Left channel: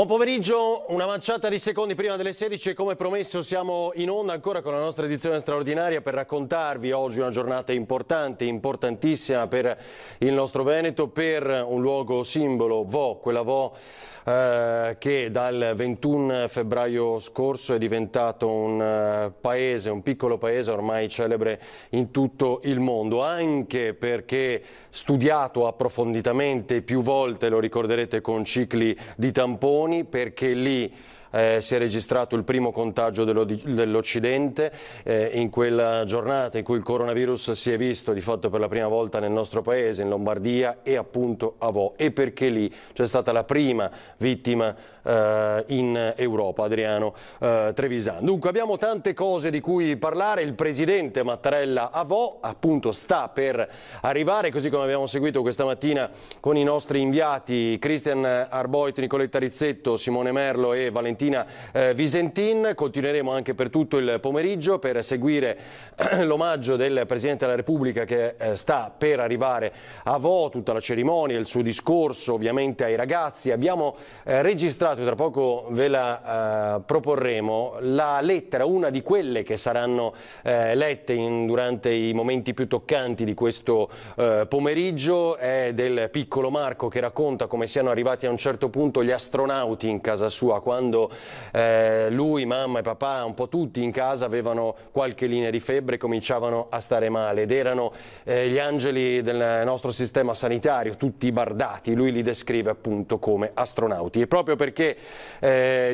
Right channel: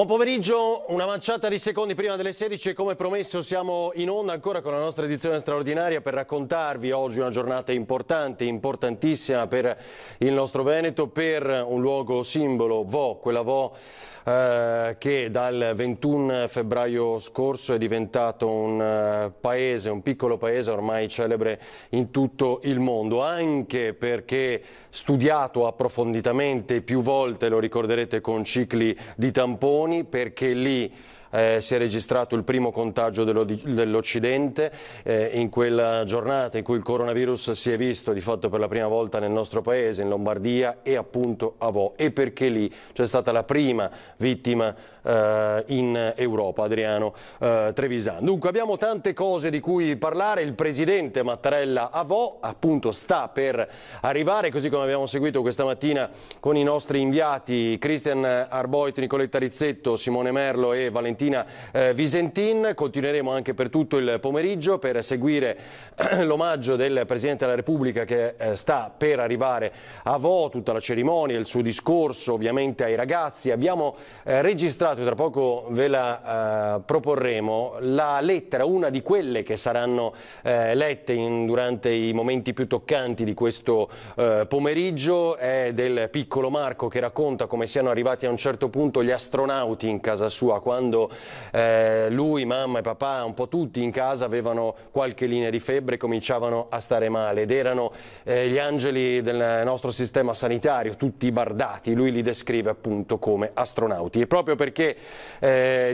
Buon pomeriggio, una manciata di secondi prima delle 16 e come promesso siamo in onda ancora con la nostra edizione straordinaria per raccontarvi oggi una giornata importante, importantissima per il nostro Veneto, per un luogo simbolo, Vo, quella Vo che dal 21 febbraio scorso è diventato un paese, un piccolo paese ormai celebre in tutto il mondo, anche perché studiato approfonditamente più volte, lo ricorderete con cicli di tamponi, perché lì si è registrato il primo contagio dell'Occidente in quella giornata in cui il coronavirus si è visto di fatto per la prima volta nel nostro paese, in Lombardia e appunto a Vo, e perché lì c'è stata la prima vittima in Europa, Adriano Trevisan. Dunque abbiamo tante cose di cui parlare, il presidente Mattarella a Vo appunto sta per arrivare, così come abbiamo seguito questa mattina con i nostri inviati Cristian Arboit, Nicoletta Rizzetto, Simone Merlo e Valentina Visentin. Continueremo anche per tutto il pomeriggio per seguire l'omaggio del Presidente della Repubblica che sta per arrivare a Vo, tutta la cerimonia, il suo discorso ovviamente ai ragazzi. Abbiamo registrato, tra poco ve la proporremo, la lettera, una di quelle che saranno lette durante i momenti più toccanti di questo pomeriggio, è del piccolo Marco che racconta come siano arrivati a un certo punto gli astronauti in casa sua, quando lui, mamma e papà, un po' tutti in casa avevano qualche linea di febbre e cominciavano a stare male ed erano gli angeli del nostro sistema sanitario, tutti bardati. Lui li descrive appunto come astronauti, e proprio perché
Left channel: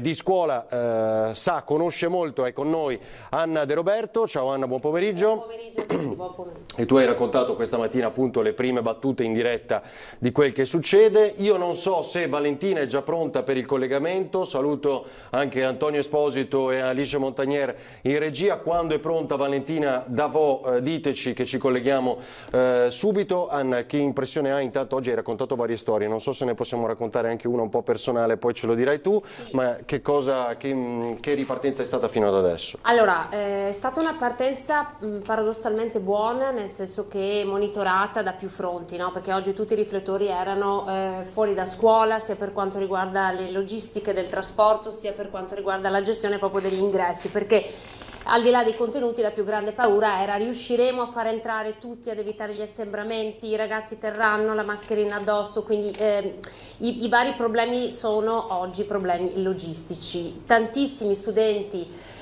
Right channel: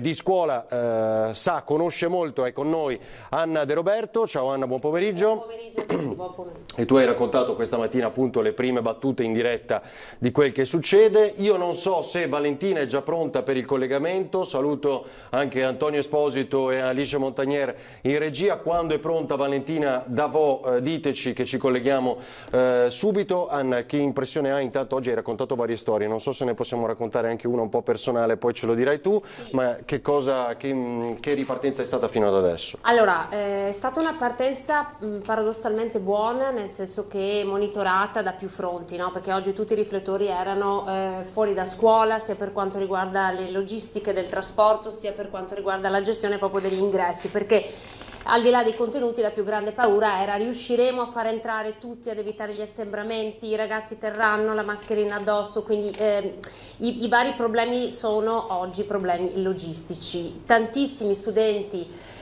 di scuola conosce molto, è con noi Anna De Roberto. Ciao Anna, buon pomeriggio. Buon pomeriggio. E tu hai raccontato questa mattina appunto le prime battute in diretta di quel che succede. Io non so se Valentina è già pronta per il collegamento, saluto anche Antonio Esposito e Alice Montagnier in regia. Quando è pronta Valentina da Vo, diteci che ci colleghiamo subito. Anna, che impressione hai? Intanto oggi hai raccontato varie storie, non so se ne possiamo raccontare anche una un po' personale, poi ce lo dirai tu, ma che ripartenza è stata fino ad adesso? Allora, è stata una partenza paradossalmente buona, nel senso che monitorata da più fronti, no? Perché oggi tutti i riflettori erano fuori da scuola, sia per quanto riguarda le logistiche del trasporto, sia per quanto riguarda la gestione proprio degli ingressi, perché al di là dei contenuti la più grande paura era: riusciremo a far entrare tutti, ad evitare gli assembramenti, i ragazzi terranno la mascherina addosso, quindi i vari problemi sono oggi problemi logistici. Tantissimi studenti,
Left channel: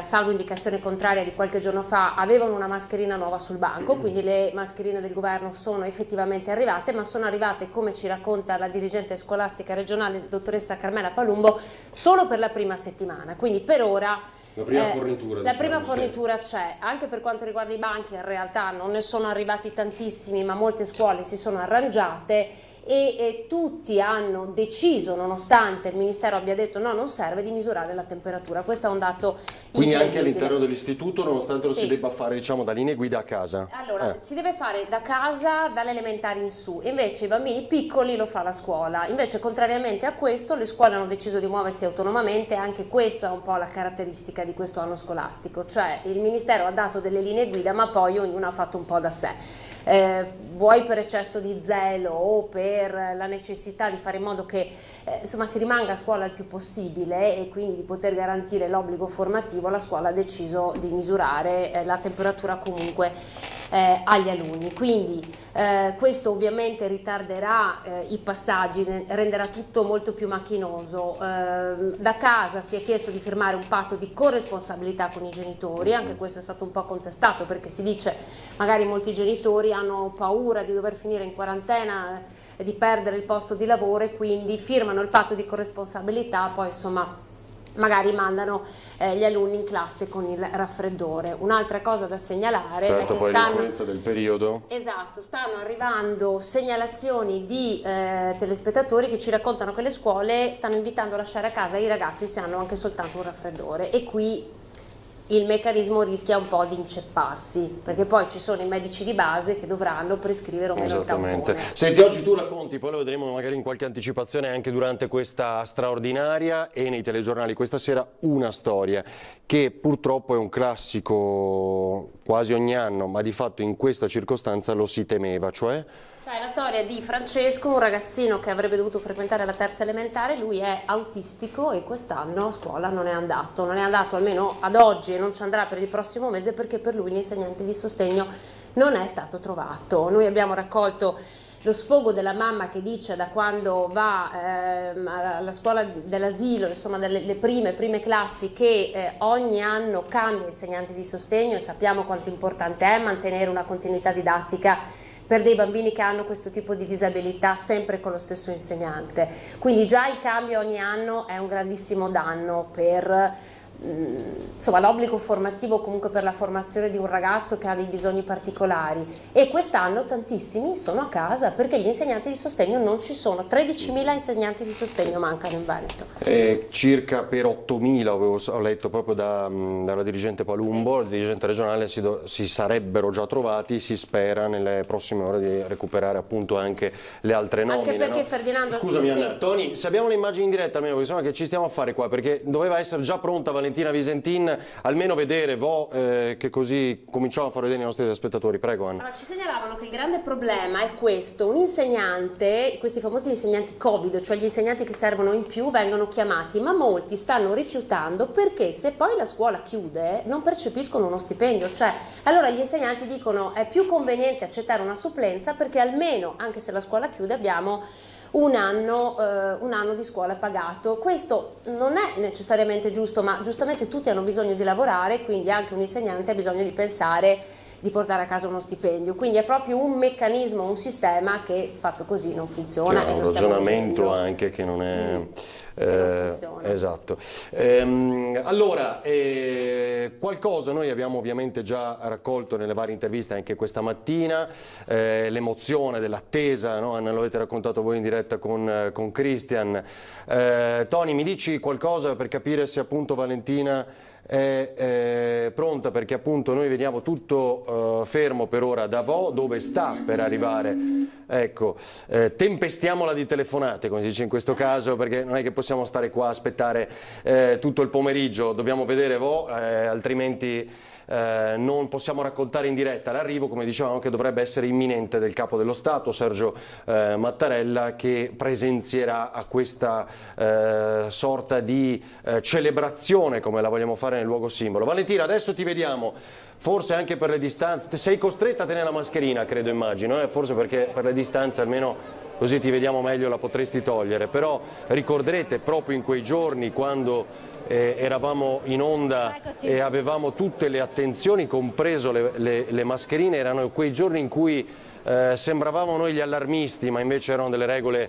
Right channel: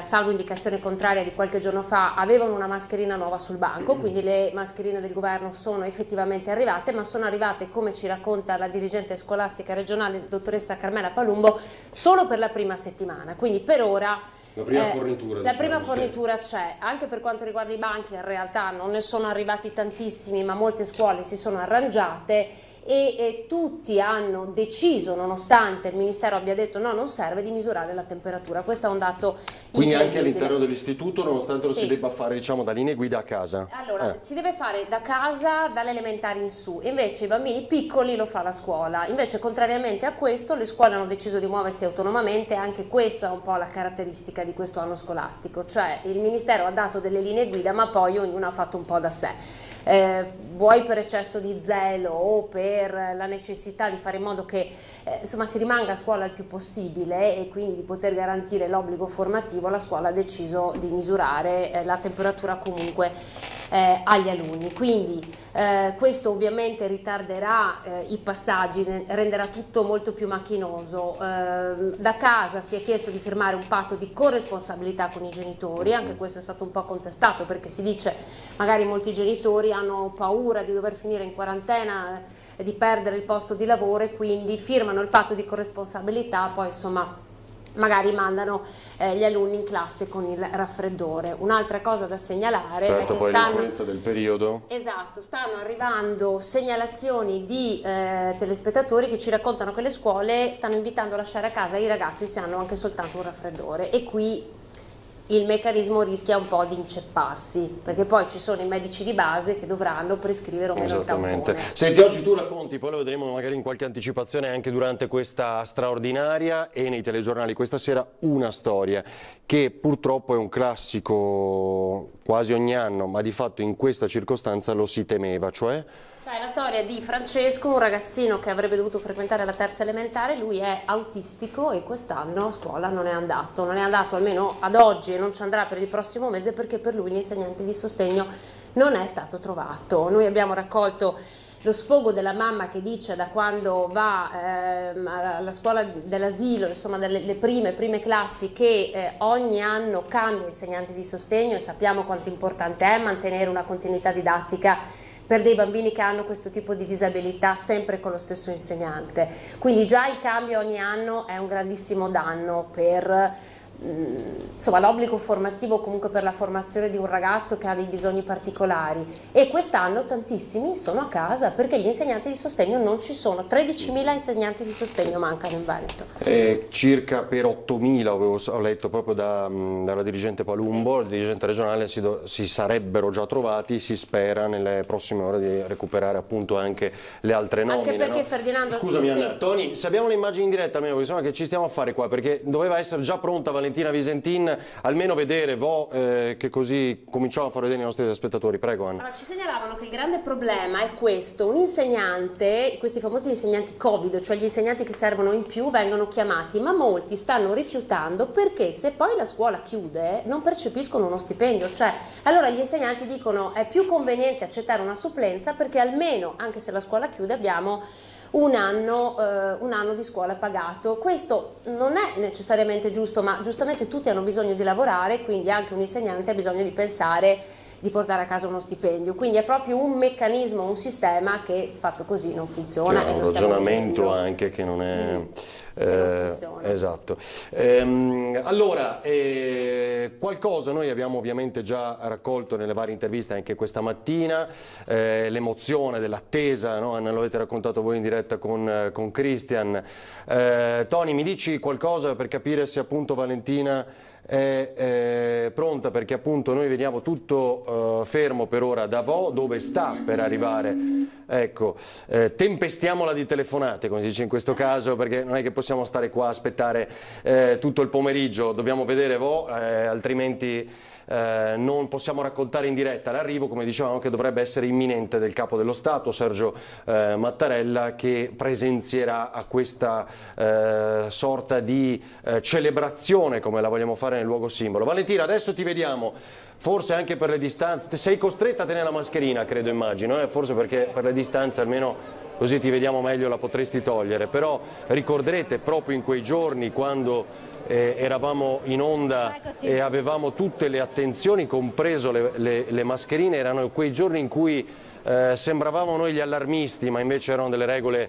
salvo indicazione contraria di qualche giorno fa, avevano una mascherina nuova sul banco, quindi le mascherine del governo sono effettivamente arrivate, ma sono arrivate, come ci racconta la dirigente scolastica regionale, la dottoressa Carmela Palumbo, solo per la prima settimana, quindi per ora la prima fornitura c'è. Anche per quanto riguarda i banchi, in realtà non ne sono arrivati tantissimi, ma molte scuole si sono arrangiate e tutti hanno deciso, nonostante il Ministero abbia detto no, non serve, di misurare la temperatura. Questo è un dato quindi anche all'interno dell'istituto, nonostante lo si debba fare, diciamo, da linee guida a casa? Allora, si deve fare da casa, dalle elementari in su, invece i bambini piccoli lo fa la scuola. Invece, contrariamente a questo, le scuole hanno deciso di muoversi autonomamente. Anche questo è un po' la caratteristica di questo anno scolastico, cioè il Ministero ha dato delle linee guida, ma poi ognuno ha fatto un po' da sé. Vuoi per eccesso di zelo o per la necessità di fare in modo che insomma, si rimanga a scuola il più possibile e quindi di poter garantire l'obbligo formativo, la scuola ha deciso di misurare la temperatura comunque agli alunni. Quindi questo ovviamente ritarderà i passaggi, renderà tutto molto più macchinoso. Da casa si è chiesto di firmare un patto di corresponsabilità con i genitori, anche questo è stato un po' contestato perché si dice magari molti genitori hanno paura di dover finire in quarantena, di perdere il posto di lavoro e quindi firmano il patto di corresponsabilità, poi insomma magari mandano gli alunni in classe con il raffreddore. Un'altra cosa da segnalare è che l'influenza del periodo. Esatto, stanno arrivando segnalazioni di telespettatori che ci raccontano che le scuole stanno invitando a lasciare a casa i ragazzi se hanno anche soltanto un raffreddore, e qui il meccanismo rischia un po' di incepparsi, perché poi ci sono i medici di base che dovranno prescrivere un meno Esattamente. Senti, oggi tu racconti, poi lo vedremo magari in qualche anticipazione anche durante questa straordinaria e nei telegiornali questa sera, una storia che purtroppo è un classico quasi ogni anno, ma di fatto in questa circostanza lo si temeva, cioè? È la storia di Francesco, un ragazzino che avrebbe dovuto frequentare la terza elementare. Lui è autistico e quest'anno a scuola non è andato almeno ad oggi, e non ci andrà per il prossimo mese perché per lui l'insegnante di sostegno non è stato trovato. Noi abbiamo raccolto lo sfogo della mamma che dice da quando va alla scuola dell'asilo, insomma le prime classi, che ogni anno cambia insegnante di sostegno, e sappiamo quanto importante è mantenere una continuità didattica per dei bambini che hanno questo tipo di disabilità sempre con lo stesso insegnante. Quindi già il cambio ogni anno è un grandissimo danno per l'obbligo formativo, comunque per la formazione di un ragazzo che ha dei bisogni particolari, e quest'anno tantissimi sono a casa perché gli insegnanti di sostegno non ci sono. 13.000 insegnanti di sostegno mancano in Veneto. Circa per 8.000 ho letto proprio dalla dirigente Palumbo, la dirigente regionale, si sarebbero già trovati. Si spera nelle prossime ore di recuperare appunto anche le altre nomine. Anche perché, no? Ferdinando... Scusami, sì. Tony, se abbiamo le immagini in diretta, almeno insomma, che ci stiamo a fare qua, perché doveva essere già pronta Valentina Visentin, almeno vedere che così cominciamo a far vedere i nostri spettatori. Prego, Anna. Allora, ci segnalavano che il grande problema è questo: un insegnante, questi famosi insegnanti Covid, cioè gli insegnanti che servono in più, vengono chiamati, ma molti stanno rifiutando perché se poi la scuola chiude non percepiscono uno stipendio. Cioè, allora gli insegnanti dicono è più conveniente accettare una supplenza perché almeno, anche se la scuola chiude, abbiamo un anno di scuola pagato. Questo non è necessariamente giusto, ma giustamente tutti hanno bisogno di lavorare, quindi anche un insegnante ha bisogno di pensare di portare a casa uno stipendio. Quindi è proprio un meccanismo, un sistema che fatto così non funziona. È un ragionamento anche che non è... esatto. Allora, qualcosa noi abbiamo ovviamente già raccolto nelle varie interviste anche questa mattina, l'emozione dell'attesa, no? Ne l'avete raccontato voi in diretta con Christian. Tony, mi dici qualcosa per capire se appunto Valentina è pronta, perché appunto noi vediamo tutto fermo per ora da Vo, dove sta per arrivare. Ecco, tempestiamola di telefonate, come si dice in questo caso, perché non è che possiamo stare qua a aspettare tutto il pomeriggio, dobbiamo vedere Vo, altrimenti non possiamo raccontare in diretta l'arrivo, come dicevamo, che dovrebbe essere imminente, del capo dello Stato Sergio Mattarella, che presenzierà a questa sorta di celebrazione, come la vogliamo fare nel luogo simbolo. Valentina, adesso ti vediamo, forse anche per le distanze, sei costretta a tenere la mascherina, credo, immagino, forse perché per le distanze almeno così ti vediamo meglio la potresti togliere, però ricorderete proprio in quei giorni quando eravamo in onda e avevamo tutte le attenzioni, compreso le mascherine, erano quei giorni in cui sembravamo noi gli allarmisti, ma invece erano delle regole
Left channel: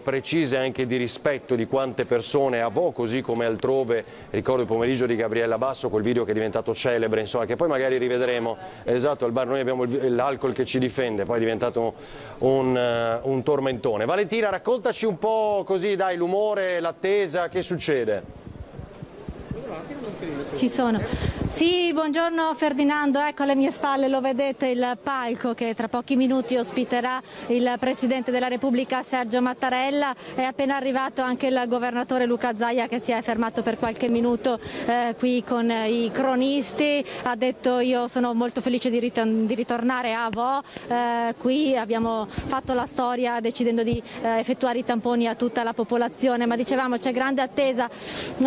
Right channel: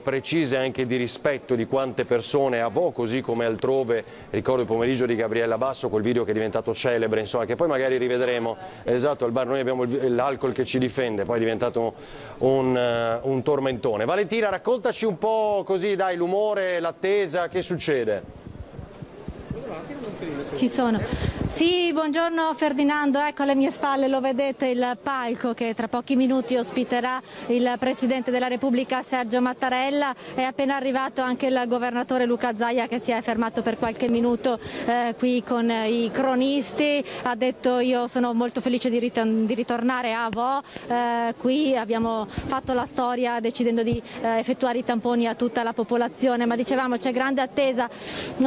precise anche di rispetto di quante persone a Vo, così come altrove. Ricordo il pomeriggio di Gabriella Basso, quel video che è diventato celebre, insomma, che poi magari rivedremo. Esatto, al bar noi abbiamo l'alcol che ci difende, poi è diventato un tormentone. Valentina, raccontaci un po' così, dai, l'umore, l'attesa, che succede? Ci sono. Sì, buongiorno Ferdinando, ecco alle mie spalle lo vedete il palco che tra pochi minuti ospiterà il Presidente della Repubblica Sergio Mattarella. È appena arrivato anche il Governatore Luca Zaia, che si è fermato per qualche minuto qui con i cronisti. Ha detto: io sono molto felice di ritornare a Vo, qui abbiamo fatto la storia decidendo di effettuare i tamponi a tutta la popolazione, ma dicevamo c'è grande attesa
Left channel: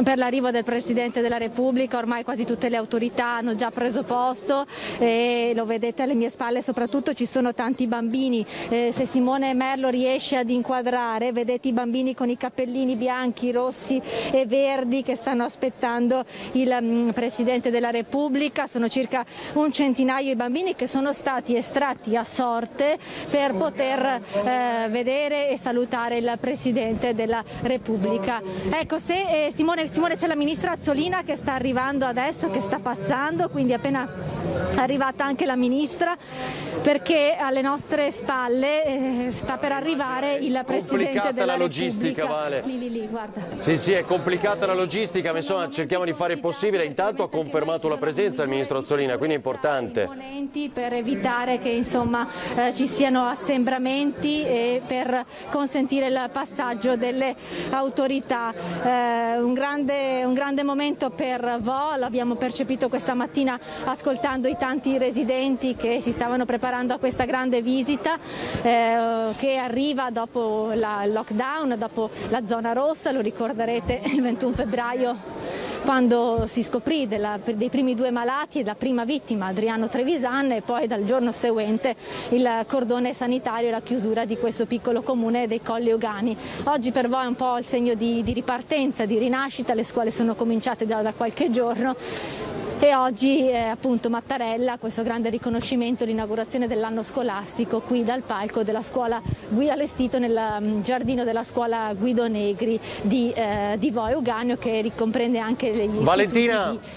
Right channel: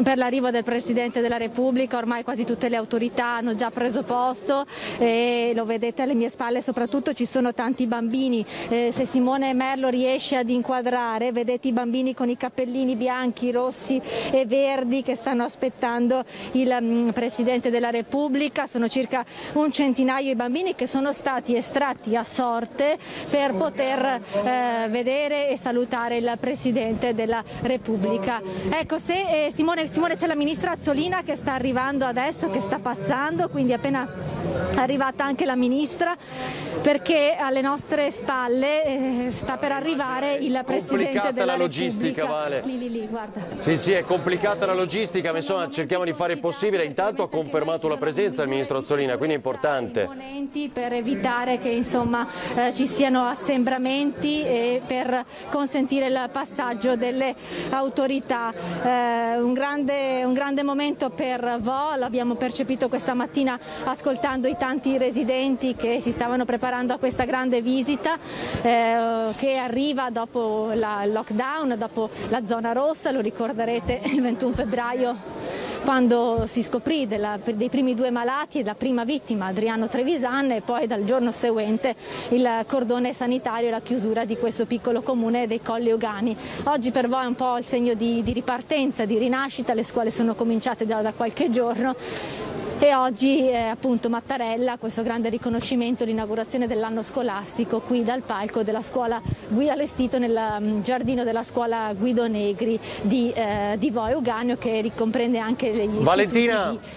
per l'arrivo del Presidente della Repubblica. Ormai quasi tutte le autorità hanno già preso posto e lo vedete alle mie spalle, soprattutto ci sono tanti bambini. Se Simone Merlo riesce ad inquadrare, vedete i bambini con i cappellini bianchi, rossi e verdi che stanno aspettando il Presidente della Repubblica. Sono circa un centinaio i bambini che sono stati estratti a sorte per poter vedere e salutare il Presidente della Repubblica. Ecco, se Simone, c'è la ministra Azzolina che sta arrivando adesso, che sta passando, quindi appena arrivata anche la ministra, perché alle nostre spalle sta per arrivare il Presidente della logistica, Repubblica. Vale. Lì, guarda. Sì, è complicata la logistica, ma insomma cerchiamo di fare il possibile. Intanto ha confermato la presenza il ministro Azzolina, quindi è importante. Per evitare che insomma ci siano assembramenti e per consentire il passaggio delle autorità. Un grande momento per Vo, lo abbiamo percepito subito questa mattina ascoltando i tanti residenti che si stavano preparando a questa grande visita che arriva dopo il lockdown, dopo la zona rossa. Lo ricorderete il 21 febbraio quando si scoprì dei primi 2 malati e la prima vittima, Adriano Trevisan, e poi dal giorno seguente il cordone sanitario e la chiusura di questo piccolo comune dei Colli Euganei. Oggi per voi è un po' il segno di ripartenza, di rinascita, le scuole sono cominciate già da qualche giorno. E oggi appunto Mattarella, questo grande riconoscimento, l'inaugurazione dell'anno scolastico qui dal palco della scuola allestito nel giardino della scuola Guido Negri di Vo Euganeo, che ricomprende anche gli istituti di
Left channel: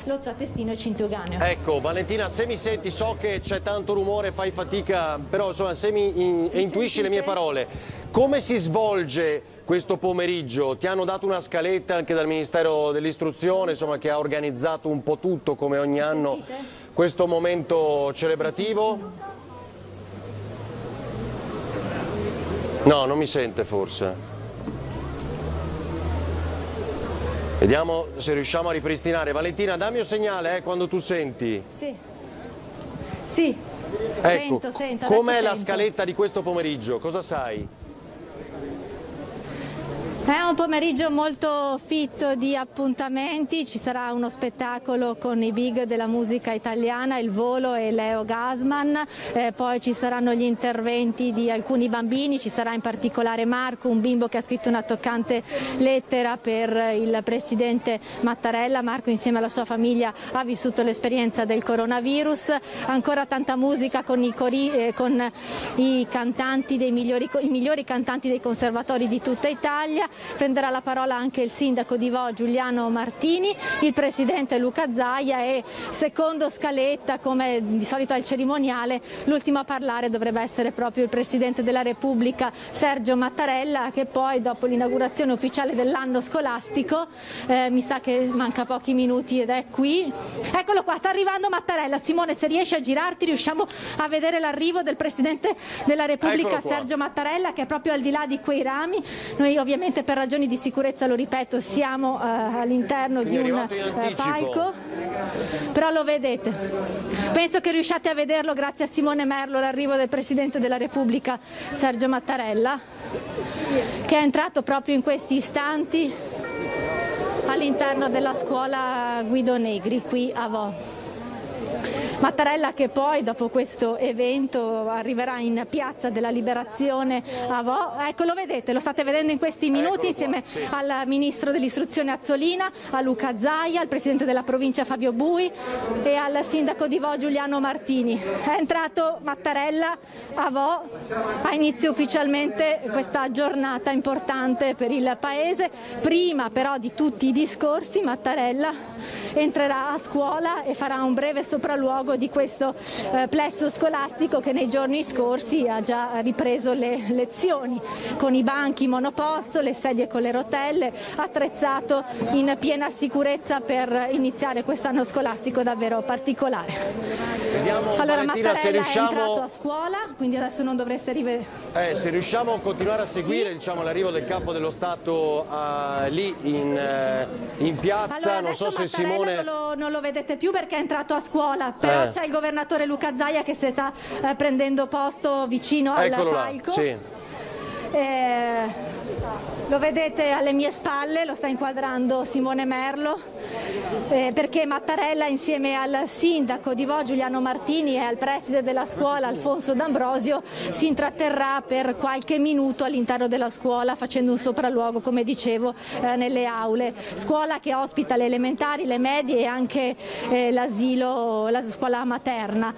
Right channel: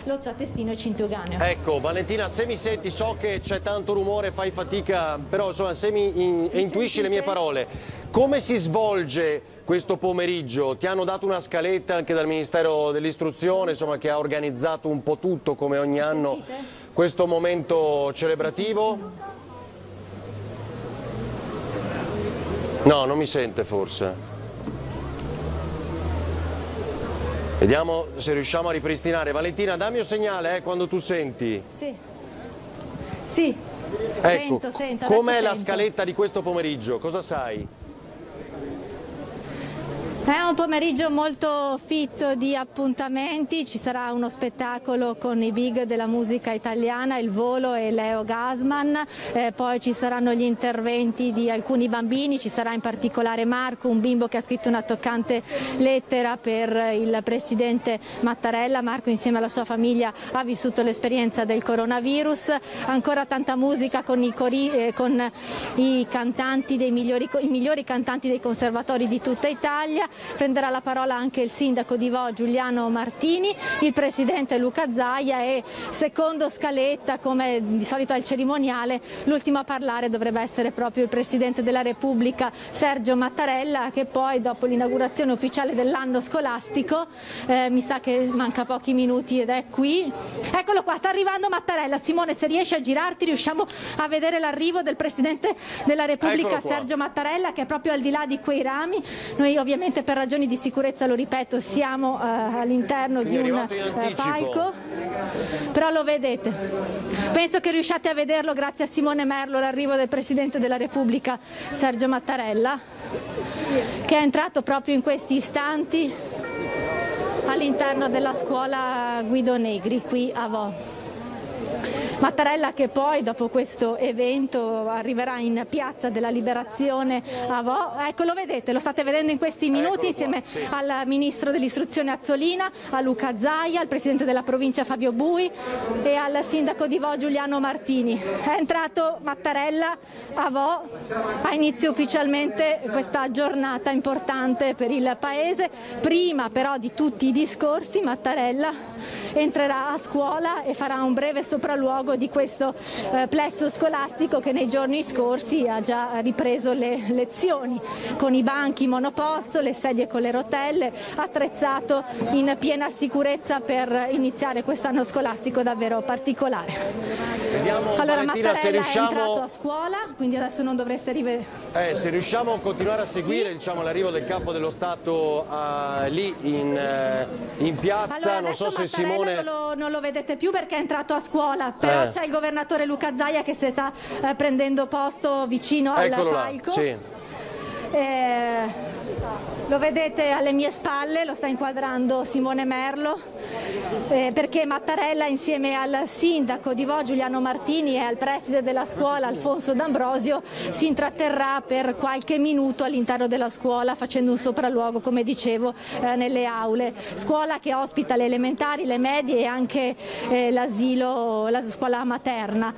Lozzo Attestino e Cinto Euganeo. Ecco Valentina, se mi senti, so che c'è tanto rumore, fai fatica, però insomma se intuisci le mie parole, come si svolge questo pomeriggio? Ti hanno dato una scaletta anche dal Ministero dell'Istruzione, insomma, che ha organizzato un po' tutto come ogni anno questo momento celebrativo? No, non mi sente forse. Vediamo se riusciamo a ripristinare. Valentina, dammi un segnale quando tu senti. Sì. Ecco, sento. Com'è la scaletta di questo pomeriggio? Cosa sai? È un pomeriggio molto fitto di appuntamenti, ci sarà uno spettacolo con i big della musica italiana, Il Volo e Leo Gasman, poi ci saranno gli interventi di alcuni bambini, ci sarà in particolare Marco, un bimbo che ha scritto una toccante lettera per il presidente Mattarella. Marco insieme alla sua famiglia ha vissuto l'esperienza del coronavirus, ancora tanta musica con i cantanti i migliori cantanti dei conservatori di tutta Italia. Prenderà la parola anche il sindaco di Vo Giuliano Martini, il presidente Luca Zaia e, secondo scaletta, come di solito al cerimoniale, l'ultimo a parlare dovrebbe essere proprio il presidente della Repubblica Sergio Mattarella, che poi dopo l'inaugurazione ufficiale dell'anno scolastico, mi sa che manca pochi minuti ed è qui. Eccolo qua, sta arrivando Mattarella. Simone, se riesci a girarti riusciamo a vedere l'arrivo del presidente della Repubblica Sergio Mattarella, che è proprio al di là di quei rami. Noi ovviamente per ragioni di sicurezza, lo ripeto, siamo all'interno di un palco, però lo vedete. Penso che riusciate a vederlo grazie a Simone Merlo, l'arrivo del Presidente della Repubblica Sergio Mattarella, che è entrato proprio in questi istanti all'interno della scuola Guido Negri qui a Vo. Mattarella che poi dopo questo evento arriverà in Piazza della Liberazione a Vo. Ecco, lo vedete, lo state vedendo in questi minuti insieme al Ministro dell'Istruzione Azzolina, a Luca Zaia, al Presidente della Provincia Fabio Bui e al Sindaco di Vo Giuliano Martini. È entrato Mattarella a Vo, ha inizio ufficialmente questa giornata importante per il Paese. Prima però di tutti i discorsi Mattarella entrerà a scuola e farà un breve sopralluogo di questo plesso scolastico che nei giorni scorsi ha già ripreso le lezioni, con i banchi monoposto, le sedie con le rotelle, attrezzato in piena sicurezza per iniziare quest'anno scolastico davvero particolare. Vediamo, allora Valentina, Mattarella è entrato a scuola, quindi adesso non dovreste se riusciamo a continuare a seguire l'arrivo del Capo dello Stato lì in piazza. Allora, non so se Mattarella Simone non lo vedete più perché è entrato a scuola, però c'è il governatore Luca Zaia che si sta prendendo posto vicino al palco. Lo vedete alle mie spalle, lo sta inquadrando Simone Merlo, perché Mattarella insieme al sindaco di Vo Giuliano Martini e al preside della scuola Alfonso D'Ambrosio si intratterrà per qualche minuto all'interno della scuola facendo un sopralluogo, come dicevo, nelle aule. Scuola che ospita le elementari, le medie e anche l'asilo, la scuola materna.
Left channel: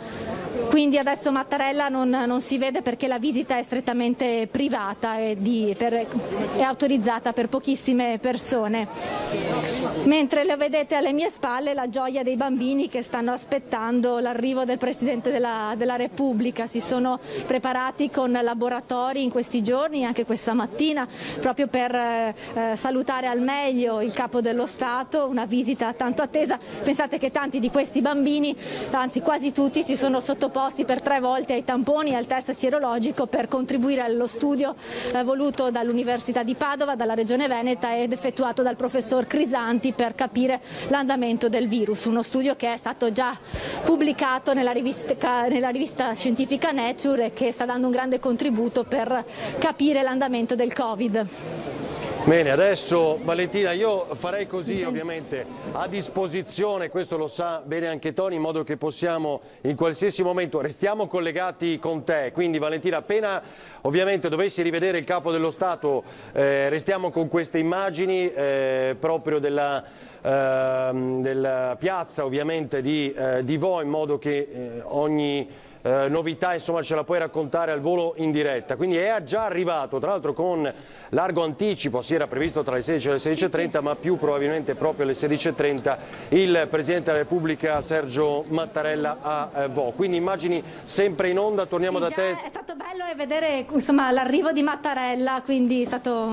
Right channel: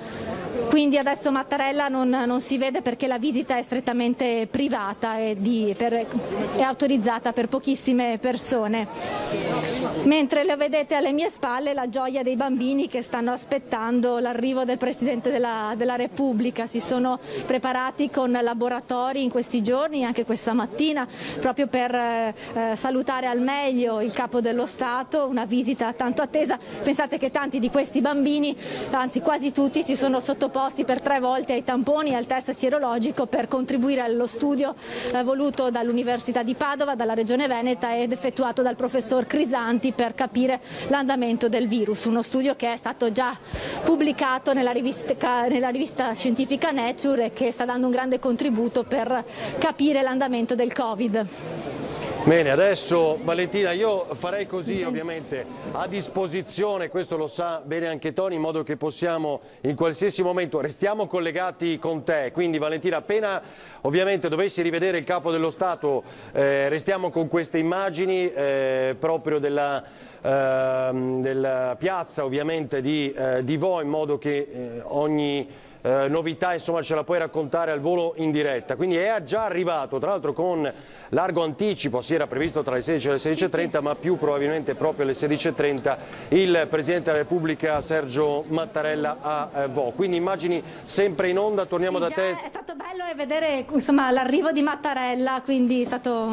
Quindi adesso Mattarella non si vede perché la visita è strettamente privata e è autorizzata per pochissime persone. Mentre lo vedete alle mie spalle la gioia dei bambini che stanno aspettando l'arrivo del Presidente della Repubblica. Si sono preparati con laboratori in questi giorni, anche questa mattina, proprio per salutare al meglio il Capo dello Stato, una visita tanto attesa. Pensate che tanti di questi bambini, anzi quasi tutti, si sono sottoposti sottoposti per 3 volte ai tamponi e al test sierologico per contribuire allo studio voluto dall'Università di Padova, dalla Regione Veneta ed effettuato dal professor Crisanti per capire l'andamento del virus. Uno studio che è stato già pubblicato nella rivista scientifica Nature e che sta dando un grande contributo per capire l'andamento del Covid. Bene, adesso Valentina io farei così, ovviamente a disposizione, questo lo sa bene anche Tony, in modo che possiamo in qualsiasi momento, restiamo collegati con te, quindi Valentina appena ovviamente dovessi rivedere il Capo dello Stato restiamo con queste immagini proprio della piazza ovviamente di Vo, in modo che ogni novità insomma ce la puoi raccontare al volo in diretta. Quindi è già arrivato, tra l'altro con largo anticipo, si era previsto tra le 16 e le 16:30, ma più probabilmente proprio alle 16:30 il Presidente della Repubblica Sergio Mattarella a Vo. Quindi immagini sempre in onda, torniamo da te. È stato bello vedere l'arrivo di Mattarella, quindi è stato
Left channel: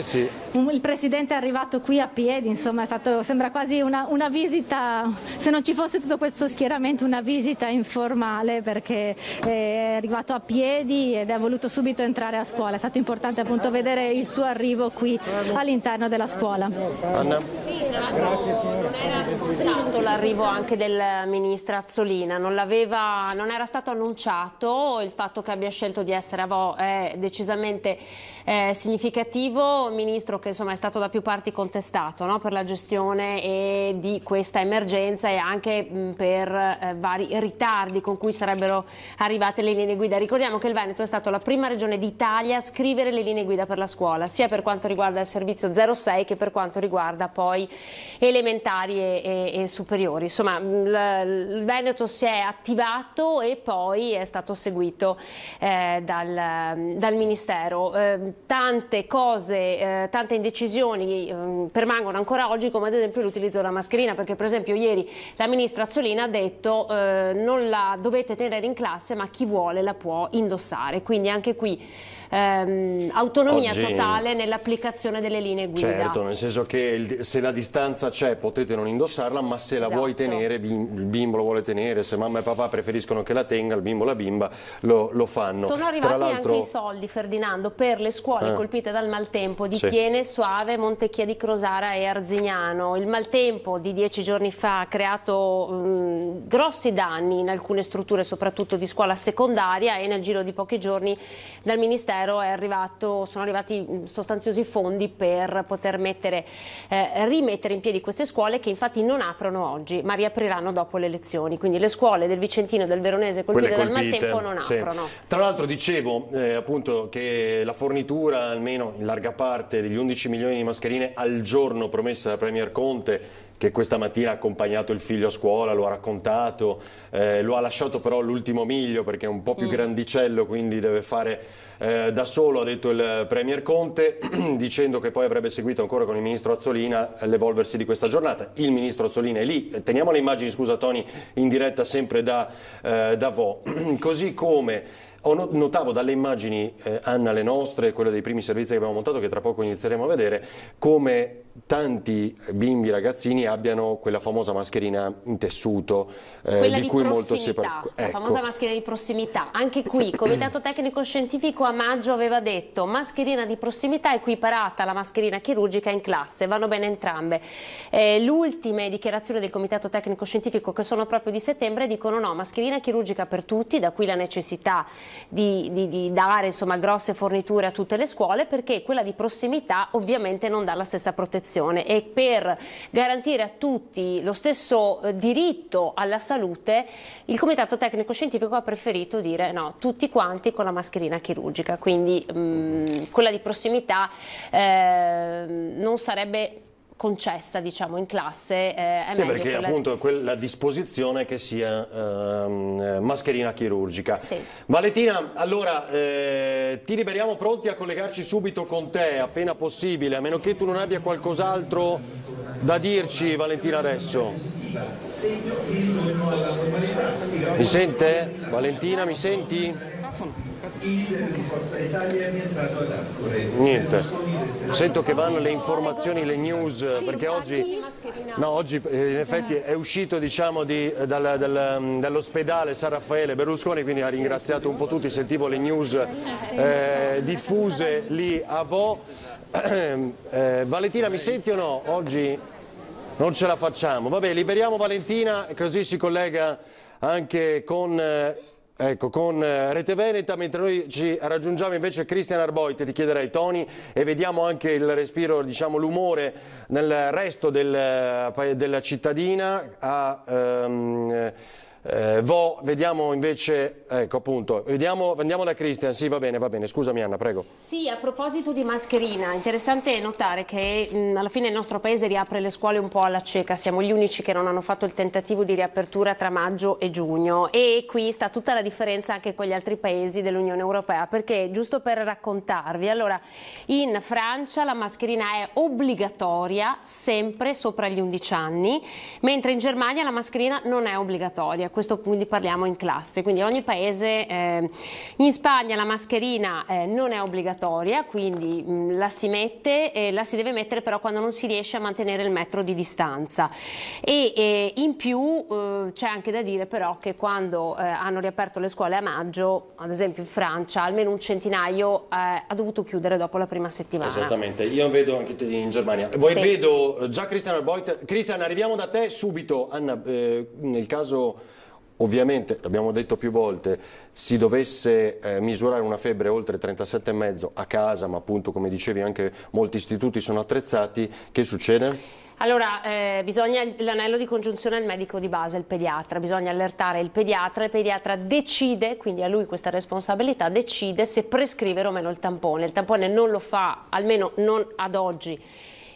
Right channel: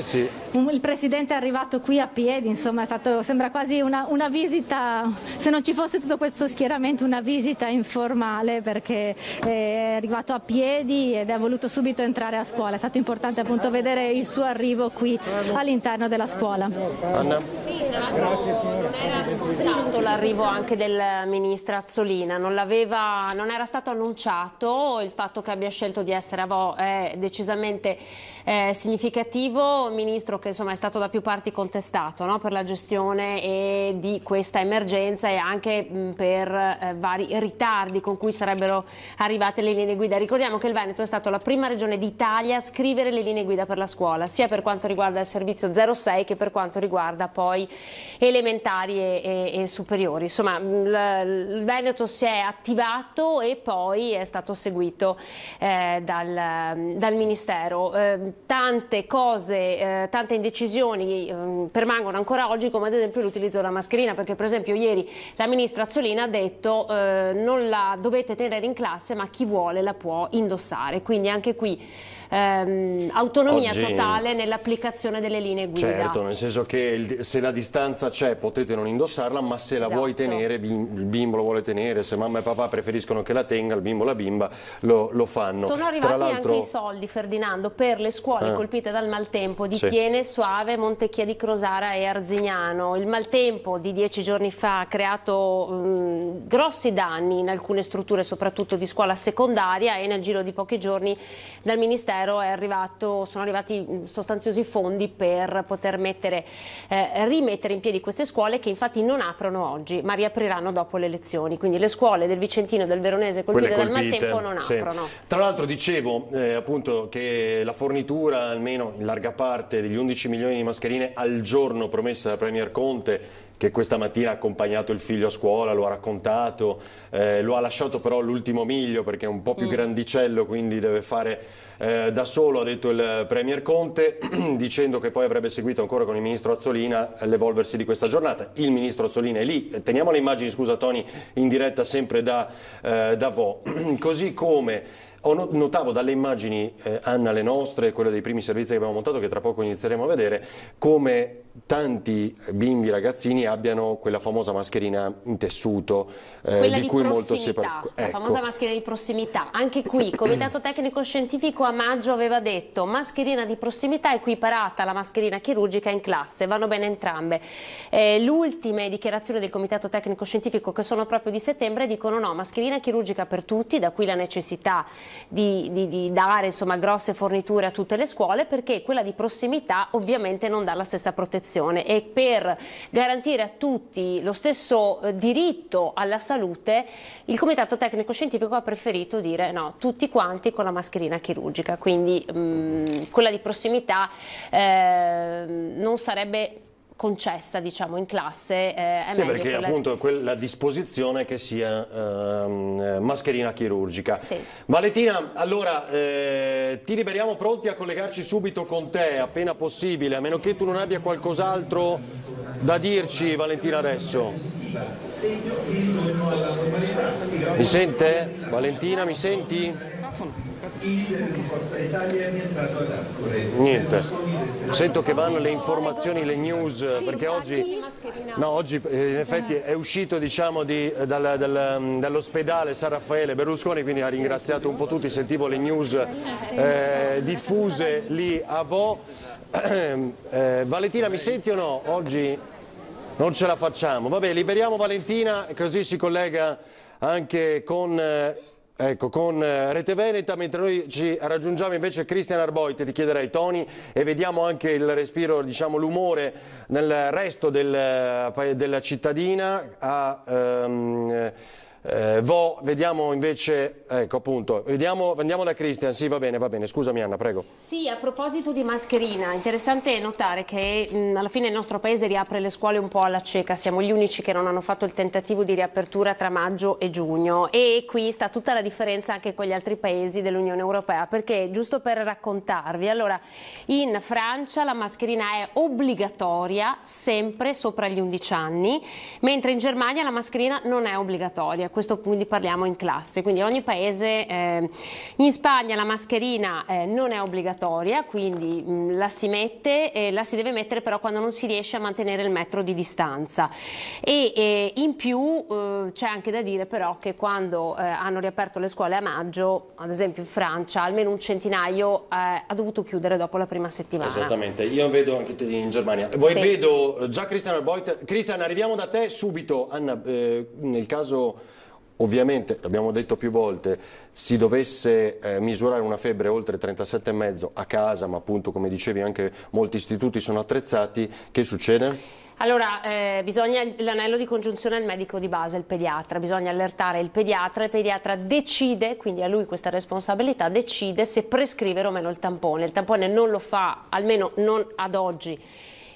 il Presidente è arrivato qui a piedi, insomma sembra quasi una visita, se non ci fosse tutto questo schieramento, una visita informale, perché è arrivato a piedi ed è voluto subito entrare a scuola. È stato importante appunto vedere il suo arrivo qui all'interno della scuola. Anna? Sì, non era scontato l'arrivo anche del ministro Azzolina, non era stato annunciato. Il fatto che abbia scelto di essere a Vo è decisamente significativo. Un ministro che insomma è stato da più parti contestato, no? Per la gestione di questa emergenza e anche per vari ritardi con cui sarebbero arrivate le linee guida. Ricordiamo che il Veneto è stato la prima regione d'Italia a scrivere le linee guida per la scuola, sia per quanto riguarda il servizio 06 che per quanto riguarda poi elementari e superiori. Insomma, il Veneto si è attivato e poi è stato seguito dal Ministero. Tante cose, tante indecisioni permangono ancora oggi, come ad esempio l'utilizzo della mascherina, perché per esempio ieri la ministra Azzolina ha detto non la dovete tenere in classe, ma chi vuole la può indossare, quindi anche qui autonomia totale nell'applicazione delle linee guida. Certo, nel senso che se la distanza c'è potete non indossarla, ma se la vuoi tenere, il bimbo lo vuole tenere, se mamma e papà preferiscono che la tenga, il bimbo o la bimba lo fanno. Sono arrivati anche i soldi, Ferdinando, per le scuole colpite dal maltempo di Tiene, Soave, Montecchia di Crosara e Arzignano. Il maltempo di 10 giorni fa ha creato grossi danni in alcune strutture, soprattutto di scuola secondaria, e nel giro di pochi giorni dal Ministero sono arrivati sostanziosi fondi per poter rimettere in piedi queste scuole, che infatti non aprono oggi ma riapriranno dopo le elezioni. Quindi le scuole del Vicentino e del Veronese colpite dal maltempo non aprono. Tra l'altro dicevo appunto che la fornitura almeno in larga parte degli 11 milioni di mascherine al giorno promessa dal Premier Conte, che questa mattina ha accompagnato il figlio a scuola, lo ha raccontato, lo ha lasciato però all'ultimo miglio perché è un po' più grandicello, quindi deve fare da solo, ha detto il Premier Conte, dicendo che poi avrebbe seguito ancora con il Ministro Azzolina l'evolversi di questa giornata. Il Ministro Azzolina è lì, teniamo le immagini, scusa Tony, in diretta sempre da Vo, così come notavo dalle immagini, Anna, le nostre, quelle dei primi servizi che abbiamo montato, che tra poco inizieremo a vedere, come tanti bimbi, ragazzini abbiano quella famosa mascherina in tessuto di cui molto si parla. La famosa mascherina di prossimità. Anche qui il Comitato Tecnico Scientifico a maggio aveva detto mascherina di prossimità equiparata alla mascherina chirurgica in classe, vanno bene entrambe. Le ultime dichiarazioni del Comitato Tecnico Scientifico, che sono proprio di settembre, dicono no, mascherina chirurgica per tutti, da qui la necessità di dare insomma grosse forniture a tutte le scuole, perché quella di prossimità ovviamente non dà la stessa protezione, e per garantire a tutti lo stesso diritto alla salute il Comitato Tecnico Scientifico ha preferito dire no, tutti quanti con la mascherina chirurgica, quindi quella di prossimità non sarebbe concessa, diciamo, in classe. Sì, perché appunto la disposizione che sia mascherina chirurgica. Sì. Valentina, allora ti liberiamo, pronti a collegarci subito con te appena possibile, a meno che tu non abbia qualcos'altro da dirci, Valentina, adesso. Mi sente? Valentina, mi senti? Niente. Sento che vanno le informazioni, le news, sì, perché oggi in effetti è uscito, diciamo, dall'ospedale San Raffaele Berlusconi, quindi ha ringraziato un po' tutti, sentivo le news diffuse lì a Vo. Valentina, mi senti o no? Oggi non ce la facciamo. Vabbè, liberiamo Valentina, così si collega anche con Rete Veneta, mentre noi ci raggiungiamo invece Cristian Arboit, ti chiederei Tony, e vediamo anche il respiro, diciamo l'umore nel resto della cittadina. Vediamo invece, ecco appunto, andiamo da Cristian, sì va bene, scusami Anna, prego. Sì, a proposito di mascherina, interessante notare che alla fine il nostro paese riapre le scuole un po' alla cieca, siamo gli unici che non hanno fatto il tentativo di riapertura tra maggio e giugno, e qui sta tutta la differenza anche con gli altri paesi dell'Unione Europea, perché giusto per raccontarvi, allora in Francia la mascherina è obbligatoria sempre sopra gli 11 anni, mentre in Germania la mascherina non è obbligatoria. Questo quindi parliamo in classe, quindi ogni paese, in Spagna la mascherina non è obbligatoria, quindi la si mette, la si deve mettere però quando non si riesce a mantenere il metro di distanza, e in più c'è anche da dire però che quando hanno riaperto le scuole a maggio, ad esempio in Francia, almeno un centinaio ha dovuto chiudere dopo la prima settimana. Esattamente, io vedo anche in Germania. Voi sì. Vedo già Cristian Arboit. Cristian, arriviamo da te subito. Anna, nel caso... Ovviamente, l'abbiamo detto più volte, si dovesse misurare una febbre oltre 37,5 a casa, ma appunto come dicevi anche molti istituti sono attrezzati, che succede? Allora, bisogna l'anello di congiunzione al medico di base, il pediatra, bisogna allertare il pediatra decide, quindi a lui questa responsabilità, decide se prescrivere o meno il tampone non lo fa, almeno non ad oggi,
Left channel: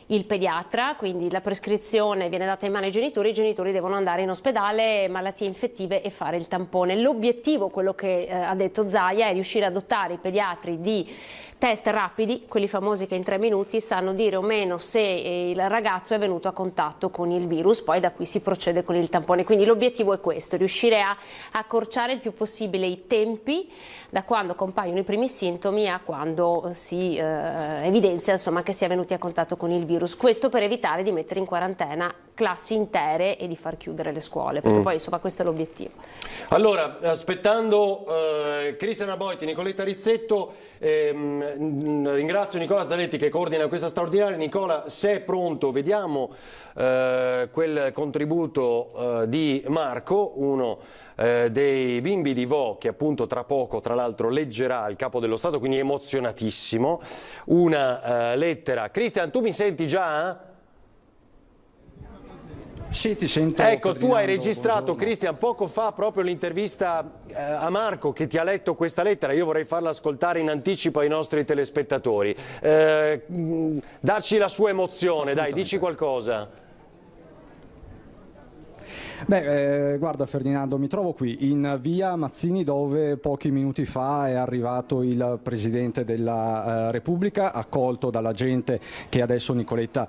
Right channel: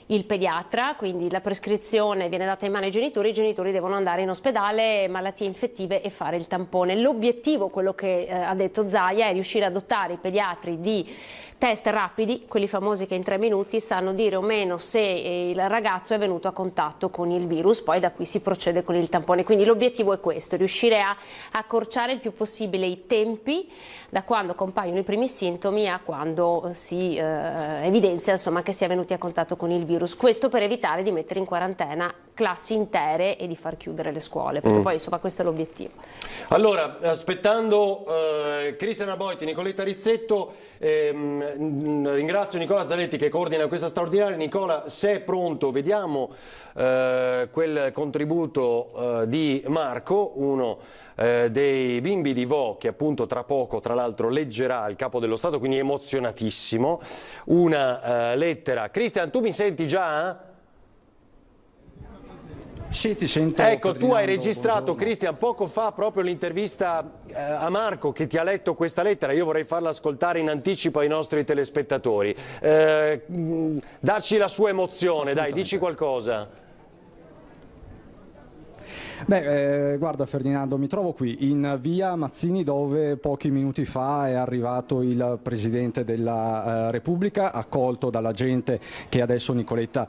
il pediatra, quindi la prescrizione viene data in mano ai genitori, i genitori devono andare in ospedale, malattie infettive, e fare il tampone. L'obiettivo, quello che ha detto Zaia, è riuscire a dotare i pediatri di test rapidi, quelli famosi che in 3 minuti sanno dire o meno se il ragazzo è venuto a contatto con il virus, poi da qui si procede con il tampone. Quindi l'obiettivo è questo, riuscire a accorciare il più possibile i tempi da quando compaiono i primi sintomi a quando si evidenzia, insomma, che si è venuti a contatto con il virus. Questo per evitare di mettere in quarantena classi intere e di far chiudere le scuole, perché poi insomma questo è l'obiettivo. Allora, aspettando Cristian Arboit, Nicoletta Rizzetto, ringrazio Nicola Zanetti che coordina questa straordinaria. Nicola, se è pronto, vediamo quel contributo di Marco, uno dei bimbi di Vo, che appunto tra poco tra l'altro leggerà il Capo dello Stato, quindi emozionatissimo, una lettera. Cristian, tu mi senti già? Sì, ti sento. Ecco, tu hai registrato, Cristian, poco fa proprio l'intervista a Marco che ti ha letto questa lettera. Io vorrei farla ascoltare in anticipo ai nostri telespettatori. Darci la sua emozione, dai, dici qualcosa. Beh, guarda Ferdinando, mi trovo qui in via Mazzini, dove pochi minuti fa è arrivato il Presidente della Repubblica, accolto dalla gente che adesso Nicoletta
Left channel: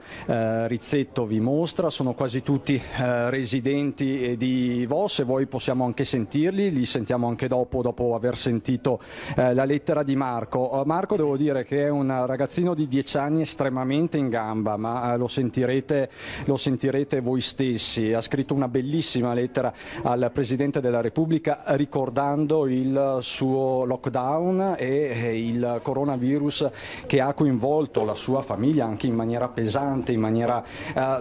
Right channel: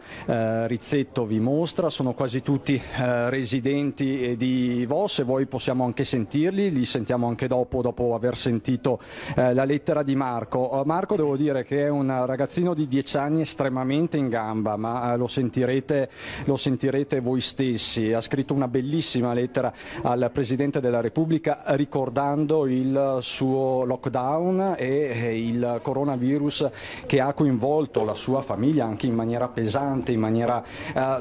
Rizzetto vi mostra. Sono quasi tutti residenti di Vo, se vuoi possiamo anche sentirli, li sentiamo anche dopo aver sentito la lettera di Marco. Marco, devo dire che è un ragazzino di 10 anni estremamente in gamba, ma lo sentirete voi stessi. Ha scritto una bellissima lettera al Presidente della Repubblica ricordando il suo lockdown e il coronavirus che ha coinvolto la sua famiglia anche in maniera pesante, in maniera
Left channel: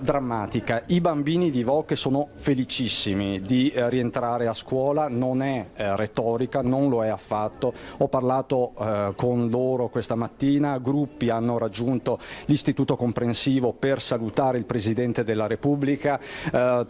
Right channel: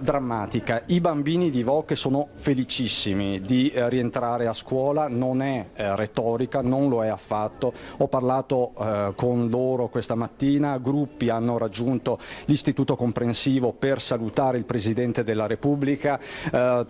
drammatica. I bambini di Vo che sono felicissimi di rientrare a scuola, non è retorica, non lo è affatto. Ho parlato con loro questa mattina, gruppi hanno raggiunto l'istituto comprensivo per salutare il Presidente della Repubblica,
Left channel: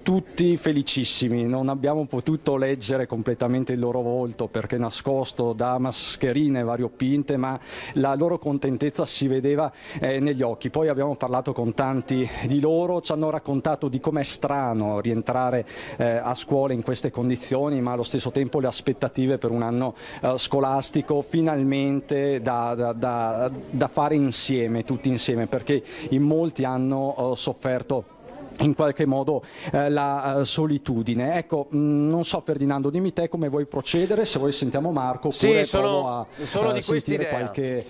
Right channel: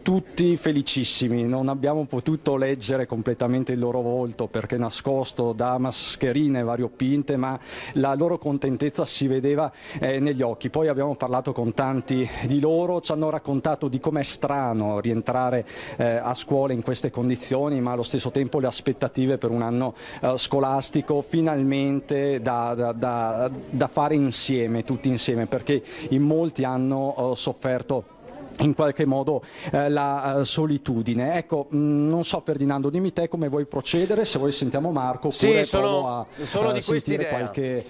tutti felicissimi. Non abbiamo potuto leggere completamente il loro volto perché nascosto da mascherine variopinte, ma la loro contentezza si vedeva negli occhi. Poi abbiamo parlato con tanti di loro, ci hanno raccontato di com'è strano rientrare a scuola in queste condizioni, ma allo stesso tempo le aspettative per un anno scolastico finalmente da fare insieme, tutti insieme, perché in molti hanno sofferto in qualche modo la solitudine. Ecco, non so Ferdinando, dimmi te come vuoi procedere, se vuoi sentiamo Marco oppure sì, sono di sentire qualche...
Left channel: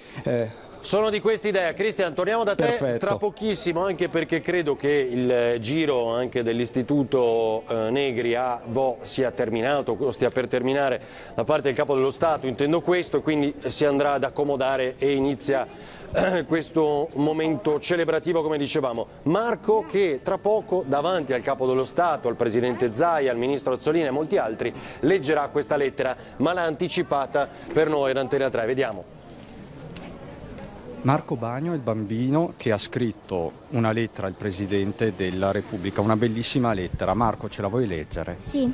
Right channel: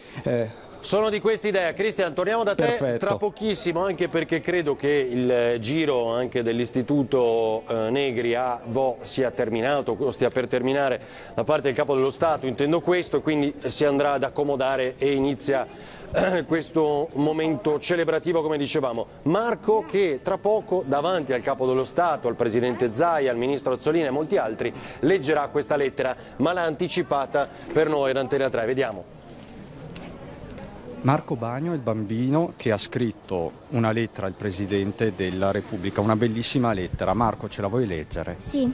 Sono di questa idea. Cristian, torniamo da te. Perfetto. Tra pochissimo, anche perché credo che il giro anche dell'Istituto Negri a Vo sia terminato, o stia per terminare da parte del Capo dello Stato, intendo questo, quindi si andrà ad accomodare e inizia questo momento celebrativo, come dicevamo. Marco, che tra poco davanti al Capo dello Stato, al Presidente Zaia, al Ministro Azzolina e molti altri leggerà questa lettera, ma l'ha anticipata per noi ad Antena 3. Vediamo. Marco Bagno è il bambino che ha scritto una lettera al Presidente della Repubblica, una bellissima lettera. Marco, ce la vuoi leggere? Sì,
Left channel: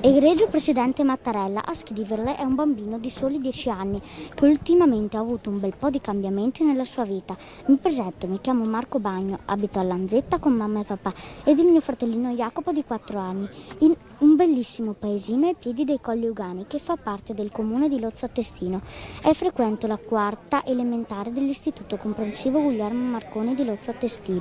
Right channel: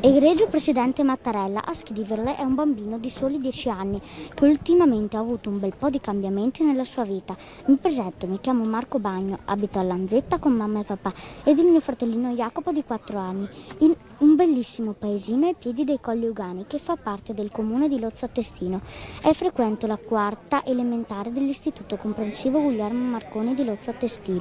egregio Presidente Mattarella, a scriverle è un bambino di soli 10 anni che ultimamente ha avuto un bel po' di cambiamenti nella sua vita. Mi presento, mi chiamo Marco Bagno, abito a Lanzetta con mamma e papà ed il mio fratellino Jacopo di 4 anni, in un bellissimo paesino ai piedi dei Colli Ugani che fa parte del comune di Lozzo Attestino e frequento la quarta elementare dell'Istituto Comprensivo Guglielmo Marconi di Lozzo Attestino.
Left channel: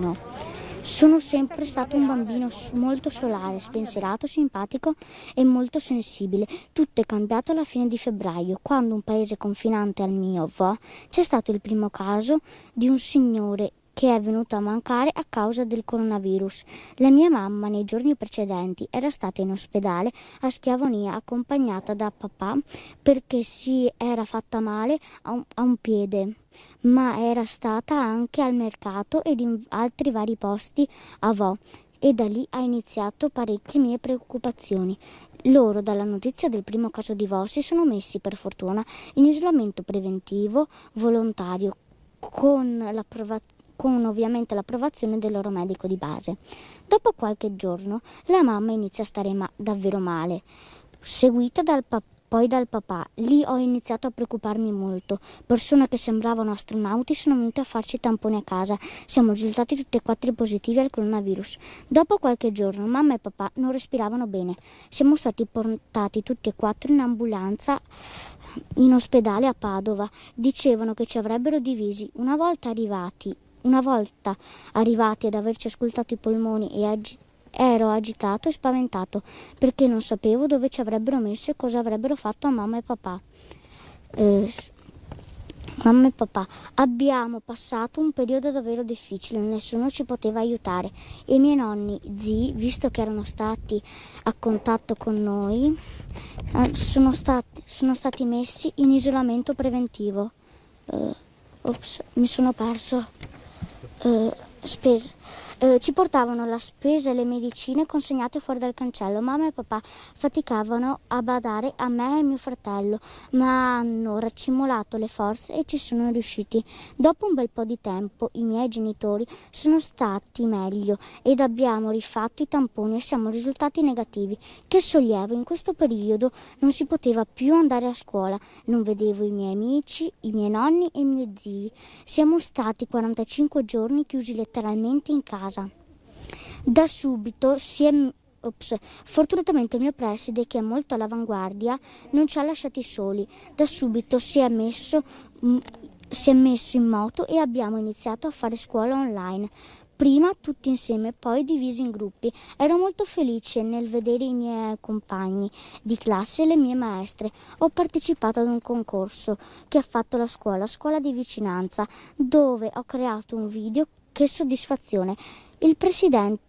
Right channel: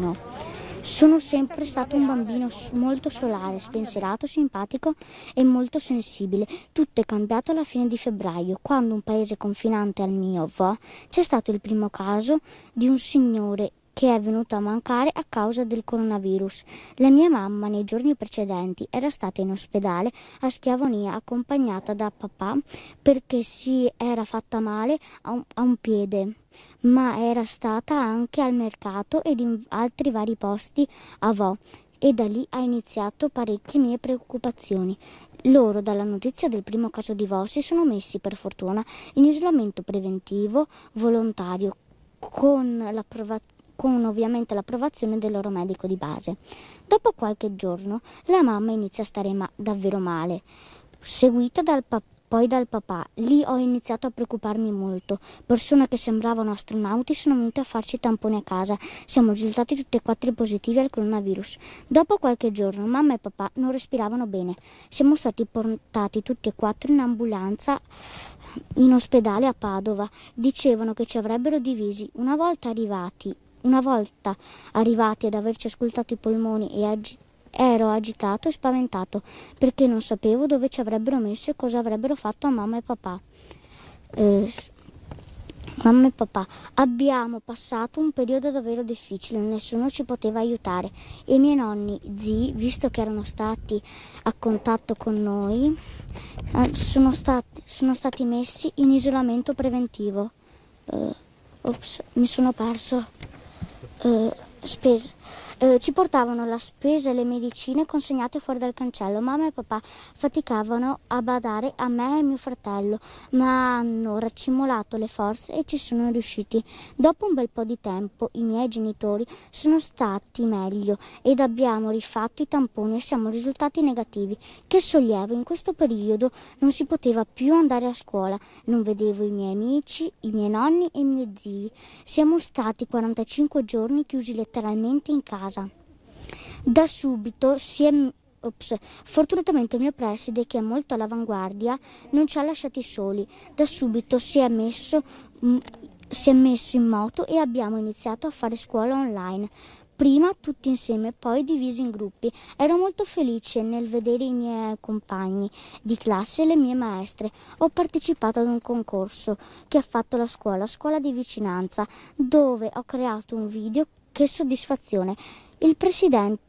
Sono sempre stato un bambino molto solare, spensierato, simpatico e molto sensibile. Tutto è cambiato alla fine di febbraio, quando un paese confinante al mio Vo c'è stato il primo caso di un signore che è venuto a mancare a causa del coronavirus. La mia mamma nei giorni precedenti era stata in ospedale a Schiavonia accompagnata da papà perché si era fatta male a un piede, ma era stata anche al mercato ed in altri vari posti a Vo e da lì ha iniziato parecchie mie preoccupazioni. Loro, dalla notizia del primo caso di Vo, si sono messi per fortuna in isolamento preventivo volontario con ovviamente l'approvazione del loro medico di base. Dopo qualche giorno la mamma inizia a stare davvero male, seguita poi dal papà. Lì ho iniziato a preoccuparmi molto. Persone che sembravano astronauti sono venute a farci tamponi a casa. Siamo risultati tutti e 4 positivi al coronavirus. Dopo qualche giorno mamma e papà non respiravano bene. Siamo stati portati tutti e 4 in ambulanza in ospedale a Padova. Dicevano che ci avrebbero divisi. Una volta arrivati ad averci ascoltato i polmoni ero agitato e spaventato perché non sapevo dove ci avrebbero messo e cosa avrebbero fatto a mamma e papà. Mamma e papà, abbiamo passato un periodo davvero difficile, nessuno ci poteva aiutare e i miei nonni, zii, visto che erano stati a contatto con noi, sono stati messi in isolamento preventivo. Mi sono perso. Ci portavano la spesa e le medicine consegnate fuori dal cancello. Mamma e papà faticavano a badare a me e mio fratello, ma hanno raccimolato le forze e ci sono riusciti. Dopo un bel po' di tempo i miei genitori sono stati meglio ed abbiamo rifatto i tamponi e siamo risultati negativi. Che sollievo, in questo periodo non si poteva più andare a scuola, non vedevo i miei amici, i miei nonni e i miei zii. Siamo stati 45 giorni chiusi letteralmente in casa. Da subito fortunatamente il mio preside, che è molto all'avanguardia, non ci ha lasciati soli. Da subito si è messo in moto e abbiamo iniziato a fare scuola online. Prima tutti insieme, poi divisi in gruppi. Ero molto felice nel vedere i miei compagni di classe e le mie maestre. Ho partecipato ad un concorso che ha fatto la scuola di vicinanza, dove ho creato un video. Che soddisfazione! Il preside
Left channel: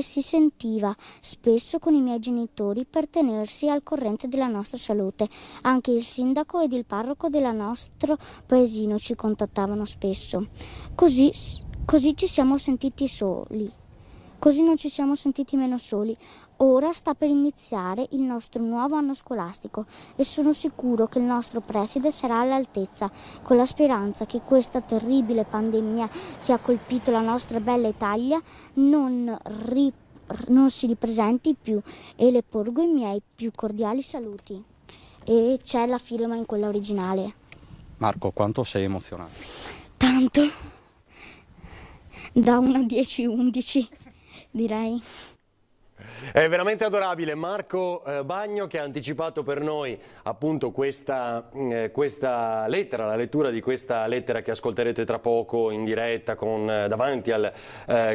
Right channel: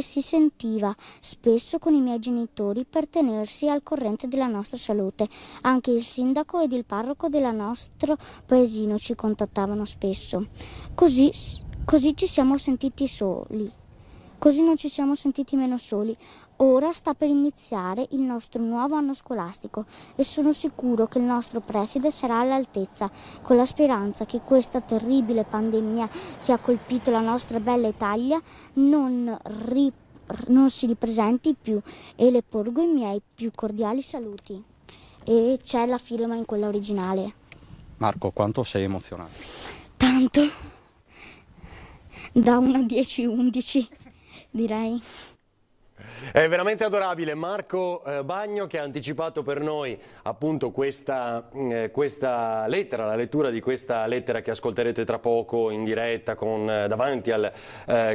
si sentiva spesso con i miei genitori per tenersi al corrente della nostra salute. Anche il sindaco ed il parroco del nostro paesino ci contattavano spesso. Così ci siamo sentiti soli. Così non ci siamo sentiti meno soli. Ora sta per iniziare il nostro nuovo anno scolastico e sono sicuro che il nostro preside sarà all'altezza, con la speranza che questa terribile pandemia che ha colpito la nostra bella Italia non si ripresenti più, e le porgo i miei più cordiali saluti. E c'è la firma in quella originale. Marco, quanto sei emozionato? Tanto. Da 1 a 10, 11, direi. È veramente adorabile Marco Bagno, che ha anticipato per noi appunto questa lettera, la lettura di questa lettera che ascolterete tra poco in diretta davanti al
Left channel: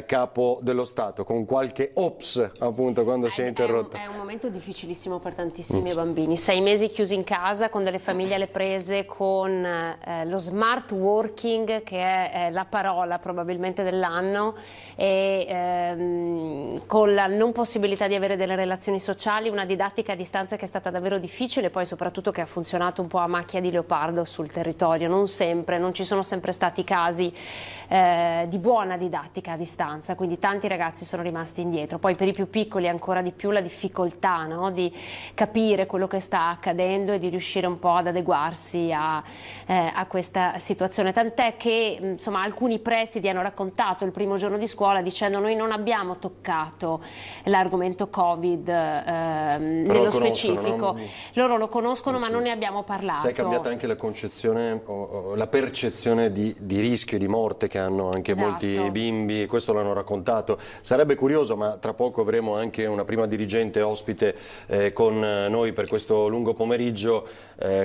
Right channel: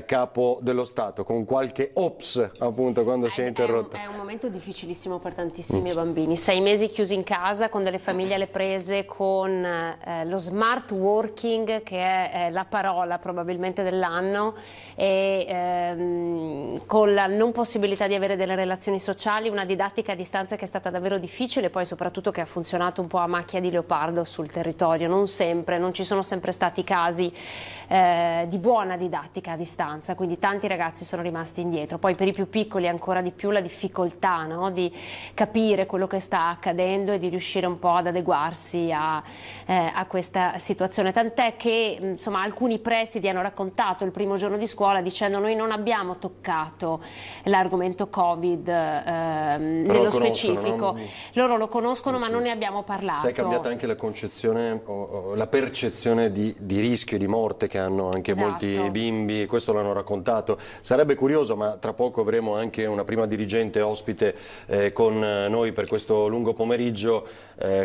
Capo dello Stato, con qualche ops appunto quando si è interrotta. È un momento difficilissimo per tantissimi bambini, 6 mesi chiusi in casa con delle famiglie alle prese, con lo smart working che è la parola probabilmente dell'anno, e con la non possibilità di avere delle relazioni sociali, una didattica a distanza che è stata davvero difficile, poi soprattutto che ha funzionato un po' a macchia di leopardo sul territorio, non ci sono sempre stati casi di buona didattica a distanza, quindi tanti ragazzi sono rimasti indietro. Poi per i più piccoli ancora di più la difficoltà, no? Di capire quello che sta accadendo e di riuscire un po' ad adeguarsi a questa situazione, tant'è che insomma alcuni presidi hanno raccontato il primo giorno di scuola dicendo: noi non abbiamo toccato l'argomento Covid nello specifico, no? Loro lo conoscono ma non ne abbiamo parlato. Sai, è cambiata anche la concezione, la percezione di rischio, di morte che hanno anche molti bimbi, questo l'hanno raccontato. Sarebbe curioso, ma tra poco avremo anche una prima dirigente ospite con noi per questo lungo pomeriggio,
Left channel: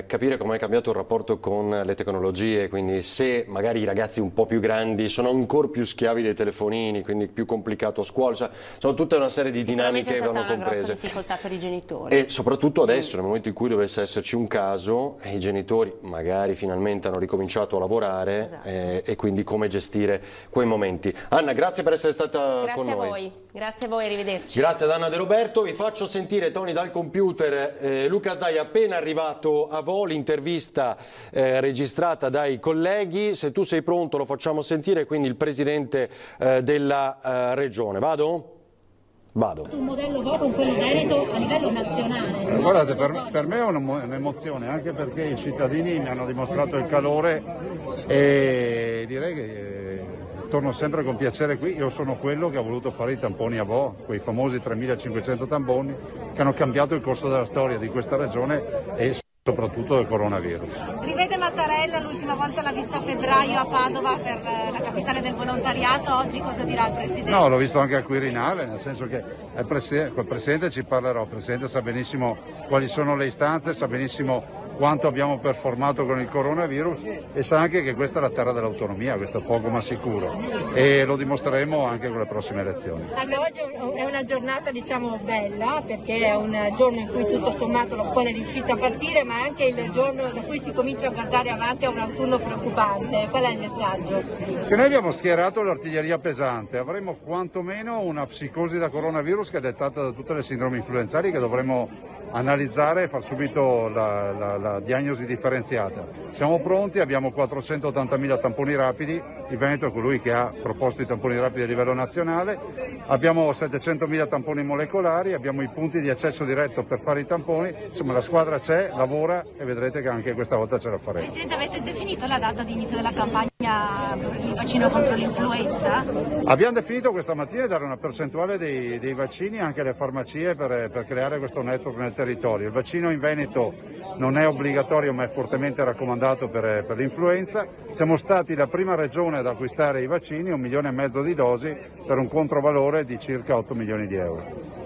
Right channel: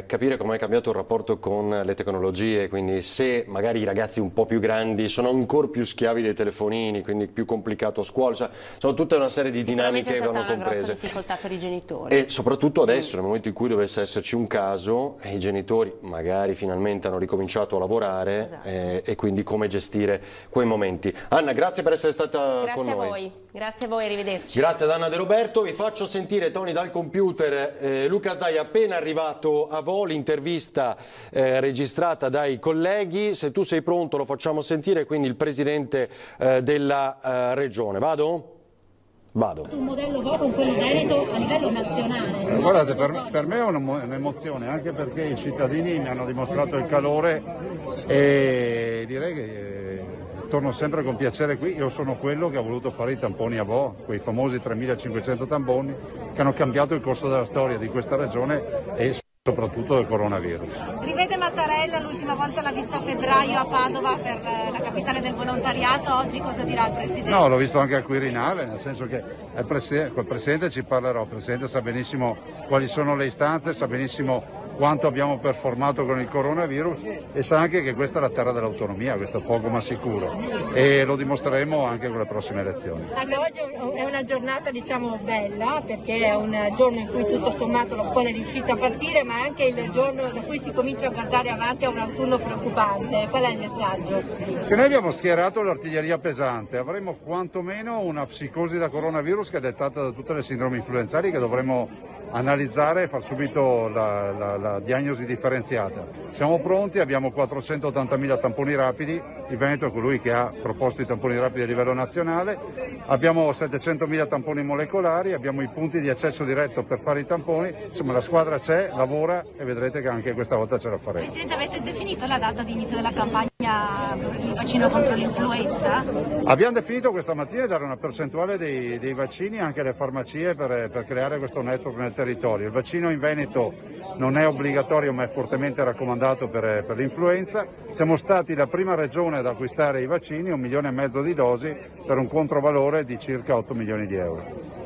capire come è cambiato il rapporto con le tecnologie, quindi se magari i ragazzi un po' più grandi sono ancora più schiavi dei telefonini, quindi più complicato a scuola, cioè, sono tutta una serie di dinamiche che vanno comprese. È difficoltà per i genitori. E soprattutto adesso, nel momento in cui dovesse esserci un caso, i genitori magari finalmente hanno ricominciato a lavorare, e quindi come gestire quei momenti. Anna, grazie per essere stata con noi. Grazie a voi. Grazie a voi, arrivederci. Grazie ad Anna De Roberto. Vi faccio sentire, Tony, dal computer Luca Zaia appena arrivato a Volo, intervista registrata dai colleghi. Se tu sei pronto lo facciamo sentire, quindi il presidente della regione. Vado? Vado. Un modello proprio quello veneto a livello nazionale. Guardate, per me è un'emozione, anche perché i cittadini mi hanno dimostrato il calore e direi che torno sempre con piacere qui. Io sono quello che ha voluto fare i tamponi a Vo, quei famosi 3.500 tamponi che hanno cambiato il corso della storia di questa regione e soprattutto del coronavirus. Rivede Mattarella, l'ultima volta l'ha visto a febbraio a Padova per la capitale del volontariato, oggi cosa dirà il Presidente? No, l'ho visto anche al Quirinale, nel senso che il Presidente ci parlerò, il Presidente sa benissimo quali sono le istanze, sa benissimo quanto abbiamo performato con il coronavirus e sa anche che questa è la terra dell'autonomia, questo è poco ma sicuro, e lo dimostreremo anche con le prossime elezioni. Oggi è una giornata diciamo bella, perché è un giorno in cui tutto sommato la scuola è riuscita a partire, ma è anche il giorno da cui si comincia a guardare avanti a un autunno preoccupante. Qual è il messaggio? Che noi abbiamo schierato l'artiglieria pesante, avremo quantomeno una psicosi da coronavirus che è dettata da tutte le sindromi influenzali che dovremo analizzare e far subito la diagnosi differenziata. Siamo pronti, abbiamo 480.000 tamponi rapidi, il Veneto è colui che ha proposto i tamponi rapidi a livello nazionale, abbiamo 700.000 tamponi molecolari, abbiamo i punti di accesso diretto per fare i tamponi, insomma la squadra c'è, lavora e vedrete che anche questa volta ce la faremo. Presidente, avete definito la data di inizio della campagna per il vaccino contro l'influenza? Abbiamo definito questa mattina di dare una percentuale dei vaccini anche alle farmacie per creare questo network nel territorio. Il vaccino in Veneto non è obbligatorio ma è fortemente raccomandato per l'influenza. Siamo stati la prima regione ad acquistare i vaccini, 1,5 milioni di dosi per un controvalore di circa 8 milioni di euro.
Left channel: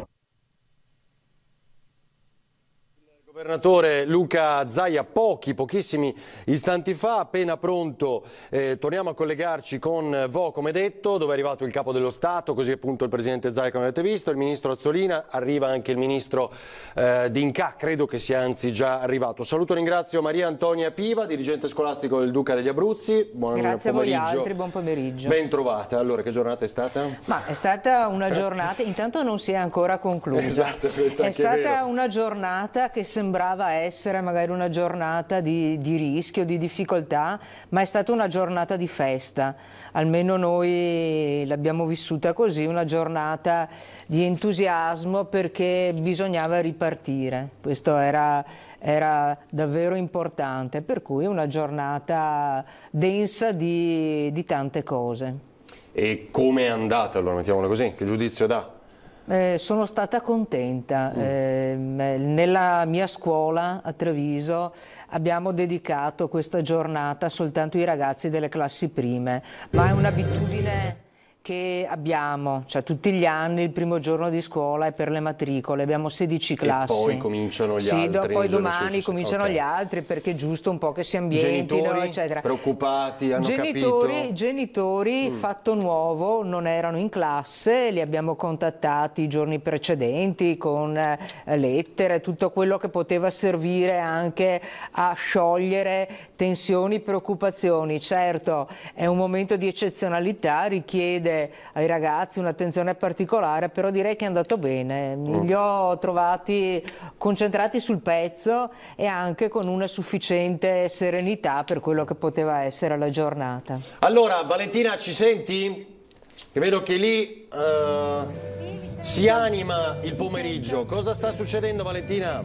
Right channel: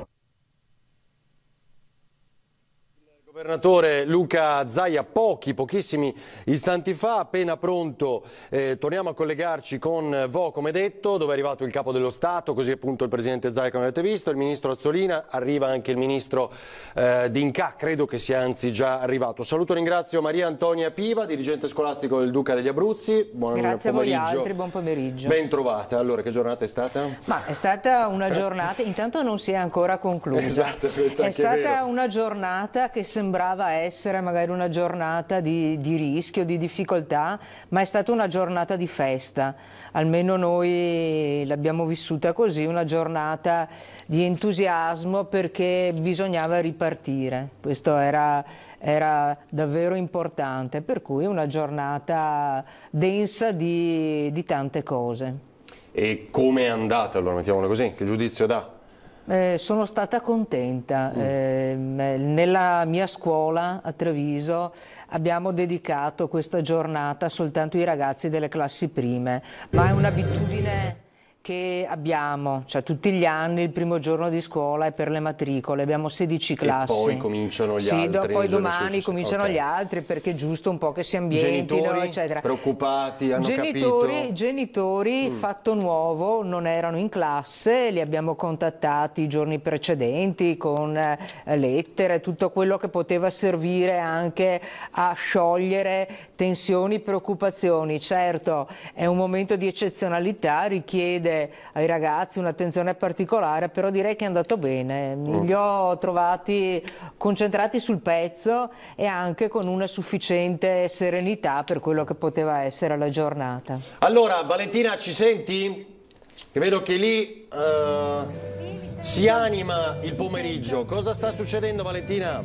Governatore Luca Zaia, pochissimi istanti fa, appena pronto, torniamo a collegarci con Vo, come detto, dove è arrivato il Capo dello Stato, così appunto il Presidente Zaia, come avete visto, il Ministro Azzolina, arriva anche il Ministro D'Incà, credo che sia anzi già arrivato. Saluto e ringrazio Maria Antonia Piva, dirigente scolastico del Duca degli Abruzzi. Grazie pomeriggio. A voi altri, buon pomeriggio. Ben trovata. Allora, che giornata è stata? Ma è stata una giornata, intanto non si è ancora conclusa. Esatto, è stata una giornata che sembrava essere magari una giornata di rischio, di difficoltà, ma è stata una giornata di festa, almeno noi l'abbiamo vissuta così, una giornata di entusiasmo perché bisognava ripartire, questo era davvero importante, per cui una giornata densa di tante cose. E come è andata allora, mettiamola così, che giudizio dà? Sono stata contenta. Nella mia scuola a Treviso abbiamo dedicato questa giornata soltanto ai ragazzi delle classi prime, ma è un'abitudine che abbiamo, cioè tutti gli anni il primo giorno di scuola è per le matricole, abbiamo 16 classi. E poi cominciano gli altri. Poi domani cominciano gli altri, perché è giusto un po' che si ambientino, genitori eccetera. Preoccupati, hanno capito? Genitori, fatto nuovo, non erano in classe, li abbiamo contattati i giorni precedenti con lettere, tutto quello che poteva servire anche a sciogliere tensioni, preoccupazioni. Certo, è un momento di eccezionalità, richiede ai ragazzi un'attenzione particolare, però direi che è andato bene. Li ho trovati concentrati sul pezzo e anche con una sufficiente serenità per quello che poteva essere la giornata. Allora, Valentina, ci senti? Che vedo che lì si anima il pomeriggio. Cosa sta succedendo, Valentina?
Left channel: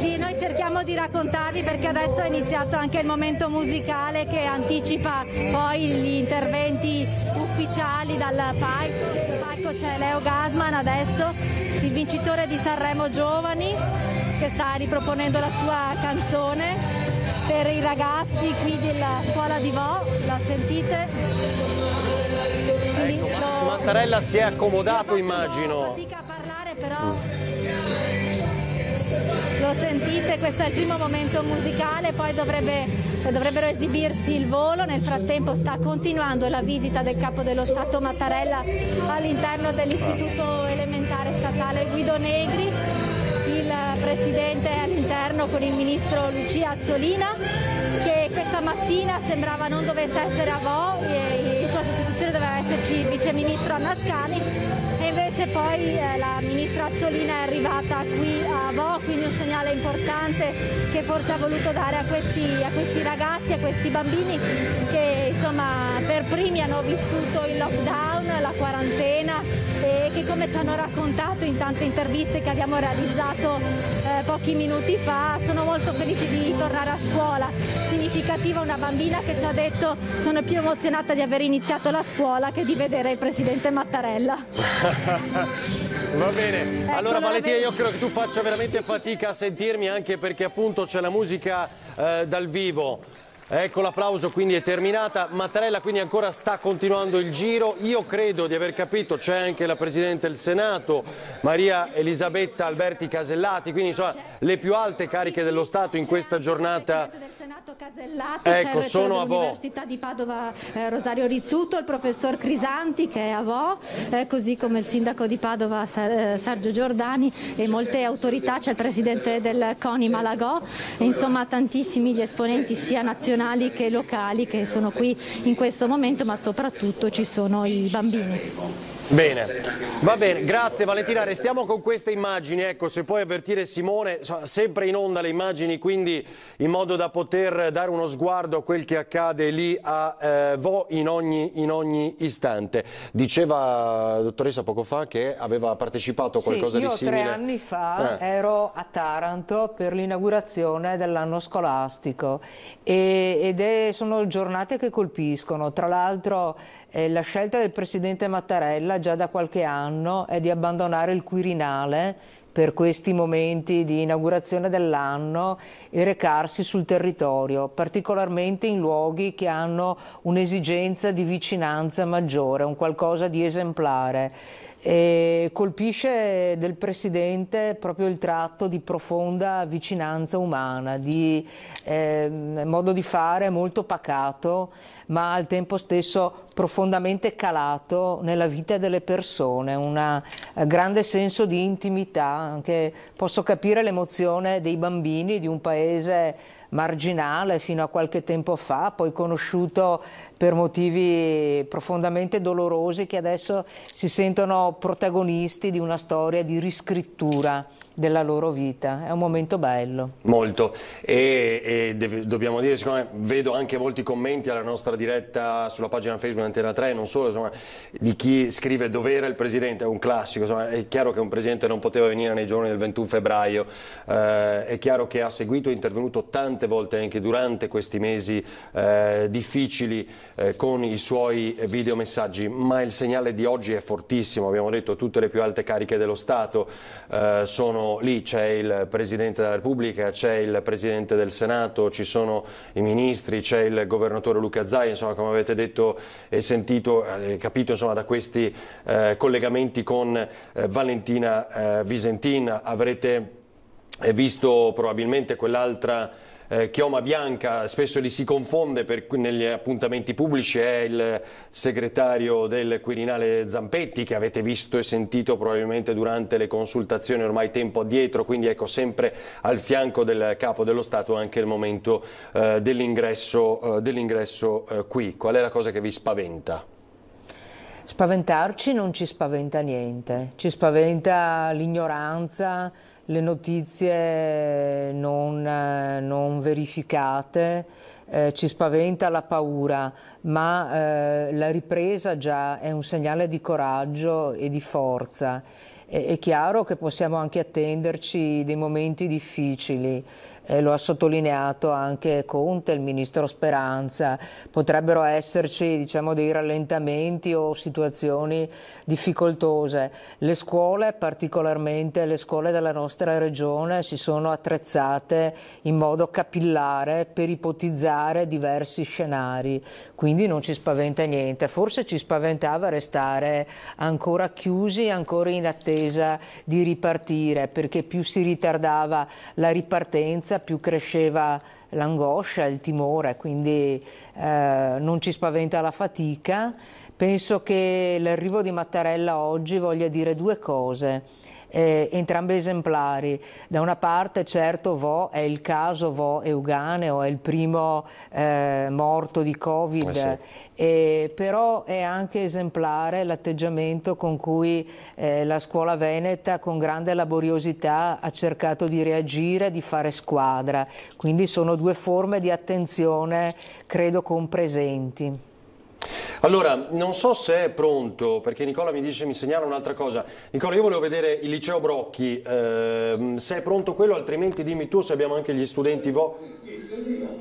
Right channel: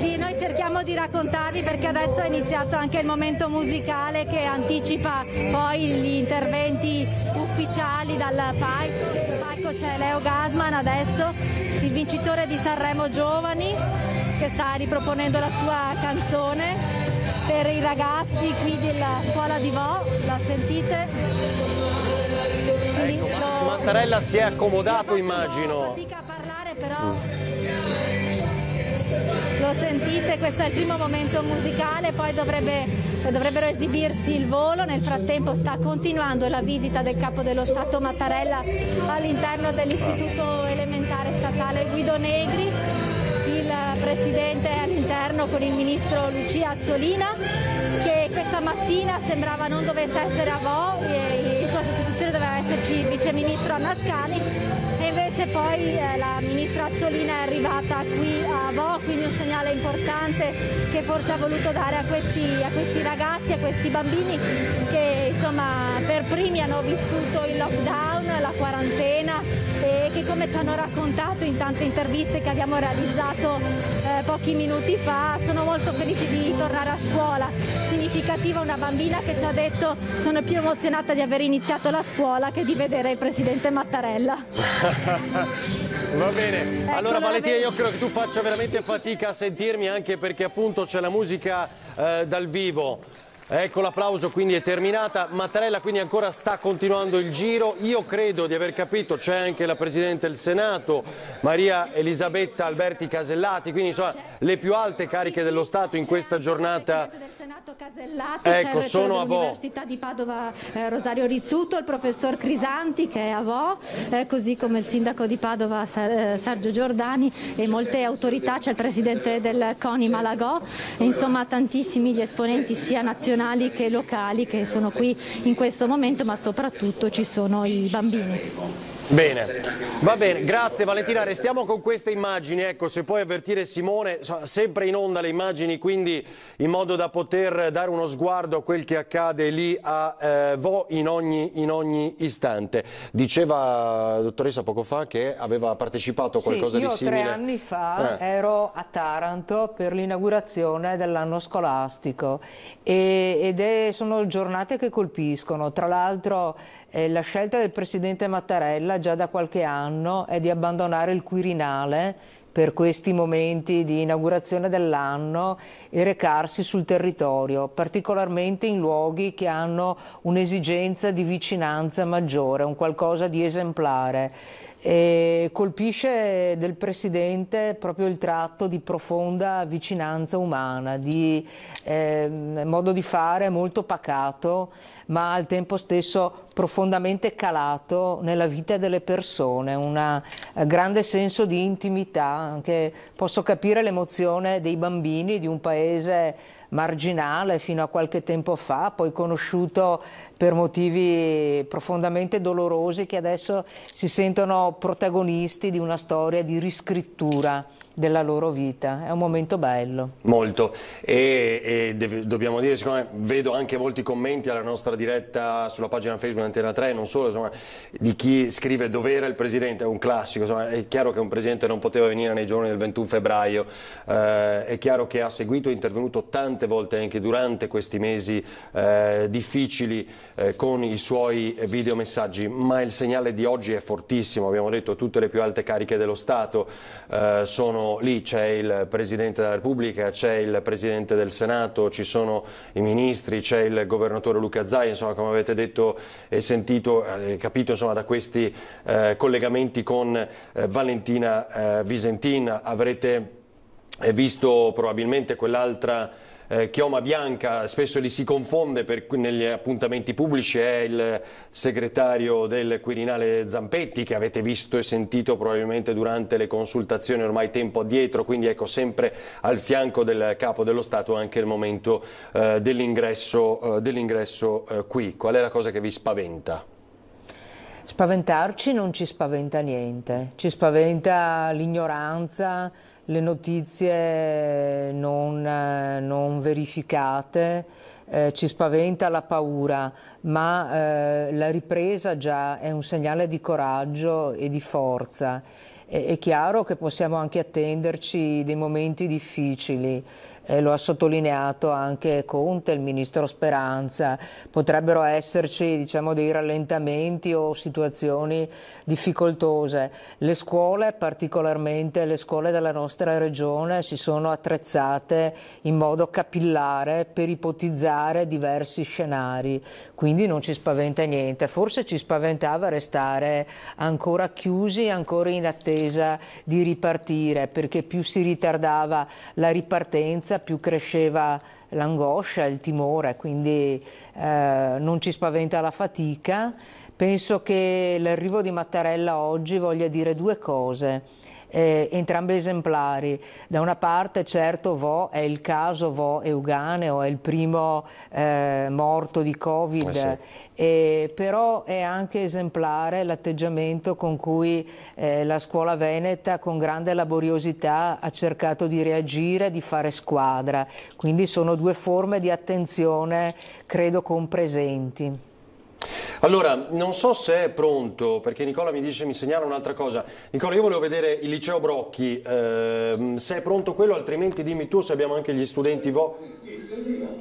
Sì, noi cerchiamo di raccontarvi, perché adesso è iniziato anche il momento musicale che anticipa poi gli interventi ufficiali dal palco. Sul palco c'è Leo Gasman adesso, il vincitore di Sanremo Giovani, che sta riproponendo la sua canzone per i ragazzi qui della scuola di Vo. La sentite? Ecco, Mattarella si è accomodato, immagino. Fatica a parlare, però lo sentite, questo è il primo momento musicale, poi dovrebbero esibirsi il volo. Nel frattempo sta continuando la visita del Capo dello Stato Mattarella all'interno dell'Istituto Elementare Statale Guido Negri. Il Presidente è all'interno con il Ministro Lucia Azzolina, che questa mattina sembrava non dovesse essere a Vo, in sua sostituzione doveva esserci il Vice Ministro Mascani, e invece poi la Ministra Azzolina è arrivata qui a Vo, quindi un segnale importante che forse ha voluto dare a questi ragazzi, a questi bambini che insomma per primi hanno vissuto il lockdown, la quarantena, e che, come ci hanno raccontato in tante interviste che abbiamo realizzato pochi minuti fa, sono molto felici di tornare a scuola. Significativa una bambina che ci ha detto: sono più emozionata di aver iniziato la scuola che di vedere il Presidente Mattarella. Va bene, allora Valentina, io credo che tu faccia veramente fatica a sentirmi, anche perché appunto c'è la musica dal vivo. Ecco, l'applauso, quindi è terminata. Mattarella quindi ancora sta continuando il giro. Io credo di aver capito, c'è anche la Presidente del Senato, Maria Elisabetta Alberti Casellati, quindi insomma le più alte cariche dello Stato in questa giornata. Casellati, ecco, c'è sono a Vo. Dell'Università di Padova Rosario Rizzuto, il professor Crisanti che è a Vo, così come il sindaco di Padova Sergio Giordani e molte autorità, c'è il presidente del CONI Malagò, e insomma tantissimi gli esponenti sia nazionali che locali che sono qui in questo momento, ma soprattutto ci sono i bambini. Bene, va bene, grazie Valentina, restiamo con queste immagini, ecco, se puoi avvertire Simone, sempre in onda le immagini, quindi in modo da poter dare uno sguardo a quel che accade lì a Vo in ogni istante. Diceva la dottoressa poco fa che aveva partecipato a qualcosa di simile. Io 3 anni fa ero a Taranto per l'inaugurazione dell'anno scolastico sono giornate che colpiscono. Tra l'altro la scelta del Presidente Mattarella già da qualche anno è di abbandonare il Quirinale per questi momenti di inaugurazione dell'anno e recarsi sul territorio, particolarmente in luoghi che hanno un'esigenza di vicinanza maggiore, un qualcosa di esemplare. E colpisce del Presidente proprio il tratto di profonda vicinanza umana, di modo di fare molto pacato, ma al tempo stesso profondamente calato nella vita delle persone, un grande senso di intimità. Anche posso capire l'emozione dei bambini di un paese marginale fino a qualche tempo fa, poi conosciuto per motivi profondamente dolorosi, che adesso si sentono protagonisti di una storia di riscrittura della loro vita. È un momento bello. Molto, dobbiamo dire, siccome vedo anche molti commenti alla nostra diretta sulla pagina Facebook Antena 3, non solo, insomma, di chi scrive dove era il Presidente, è un classico, insomma, è chiaro che un Presidente non poteva venire nei giorni del 21 febbraio, è chiaro che ha seguito e intervenuto tante tante volte anche durante questi mesi difficili con i suoi videomessaggi, ma il segnale di oggi è fortissimo. Abbiamo detto tutte le più alte cariche dello Stato sono lì, c'è il Presidente della Repubblica, c'è il Presidente del Senato, ci sono i ministri, c'è il Governatore Luca Zaia, insomma, come avete detto e sentito, capito insomma, da questi collegamenti con Valentina Visentin. Avrete visto probabilmente quell'altra chioma bianca, spesso li si confonde negli appuntamenti pubblici, è il segretario del Quirinale Zampetti, che avete visto e sentito probabilmente durante le consultazioni ormai tempo addietro, quindi ecco, sempre al fianco del Capo dello Stato anche il momento dell'ingresso qui. Qual è la cosa che vi spaventa? Spaventarci non ci spaventa niente, ci spaventa l'ignoranza, le notizie non verificate, ci spaventa la paura, ma la ripresa già è un segnale di coraggio e di forza. È chiaro che possiamo anche attenderci dei momenti difficili, lo ha sottolineato anche Conte, il ministro Speranza, potrebbero esserci, diciamo, dei rallentamenti o situazioni difficoltose. Le scuole, particolarmente le scuole della nostra regione, si sono attrezzate in modo capillare per ipotizzare diversi scenari, quindi non ci spaventa niente. Forse ci spaventava restare ancora chiusi, ancora in attesa di ripartire, perché più si ritardava la ripartenza, più cresceva l'angoscia, il timore, quindi non ci spaventa la fatica. Penso che l'arrivo di Mattarella oggi voglia dire due cose, entrambe esemplari. Da una parte, certo, Vo è il caso Vo Euganeo, è il primo morto di Covid, sì. Però è anche esemplare l'atteggiamento con cui la scuola veneta con grande laboriosità ha cercato di reagire, di fare squadra, quindi sono due forme di attenzione, credo, compresenti. Allora, non so se è pronto, perché Nicola mi segnala un'altra cosa. Nicola, io volevo vedere il liceo Brocchi, se è pronto quello, altrimenti dimmi tu se abbiamo anche gli studenti Vo.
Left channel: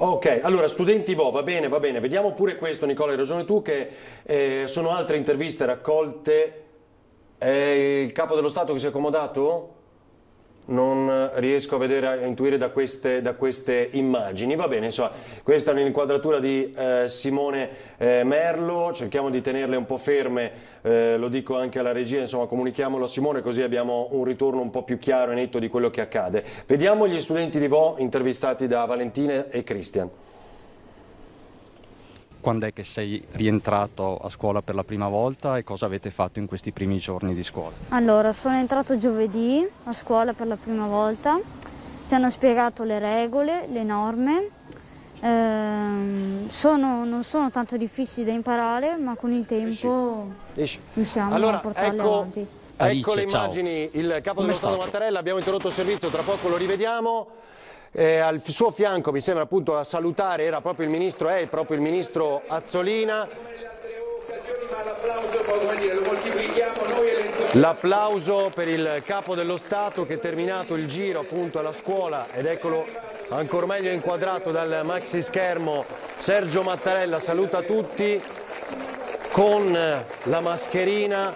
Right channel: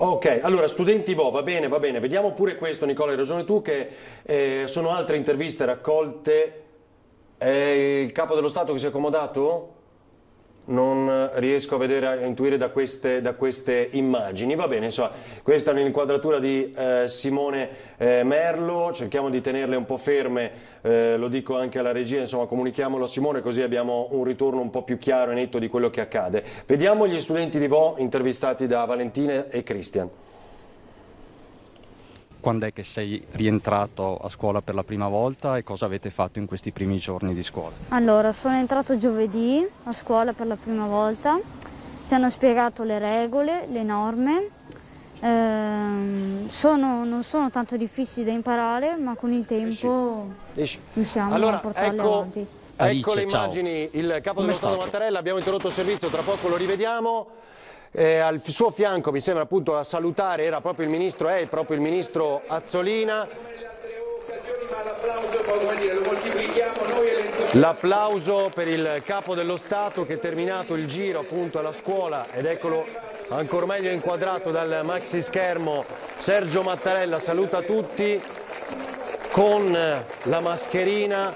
Ok, allora studenti Vo, va bene, vediamo pure questo, Nicola, hai ragione tu che sono altre interviste raccolte. Il Capo dello Stato che si è accomodato? Non riesco a vedere, a intuire da queste immagini. Va bene, insomma, questa è l'inquadratura di Simone Merlo, cerchiamo di tenerle un po' ferme, lo dico anche alla regia, insomma, comunichiamolo a Simone così abbiamo un ritorno un po' più chiaro e netto di quello che accade. Vediamo gli studenti di Vo intervistati da Valentina e Cristian. Quando è che sei rientrato a scuola per la prima volta e cosa avete fatto in questi primi giorni di scuola? Allora, sono entrato giovedì a scuola per la prima volta, ci hanno spiegato le regole, le norme, non sono tanto difficili da imparare, ma con il tempo riusciamo a portarle avanti. Ecco le immagini, il Capo dello Stato Mattarella, abbiamo interrotto il servizio, tra poco lo rivediamo. Al suo fianco, mi sembra appunto a salutare, è proprio il ministro Azzolina. L'applauso per il Capo dello Stato che, terminato il giro appunto alla scuola, ed eccolo ancora meglio inquadrato dal maxi schermo, Sergio Mattarella saluta tutti con la mascherina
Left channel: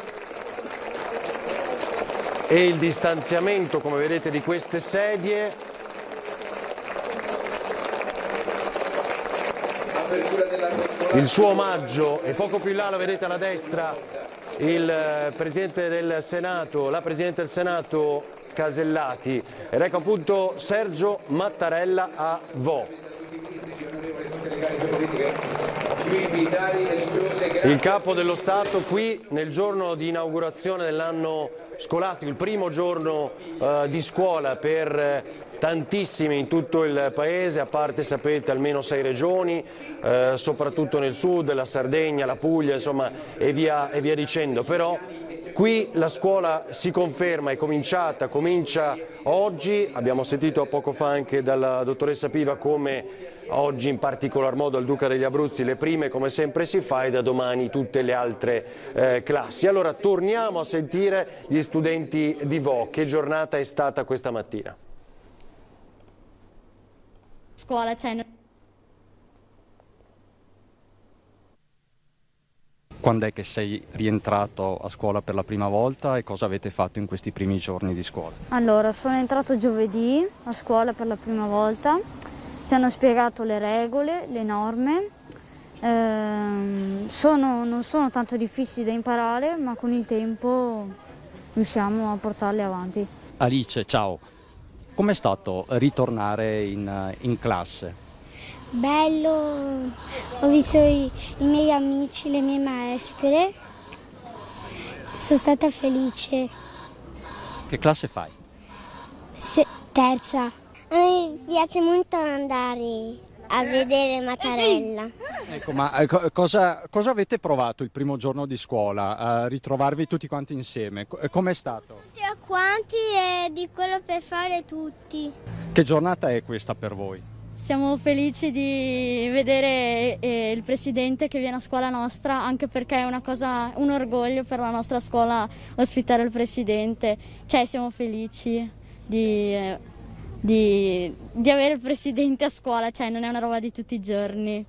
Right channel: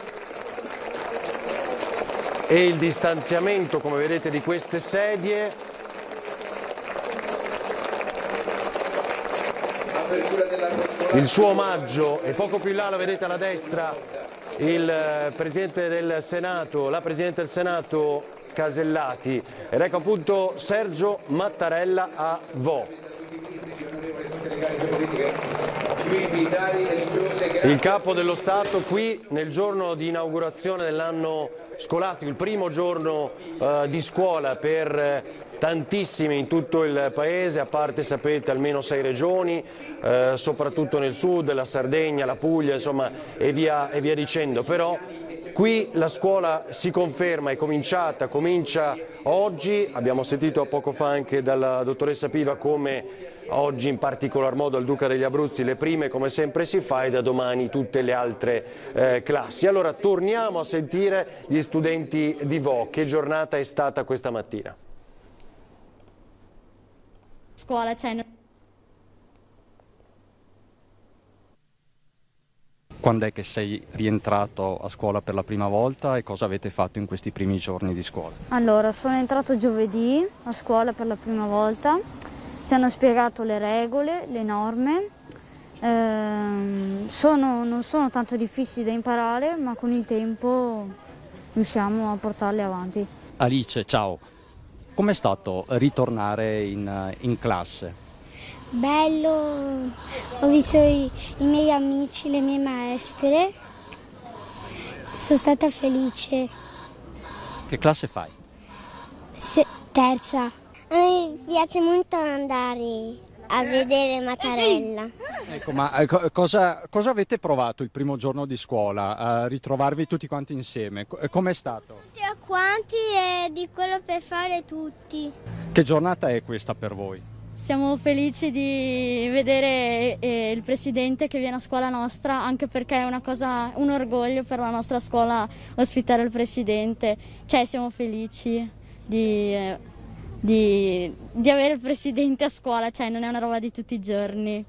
e il distanziamento, come vedete, di queste sedie. Il suo omaggio, e poco più in là lo vedete alla destra il Presidente del Senato, la Presidente del Senato Casellati, ed ecco appunto Sergio Mattarella a Vo. Il Capo dello Stato qui nel giorno di inaugurazione dell'anno scolastico, il primo giorno di scuola per tantissimi in tutto il paese, a parte, sapete, almeno 6 regioni, soprattutto nel sud, la Sardegna, la Puglia, insomma, e via dicendo. Però qui la scuola si conferma, comincia oggi. Abbiamo sentito poco fa anche dalla dottoressa Piva come oggi in particolar modo al Duca degli Abruzzi le prime come sempre si fa, e da domani tutte le altre classi. Allora torniamo a sentire gli studenti di Vo. Che giornata è stata questa mattina? scuola, cioè... Quando è che sei rientrato a scuola per la prima volta e cosa avete fatto in questi primi giorni di scuola? Allora, sono entrato giovedì a scuola per la prima volta, ci hanno spiegato le regole, le norme, non sono tanto difficili da imparare, ma con il tempo riusciamo a portarle avanti. Alice, ciao. Com'è stato ritornare in classe? Bello, ho visto i miei amici, le mie maestre, sono stata felice. Che classe fai? Terza. A me piace molto andare a vedere Mattarella. Ecco, ma cosa avete provato il primo giorno di scuola? A ritrovarvi tutti quanti insieme? Com'è stato? Tutti quanti e di quello per fare tutti. Che giornata è questa per voi? Siamo felici di vedere il presidente che viene a scuola nostra, anche perché è un orgoglio per la nostra scuola ospitare il presidente. Cioè siamo felici di avere il presidente a scuola, cioè non è una roba di tutti i giorni.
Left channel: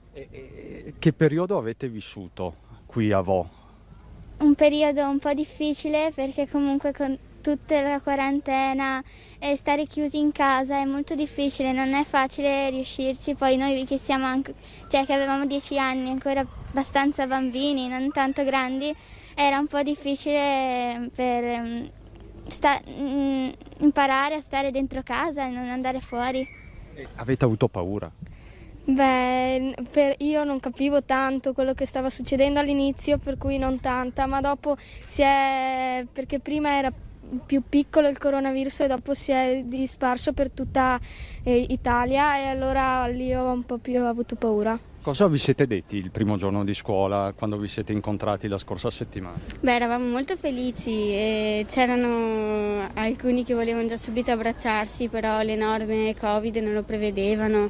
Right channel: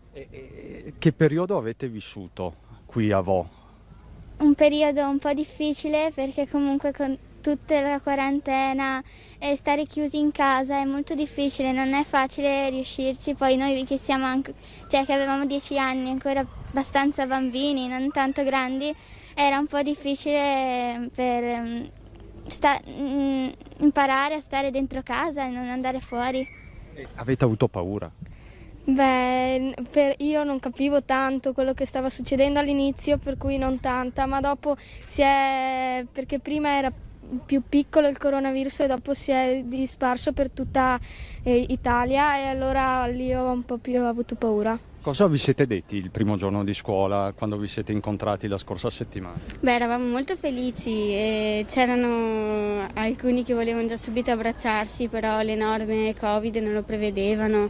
Che periodo avete vissuto qui a Vo? Un periodo un po' difficile perché comunque con tutta la quarantena e stare chiusi in casa è molto difficile, non è facile riuscirci. Poi noi che siamo anche, cioè che avevamo 10 anni, ancora abbastanza bambini, non tanto grandi, era un po' difficile per imparare a stare dentro casa e non andare fuori. Avete avuto paura? Beh, io non capivo tanto quello che stava succedendo all'inizio, per cui non tanta, ma dopo perché prima era più piccolo il coronavirus e dopo si è disparso per tutta Italia e allora lì ho un po' più avuto paura. Cosa vi siete detti il primo giorno di scuola quando vi siete incontrati la scorsa settimana? Beh, eravamo molto felici e c'erano alcuni che volevano già subito abbracciarsi, però le norme Covid non lo prevedevano.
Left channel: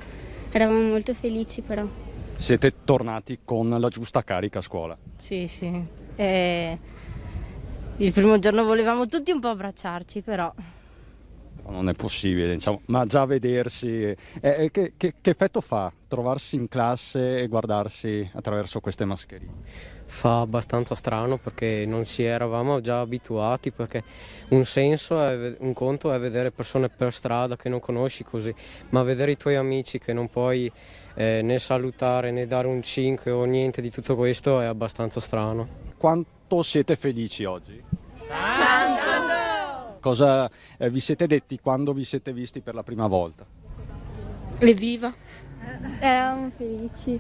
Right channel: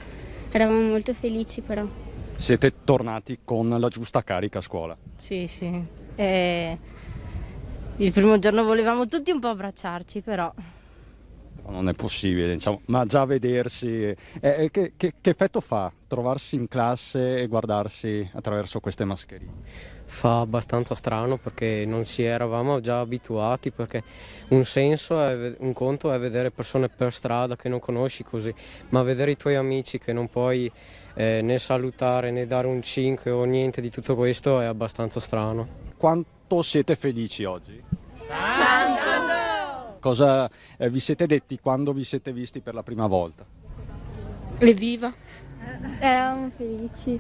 Eravamo molto felici però. Siete tornati con la giusta carica a scuola? Sì, sì. Il primo giorno volevamo tutti un po' abbracciarci, però... Non è possibile, diciamo, ma già vedersi... che effetto fa trovarsi in classe e guardarsi attraverso queste mascherine? Fa abbastanza strano perché non ci eravamo già abituati, perché un conto è vedere persone per strada che non conosci così, ma vedere i tuoi amici che non puoi né salutare né dare un 5 o niente di tutto questo è abbastanza strano. Quanto siete felici oggi? Tanto! Cosa vi siete detti quando vi siete visti per la prima volta? Evviva! Eravamo felici.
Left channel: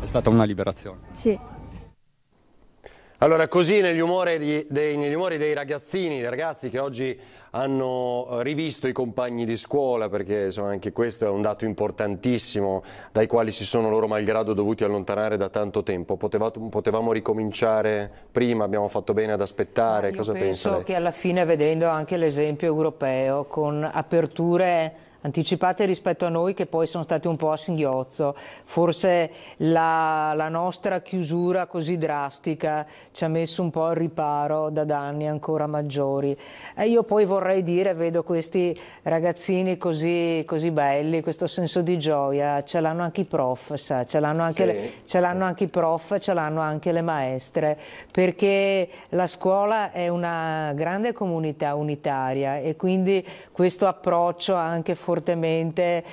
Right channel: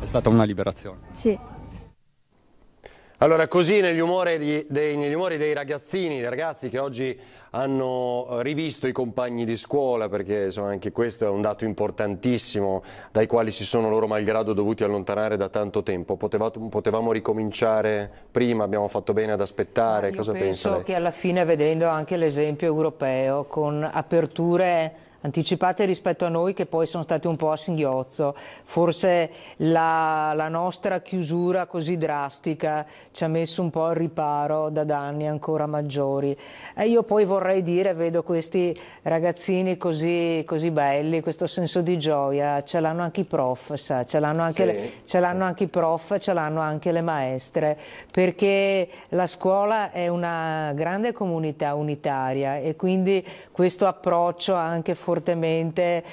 È stata una liberazione? Sì. Allora, così negli umori dei ragazzini, dei ragazzi che oggi hanno rivisto i compagni di scuola, perché insomma, anche questo è un dato importantissimo, dai quali si sono loro malgrado dovuti allontanare da tanto tempo. Potevamo ricominciare prima, abbiamo fatto bene ad aspettare, cosa pensa lei? Penso che alla fine, vedendo anche l'esempio europeo, con aperture anticipate rispetto a noi che poi sono state un po' a singhiozzo, forse la nostra chiusura così drastica ci ha messo un po' al riparo da danni ancora maggiori. Io poi vorrei dire, vedo questi ragazzini così belli, questo senso di gioia, ce l'hanno anche i prof, sa? Ce l'hanno anche, Sì. anche i prof, ce l'hanno anche le maestre, perché la scuola è una grande comunità unitaria e quindi questo approccio anche fortemente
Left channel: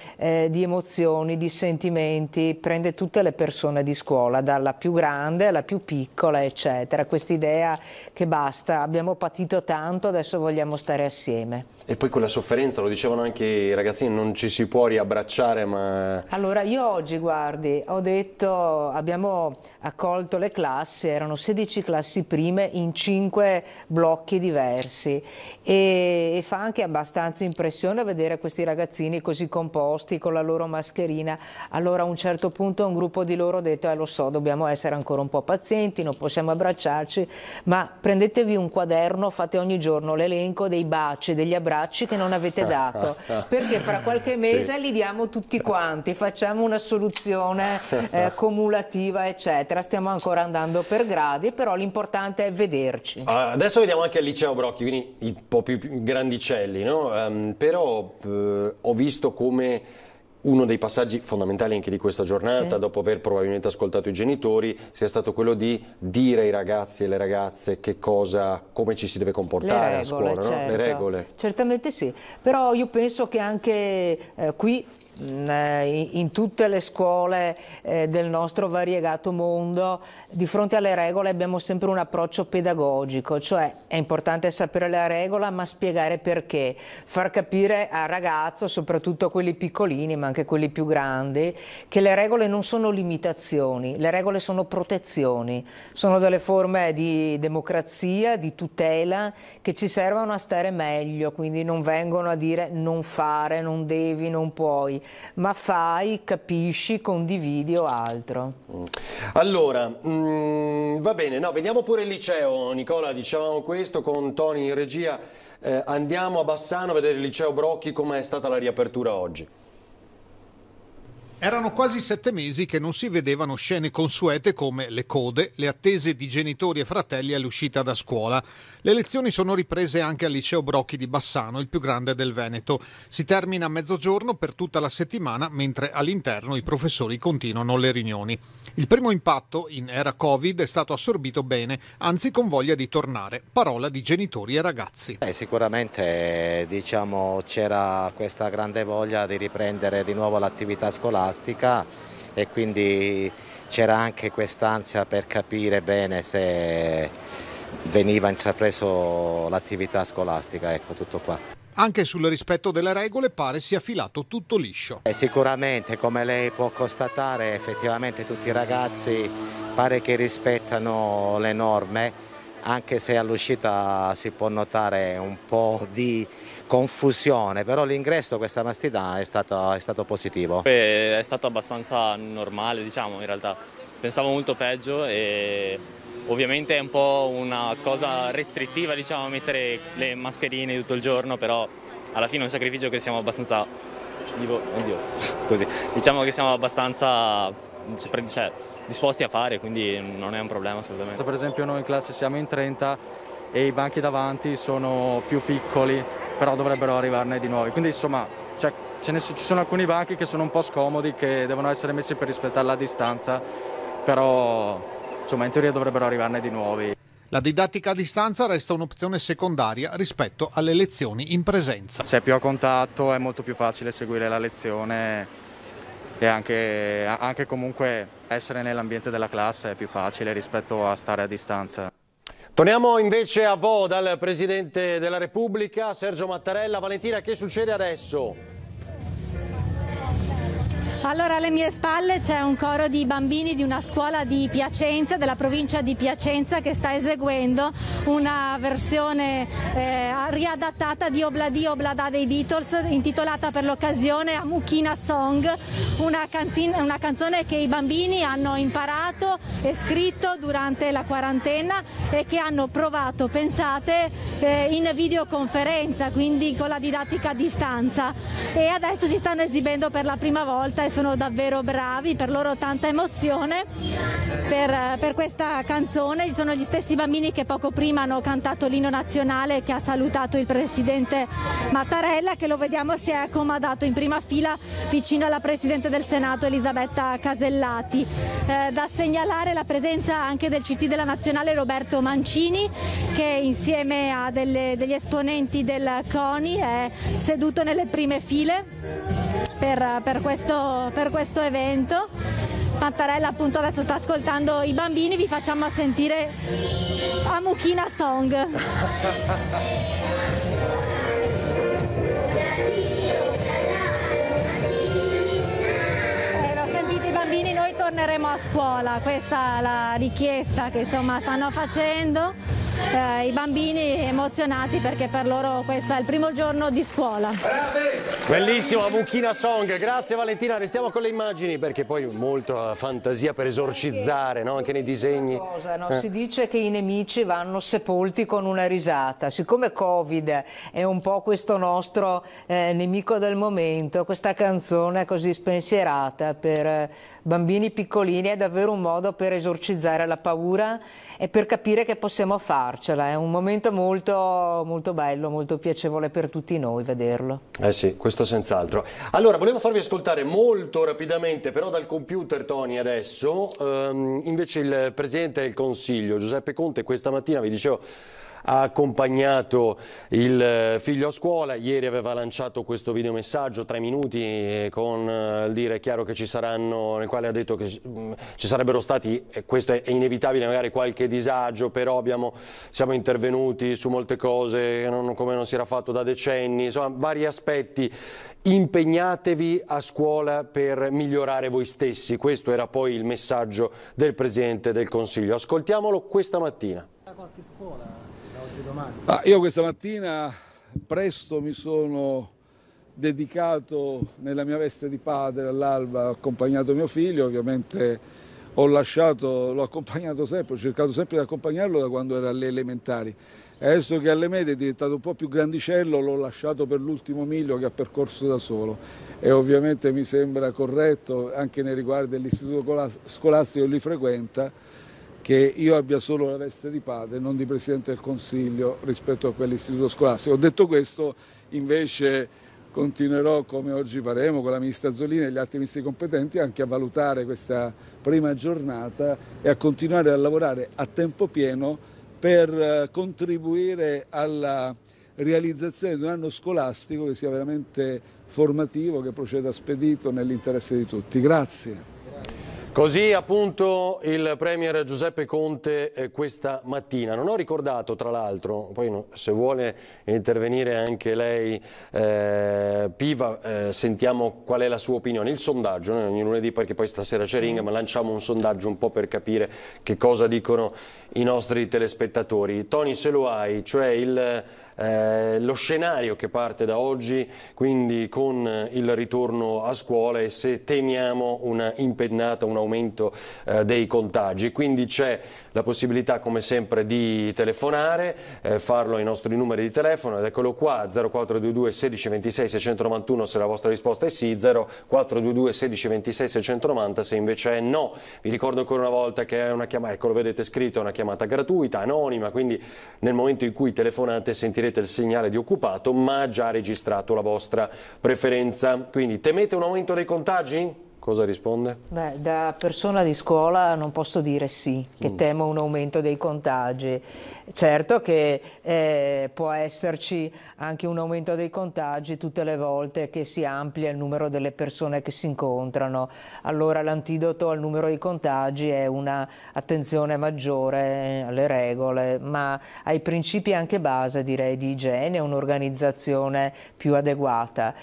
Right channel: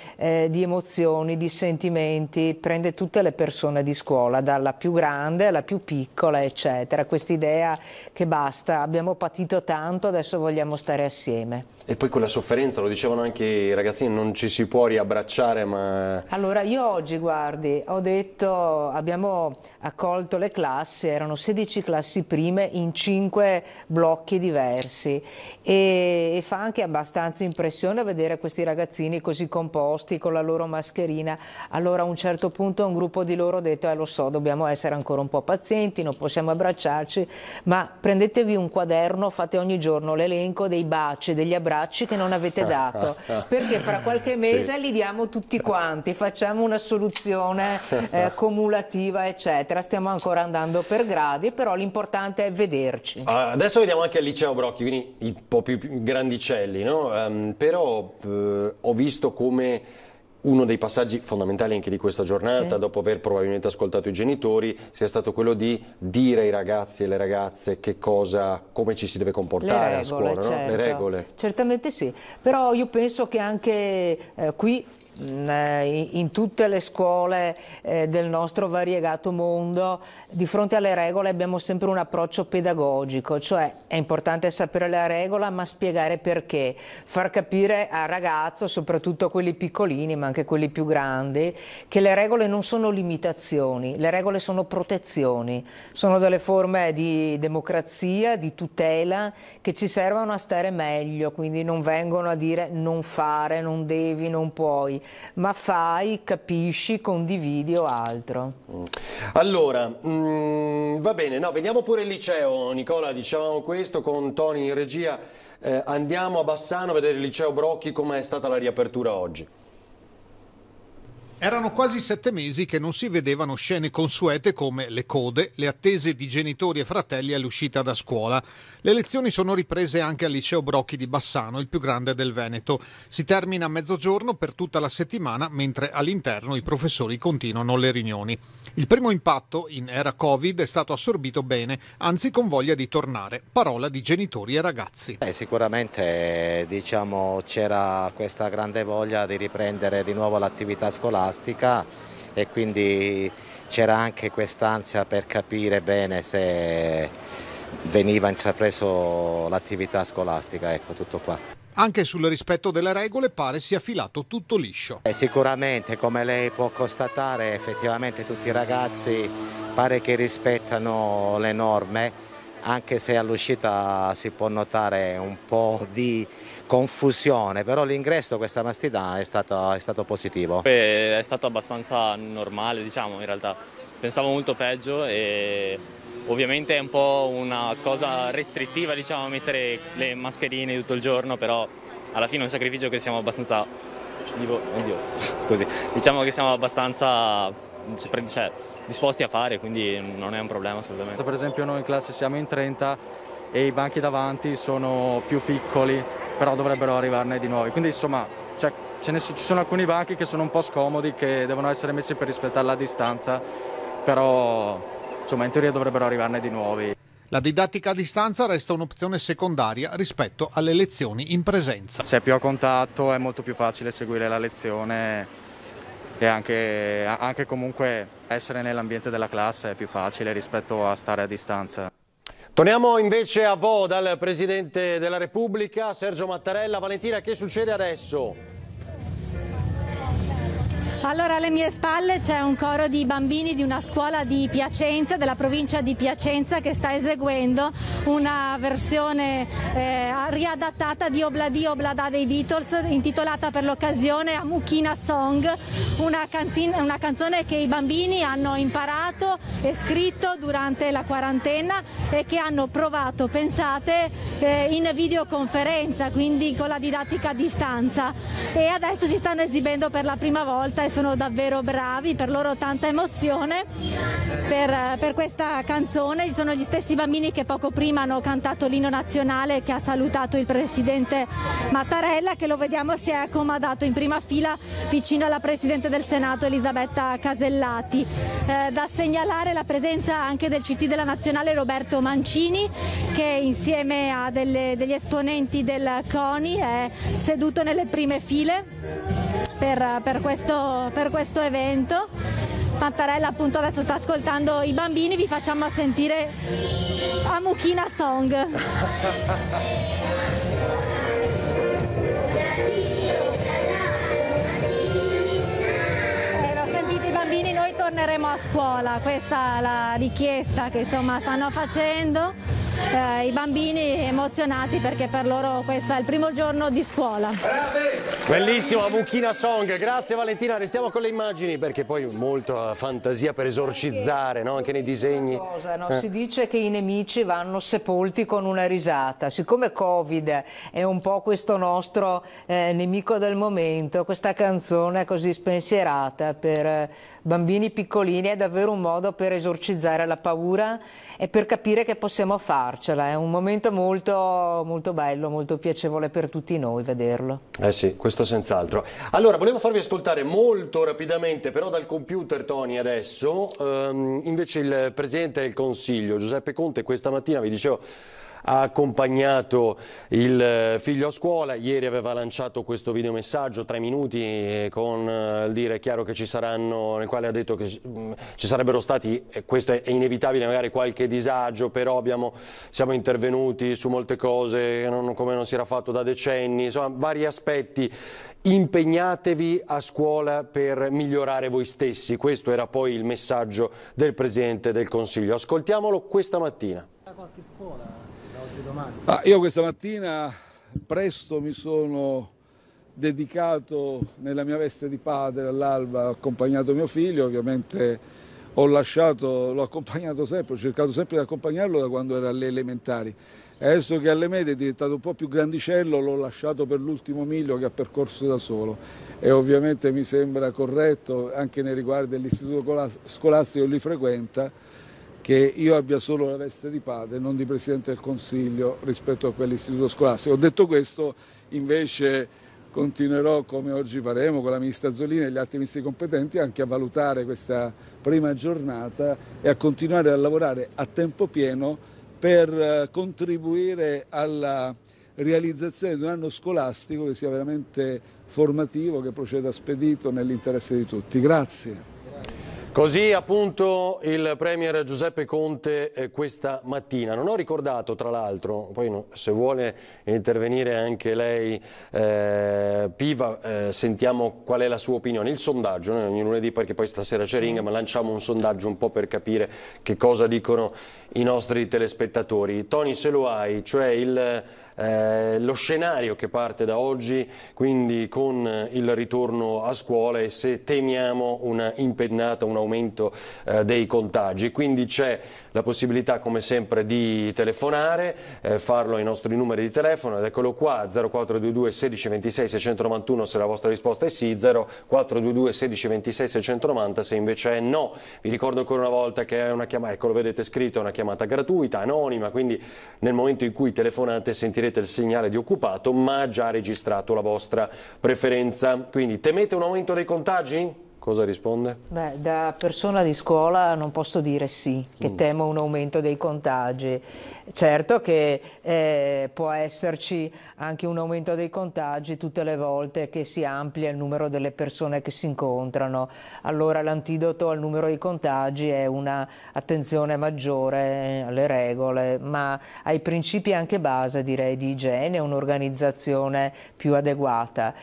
di emozioni, di sentimenti, prende tutte le persone di scuola, dalla più grande alla più piccola, eccetera. Quest'idea che basta, abbiamo patito tanto, adesso vogliamo stare assieme. E poi quella sofferenza, lo dicevano anche i ragazzini, non ci si può riabbracciare, ma... Allora, io oggi, guardi, ho detto, abbiamo accolto le classi, erano 16 classi prime in 5 blocchi diversi e fa anche abbastanza impressione vedere questi ragazzini così composti con la loro mascherina. Allora a un certo punto un gruppo di loro ha detto lo so, dobbiamo essere ancora un po' pazienti, non possiamo abbracciarci, ma prendetevi un quaderno, fate ogni giorno l'elenco dei baci, degli abbracci che non avete dato, perché fra qualche mese li diamo tutti quanti, facciamo una soluzione cumulativa, eccetera. Stiamo ancora andando per gradi, però l'importante è vederci. Adesso vediamo anche al liceo Brocchi, quindi un po' più grandicelli, no? Però ho visto come uno dei passaggi fondamentali anche di questa giornata, dopo aver probabilmente ascoltato i genitori, sia stato quello di dire ai ragazzi e alle ragazze come ci si deve comportare a scuola, certo. no? Le regole. Certamente sì, però io penso che anche qui in tutte le scuole del nostro variegato mondo, di fronte alle regole abbiamo sempre un approccio pedagogico, cioè è importante sapere la regola ma spiegare perché, far capire al ragazzo, soprattutto a quelli piccolini ma anche quelli più grandi, che le regole non sono limitazioni, le regole sono protezioni, sono delle forme di democrazia, di tutela che ci servono a stare meglio, quindi non vengono a dire non fare, non devi, non puoi, ma fai, capisci, condividi o altro. Allora, va bene, no, vediamo pure il liceo, Nicola, dicevamo questo con Toni in regia, andiamo a Bassano a vedere il liceo Brocchi, com'è stata la riapertura oggi. Erano quasi 7 mesi che non si vedevano scene consuete come le code, le attese di genitori e fratelli all'uscita da scuola. Le lezioni sono riprese anche al liceo Brocchi di Bassano, il più grande del Veneto. Si termina a mezzogiorno per tutta la settimana, mentre all'interno i professori continuano le riunioni. Il primo impatto in era Covid è stato assorbito bene, anzi con voglia di tornare. Parola di genitori e ragazzi. Sicuramente c'era questa grande voglia di riprendere di nuovo l'attività scolastica e quindi c'era anche quest'ansia per capire bene se veniva intrapreso l'attività scolastica, ecco, tutto qua. Anche sul rispetto delle regole pare sia filato tutto liscio. Sicuramente, come lei può constatare, effettivamente tutti i ragazzi pare che rispettano le norme, anche se all'uscita si può notare un po' di confusione, però l'ingresso questa mattina è stato positivo. È stato abbastanza normale, diciamo, in realtà. Pensavo molto peggio e ovviamente è un po' una cosa restrittiva, diciamo, mettere le mascherine tutto il giorno, però alla fine è un sacrificio che siamo abbastanza... diciamo che siamo abbastanza disposti a fare, quindi non è un problema assolutamente. Per esempio noi in classe siamo in 30 e i banchi davanti sono più piccoli, però dovrebbero arrivarne di nuovi, quindi insomma ci sono alcuni banchi che sono un po' scomodi, che devono essere messi per rispettare la distanza, però insomma in teoria dovrebbero arrivarne di nuovi. La didattica a distanza resta un'opzione secondaria rispetto alle lezioni in presenza. Se è più a contatto è molto più facile seguire la lezione e anche comunque essere nell'ambiente della classe è più facile rispetto a stare a distanza. Torniamo invece a Vo dal Presidente della Repubblica, Sergio Mattarella. Valentina, che succede adesso? Allora, alle mie spalle c'è un coro di bambini di una scuola di Piacenza, della provincia di Piacenza, che sta eseguendo una versione riadattata di Obladi Oblada dei Beatles, intitolata per l'occasione Amukina Song, una canzone che i bambini hanno imparato e scritto durante la quarantena e che hanno provato, pensate, in videoconferenza, quindi con la didattica a distanza, e adesso si stanno esibendo per la prima volta e sono davvero bravi, per loro tanta emozione per questa canzone. Ci sono gli stessi bambini che poco prima hanno cantato l'inno nazionale, che ha salutato il Presidente Mattarella, che lo vediamo si è accomodato in prima fila vicino alla Presidente del Senato Elisabetta Casellati. Da segnalare la presenza anche del CT della Nazionale Roberto Mancini, che insieme a degli esponenti del CONI è seduto nelle prime file per questo evento. Mattarella appunto adesso sta ascoltando i bambini, vi facciamo sentire Amukina Song. Sentite i bambini, noi torneremo a scuola, questa è la richiesta che insomma stanno facendo i bambini, emozionati perché per loro questo è il primo giorno di scuola. Bellissimo, Amukina Song, grazie Valentina, restiamo con le immagini perché poi molta fantasia per esorcizzare, no? Anche nei disegni. Si dice che i nemici vanno sepolti con una risata, siccome Covid è un po' questo nostro nemico del momento, questa canzone così spensierata per bambini piccolini è davvero un modo per esorcizzare la paura e per capire che possiamo farcela, è un momento molto, molto bello, molto piacevole per tutti noi vederlo. Sì, questo questo senz'altro. Allora, volevo farvi ascoltare molto rapidamente, però dal computer, Tony, adesso, invece il Presidente del Consiglio, Giuseppe Conte, questa mattina, vi dicevo, ha accompagnato il figlio a scuola. Ieri aveva lanciato questo videomessaggio, 3 minuti, con il dire chiaro che ci saranno, nel quale ha detto che ci sarebbero stati, e questo è inevitabile, magari qualche disagio, però siamo intervenuti su molte cose come non si era fatto da decenni, insomma vari aspetti. Impegnatevi a scuola per migliorare voi stessi, questo era poi il messaggio del Presidente del Consiglio. Ascoltiamolo questa mattina. Io questa mattina presto mi sono dedicato nella mia veste di padre all'alba, ho accompagnato mio figlio, ovviamente l'ho accompagnato sempre, ho cercato sempre di accompagnarlo da quando era alle elementari. E adesso che alle medie è diventato un po' più grandicello, l'ho lasciato per l'ultimo miglio che ha percorso da solo. E ovviamente mi sembra corretto, anche nei riguardi dell'istituto scolastico che lui frequenta, che io abbia solo la veste di padre, non di Presidente del Consiglio rispetto a quell'istituto scolastico. Ho detto questo, invece continuerò, come oggi faremo con la Ministra Azzolini e gli altri ministri competenti, anche a valutare questa prima giornata e a continuare a lavorare a tempo pieno per contribuire alla realizzazione di un anno scolastico che sia veramente formativo, che proceda spedito nell'interesse di tutti. Grazie. Così appunto il Premier Giuseppe Conte questa mattina. Non ho ricordato, tra l'altro, poi se vuole intervenire anche lei, Piva, sentiamo qual è la sua opinione. Il sondaggio, noi ogni lunedì, perché poi stasera c'è Ring, ma lanciamo un sondaggio un po' per capire che cosa dicono i nostri telespettatori. Tony, se lo hai, cioè lo scenario che parte da oggi, quindi con il ritorno a scuola, e se temiamo una impennata, un aumento dei contagi. Quindi c'è la possibilità, come sempre, di telefonare, farlo ai nostri numeri di telefono, ed eccolo qua, 0422 16 26 691 se la vostra risposta è sì, 0422 16 26 690 se invece è no. Vi ricordo ancora una volta che è una chiamata, ecco, lo vedete scritto, è una chiamata gratuita, anonima, quindi nel momento in cui telefonate sentirete il segnale di occupato, ma ha già registrato la vostra preferenza. Quindi temete un aumento dei contagi? Cosa risponde? Beh, da persona di scuola non posso dire sì, che temo un aumento dei contagi. Certo che può esserci anche un aumento dei contagi tutte le volte che si amplia il numero delle persone che si incontrano. Allora l'antidoto al numero dei contagi è una attenzione maggiore alle regole, ma ai principi anche base, direi, di igiene, un'organizzazione più adeguata.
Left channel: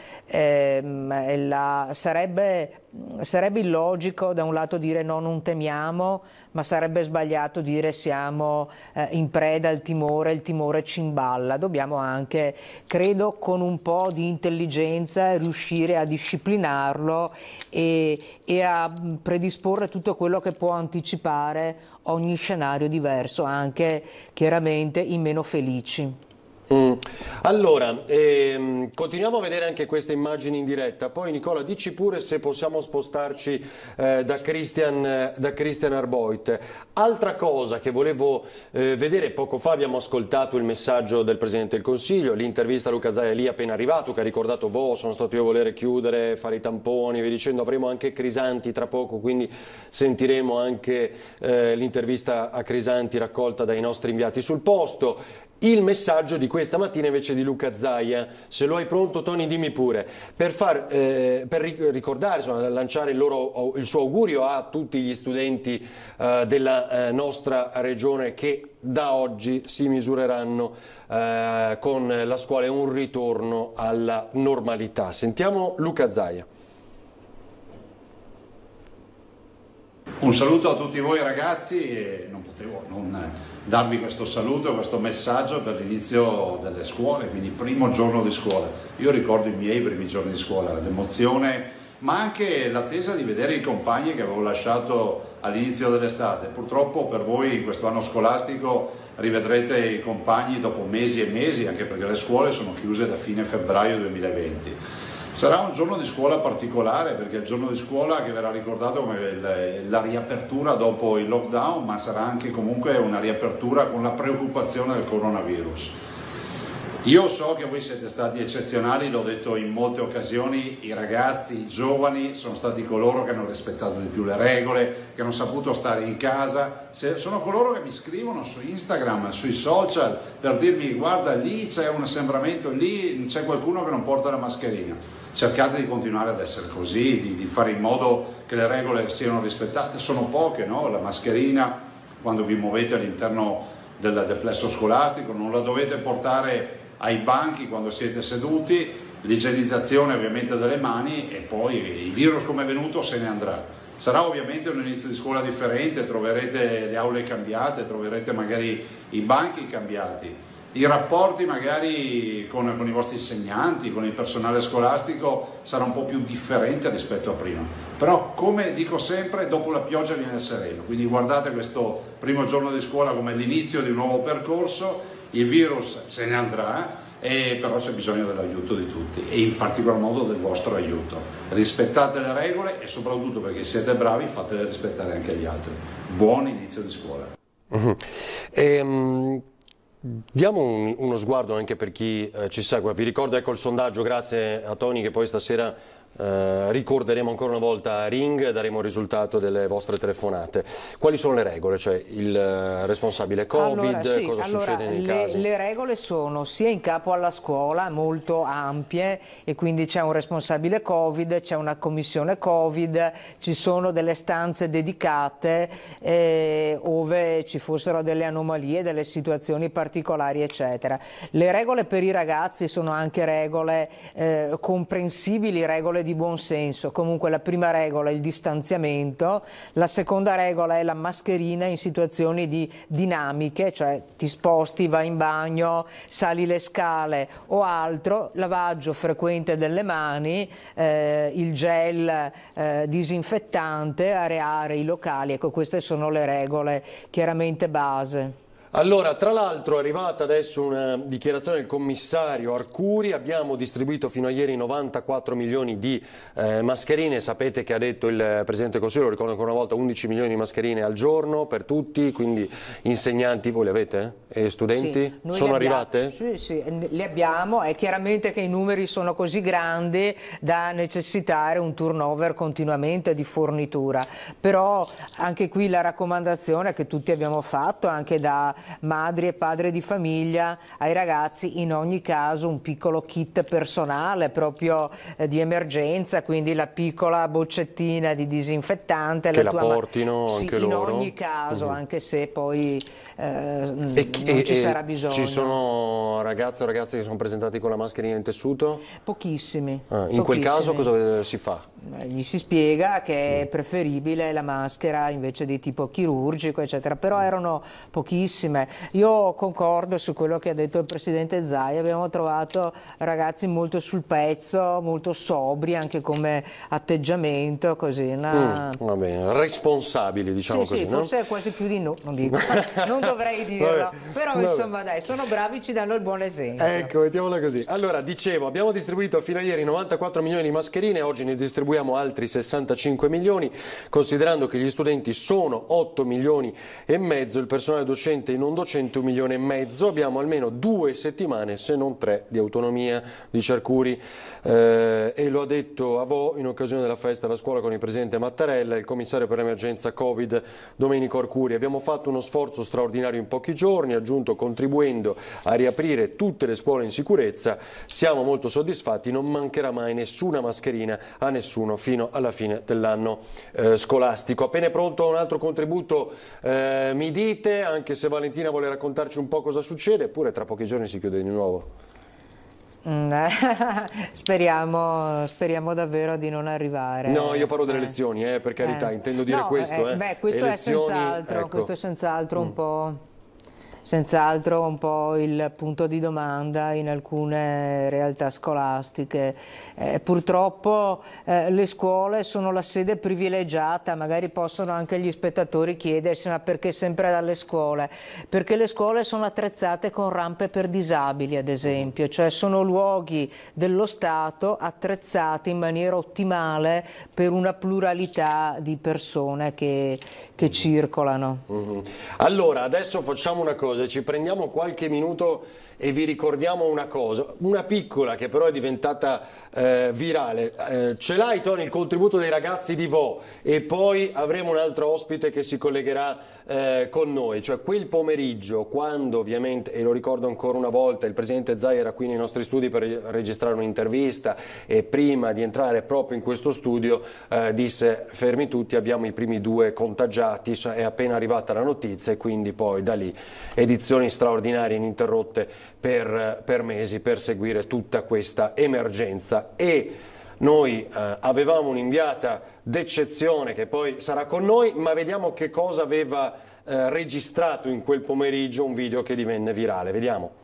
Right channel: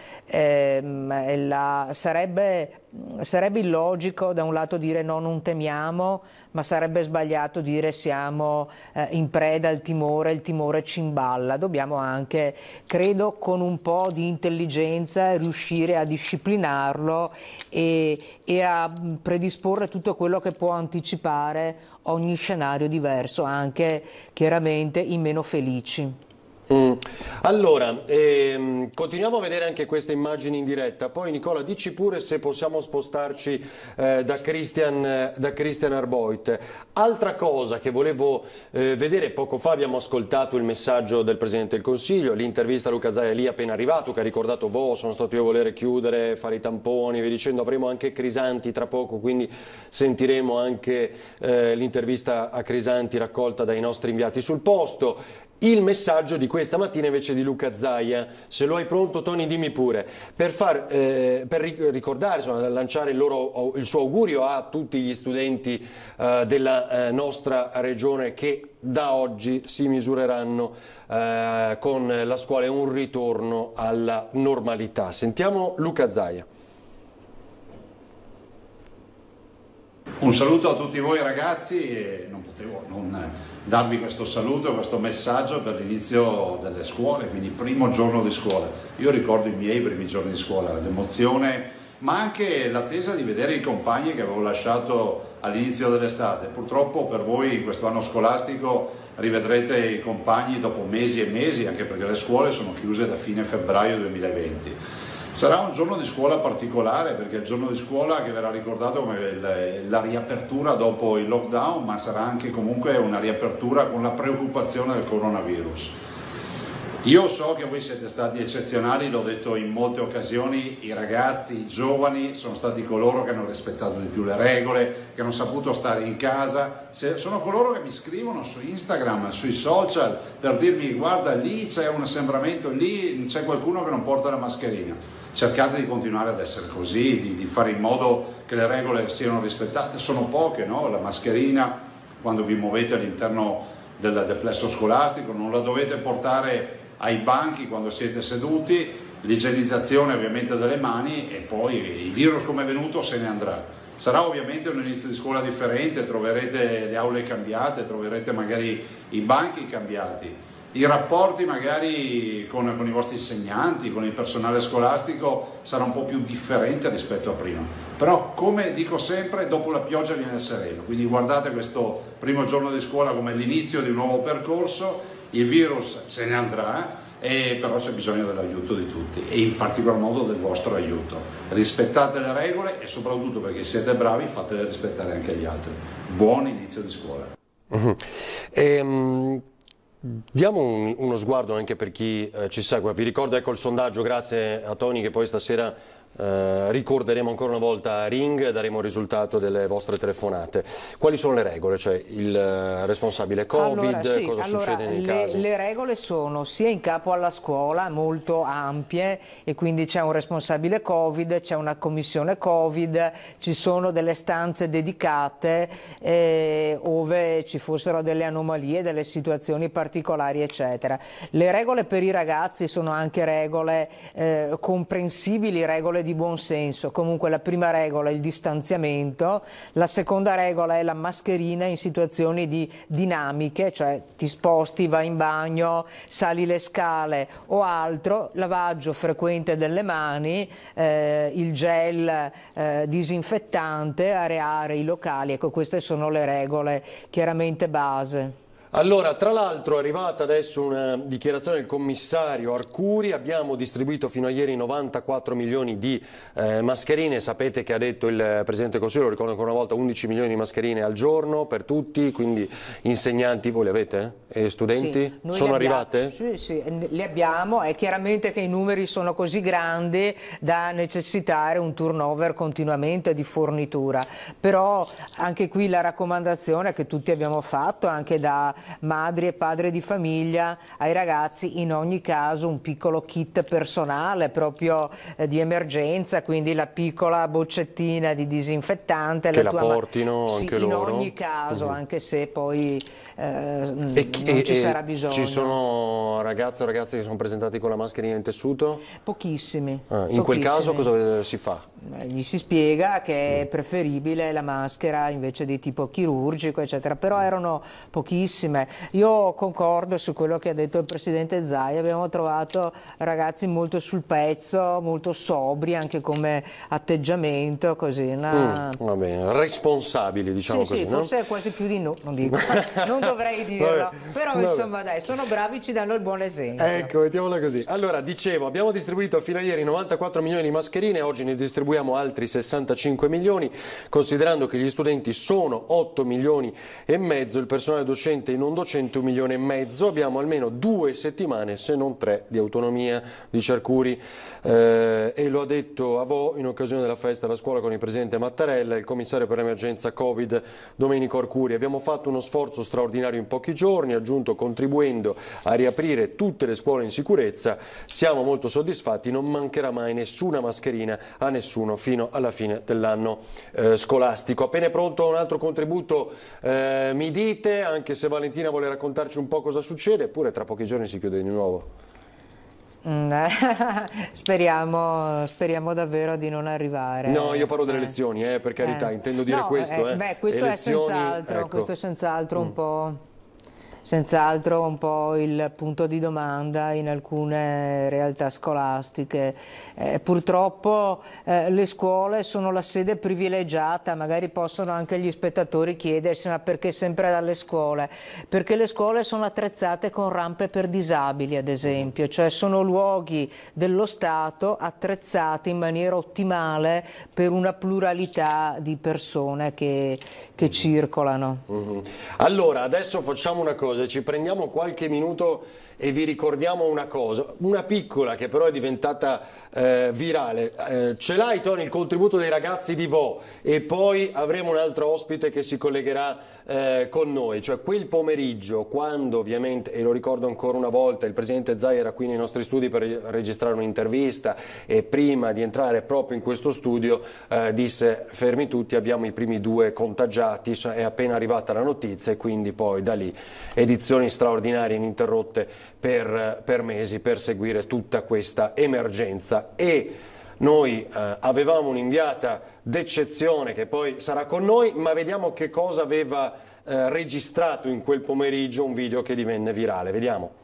Sarebbe illogico da un lato dire no, non temiamo, ma sarebbe sbagliato dire siamo in preda al timore, il timore ci imballa. Dobbiamo anche, credo, con un po' di intelligenza riuscire a disciplinarlo e a predisporre tutto quello che può anticipare ogni scenario diverso, anche chiaramente i meno felici. Allora, continuiamo a vedere anche queste immagini in diretta. Poi Nicola, dici pure se possiamo spostarci da Christian Arboit. Altra cosa che volevo vedere, poco fa abbiamo ascoltato il messaggio del Presidente del Consiglio, l'intervista a Luca Zaia lì appena arrivato, che ha ricordato sono stato io a volere chiudere, fare i tamponi, vi dicendo, avremo anche Crisanti tra poco, quindi sentiremo anche l'intervista a Crisanti raccolta dai nostri inviati sul posto. Il messaggio di questa mattina invece di Luca Zaia, se lo hai pronto Tony dimmi pure, per ricordare, insomma, lanciare il suo augurio a tutti gli studenti della nostra regione che da oggi si misureranno con la scuola e un ritorno alla normalità. Sentiamo Luca Zaia. Un saluto a tutti voi ragazzi, e non potevo non darvi questo saluto, questo messaggio per l'inizio delle scuole, quindi primo giorno di scuola. Io ricordo i miei primi giorni di scuola, l'emozione, ma anche l'attesa di vedere i compagni che avevo lasciato all'inizio dell'estate. Purtroppo per voi questo anno scolastico rivedrete i compagni dopo mesi e mesi, anche perché le scuole sono chiuse da fine febbraio 2020. Sarà un giorno di scuola particolare, perché è il giorno di scuola che verrà ricordato come la riapertura dopo il lockdown, ma sarà anche comunque una riapertura con la preoccupazione del coronavirus. Io so che voi siete stati eccezionali, l'ho detto in molte occasioni, i ragazzi, i giovani sono stati coloro che hanno rispettato di più le regole, che hanno saputo stare in casa, sono coloro che mi scrivono su Instagram, sui social per dirmi guarda lì c'è un assembramento, lì c'è qualcuno che non porta la mascherina. Cercate di continuare ad essere così, di fare in modo che le regole siano rispettate, sono poche, no? La mascherina quando vi muovete all'interno del plesso scolastico non la dovete portare ai banchi quando siete seduti, l'igienizzazione ovviamente delle mani e poi il virus come è venuto se ne andrà. Sarà ovviamente un inizio di scuola differente, troverete le aule cambiate, troverete magari i banchi cambiati, i rapporti magari con i vostri insegnanti, con il personale scolastico sarà un po' più differente rispetto a prima. Però come dico sempre, dopo la pioggia viene il sereno, quindi guardate questo primo giorno di scuola come l'inizio di un nuovo percorso. Il virus se ne andrà, però c'è bisogno dell'aiuto di tutti e in particolar modo del vostro aiuto. Rispettate le regole e soprattutto perché siete bravi fatele rispettare anche agli altri. Buon inizio di scuola. Diamo uno sguardo anche per chi ci segue. Vi ricordo il sondaggio, grazie a Tony, che poi stasera ricorderemo ancora una volta a Ring, daremo il risultato delle vostre telefonate. Quali sono le regole? Cioè il responsabile Covid, cosa succede nei casi? Le regole sono sia in capo alla scuola, molto ampie, e quindi c'è un responsabile Covid, c'è una commissione Covid, ci sono delle stanze dedicate ove ci fossero delle anomalie, delle situazioni particolari eccetera. Le regole per i ragazzi sono anche regole comprensibili, regole di buon senso. Comunque la prima regola è il distanziamento, la seconda regola è la mascherina in situazioni di dinamiche, cioè ti sposti, vai in bagno, sali le scale o altro, lavaggio frequente delle mani, il gel disinfettante, areare i locali. Ecco, queste sono le regole chiaramente base. Allora, tra l'altro è arrivata adesso una dichiarazione del commissario Arcuri, abbiamo distribuito fino a ieri 94 milioni di mascherine, sapete che ha detto il Presidente del Consiglio, lo ricordo ancora una volta, 11 milioni di mascherine al giorno per tutti, quindi insegnanti, voi le avete? E studenti? Sì, sono arrivate? Sì, le abbiamo, è chiaramente che i numeri sono così grandi da necessitare un turnover continuamente di fornitura, però anche qui la raccomandazione che tutti abbiamo fatto, anche da madri e padri di famiglia, ai ragazzi in ogni caso un piccolo kit personale proprio di emergenza, quindi la piccola boccettina di disinfettante che la portino anche loro in ogni caso, anche se poi non ci sarà bisogno. Ci sono ragazze o ragazzi che sono presentati con la mascherina in tessuto? Pochissimi. In quel caso cosa si fa? Gli si spiega che è preferibile la maschera invece di tipo chirurgico eccetera, però erano pochissime. Io concordo su quello che ha detto il Presidente Zaia, abbiamo trovato ragazzi molto sul pezzo, molto sobri anche come atteggiamento, così va bene, responsabili diciamo così, sì, forse è quasi più di no, non dico, non dovrei dirlo, però insomma dai, sono bravi, ci danno il buon esempio. Ecco, mettiamola così. Allora, dicevo, abbiamo distribuito fino a ieri 94 milioni di mascherine, oggi ne distribuiamo altri 65 milioni, considerando che gli studenti sono 8 milioni e mezzo, il personale docente e non docente 1,5 milioni, abbiamo almeno 2 settimane, se non 3, di autonomia, dice Arcuri, e lo ha detto a Vo in occasione della festa alla scuola con il Presidente Mattarella e il commissario per l'emergenza Covid Domenico Arcuri. Abbiamo fatto uno sforzo straordinario in pochi giorni, ha aggiunto, contribuendo a riaprire tutte le scuole in sicurezza, siamo molto soddisfatti, non mancherà mai nessuna mascherina a nessuno fino alla fine dell'anno scolastico. Appena è pronto un altro contributo mi dite, anche se Valentina vuole raccontarci un po' cosa succede, eppure tra pochi giorni si chiude di nuovo. Speriamo davvero di non arrivare. No, io parlo delle elezioni, per carità, intendo dire questo. Questo elezioni, è senz'altro, ecco. questo è senz'altro un po' il punto di domanda in alcune realtà scolastiche. Purtroppo le scuole sono la sede privilegiata, magari possono anche gli spettatori chiedersi ma perché sempre dalle scuole? Perché le scuole sono attrezzate con rampe per disabili, ad esempio, cioè sono luoghi dello Stato attrezzati in maniera ottimale per una pluralità di persone che circolano. Allora, adesso facciamo una cosa, ci prendiamo qualche minuto e vi ricordiamo una cosa, una piccola che però è diventata virale. Ce l'hai, Tony, il contributo dei ragazzi di Vo, e poi avremo un altro ospite che si collegherà con noi, cioè quel pomeriggio, quando ovviamente, e lo ricordo ancora una volta, il presidente Zaia era qui nei nostri studi per registrare un'intervista, e prima di entrare proprio in questo studio disse: fermi tutti, abbiamo i primi 2 contagiati, è appena arrivata la notizia, e quindi poi da lì edizioni straordinarie ininterrotte per mesi per seguire tutta questa emergenza. E noi avevamo un'inviata d'eccezione che poi sarà con noi, ma vediamo che cosa aveva registrato in quel pomeriggio, un video che divenne virale. Vediamo.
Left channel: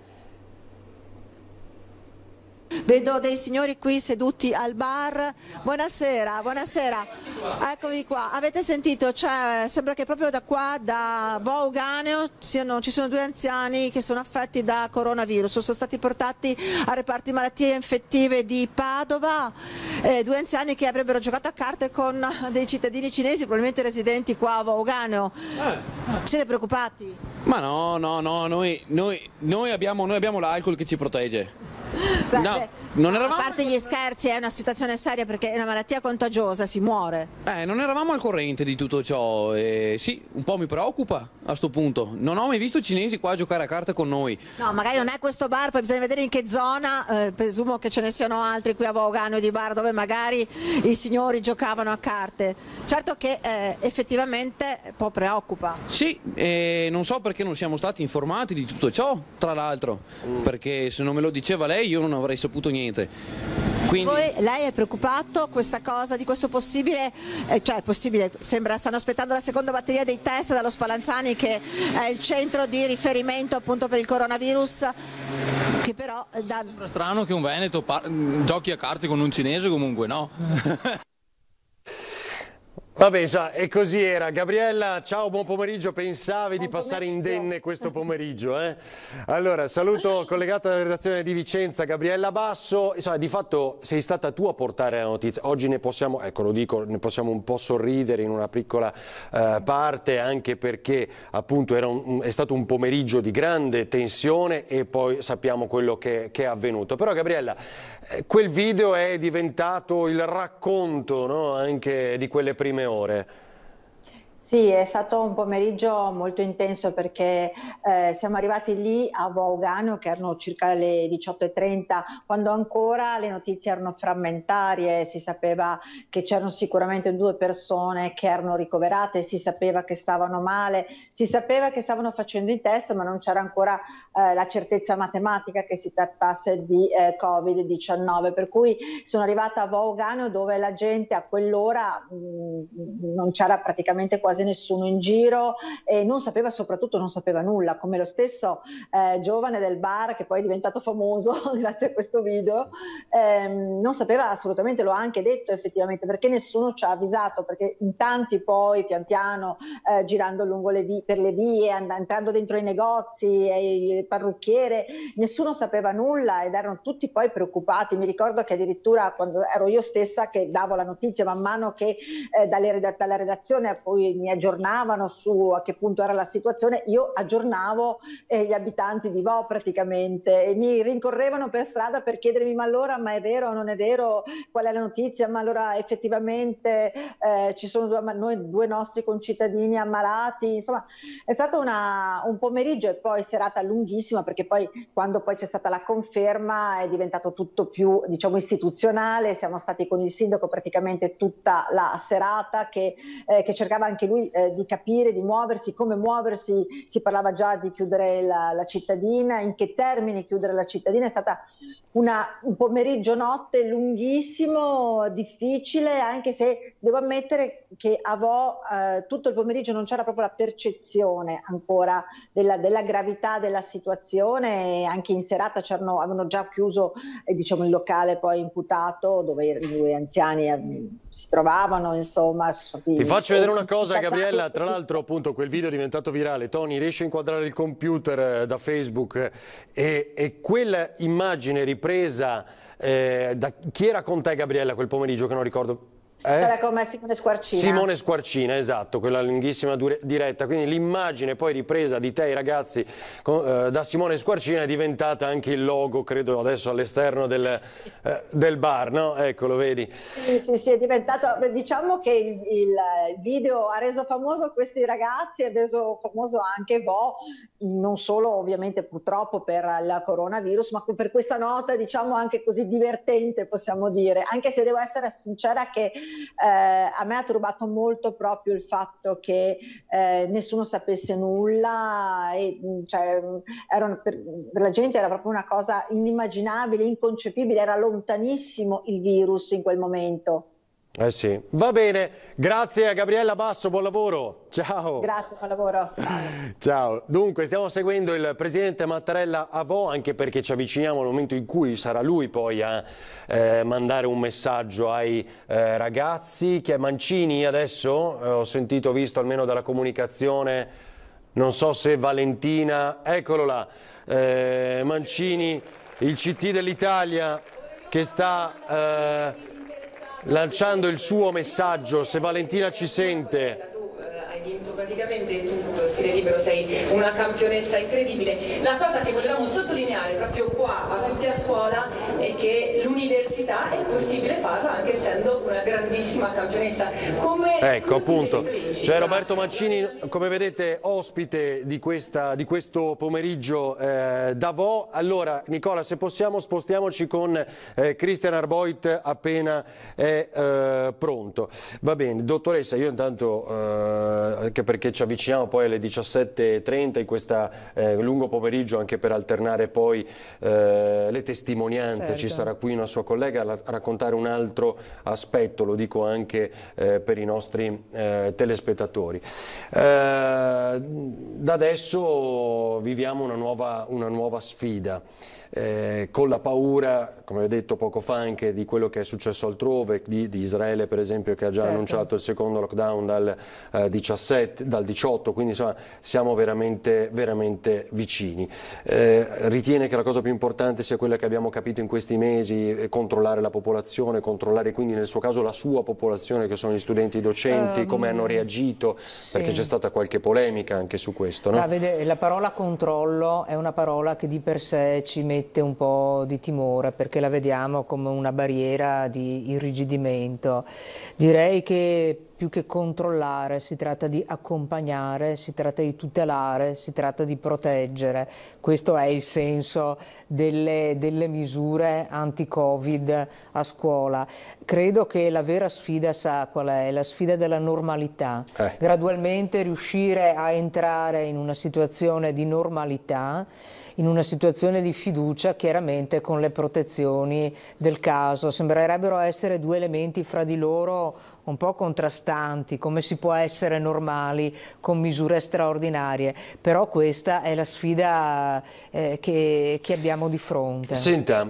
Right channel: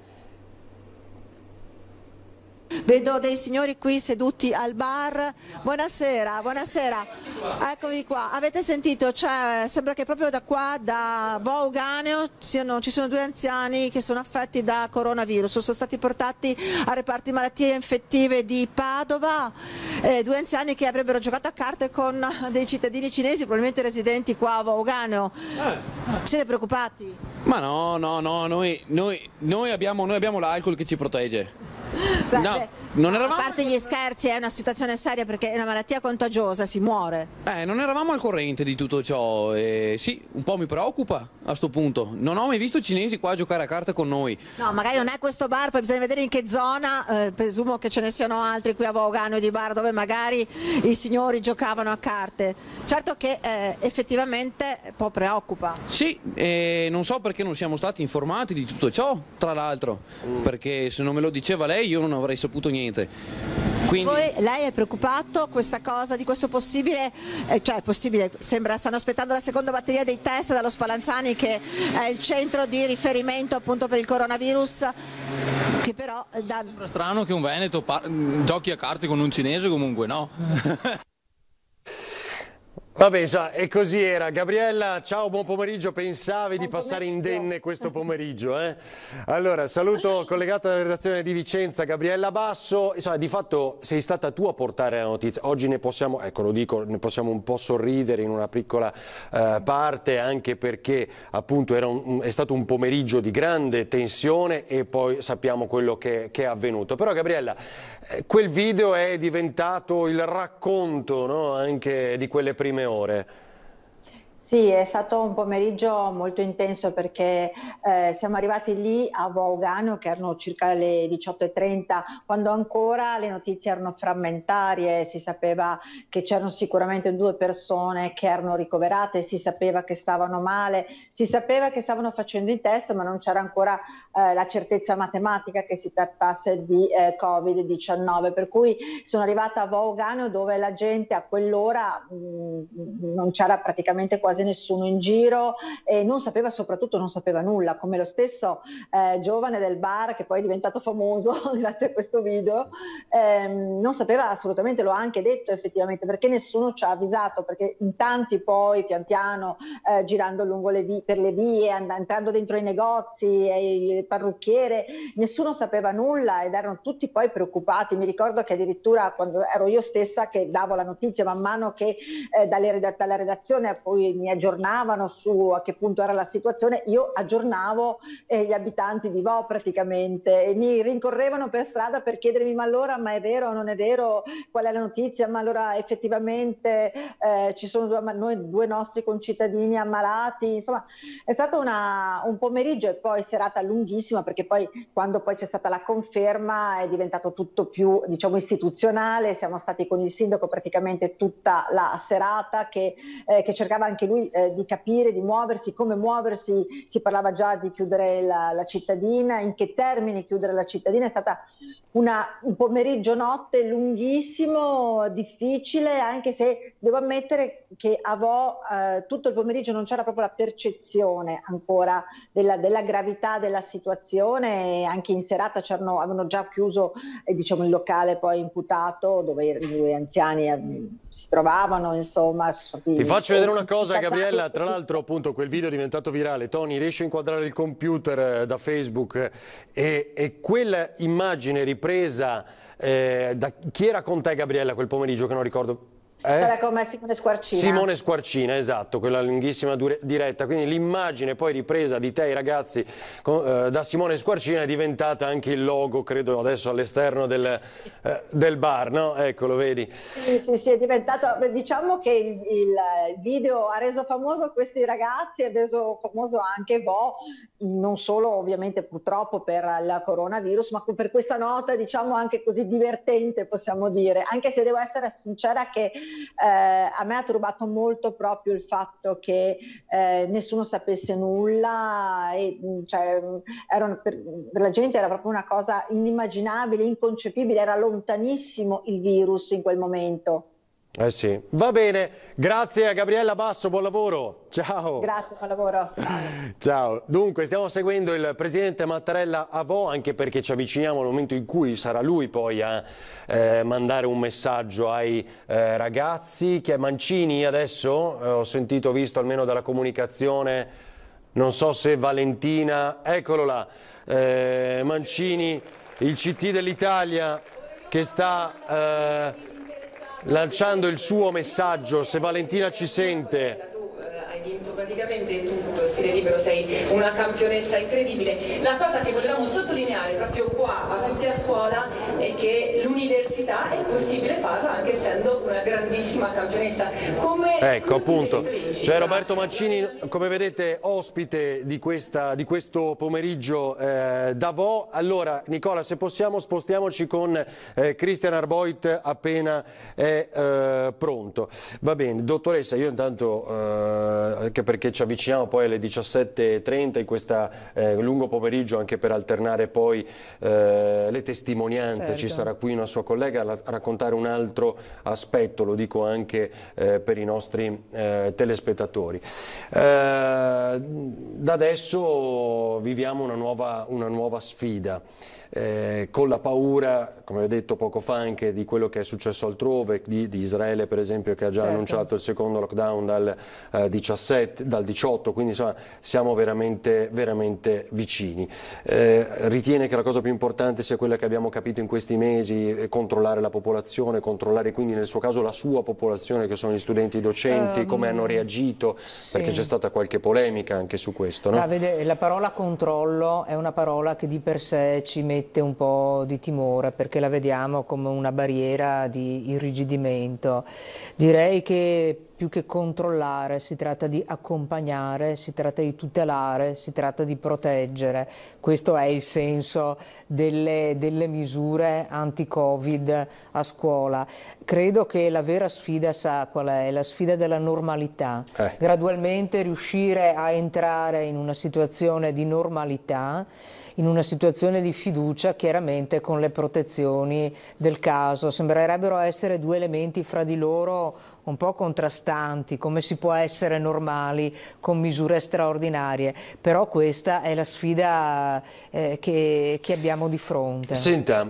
Vedo dei signori qui seduti al bar. Buonasera, buonasera. Eccovi qua. Avete sentito? Sembra che proprio da qua, da Vo Euganeo, ci sono 2 anziani che sono affetti da coronavirus. Sono stati portati al reparto di malattie infettive di Padova. 2 anziani che avrebbero giocato a carte con dei cittadini cinesi, probabilmente residenti qua a Vo Euganeo. Siete preoccupati? Ma no, noi abbiamo l'alcol che ci protegge. Beh, no, non eravamo... A parte gli scherzi, è una situazione seria perché è una malattia contagiosa, si muore. Non eravamo al corrente di tutto ciò e sì, un po' mi preoccupa a sto punto. Non ho mai visto cinesi qua a giocare a carte con noi. No, magari non è questo bar, poi bisogna vedere in che zona, presumo che ce ne siano altri qui a Vo Euganeo di bar dove magari i signori giocavano a carte. Certo che effettivamente un po' preoccupa. Sì, non so perché non siamo stati informati di tutto ciò, tra l'altro, perché se non me lo diceva lei io non avrei saputo niente. Quindi... Poi lei è preoccupato questa cosa di questo possibile, sembra stanno aspettando la seconda batteria dei test dallo Spallanzani, che è il centro di riferimento appunto per il coronavirus, che però Sembra strano che un veneto giochi a carte con un cinese, comunque no? Vabbè, e così era. Gabriella, ciao, buon pomeriggio. Pensavi di passare indenne questo pomeriggio, eh? Allora, saluto collegato dalla redazione di Vicenza, Gabriella Basso. Insomma, di fatto sei stata tu a portare la notizia. Oggi ne possiamo, ecco lo dico, ne possiamo un po' sorridere in una piccola parte, anche perché appunto è stato un pomeriggio di grande tensione e poi sappiamo quello che è avvenuto. Però Gabriella, quel video è diventato il racconto, no? Anche di quelle prime ore. Sì, è stato un pomeriggio molto intenso perché siamo arrivati lì a Vo Euganeo che erano circa le 18:30, quando ancora le notizie erano frammentarie. Si sapeva che c'erano sicuramente 2 persone che erano ricoverate, si sapeva che stavano male, si sapeva che stavano facendo i test, ma non c'era ancora la certezza matematica che si trattasse di Covid-19, per cui sono arrivata a Vo Euganeo dove la gente a quell'ora non c'era praticamente quasi nessuno in giro e soprattutto non sapeva nulla, come lo stesso giovane del bar che poi è diventato famoso grazie a questo video, non sapeva assolutamente, l'ho anche detto effettivamente, perché nessuno ci ha avvisato, perché in tanti poi pian piano girando lungo per le vie, entrando dentro i negozi, il parrucchiere, nessuno sapeva nulla ed erano tutti poi preoccupati. Mi ricordo che addirittura quando ero io stessa che davo la notizia, man mano che dalla redazione a cui mi aggiornavano su a che punto era la situazione, io aggiornavo gli abitanti di Vo praticamente, e mi rincorrevano per strada per chiedermi: ma allora, ma è vero o non è vero, qual è la notizia, ma allora effettivamente ci sono due nostri concittadini ammalati. Insomma, è stato un pomeriggio e poi serata lunghissima, perché poi quando poi c'è stata la conferma è diventato tutto più, diciamo, istituzionale. Siamo stati con il sindaco praticamente tutta la serata che cercava anche lui di capire, di muoversi, come muoversi. Si parlava già di chiudere la cittadina, in che termini chiudere la cittadina. È stata un pomeriggio notte lunghissimo, difficile, anche se devo ammettere che a Vo tutto il pomeriggio non c'era proprio la percezione ancora della gravità della situazione, e anche in serata avevano già chiuso diciamo, il locale poi imputato dove i 2 anziani si trovavano, insomma. Ti faccio vedere una cosa, Gabriella, tra l'altro appunto quel video è diventato virale. Tony, riesci a inquadrare il computer da Facebook e quella immagine ripresa da chi era con te, Gabriella, quel pomeriggio, che non ricordo? Sarà come Simone Squarcina. Simone Squarcina, esatto, quella lunghissima diretta. Quindi l'immagine poi ripresa di te e i ragazzi da Simone Squarcina è diventata anche il logo, credo adesso all'esterno del bar, no? Ecco, lo vedi? Sì, è diventato, diciamo che il video ha reso famoso questi ragazzi, ha reso famoso anche Bo, non solo ovviamente purtroppo per il coronavirus, ma per questa nota diciamo anche così divertente, possiamo dire, anche se devo essere sincera che a me ha turbato molto proprio il fatto che nessuno sapesse nulla, e, cioè, per la gente era proprio una cosa inimmaginabile, inconcepibile, era lontanissimo il virus in quel momento. Eh sì, va bene, grazie a Gabriella Basso, buon lavoro, ciao. Grazie, buon lavoro. Ciao, dunque stiamo seguendo il presidente Mattarella a Vo, anche perché ci avviciniamo al momento in cui sarà lui poi a mandare un messaggio ai ragazzi. Che è Mancini adesso, ho sentito, visto almeno dalla comunicazione, non so se Valentina, eccolo là, Mancini, il CT dell'Italia che sta lanciando il suo messaggio. Se Valentina ci sente. Hai vinto praticamente tutto, stile libero, sei una campionessa incredibile. La cosa che volevamo sottolineare proprio qua a tutti a scuola è che l'università è possibile farla anche essendo una grandissima campionessa. Ecco, appunto, c'è Roberto Mancini, come vedete, ospite di questo pomeriggio da Vo. Allora, Nicola, se possiamo spostiamoci con Christian Arboit appena è pronto. Va bene, dottoressa, io intanto, anche perché ci avviciniamo poi alle 17:30 in questo lungo pomeriggio, anche per alternare poi le testimonianze, certo. Ci sarà qui una sua collega a raccontare un altro aspetto, lo dico anche per i nostri telespettatori. Da adesso viviamo una nuova sfida. Con la paura, come ho detto poco fa, anche di quello che è successo altrove, di Israele per esempio, che ha già annunciato il secondo lockdown dal 18, quindi insomma siamo veramente vicini. Ritiene che la cosa più importante sia quella che abbiamo capito in questi mesi, controllare la popolazione, controllare quindi nel suo caso la sua popolazione, che sono gli studenti e i docenti, come hanno reagito, perché c'è stata qualche polemica anche su questo, no? La parola controllo è una parola che di per sé ci mette un po' di timore, perché la vediamo come una barriera di irrigidimento. Direi che più che controllare si tratta di accompagnare, si tratta di tutelare, si tratta di proteggere. Questo è il senso delle misure anti-Covid a scuola. Credo che la vera sfida, sa qual è? La sfida della normalità. Gradualmente riuscire a entrare in una situazione di normalità, in una situazione di fiducia, chiaramente con le protezioni del caso. Sembrerebbero essere due elementi fra di loro un po' contrastanti, come si può essere normali con misure straordinarie, però questa è la sfida che abbiamo di fronte. Senta,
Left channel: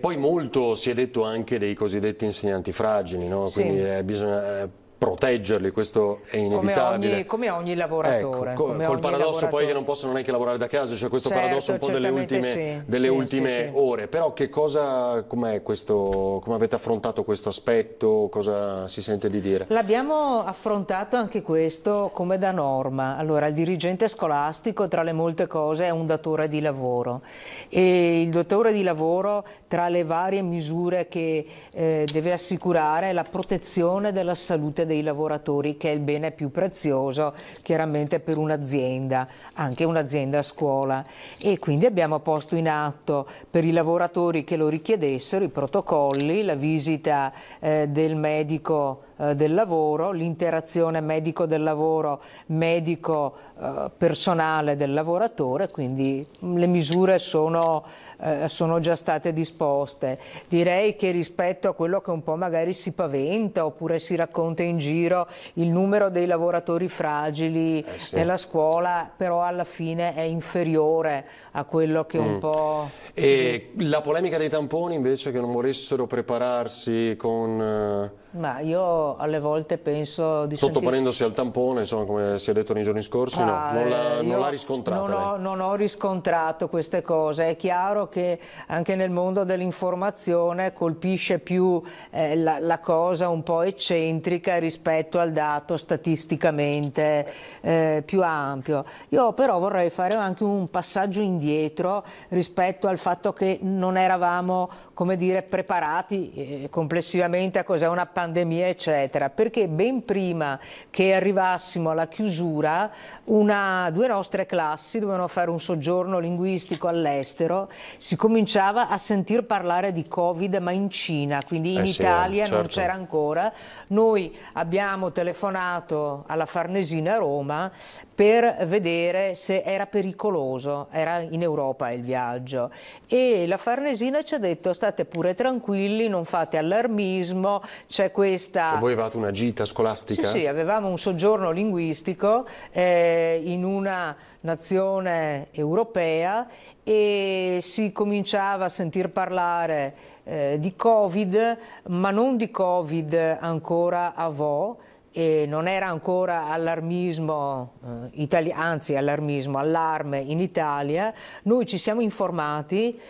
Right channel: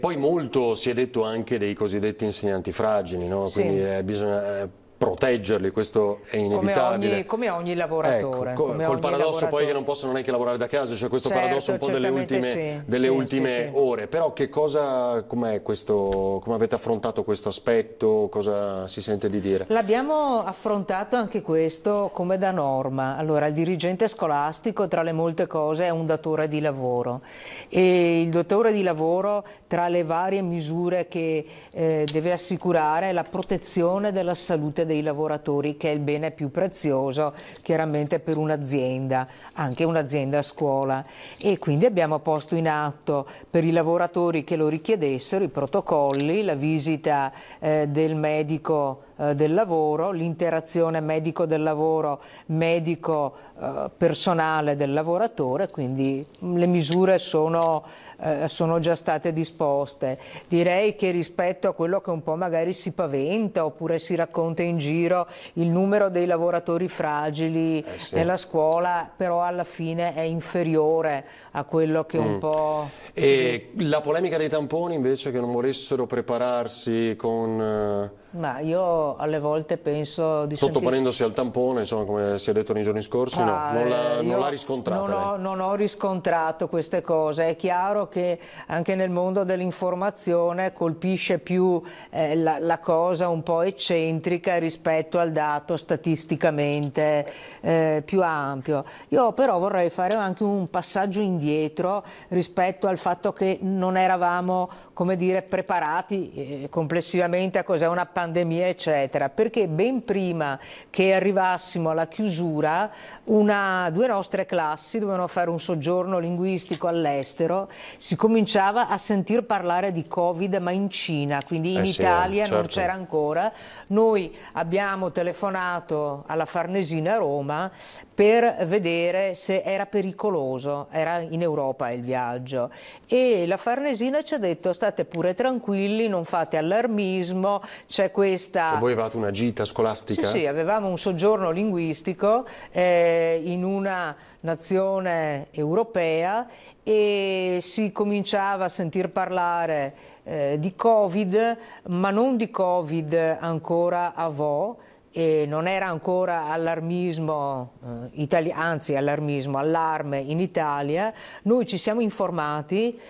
poi molto si è detto anche dei cosiddetti insegnanti fragili, no? Quindi bisogna proteggerli, questo è inevitabile. Come ogni lavoratore. Ecco, col paradosso poi che non possono neanche lavorare da casa, c'è questo paradosso un po' delle ultime ore. Però che cosa, come avete affrontato questo aspetto, cosa si sente di dire? L'abbiamo affrontato anche questo come da norma. Allora, il dirigente scolastico tra le molte cose è un datore di lavoro, e il datore di lavoro tra le varie misure che deve assicurare è la protezione della salute dei lavoratori, che è il bene più prezioso chiaramente per un'azienda, anche un'azienda a scuola, e quindi abbiamo posto in atto per i lavoratori che lo richiedessero i protocolli, la visita del medico del lavoro, l'interazione medico del lavoro, medico personale del lavoratore, quindi le misure sono già state disposte. Direi che rispetto a quello che un po' magari si paventa oppure si racconta in giro, il numero dei lavoratori fragili nella scuola però alla fine è inferiore a quello che un po'... E la polemica dei tamponi invece, che non volessero prepararsi con... Ma io alle volte penso sottoponendosi al tampone, insomma, come si è detto nei giorni scorsi, non l'ha riscontrata. Non ho riscontrato queste cose. È chiaro che anche nel mondo dell'informazione colpisce più la cosa un po' eccentrica rispetto al dato statisticamente più ampio. Io però vorrei fare anche un passaggio indietro rispetto al fatto che non eravamo, come dire, preparati complessivamente a cos'è una pandemia, eccetera, perché ben prima che arrivassimo alla chiusura due nostre classi dovevano fare un soggiorno linguistico all'estero, si cominciava a sentir parlare di Covid ma in Cina, quindi in Italia certo. non c'era ancora. Noi abbiamo telefonato alla Farnesina a Roma per vedere se era pericoloso, era in Europa il viaggio, e la Farnesina ci ha detto state pure tranquilli, non fate allarmismo, c'è questa... Ma voi avevate una gita scolastica? Sì, avevamo un soggiorno linguistico in una nazione europea e si cominciava a sentir parlare di Covid, ma non di Covid ancora a vo', e non era ancora allarmismo anzi allarme in Italia. Noi ci siamo informati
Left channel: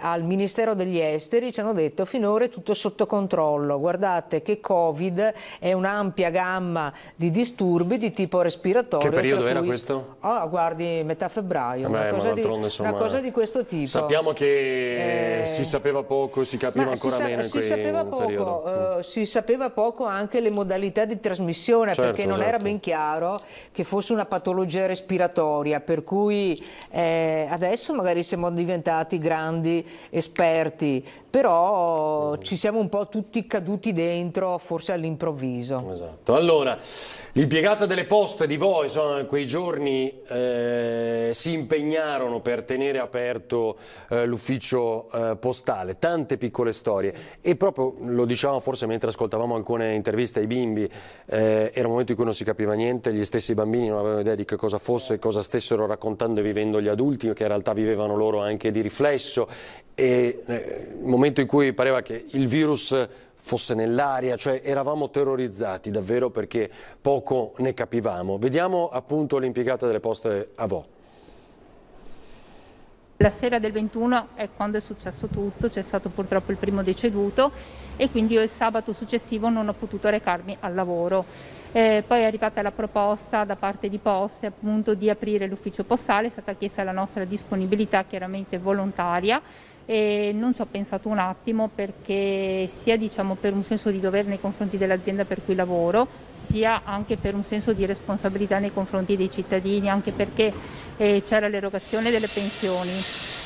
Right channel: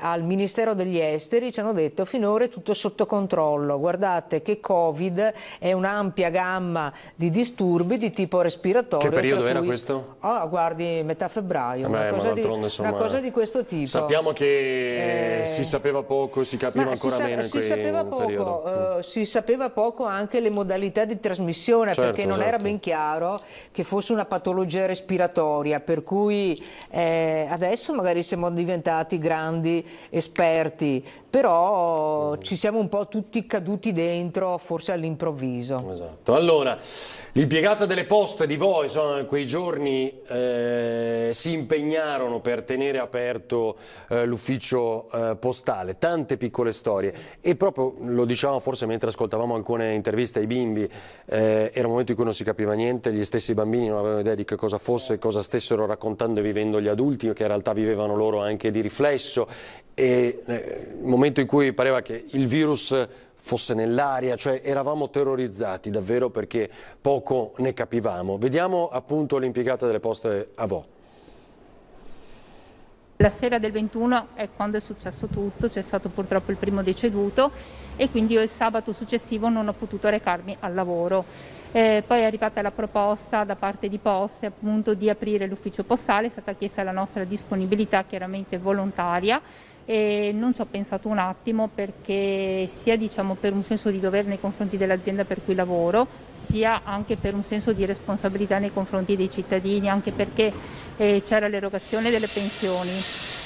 al Ministero degli Esteri, ci hanno detto finora è tutto sotto controllo, guardate che Covid è un'ampia gamma di disturbi di tipo respiratorio. Che periodo era questo? Guardi, metà febbraio, una cosa di questo tipo. Sappiamo che si sapeva poco, si capiva ancora meno in quel periodo. Si sapeva poco anche le modalità di trasmissione, certo, perché non era ben chiaro che fosse una patologia respiratoria, per cui adesso magari siamo diventati grandi esperti, però ci siamo un po' tutti caduti dentro, forse all'improvviso. Esatto. Allora, l'impiegata delle poste di voi, insomma, in quei giorni si impegnarono per tenere aperto l'ufficio postale, tante piccole storie, e proprio lo dicevamo forse mentre ascoltavamo alcune interviste ai bimbi, era un momento in cui non si capiva niente, gli stessi bambini non avevano idea di che cosa fosse, cosa stessero raccontando e vivendo gli adulti, che in realtà vivevano loro anche di riflesso, e il momento in cui pareva che il virus fosse nell'aria, cioè eravamo terrorizzati davvero perché poco ne capivamo. Vediamo appunto l'impiegata delle poste a Vo'. La sera del 21 è quando è successo tutto, c'è stato purtroppo il primo deceduto e quindi io il sabato successivo non ho potuto recarmi al lavoro. Poi è arrivata la proposta da parte di Poste appunto di aprire l'ufficio postale, è stata chiesta la nostra disponibilità chiaramente volontaria e non ci ho pensato un attimo, perché sia diciamo per un senso di dovere nei confronti dell'azienda per cui lavoro, sia anche per un senso di responsabilità nei confronti dei cittadini, anche perché c'era l'erogazione delle pensioni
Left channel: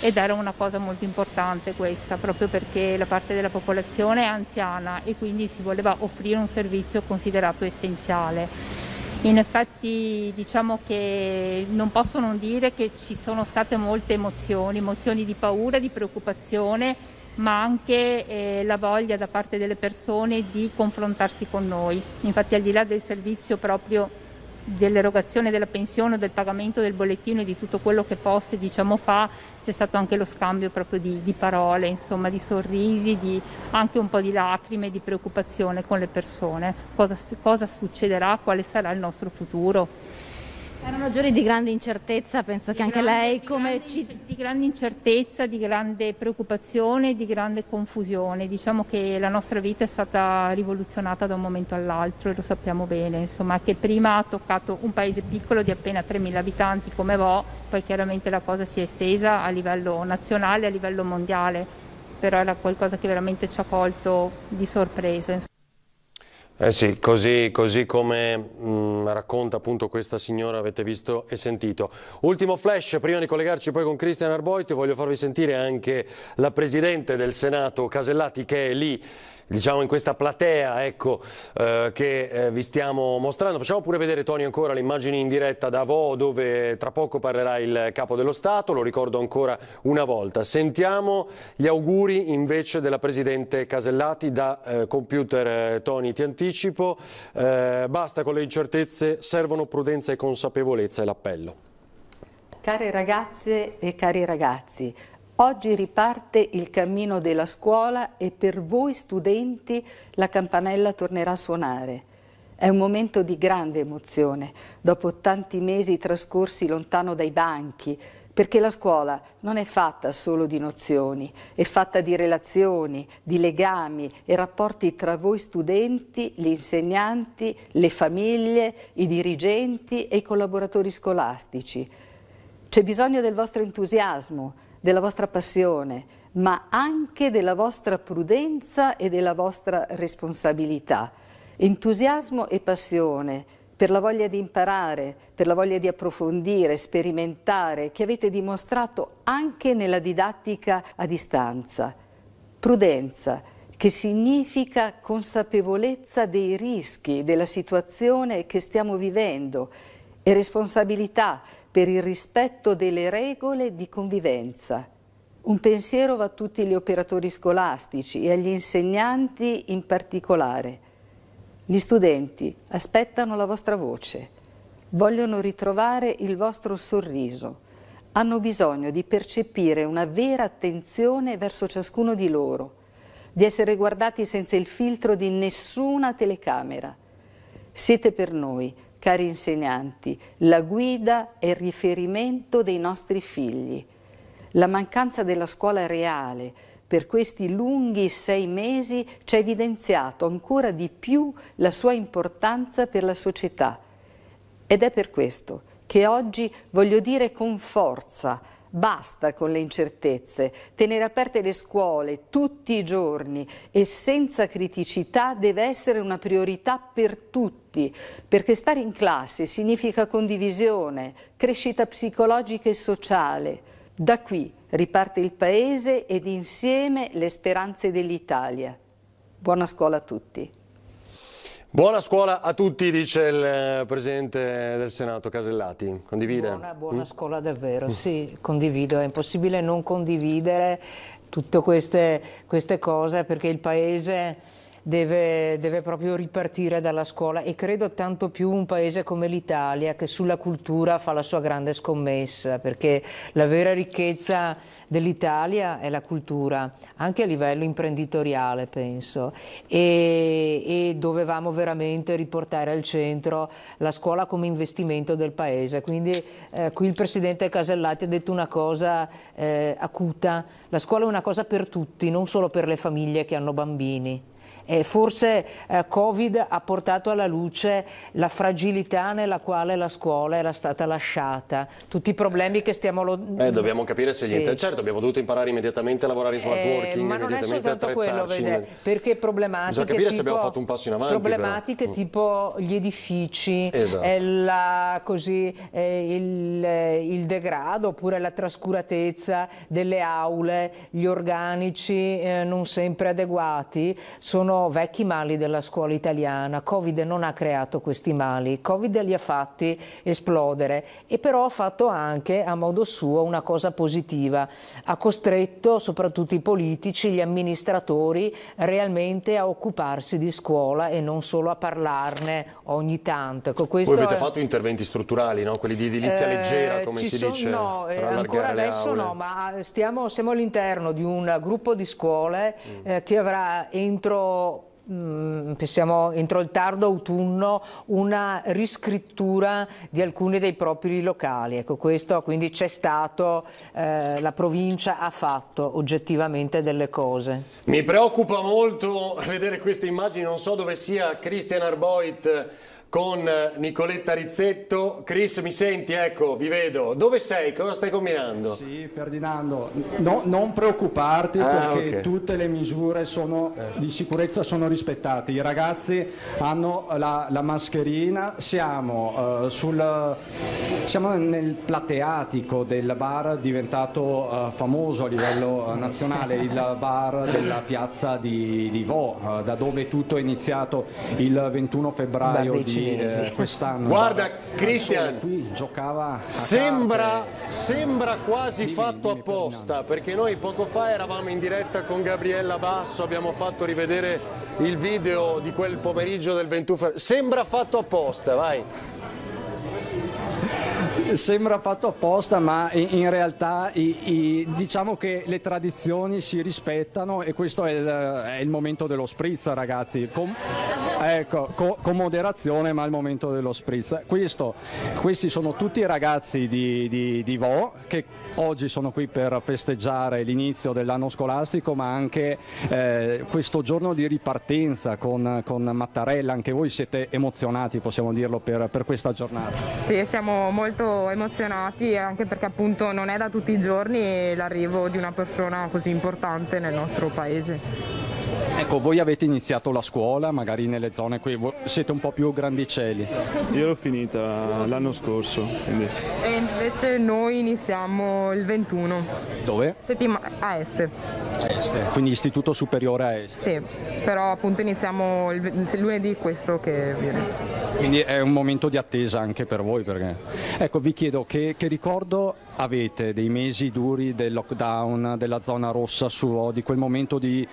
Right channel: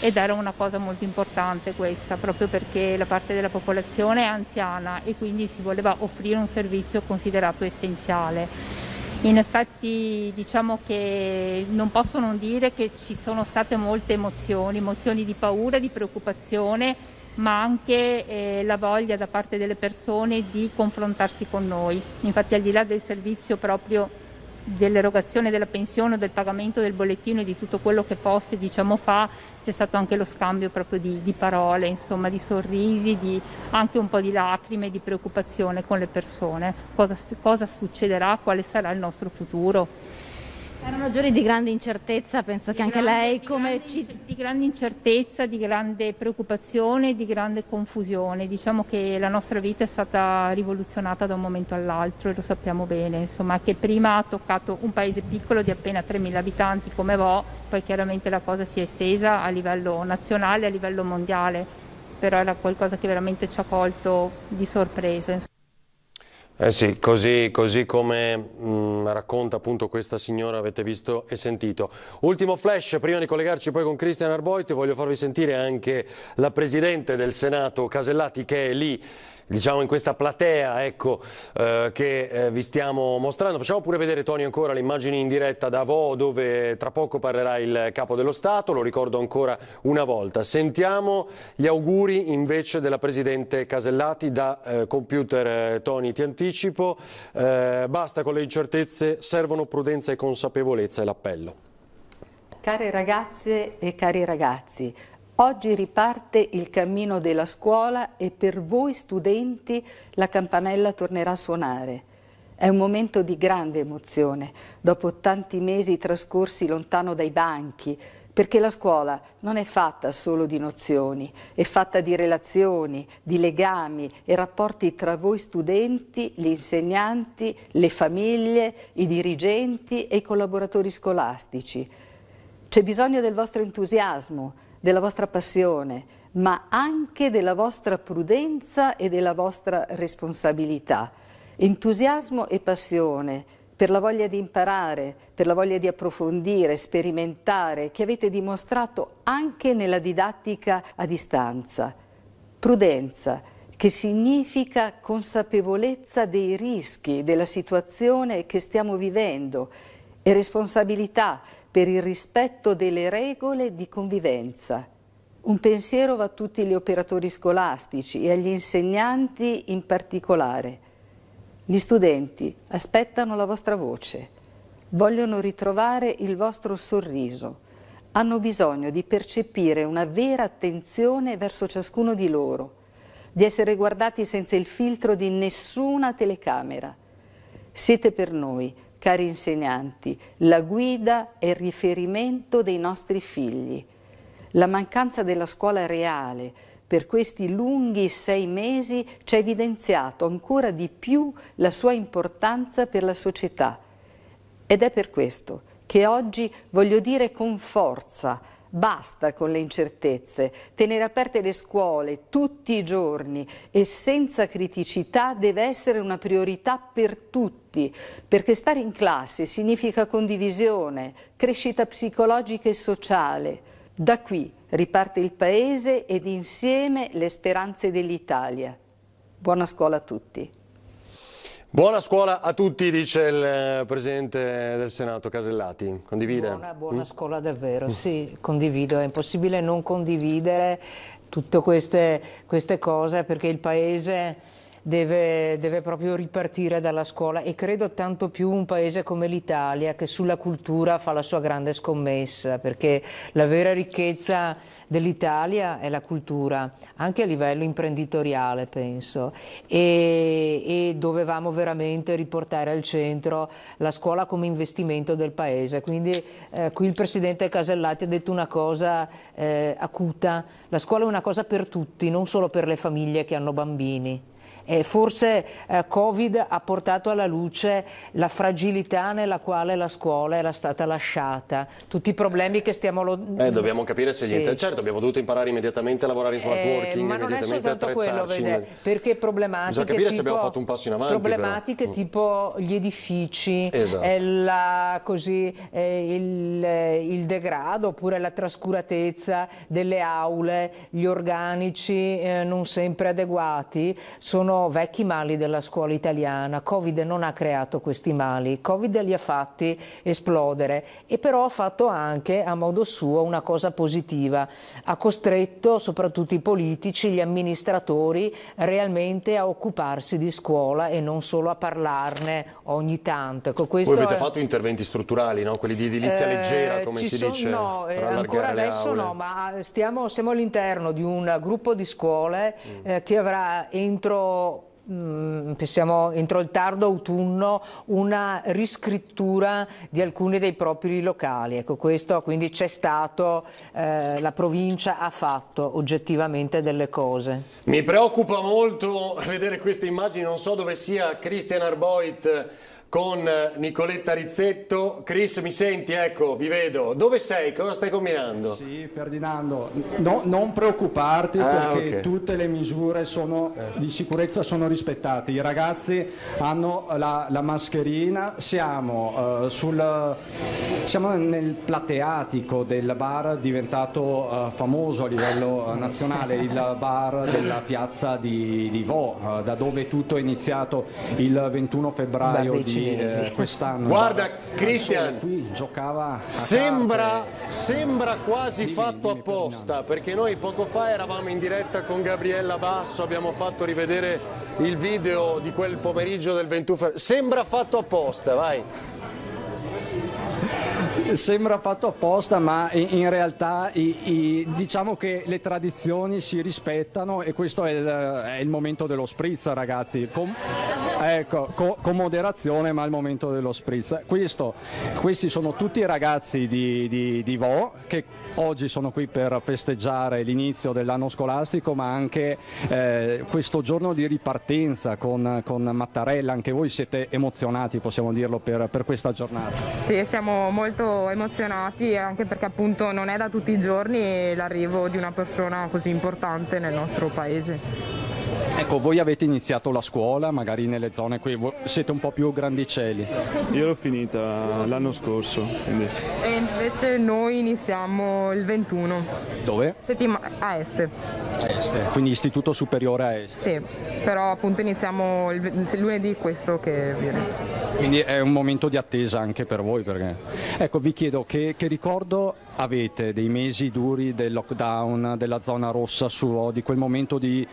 ed era una cosa molto importante questa, proprio perché la parte della popolazione è anziana e quindi si voleva offrire un servizio considerato essenziale. In effetti diciamo che non posso non dire che ci sono state molte emozioni di paura, di preoccupazione, ma anche la voglia da parte delle persone di confrontarsi con noi. Infatti al di là del servizio proprio dell'erogazione della pensione, del pagamento del bollettino e di tutto quello che Poste diciamo fa, c'è stato anche lo scambio proprio di parole, insomma di sorrisi, anche un po' di lacrime, di preoccupazione con le persone. Cosa succederà, quale sarà il nostro futuro? Erano giorni di grande incertezza, penso che anche lei di grande incertezza, di grande preoccupazione, di grande confusione. Diciamo che la nostra vita è stata rivoluzionata da un momento all'altro e lo sappiamo bene, insomma, che prima ha toccato un paese piccolo di appena 3.000 abitanti come Vo', poi chiaramente la cosa si è estesa a livello nazionale, a livello mondiale, però era qualcosa che veramente ci ha colto di sorpresa. Sì, così come racconta appunto questa signora, avete visto e sentito. Ultimo flash, prima di collegarci poi con Cristian Arboito, voglio farvi sentire anche la Presidente del Senato Casellati, che è lì, diciamo in questa platea, ecco, che vi stiamo mostrando. Facciamo pure vedere, Tony, ancora le immagini in diretta da Vo', dove tra poco parlerà il Capo dello Stato, lo ricordo ancora una volta. Sentiamo gli auguri invece della Presidente Casellati da computer. Tony, ti anticipo, basta con le incertezze, servono prudenza e consapevolezza, è l'appello. Care ragazze e cari ragazzi, oggi riparte il cammino della scuola e per voi studenti la campanella tornerà a suonare. È un momento di grande emozione, dopo tanti mesi trascorsi lontano dai banchi, perché la scuola non è fatta solo di nozioni, è fatta di relazioni, di legami e rapporti tra voi studenti, gli insegnanti, le famiglie, i dirigenti e i collaboratori scolastici. C'è bisogno del vostro entusiasmo, della vostra passione, ma anche della vostra prudenza e della vostra responsabilità. Entusiasmo e passione per la voglia di imparare, per la voglia di approfondire, sperimentare, che avete dimostrato anche nella didattica a distanza. Prudenza, che significa consapevolezza dei rischi della situazione che stiamo vivendo, e responsabilità per il rispetto delle regole di convivenza. Un pensiero va a tutti gli operatori scolastici e agli insegnanti in particolare. Gli studenti aspettano la vostra voce, vogliono ritrovare il vostro sorriso, hanno bisogno di percepire una vera attenzione verso ciascuno di loro, di essere guardati senza il filtro di nessuna telecamera. Siete per noi, cari insegnanti, la guida e il riferimento dei nostri figli. La mancanza della scuola reale per questi lunghi 6 mesi ci ha evidenziato ancora di più la sua importanza per la società. Ed è per questo che oggi voglio dire con forza: basta con le incertezze, tenere aperte le scuole tutti i giorni e senza criticità deve essere una priorità per tutti, perché stare in classe significa condivisione, crescita psicologica e sociale. Da qui riparte il Paese ed insieme le speranze dell'Italia. Buona scuola a tutti. Buona scuola a tutti, dice il Presidente del Senato Casellati. Condivide? Buona scuola davvero, sì, condivido. È impossibile non condividere tutte queste cose, perché il Paese deve proprio ripartire dalla scuola, e credo tanto più un paese come l'Italia, che sulla cultura fa la sua grande scommessa, perché la vera ricchezza dell'Italia è la cultura, anche a livello imprenditoriale penso, e dovevamo veramente riportare al centro la scuola come investimento del paese. Quindi qui il Presidente Casellati ha detto una cosa acuta: la scuola è una cosa per tutti, non solo per le famiglie che hanno bambini. Forse Covid ha portato alla luce la fragilità nella quale la scuola era stata lasciata, tutti i problemi che stiamo... dobbiamo capire se sì. Certo, abbiamo dovuto imparare immediatamente a lavorare in smart working, ma non è immediatamente soltanto quello, vede, perché problematiche, bisogna capire se abbiamo fatto un passo in avanti. Problematiche tipo gli edifici, esatto. Il degrado, oppure la trascuratezza delle aule, gli organici non sempre adeguati, sono vecchi mali della scuola italiana. Covid non ha creato questi mali, Covid li ha fatti esplodere, e però ha fatto anche a modo suo una cosa positiva: ha costretto soprattutto i politici, gli amministratori realmente a occuparsi di scuola e non solo a parlarne ogni tanto. Ecco, voi avete fatto interventi strutturali, no? Quelli di edilizia leggera, come si dice? No, ancora adesso no, ma siamo all'interno di un gruppo di scuole che avrà entro il tardo autunno una riscrittura di alcuni dei propri locali. Ecco, questo quindi c'è stato, la provincia ha fatto oggettivamente delle cose. Mi preoccupa molto vedere queste immagini, non so dove sia Christian Arboit con Nicoletta Rizzetto. Chris, mi senti? Ecco, vi vedo. Dove sei? Cosa stai combinando? Sì, Ferdinando, non preoccuparti, perché tutte le misure di sicurezza sono rispettate. I ragazzi hanno la mascherina, siamo nel plateatico del bar diventato famoso a livello nazionale, il bar della piazza di Vo, da dove tutto è iniziato il 21 febbraio di quest'anno. Guarda Christian, qui giocava sembra quasi fatto apposta, perché noi poco fa eravamo in diretta con Gabriella Basso, abbiamo fatto rivedere il video di quel pomeriggio del 21 febbraio. Sembra fatto apposta, vai. Sembra fatto apposta, ma in realtà diciamo che le tradizioni si rispettano e questo è il momento dello spritz, ragazzi. Con moderazione, ma è il momento dello spritz. Questi sono tutti i ragazzi di Vo che oggi sono qui per festeggiare l'inizio dell'anno scolastico, ma anche questo giorno di ripartenza con Mattarella. Anche voi siete emozionati, possiamo dirlo, per questa giornata? Sì, siamo molto emozionati, anche perché appunto non è da tutti i giorni l'arrivo di una persona così importante nel nostro paese. Ecco, voi avete iniziato la scuola, magari nelle zone qui, siete un po' più grandicelli. Io l'ho finita l'anno scorso. Quindi. E invece noi iniziamo il 21. Dove? A Este. Quindi Istituto Superiore a Este. Sì, però appunto iniziamo il lunedì questo che viene. Quindi è un momento di attesa anche per voi, perché... Ecco, vi chiedo che ricordo avete dei mesi duri del lockdown, della zona rossa, di quel momento di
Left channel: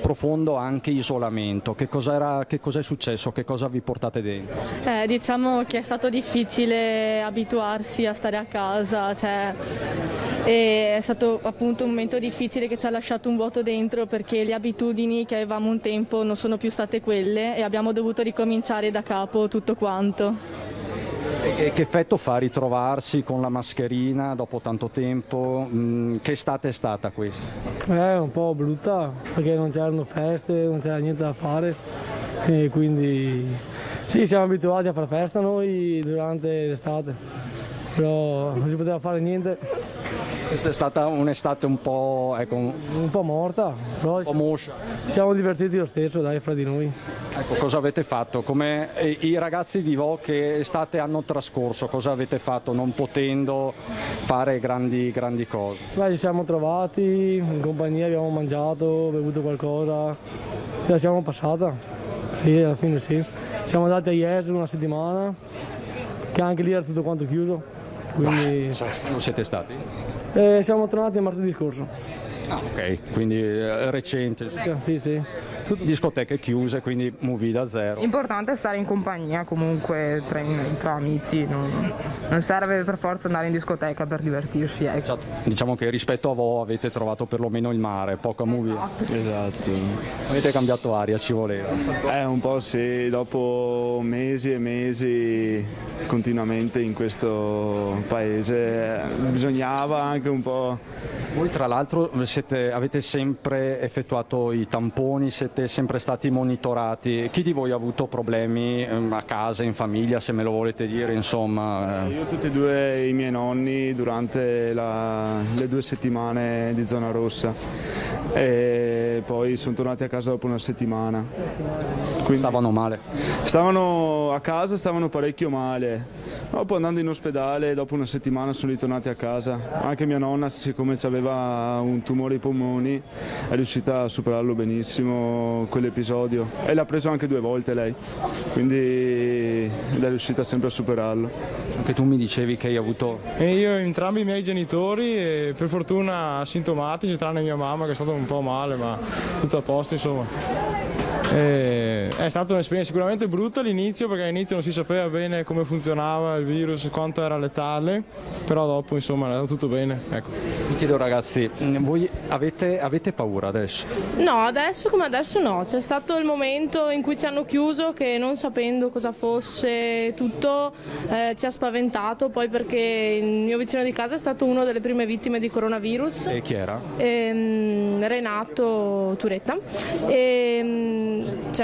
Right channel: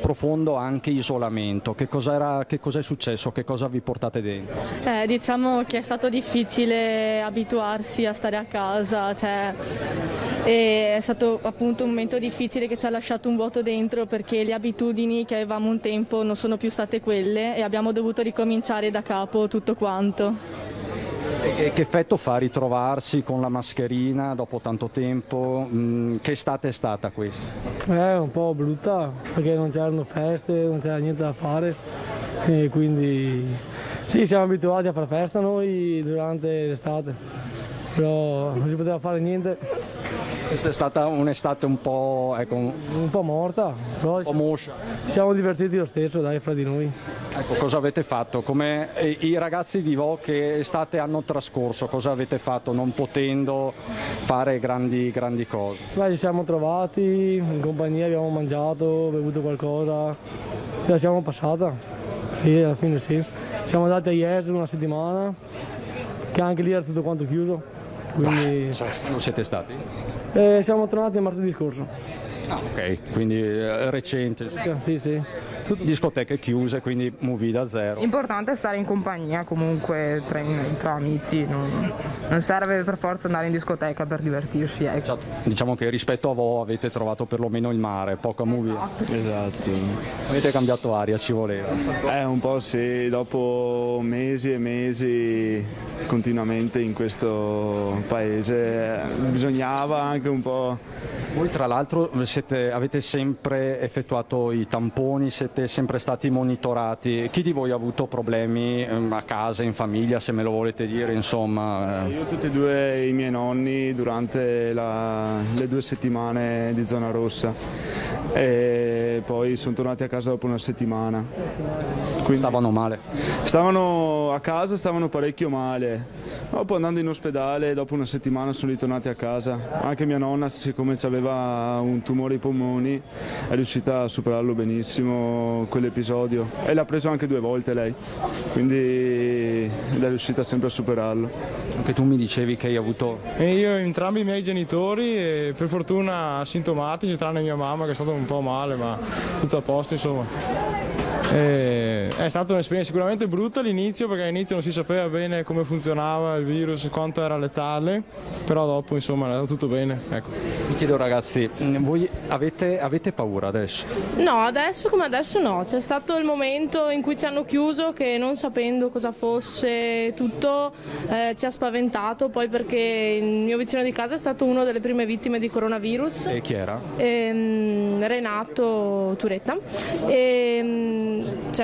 profondo anche isolamento. Che cos'è successo? Che cosa vi portate dentro? Diciamo che è stato difficile abituarsi a stare a casa, è stato appunto un momento difficile che ci ha lasciato un vuoto dentro, perché le abitudini che avevamo un tempo non sono più state quelle e abbiamo dovuto ricominciare da capo tutto quanto. E che effetto fa ritrovarsi con la mascherina dopo tanto tempo? Che estate è stata questa? Un po' brutta, perché non c'erano feste, non c'era niente da fare e quindi sì, siamo abituati a fare festa noi durante l'estate, però non si poteva fare niente. Questa è stata un'estate un po', un po' morta, però un po' moscia. Siamo divertiti lo stesso, dai, fra di noi. Ecco, cosa avete fatto? Come i ragazzi di Vo che estate hanno trascorso, cosa avete fatto non potendo fare grandi cose? Ci siamo trovati, in compagnia abbiamo mangiato, bevuto qualcosa, ce la siamo passata, sì, alla fine sì. Siamo andati a Jesolo una settimana, che anche lì era tutto quanto chiuso. Quindi... Non siete stati? Siamo tornati martedì scorso. Ok, quindi recente. Sì. Discoteche chiuse, quindi movida zero. Importante è stare in compagnia comunque tra amici, non serve per forza andare in discoteca per divertirsi. Diciamo che rispetto a voi avete trovato perlomeno il mare, poca movida. Esatto. Avete cambiato aria, ci voleva. Un po' sì, dopo mesi e mesi continuamente in questo paese bisognava anche un po'. Voi tra l'altro avete sempre effettuato i tamponi, siete sempre stati monitorati. Chi di voi ha avuto problemi a casa, in famiglia, se me lo volete dire, insomma? Io tutti e due i miei nonni durante le 2 settimane di zona rossa e poi sono tornati a casa dopo una settimana. Quindi stavano male? Stavano a casa, stavano parecchio male. Dopo andando in ospedale, dopo una settimana sono ritornati a casa. Anche mia nonna, siccome aveva un tumore ai polmoni, è riuscita a superarlo benissimo quell'episodio. E l'ha preso anche 2 volte lei, quindi è riuscita sempre a superarlo. Anche tu mi dicevi che hai avuto... Io entrambi i miei genitori, per fortuna asintomatici, tranne mia mamma che è stata un po' male, ma tutto a posto insomma. È stata un'esperienza sicuramente brutta all'inizio, perché all'inizio non si sapeva bene come funzionava il virus, quanto era letale, però dopo insomma è andato tutto bene. Ecco. Vi chiedo ragazzi, voi avete paura adesso? No, adesso come adesso no, c'è stato il momento in cui ci hanno chiuso che non sapendo cosa fosse tutto ci ha spaventato, poi perché il mio vicino di casa è stato una delle prime vittime di coronavirus. E chi era? Renato Turetta.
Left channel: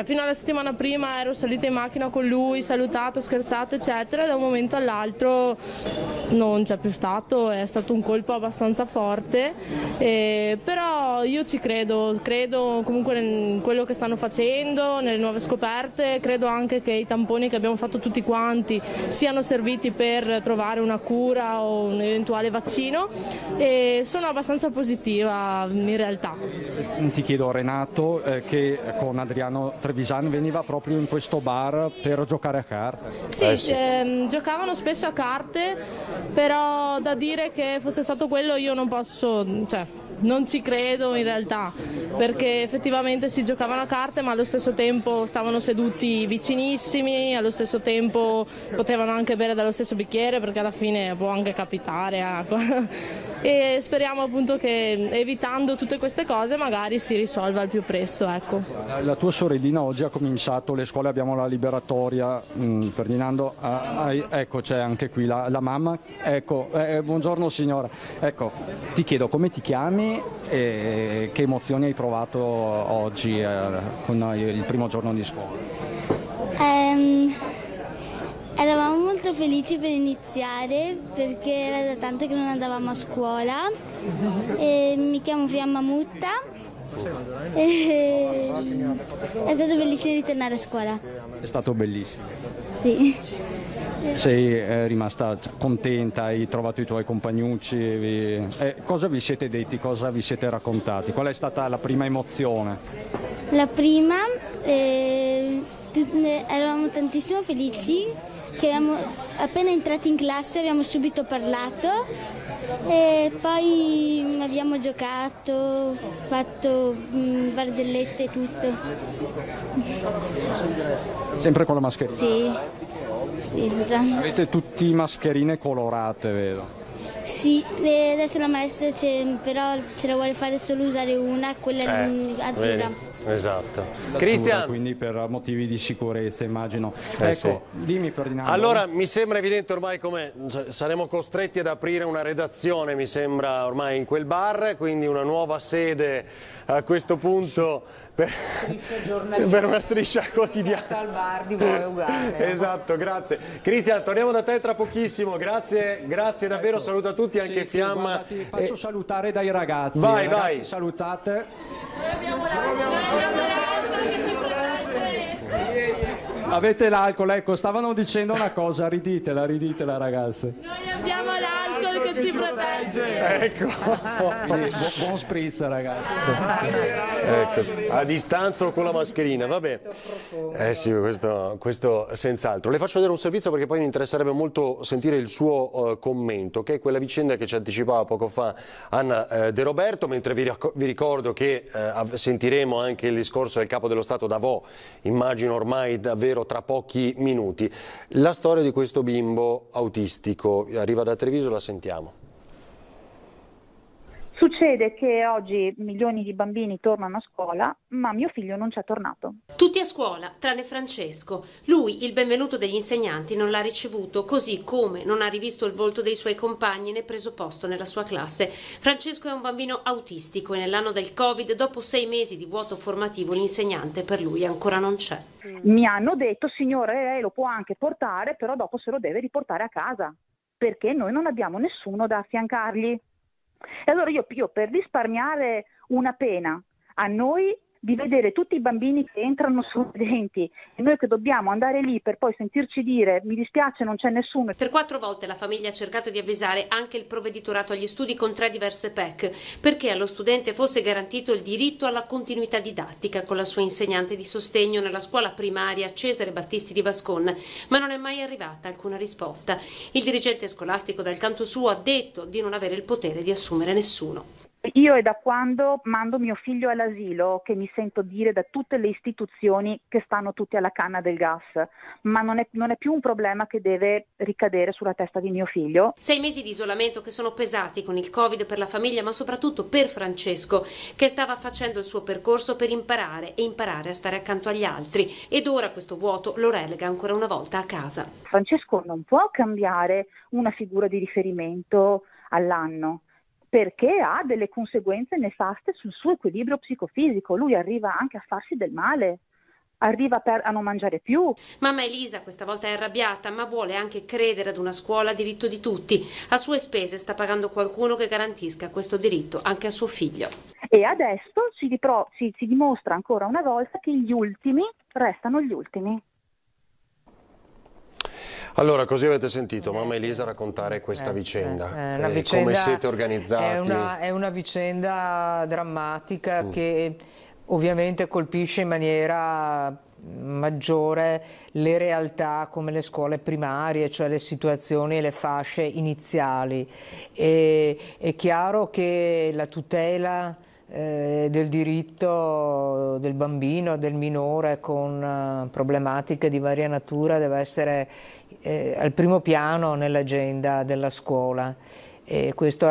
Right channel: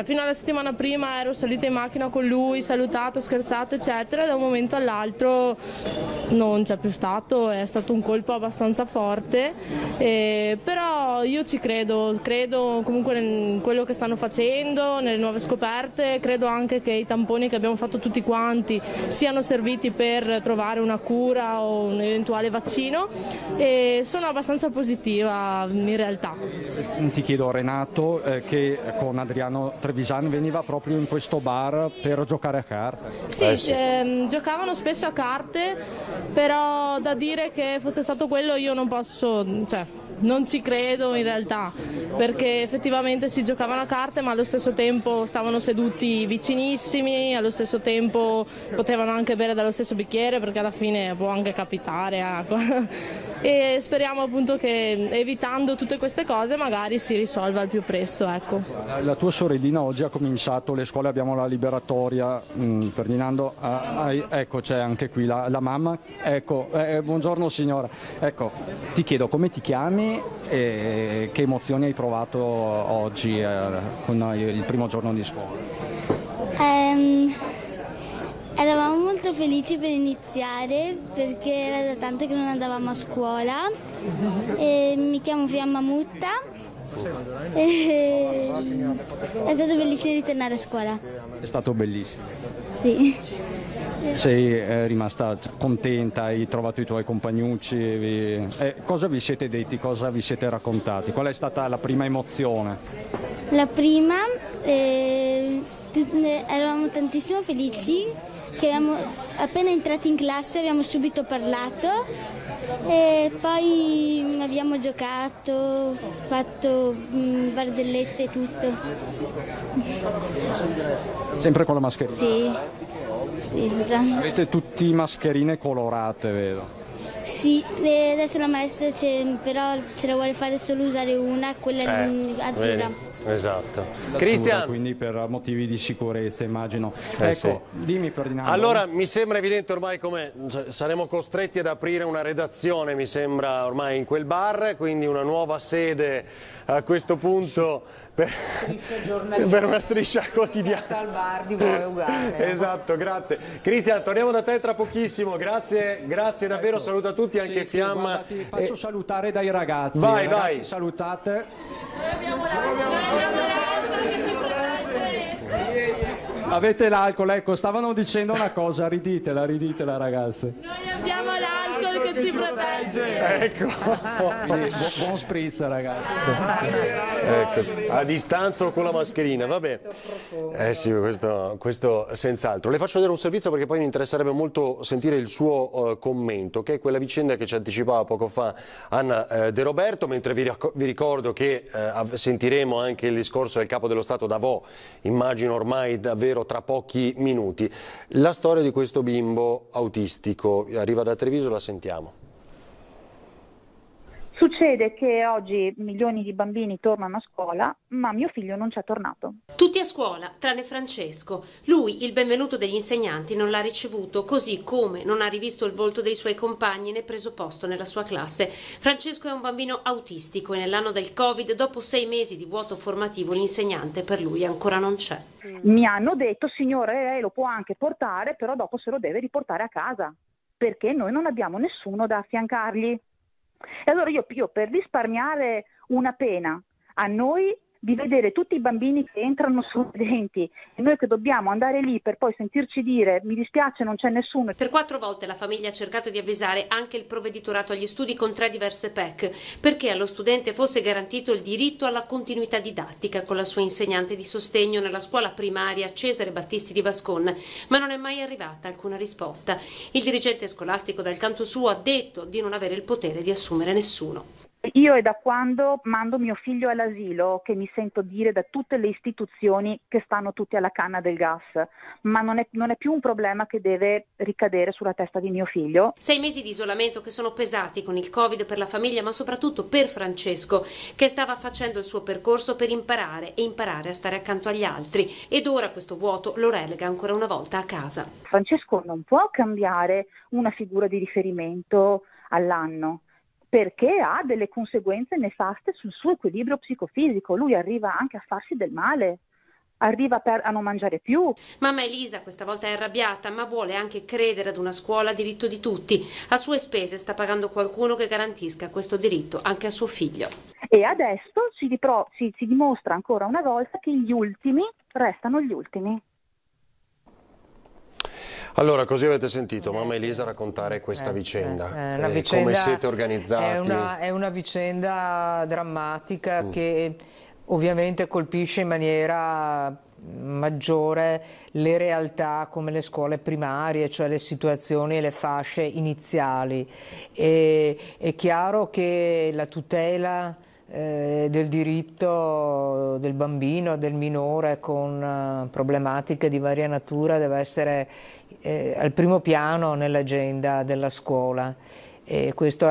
Fino alla settimana prima ero salita in macchina con lui, salutato, scherzato eccetera, e da un momento all'altro non c'è più stato, è stato un colpo abbastanza forte, però io ci credo comunque in quello che stanno facendo, nelle nuove scoperte, credo anche che i tamponi che abbiamo fatto tutti quanti siano serviti per trovare una cura o un eventuale vaccino, e sono abbastanza positiva in realtà. Ti chiedo, Renato, che con Adriano Trevisan veniva proprio in questo bar per giocare a carte? Sì. Giocavano spesso a carte, però da dire che fosse stato quello io non posso, non ci credo in realtà, perché effettivamente si giocavano a carte ma allo stesso tempo stavano seduti vicinissimi, allo stesso tempo potevano anche bere dallo stesso bicchiere, perché alla fine può anche capitare, e speriamo appunto che evitando tutte queste cose magari si risolva al più presto, ecco. La tua sorellina oggi ha cominciato le scuole, abbiamo la liberatoria, Ferdinando, ecco c'è anche qui la mamma, ecco, buongiorno signora, ecco, ti chiedo come ti chiami e che emozioni hai provato oggi con il primo giorno di scuola? Eravamo molto felici per iniziare perché era da tanto che non andavamo a scuola. Mi chiamo Fiamma Mutta. È stato bellissimo ritornare a scuola. È stato bellissimo. Sì. Sei rimasta contenta, hai trovato i tuoi compagnucci, cosa vi siete detti, cosa vi siete raccontati? Qual è stata la prima emozione? La prima, eravamo tantissimo felici che appena entrati in classe abbiamo subito parlato e poi abbiamo giocato, fatto barzellette e tutto. Sempre con la mascherina? Sì. Avete tutti mascherine colorate, vedo? Sì, adesso la maestra però ce la vuole fare solo usare una, quella azzurra. Esatto. Cristian! Quindi per motivi di sicurezza, immagino. Ecco, sì. Dimmi Ferdinando. Allora, mi sembra evidente ormai come saremo costretti ad aprire una redazione, mi sembra ormai in quel bar, quindi una nuova sede a questo punto per una striscia quotidiana. Esatto, grazie. Cristian, torniamo da te tra pochissimo, grazie davvero, saluto a tutti, anche Fiamma. Ti faccio salutare dai ragazzi. Vai, ragazzi, vai. Salutate. Avete l'alcol, ecco, stavano dicendo una cosa, riditela ragazzi. Noi abbiamo l'alcol che ci protegge. Ecco. Buon spritz ragazzi. Ecco, a distanza o con la mascherina, vabbè. Sì, questo senz'altro. Le faccio vedere un servizio perché poi mi interesserebbe molto sentire il suo commento, che è quella vicenda che ci anticipava poco fa Anna De Roberto, mentre vi ricordo che sentiremo anche il discorso del Capo dello Stato Davò, immagino ormai davvero tra pochi minuti. La storia di questo bimbo autistico arriva da Treviso, la sentiamo. Succede che oggi milioni di bambini tornano a scuola, ma mio figlio non c'è tornato. Tutti a scuola, tranne Francesco. Lui, il benvenuto degli insegnanti, non l'ha ricevuto, così come non ha rivisto il volto dei suoi compagni né preso posto nella sua classe. Francesco è un bambino autistico e nell'anno del Covid, dopo 6 mesi di vuoto formativo, l'insegnante per lui ancora non c'è. Mi hanno detto, signore, lo può anche portare, però dopo se lo deve riportare a casa, perché noi non abbiamo nessuno da affiancargli. E allora io per risparmiare una pena a noi di vedere tutti i bambini che entrano sorridenti e noi che dobbiamo andare lì per poi sentirci dire mi dispiace non c'è nessuno. Per 4 volte la famiglia ha cercato di avvisare anche il provveditorato agli studi con 3 diverse PEC perché allo studente fosse garantito il diritto alla continuità didattica con la sua insegnante di sostegno nella scuola primaria Cesare Battisti di Vascon, ma non è mai arrivata alcuna risposta. Il dirigente scolastico dal canto suo ha detto di non avere il potere di assumere nessuno. Io è da quando mando mio figlio all'asilo che mi sento dire da tutte le istituzioni che stanno tutti alla canna del gas, ma non è più un problema che deve ricadere sulla testa di mio figlio. 6 mesi di isolamento che sono pesati con il Covid per la famiglia, ma soprattutto per Francesco, che stava facendo il suo percorso per imparare a stare accanto agli altri, ed ora questo vuoto lo relega ancora una volta a casa. Francesco non può cambiare una figura di riferimento all'anno, perché ha delle conseguenze nefaste sul suo equilibrio psicofisico. Lui arriva anche a farsi del male, arriva a non mangiare più. Mamma Elisa questa volta è arrabbiata, ma vuole anche credere ad una scuola a diritto di tutti. A sue spese sta pagando qualcuno che garantisca questo diritto anche a suo figlio. E adesso si dimostra ancora una volta che gli ultimi restano gli ultimi. Allora, così avete sentito mamma Elisa raccontare questa vicenda. Come siete organizzati? È una vicenda drammatica che ovviamente colpisce in maniera maggiore le realtà come le scuole primarie, cioè le situazioni e le fasce iniziali. È chiaro che la tutela del diritto del bambino, del minore con problematiche di varia natura deve essere al primo piano nell'agenda della scuola. E questo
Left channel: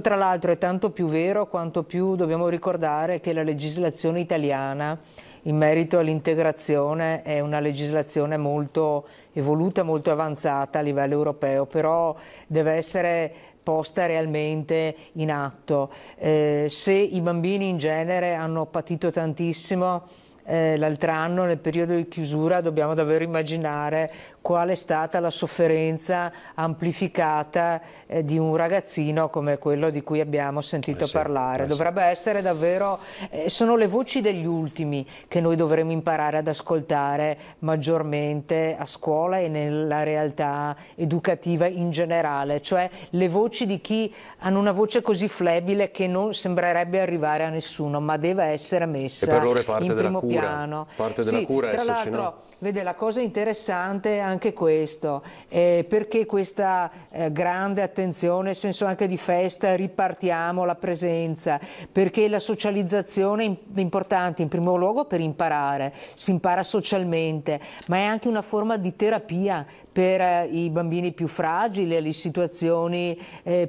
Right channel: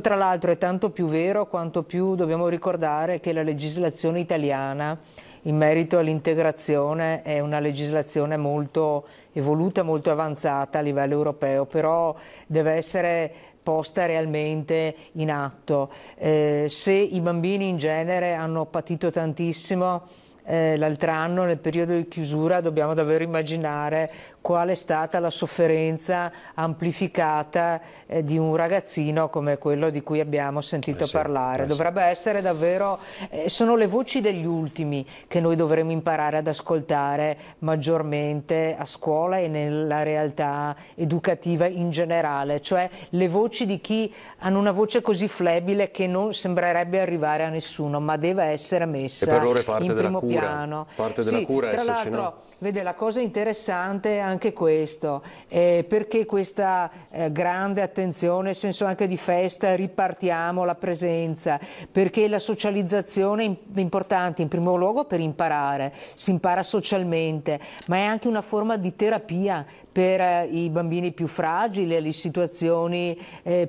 tra l'altro è tanto più vero quanto più dobbiamo ricordare che la legislazione italiana in merito all'integrazione è una legislazione molto evoluta, molto avanzata a livello europeo, però deve essere posta realmente in atto. Se i bambini in genere hanno patito tantissimo l'altro anno nel periodo di chiusura, dobbiamo davvero immaginare qual è stata la sofferenza amplificata di un ragazzino come quello di cui abbiamo sentito parlare. Dovrebbe essere davvero, sono le voci degli ultimi che noi dovremmo imparare ad ascoltare maggiormente a scuola e nella realtà educativa in generale, cioè le voci di chi hanno una voce così flebile che non sembrerebbe arrivare a nessuno, ma deve essere messa per loro è parte in della primo cura, piano. parte della cura, tra esserci, l'altro, no? Vede, la cosa interessante è anche questo, perché questa grande attenzione, nel senso anche di festa, ripartiamo la presenza, perché la socializzazione è importante in primo luogo per imparare, si impara socialmente, ma è anche una forma di terapia per i bambini più fragili e le situazioni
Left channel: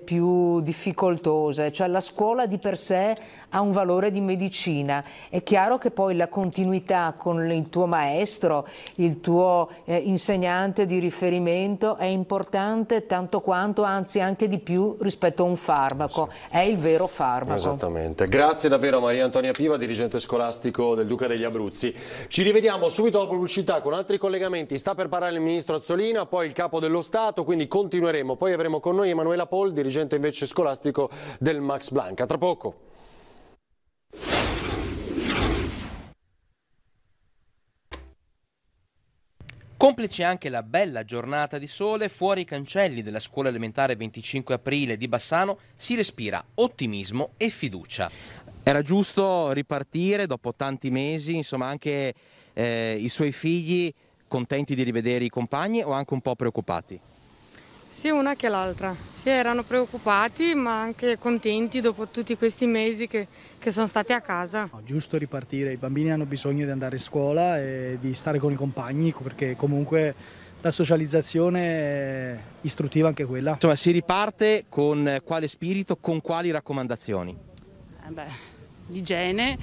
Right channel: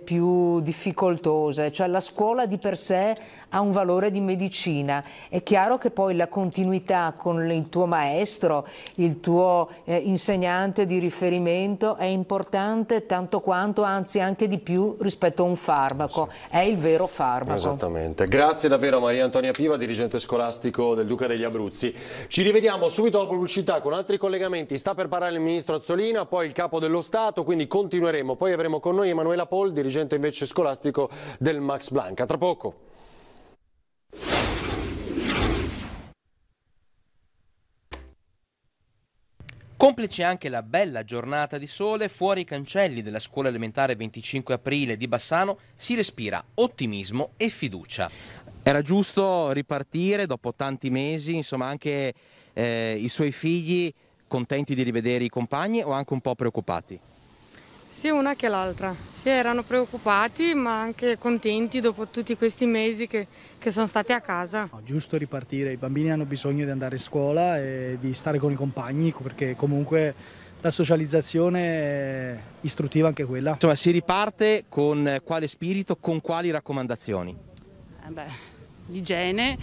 più difficoltose, cioè la scuola di per sé ha un valore di medicina. È chiaro che poi la continuità con il tuo maestro, il tuo insegnante di riferimento è importante tanto quanto, anzi anche di più rispetto a un farmaco, è il vero farmaco. Esattamente. Grazie davvero a Maria Antonia Piva, dirigente scolastico del Duca degli Abruzzi. Ci rivediamo subito dopo pubblicità con altri collegamenti. Sta per parlare il ministro Azzolina, poi il capo dello Stato, quindi continueremo. Poi avremo con noi Emanuela Pol, dirigente invece scolastico del Max Planck. A tra poco. Complice anche la bella giornata di sole, fuori i cancelli della scuola elementare 25 aprile di Bassano si respira ottimismo e fiducia. Era giusto ripartire dopo tanti mesi, insomma anche i suoi figli contenti di rivedere i compagni o anche un po' preoccupati? Sia una che l'altra, sì, erano preoccupati ma anche contenti dopo tutti questi mesi che sono stati a casa. No, giusto ripartire, i bambini hanno bisogno di andare a scuola e di stare con i compagni perché comunque la socializzazione è istruttiva anche quella. Insomma, si riparte con quale spirito, con quali raccomandazioni? L'igiene,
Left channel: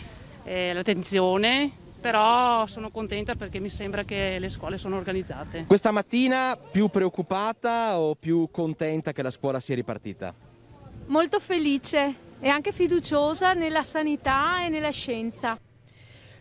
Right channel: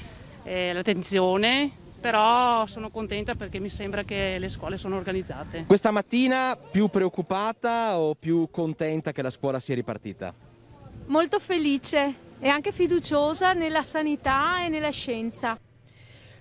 l'attenzione. Però sono contenta perché mi sembra che le scuole sono organizzate. Questa mattina più preoccupata o più contenta che la scuola sia ripartita? Molto felice e anche fiduciosa nella sanità e nella scienza.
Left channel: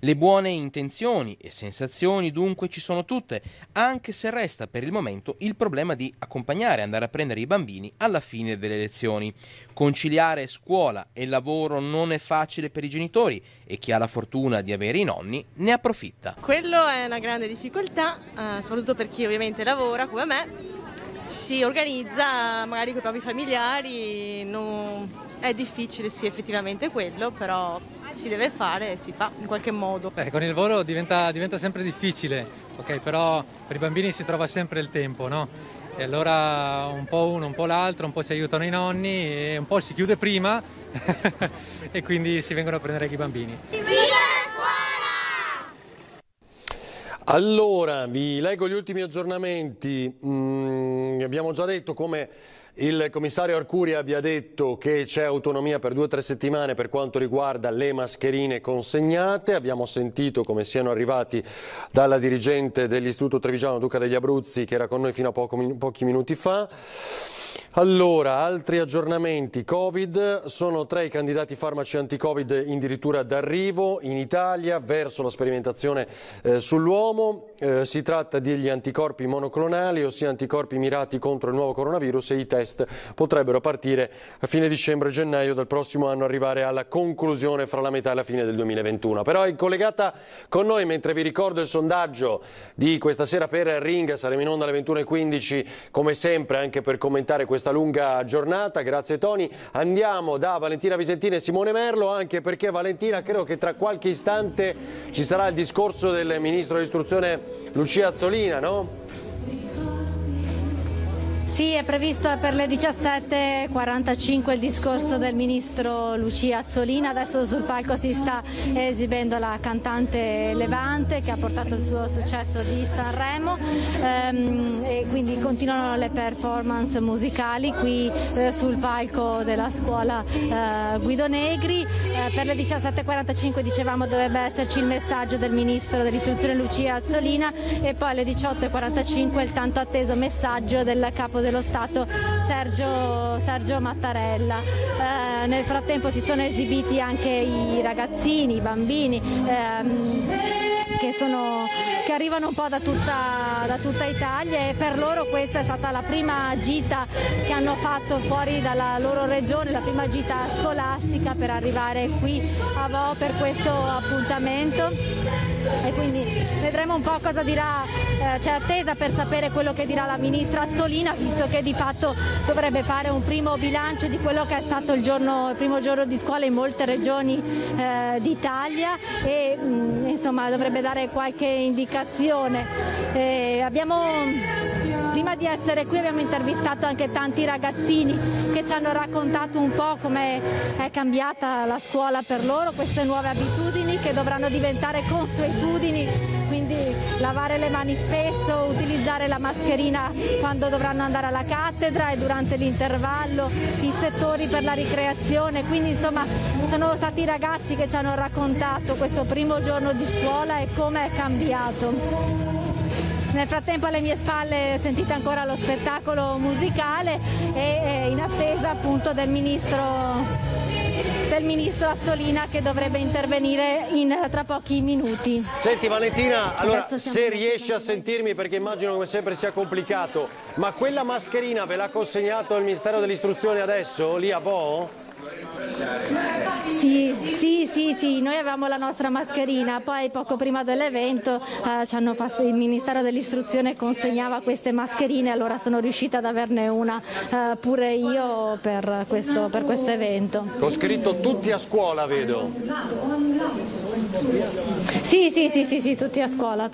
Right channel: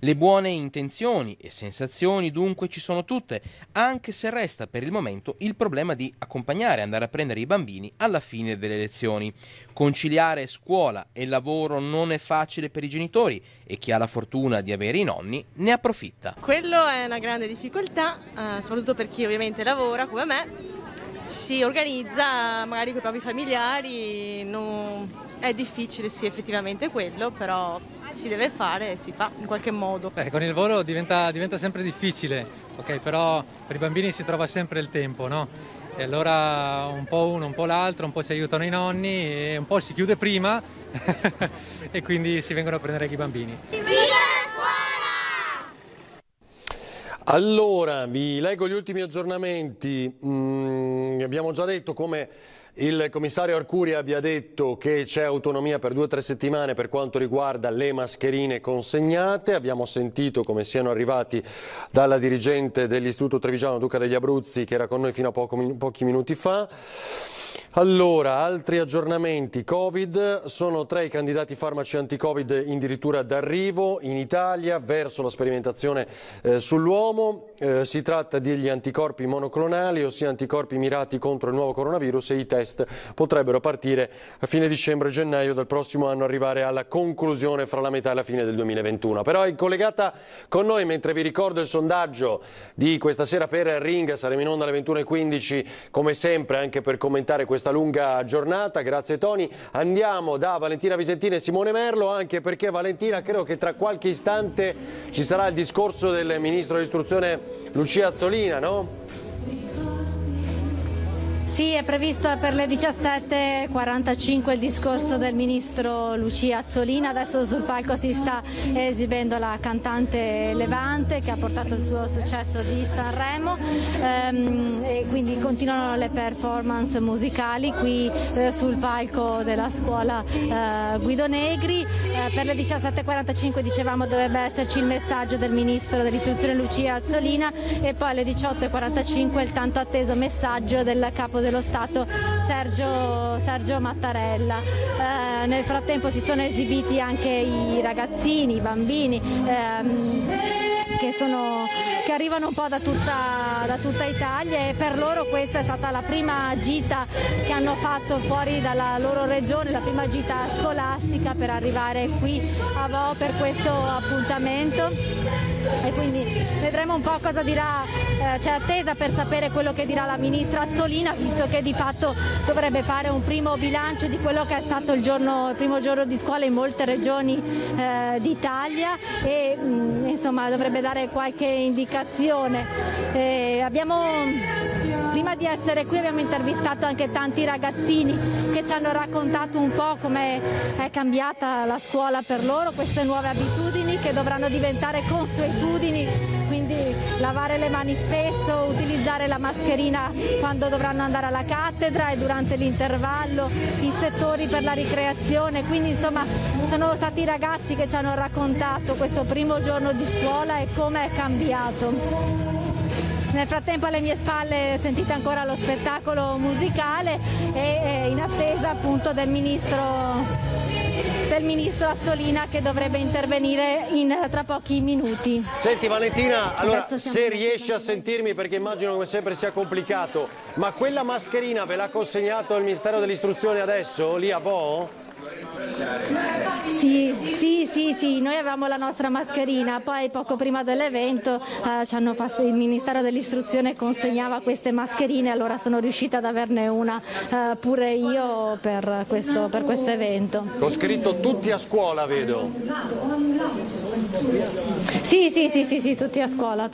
Le buone intenzioni e sensazioni dunque ci sono tutte, anche se resta per il momento il problema di accompagnare e andare a prendere i bambini alla fine delle lezioni. Conciliare scuola e lavoro non è facile per i genitori e chi ha la fortuna di avere i nonni ne approfitta. Quello è una grande difficoltà, soprattutto per chi ovviamente lavora come me, si organizza magari con i propri familiari, è difficile sì effettivamente quello, però si deve fare e si fa in qualche modo. Con il lavoro diventa sempre difficile, okay, però per i bambini si trova sempre il tempo, no? E allora un po' uno, un po' l'altro, un po' ci aiutano i nonni e un po' si chiude prima e quindi si vengono a prendere i bambini. Allora, vi leggo gli ultimi aggiornamenti. Abbiamo già detto come il commissario Arcuri abbia detto che c'è autonomia per 2 o 3 settimane per quanto riguarda le mascherine consegnate. Abbiamo sentito come siano arrivati dalla dirigente dell'Istituto Trevigiano Duca degli Abruzzi che era con noi fino a pochi minuti fa. Allora, altri aggiornamenti. Covid, sono 3 i candidati farmaci anti-Covid addirittura d'arrivo in Italia verso la sperimentazione sull'uomo. Si tratta degli anticorpi monoclonali, ossia anticorpi mirati contro il nuovo coronavirus, e i test potrebbero partire a fine dicembre-gennaio del prossimo anno, arrivare alla conclusione fra la metà e la fine del 2021. Però è collegata con noi, mentre vi ricordo il sondaggio di questa sera per Ring, saremo in onda alle 21:15 come sempre anche per commentare questo questa lunga giornata. Grazie Tony. Andiamo da Valentina Visentini e Simone Merlo, anche perché Valentina, credo che tra qualche istante ci sarà il discorso del Ministro dell'Istruzione Lucia Azzolina, no? Sì, è previsto per le 17:45 il discorso del ministro Lucia Azzolina. Adesso sul palco si sta esibendo la cantante Levante, che ha portato il suo successo di Sanremo, e quindi continuano le performance musicali qui sul palco della scuola Guido Negri. Per le 17:45 dicevamo dovrebbe esserci il messaggio del ministro dell'istruzione Lucia Azzolina, e poi alle 18:45 il tanto atteso messaggio del capo dello Stato Sergio Mattarella. Nel frattempo si sono esibiti anche i ragazzini, i bambini che arrivano un po' da tutta Italia, e per loro questa è stata la prima gita che hanno fatto fuori dalla loro regione, la prima gita scolastica per arrivare qui a Vo per questo appuntamento, e quindi vedremo un po' cosa dirà. C'è attesa per sapere quello che dirà la ministra Azzolina, visto che di fatto dovrebbe fare un primo bilancio di quello che è stato il primo giorno di scuola in molte regioni d'Italia, e insomma dovrebbe dare qualche indicazione. Prima di essere qui abbiamo intervistato anche tanti ragazzini che ci hanno raccontato un po' come è cambiata la scuola per loro, queste nuove abitudini che dovranno diventare consuetudini, quindi lavare le mani spesso, utilizzare la mascherina quando dovranno andare alla cattedra e durante l'intervallo, i settori per la ricreazione. Quindi insomma sono stati i ragazzi che ci hanno raccontato questo primo giorno di scuola e come è cambiato. Nel frattempo alle mie spalle sentite ancora lo spettacolo musicale, e in attesa appunto del ministro Azzolina, che dovrebbe intervenire tra pochi minuti. Senti Valentina, allora se riesci a sentirmi, perché immagino come sempre sia complicato, ma quella mascherina ve l'ha consegnato il Ministero dell'Istruzione adesso, lì a Vo? Sì, noi avevamo la nostra mascherina, poi poco prima dell'evento il Ministero dell'Istruzione consegnava queste mascherine, allora sono riuscita ad averne una pure io per questo evento. Ho scritto tutti a scuola, vedo. Sì, tutti a scuola.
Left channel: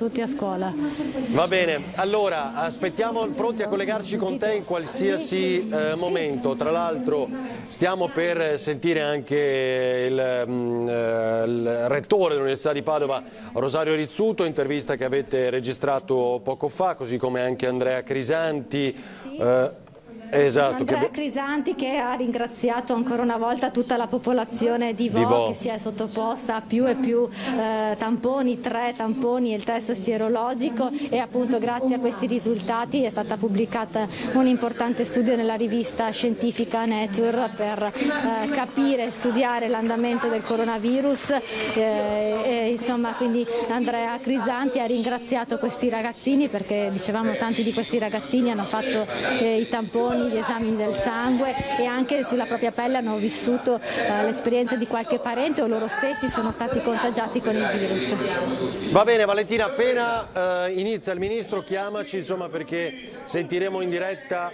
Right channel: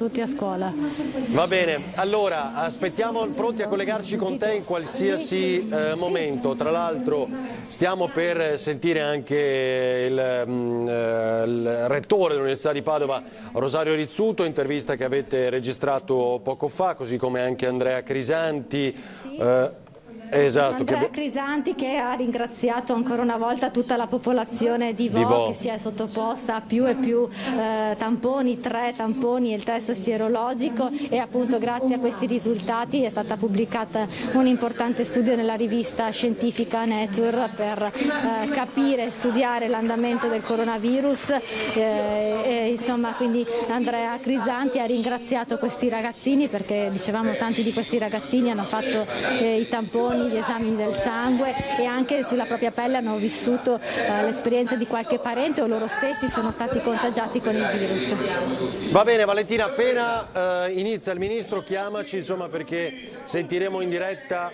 Va bene, allora aspettiamo, pronti a collegarci con te in qualsiasi momento. Tra l'altro stiamo per sentire anche il rettore dell'Università di Padova, Rosario Rizzuto, intervista che avete registrato poco fa, così come anche Andrea Crisanti. Esatto, Andrea Crisanti, che ha ringraziato ancora una volta tutta la popolazione di Vo, che si è sottoposta a più e più tamponi, 3 tamponi e il test sierologico, e appunto grazie a questi risultati è stata pubblicata un importante studio nella rivista scientifica Nature per capire e studiare l'andamento del coronavirus, e insomma quindi Andrea Crisanti ha ringraziato questi ragazzini, perché dicevamo tanti di questi ragazzini hanno fatto i tamponi, gli esami del sangue, e anche sulla propria pelle hanno vissuto l'esperienza di qualche parente o loro stessi sono stati contagiati con il virus. Va bene Valentina, appena inizia il ministro chiamaci, insomma, perché sentiremo in diretta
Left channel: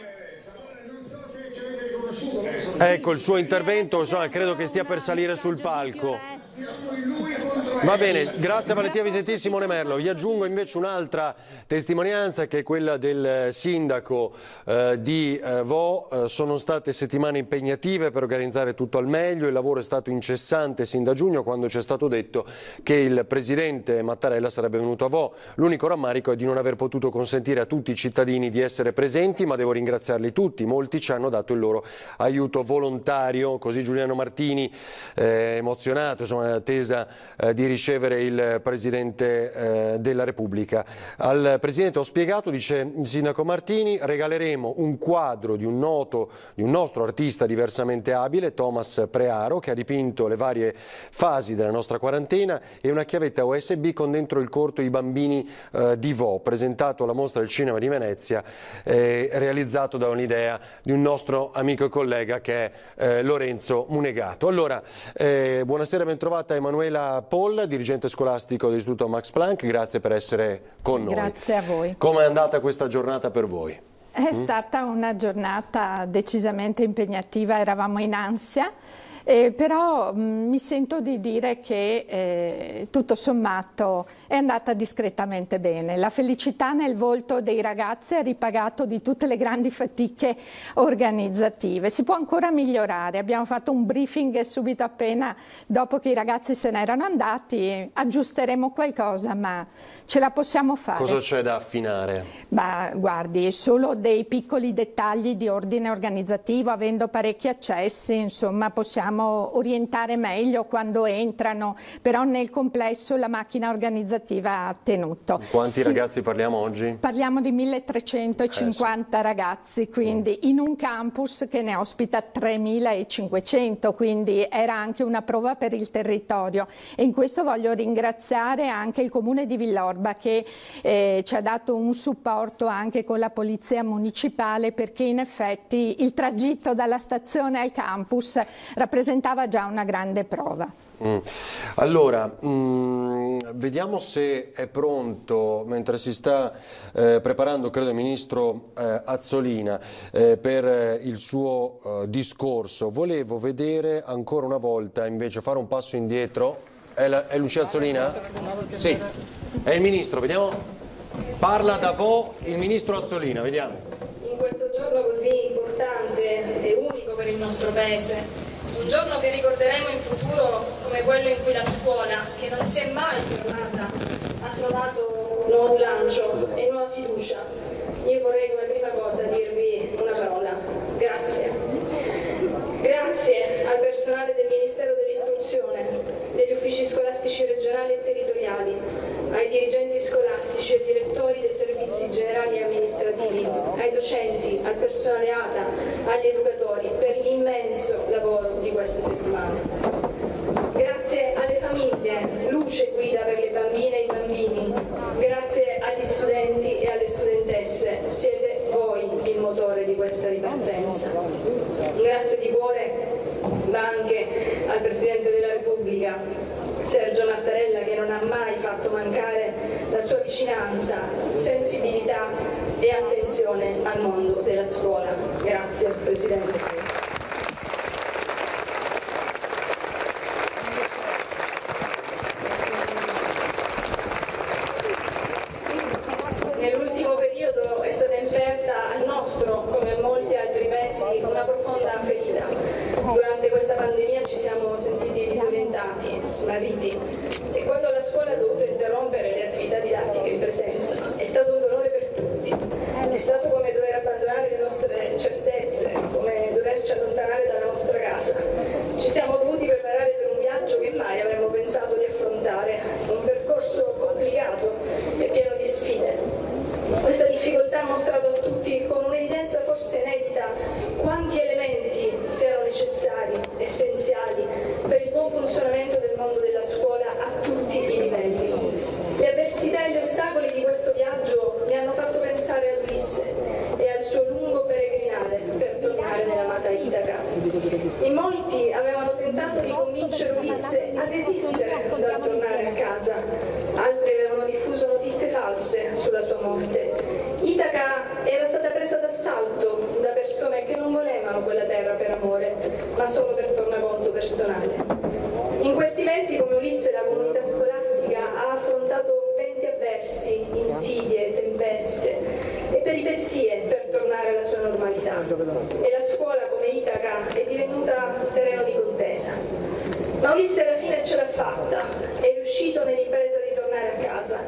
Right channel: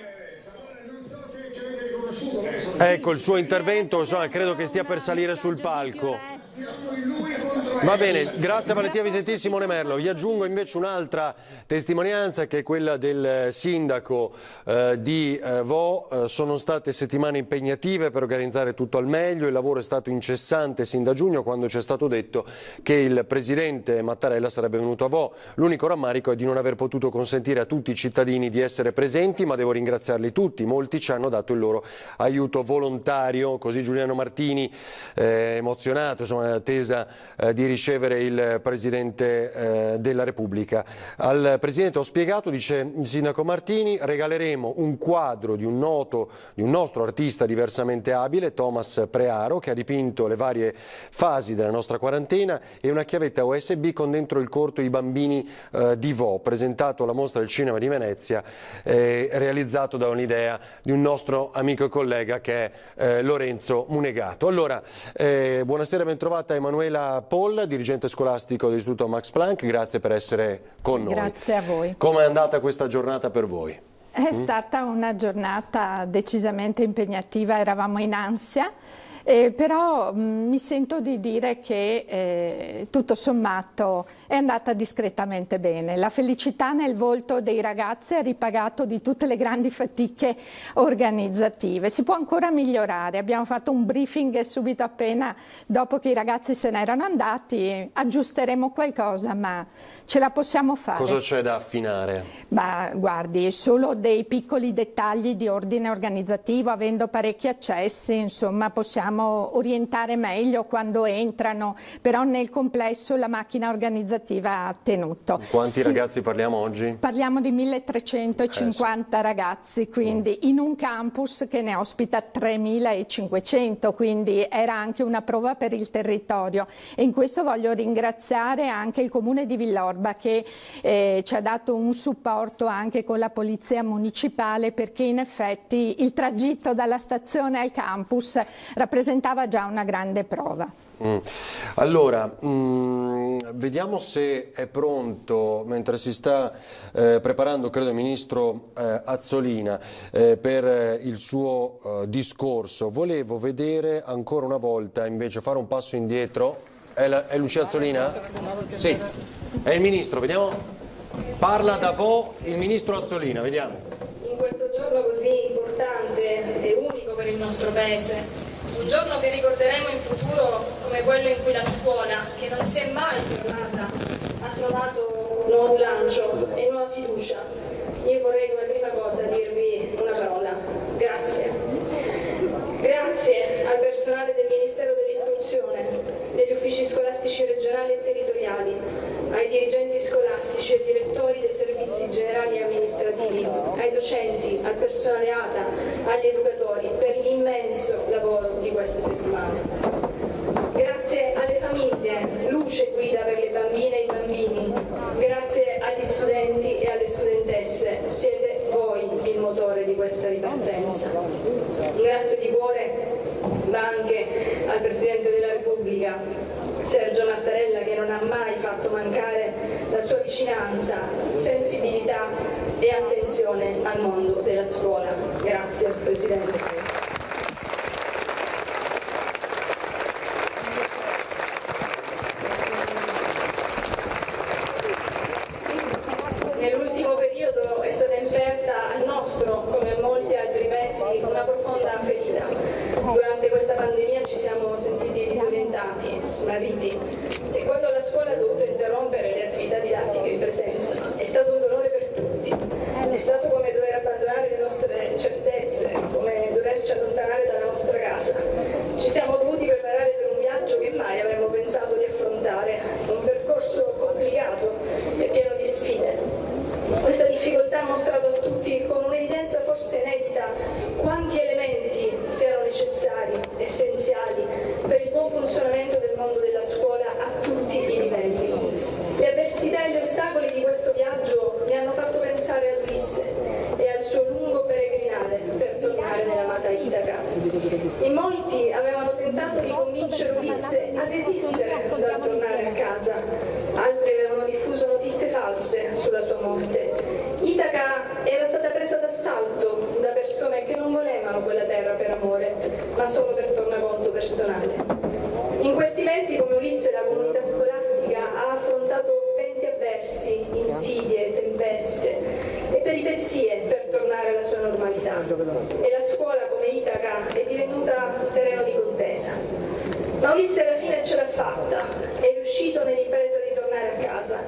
il suo intervento, insomma, credo che stia per salire sul palco. Va bene, grazie a Valentina Visentini e Simone Merlo. Vi aggiungo invece un'altra testimonianza, che è quella del sindaco di Vo. Sono state settimane impegnative per organizzare tutto al meglio, il lavoro è stato incessante sin da giugno, quando ci è stato detto che il presidente Mattarella sarebbe venuto a Vo. L'unico rammarico è di non aver potuto consentire a tutti i cittadini di essere presenti, ma devo ringraziarli tutti, molti ci hanno dato il loro aiuto volontario, così Giuliano Martini, emozionato, insomma, nell'attesa di ricevere il Presidente della Repubblica. Al Presidente ho spiegato, dice il Sindaco Martini, regaleremo un quadro di un nostro artista diversamente abile, Thomas Prearo, che ha dipinto le varie fasi della nostra quarantena, e una chiavetta USB con dentro il corto I bambini di Vo, presentato alla Mostra del Cinema di Venezia, realizzato da un'idea di un nostro amico e collega che è Lorenzo Munegato. Allora, buonasera, ben trovata Emanuela Poll, dirigente scolastico dell'Istituto Max Planck, grazie per essere con noi. Grazie a voi. Come è andata questa giornata per voi? È stata una giornata decisamente impegnativa, eravamo in ansia. Però mi sento di dire che tutto sommato è andata discretamente bene. La felicità nel volto dei ragazzi ha ripagato di tutte le grandi fatiche organizzative. Si può ancora migliorare, abbiamo fatto un briefing subito appena dopo che i ragazzi se n'erano andati, aggiusteremo qualcosa ma ce la possiamo fare. Cosa c'è da affinare? Guardi, solo dei piccoli dettagli di ordine organizzativo, avendo parecchi accessi, insomma possiamo orientare meglio quando entrano, però nel complesso la macchina organizzativa ha tenuto. Quanti ragazzi parliamo oggi? Parliamo di 1350 ragazzi, quindi in un campus che ne ospita 3500, quindi era anche una prova per il territorio e in questo voglio ringraziare anche il comune di Villorba che ci ha dato un supporto anche con la polizia municipale, perché in effetti il tragitto dalla stazione al campus rappresentava già una grande prova. Allora, vediamo se è pronto, mentre si sta preparando, credo, il ministro Azzolina per il suo discorso. Volevo vedere ancora una volta, invece, fare un passo indietro. È Lucia Azzolina? Sì, è il ministro, vediamo. Parla da voi il ministro Azzolina, vediamo. In questo giorno così importante e unico per il nostro Paese, un giorno che ricorderemo in futuro come quello in cui la scuola, che non si è mai fermata, ha trovato nuovo slancio e nuova fiducia. Io vorrei come prima cosa dirvi una parola: grazie. Grazie al personale del Ministero dell'Istruzione, degli uffici scolastici regionali e territoriali, ai dirigenti scolastici e direttori dei servizi generali e amministrativi, ai docenti, al personale ATA, agli educatori per l'immenso lavoro di queste settimane. Grazie alle famiglie, luce e guida per le bambine e i bambini. Grazie agli studenti e alle studentesse, siete voi il motore di questa ripartenza. Grazie di cuore va anche al Presidente della Repubblica, Sergio Mattarella, che non ha mai fatto mancare la sua vicinanza, sensibilità e attenzione al mondo della scuola. Grazie Presidente. Nell'ultimo periodo è stata inferta al nostro, come a molti altri paesi, una profonda ferita. Durante questa pandemia ci siamo sentiti disorientati, smarriti, e quando la scuola ha dovuto interrompere le attività didattiche in presenza è stato un dolore per tutti. È stato come dover abbandonare le nostre certezze, come doverci allontanare dalla nostra casa. Ci siamo dovuti preparare per un viaggio che mai avremmo pensato di affrontare, un percorso complicato e pieno di sfide. Questa difficoltà ha mostrato a tutti con un'evidenza forse inedita quanti elementi siano necessari, essenziali per il buon funzionamento del mondo della scuola a tutti i livelli. Le avversità e gli ostacoli di questo viaggio mi hanno fatto pensare a Ulisse e al suo lungo peregrinare per tornare nell'amata Itaca. In molti avevano tentato di convincere Ulisse a desistere dal tornare a casa, altri avevano diffuso notizie false sulla sua morte. Itaca era stata presa d'assalto da persone che non volevano quella terra per amore, ma solo per tornaconto personale. In questi mesi, come Ulisse, la comunità scolastica ha affrontato venti avversi, insidie, tempeste e peripezie per tornare alla sua normalità. E la scuola, come Itaca, è divenuta terreno di contesa. Ma Ulisse alla fine ce l'ha fatta, è riuscito nell'impresa di tornare a casa.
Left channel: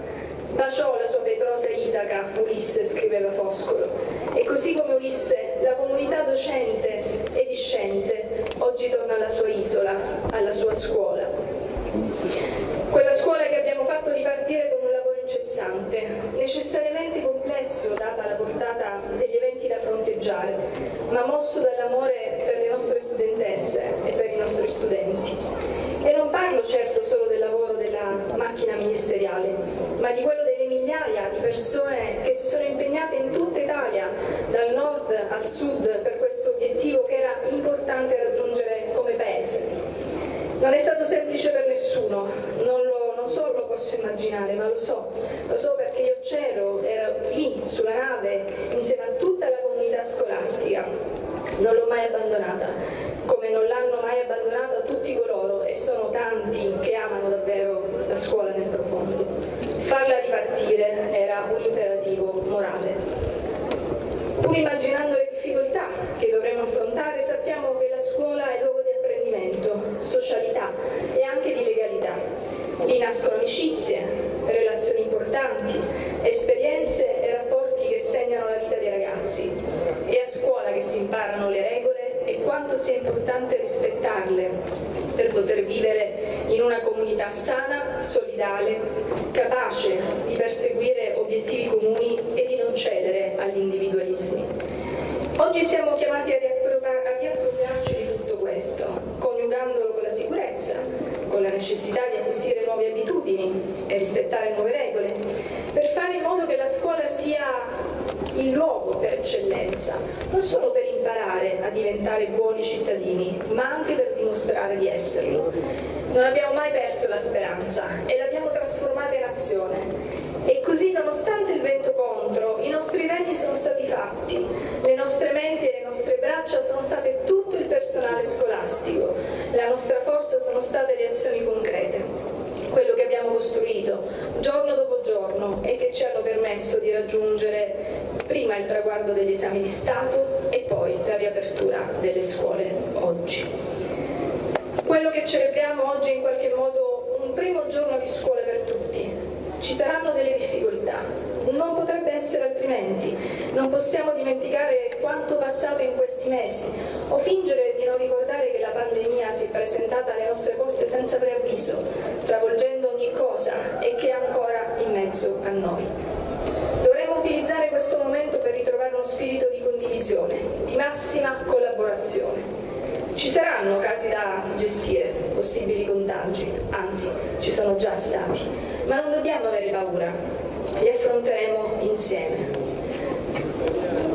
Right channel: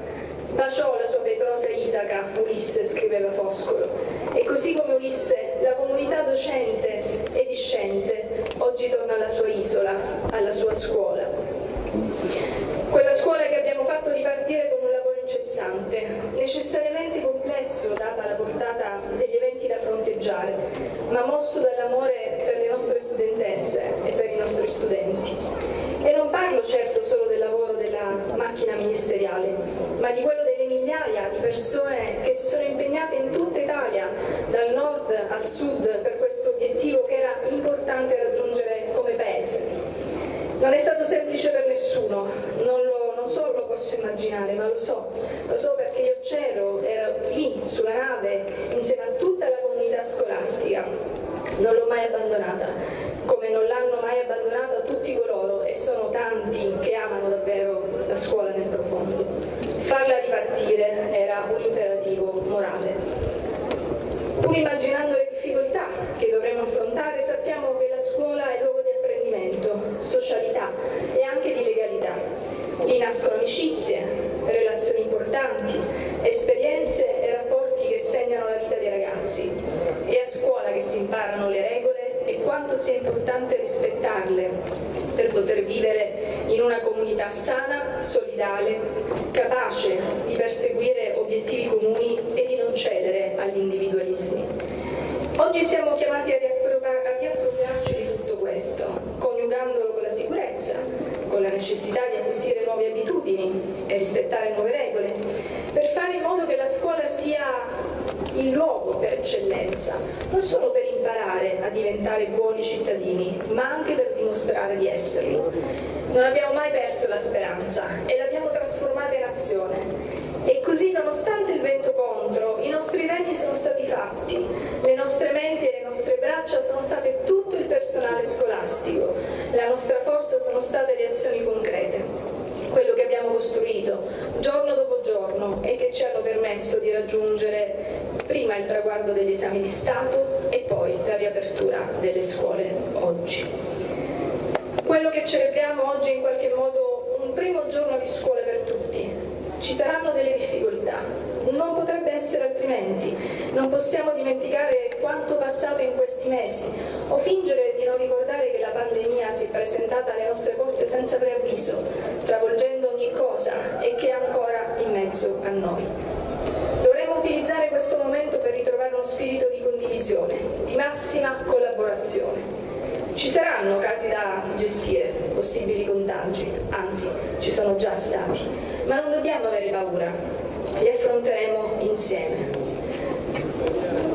Baciò la sua vetrosa Itaca, Ulisse, scriveva Foscolo. E così come Ulisse, la comunità docente e discente oggi torna alla sua isola, alla sua scuola. Quella scuola che abbiamo fatto ripartire con un lavoro incessante, necessariamente complesso data la portata degli eventi da fronteggiare, ma mosso dall'amore per le nostre studentesse e per i nostri studenti. E non parlo certo solo del lavoro della la scuola nel profondo. Farla ripartire era un imperativo morale. Pur immaginando le difficoltà che dovremo affrontare, sappiamo che la scuola è luogo di apprendimento, socialità e anche di legalità. Lì nascono amicizie, relazioni importanti, esperienze e rapporti che segnano la vita dei ragazzi. È a scuola che si imparano le regole e quanto sia importante rispettarle per poter vivere in una comunità sana, solidale, capace di perseguire obiettivi comuni e di non cedere agli individualismi. Oggi siamo chiamati a riappropriarci di tutto questo, coniugandolo con la sicurezza, con la necessità di acquisire nuove abitudini e rispettare nuove regole, per fare in modo che la scuola sia il luogo per eccellenza, non solo per imparare a diventare buoni cittadini, ma anche per dimostrare di esserlo. Non abbiamo mai perso la speranza e l'abbiamo trasformata in azione. E così, nonostante il vento contro, i nostri remi sono stati fatti, le nostre menti e le nostre braccia sono state tutto il personale scolastico, la nostra forza sono state le azioni concrete, quello che abbiamo costruito giorno dopo giorno e che ci hanno permesso di raggiungere prima il traguardo degli esami di Stato e poi la riapertura delle scuole oggi. Quello che celebriamo oggi è in qualche modo un primo giorno di scuola per tutti. Ci saranno delle difficoltà, non potrebbe essere altrimenti. Non possiamo dimenticare quanto passato in questi mesi o fingere di non ricordare che la pandemia si è presentata alle nostre porte senza preavviso, travolgendo ogni cosa e che è ancora in mezzo a noi. Dovremmo utilizzare questo momento per ritrovare uno spirito di condivisione, di massima collaborazione. Ci saranno casi da gestire, possibili contagi, anzi ci sono già stati, ma non dobbiamo avere paura, li affronteremo insieme.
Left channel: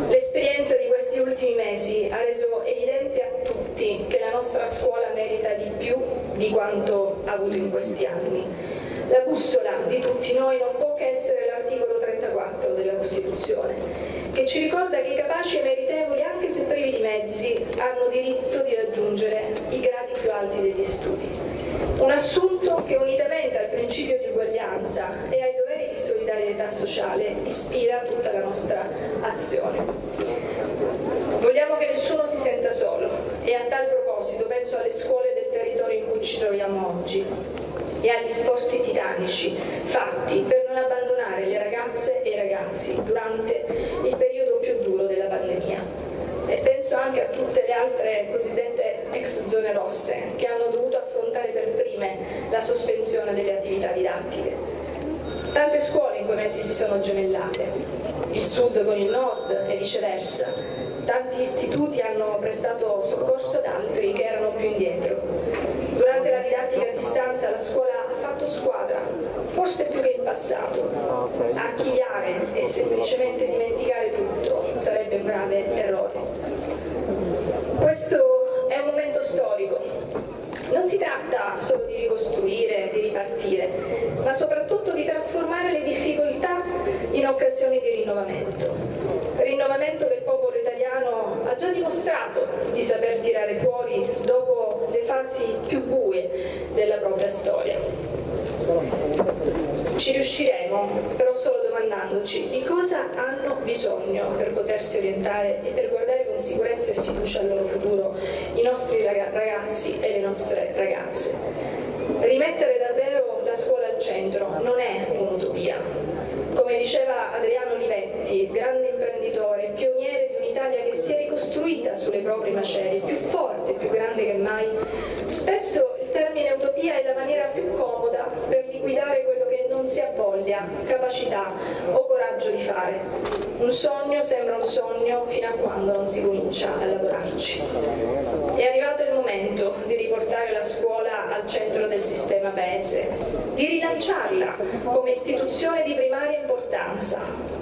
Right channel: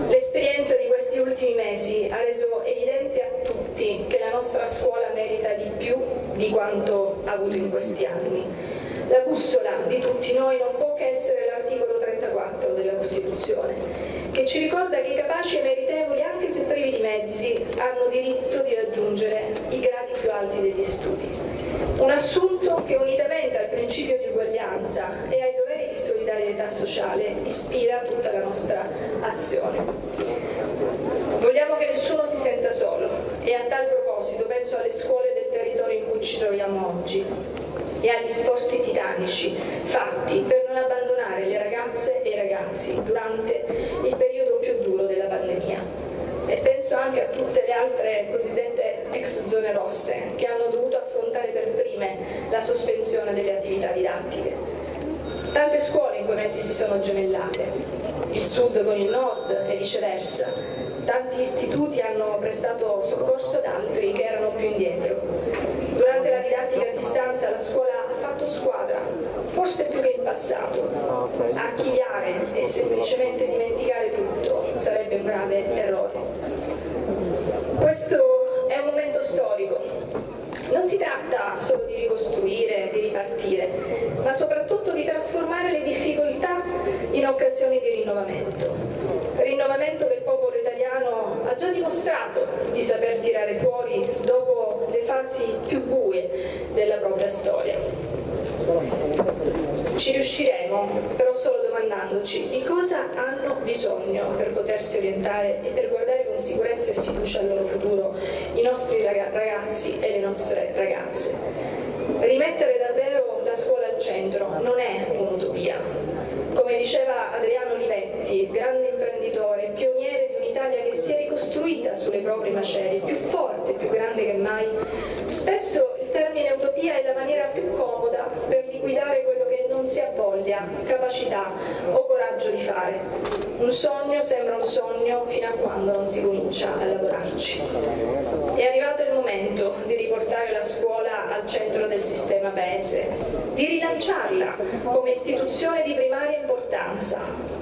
L'esperienza di questi ultimi mesi ha reso evidente a tutti che la nostra scuola merita di più di quanto ha avuto in questi anni. La bussola di tutti noi non può che essere l'articolo 34 della Costituzione, che ci ricorda che i capaci e meritevoli, anche se privi di mezzi, hanno diritto di raggiungere i gradi più alti degli studi. Un assunto che, unitamente al principio di uguaglianza e ai doveri di solidarietà sociale, ispira tutta la nostra azione. Vogliamo che nessuno si senta solo e a tal proposito penso alle scuole del territorio in cui ci troviamo oggi e agli sforzi titanici fatti per non abbandonare le ragazze e i ragazzi durante il periodo più duro della pandemia. E penso anche a tutte le altre cosiddette ex zone rosse che hanno dovuto affrontare per prime la sospensione delle attività didattiche. Tante scuole in quei mesi si sono gemellate, il sud con il nord e viceversa. Tanti istituti hanno prestato soccorso ad altri che erano più indietro. Durante la didattica a distanza la scuola ha fatto squadra, forse più che in passato. Archiviare e semplicemente dimenticare tutto sarebbe un grave errore. Questo è un momento storico. Non si tratta solo di ricostruire, di ripartire, ma soprattutto di trasformare le difficoltà in occasioni di rinnovamento. Rinnovamento che il popolo italiano ha già dimostrato di saper tirare fuori dopo le fasi più buie della propria storia. Ci riusciremo, però solo domandandoci di cosa hanno bisogno per potersi orientare e per guardare con sicurezza e fiducia al loro futuro i nostri ragazzi e le nostre ragazze. Rimettere davvero la scuola al centro non è un'utopia. Come diceva Adriano Olivetti, grande imprenditore, pioniere di un'Italia che si è ricostruita sulle proprie macerie, più forte, più grande che mai, spesso il termine utopia è la maniera più comoda per liquidare quello che non si ha voglia, capacità o coraggio di fare. Un sogno sembra un sogno fino a quando non si comincia a lavorarci. È arrivato il momento di riportare la scuola al centro del sistema paese, di rilanciarla come istituzione di primaria importanza,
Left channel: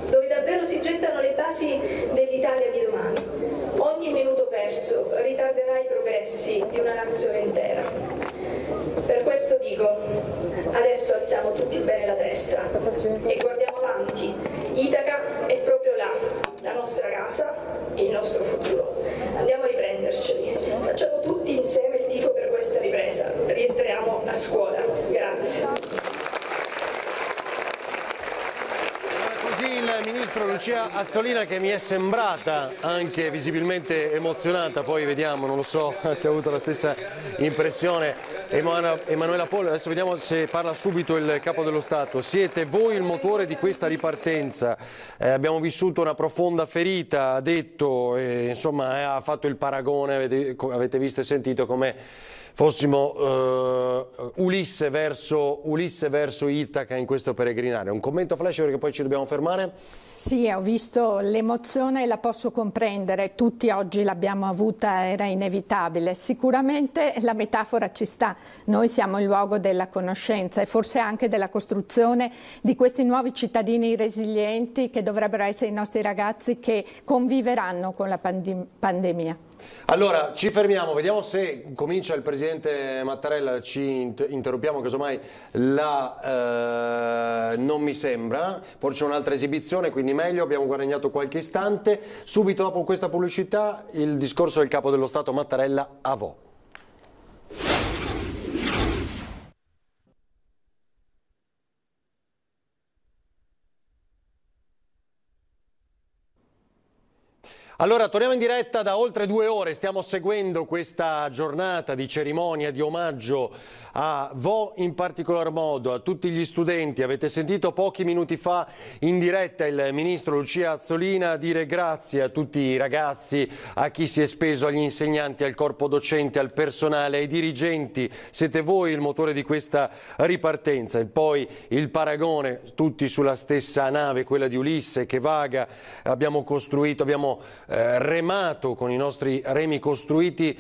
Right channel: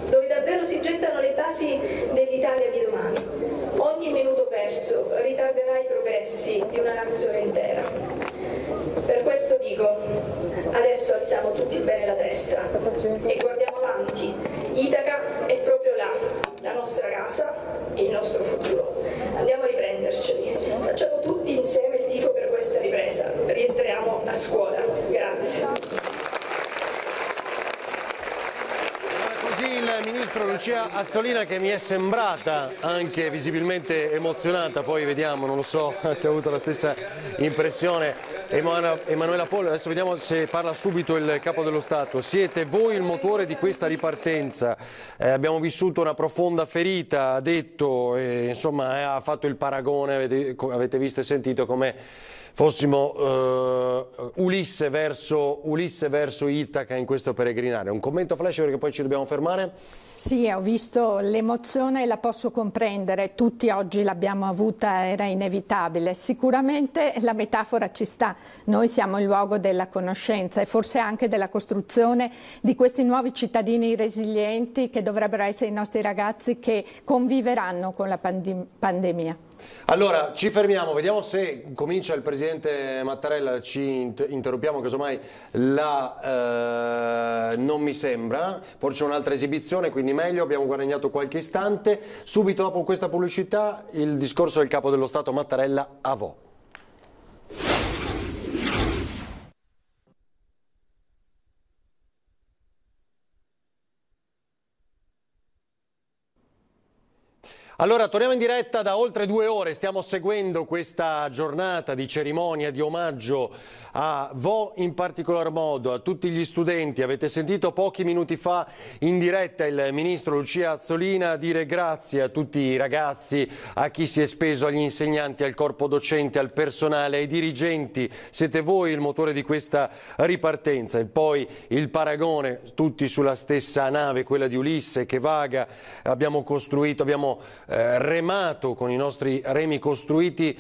dove davvero si gettano le basi dell'Italia di domani. Ogni minuto perso ritarderà i progressi di una nazione intera. Per questo dico, adesso alziamo tutti bene la testa e guardiamo avanti. Itaca è proprio là, la nostra casa e il nostro futuro. Andiamo a riprenderceli. Facciamo tutti insieme il tifo per questa ripresa. Rientriamo a scuola. Grazie. Lucia Azzolina, che mi è sembrata anche visibilmente emozionata, poi vediamo, non so se ha avuto la stessa impressione. Emanuela Pollo, adesso vediamo se parla subito il Capo dello Stato. Siete voi il motore di questa ripartenza, abbiamo vissuto una profonda ferita, ha detto, insomma ha fatto il paragone, avete visto e sentito come fossimo Ulisse verso Itaca in questo peregrinare. Un commento flash perché poi ci dobbiamo fermare? Sì, ho visto l'emozione e la posso comprendere, tutti oggi l'abbiamo avuta, era inevitabile. Sicuramente la metafora ci sta, noi siamo il luogo della conoscenza e forse anche della costruzione di questi nuovi cittadini resilienti che dovrebbero essere i nostri ragazzi che conviveranno con la pandemia. Allora, ci fermiamo, vediamo se comincia il Presidente Mattarella, ci interrompiamo, casomai non mi sembra, forse c'è un'altra esibizione, quindi meglio, abbiamo guadagnato qualche istante. Subito dopo questa pubblicità il discorso del Capo dello Stato Mattarella a Vo'. Allora, torniamo in diretta da oltre 2 ore, stiamo seguendo questa giornata di cerimonia, di omaggio a Vo', in particolar modo a tutti gli studenti. Avete sentito pochi minuti fa in diretta il Ministro Lucia Azzolina dire grazie a tutti i ragazzi, a chi si è speso, agli insegnanti, al corpo docente, al personale, ai dirigenti. Siete voi il motore di questa ripartenza. E poi il paragone, tutti sulla stessa nave, quella di Ulisse che vaga, abbiamo costruito, abbiamo remato con i nostri remi costruiti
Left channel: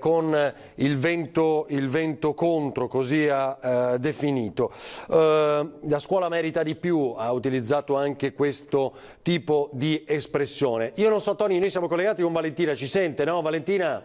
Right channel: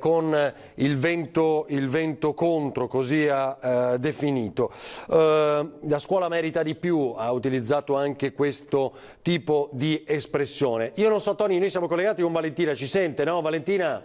con il vento contro, così ha definito. La scuola merita di più, ha utilizzato anche questo tipo di espressione. Io non so, Toni, noi siamo collegati con Valentina, ci sente, no Valentina?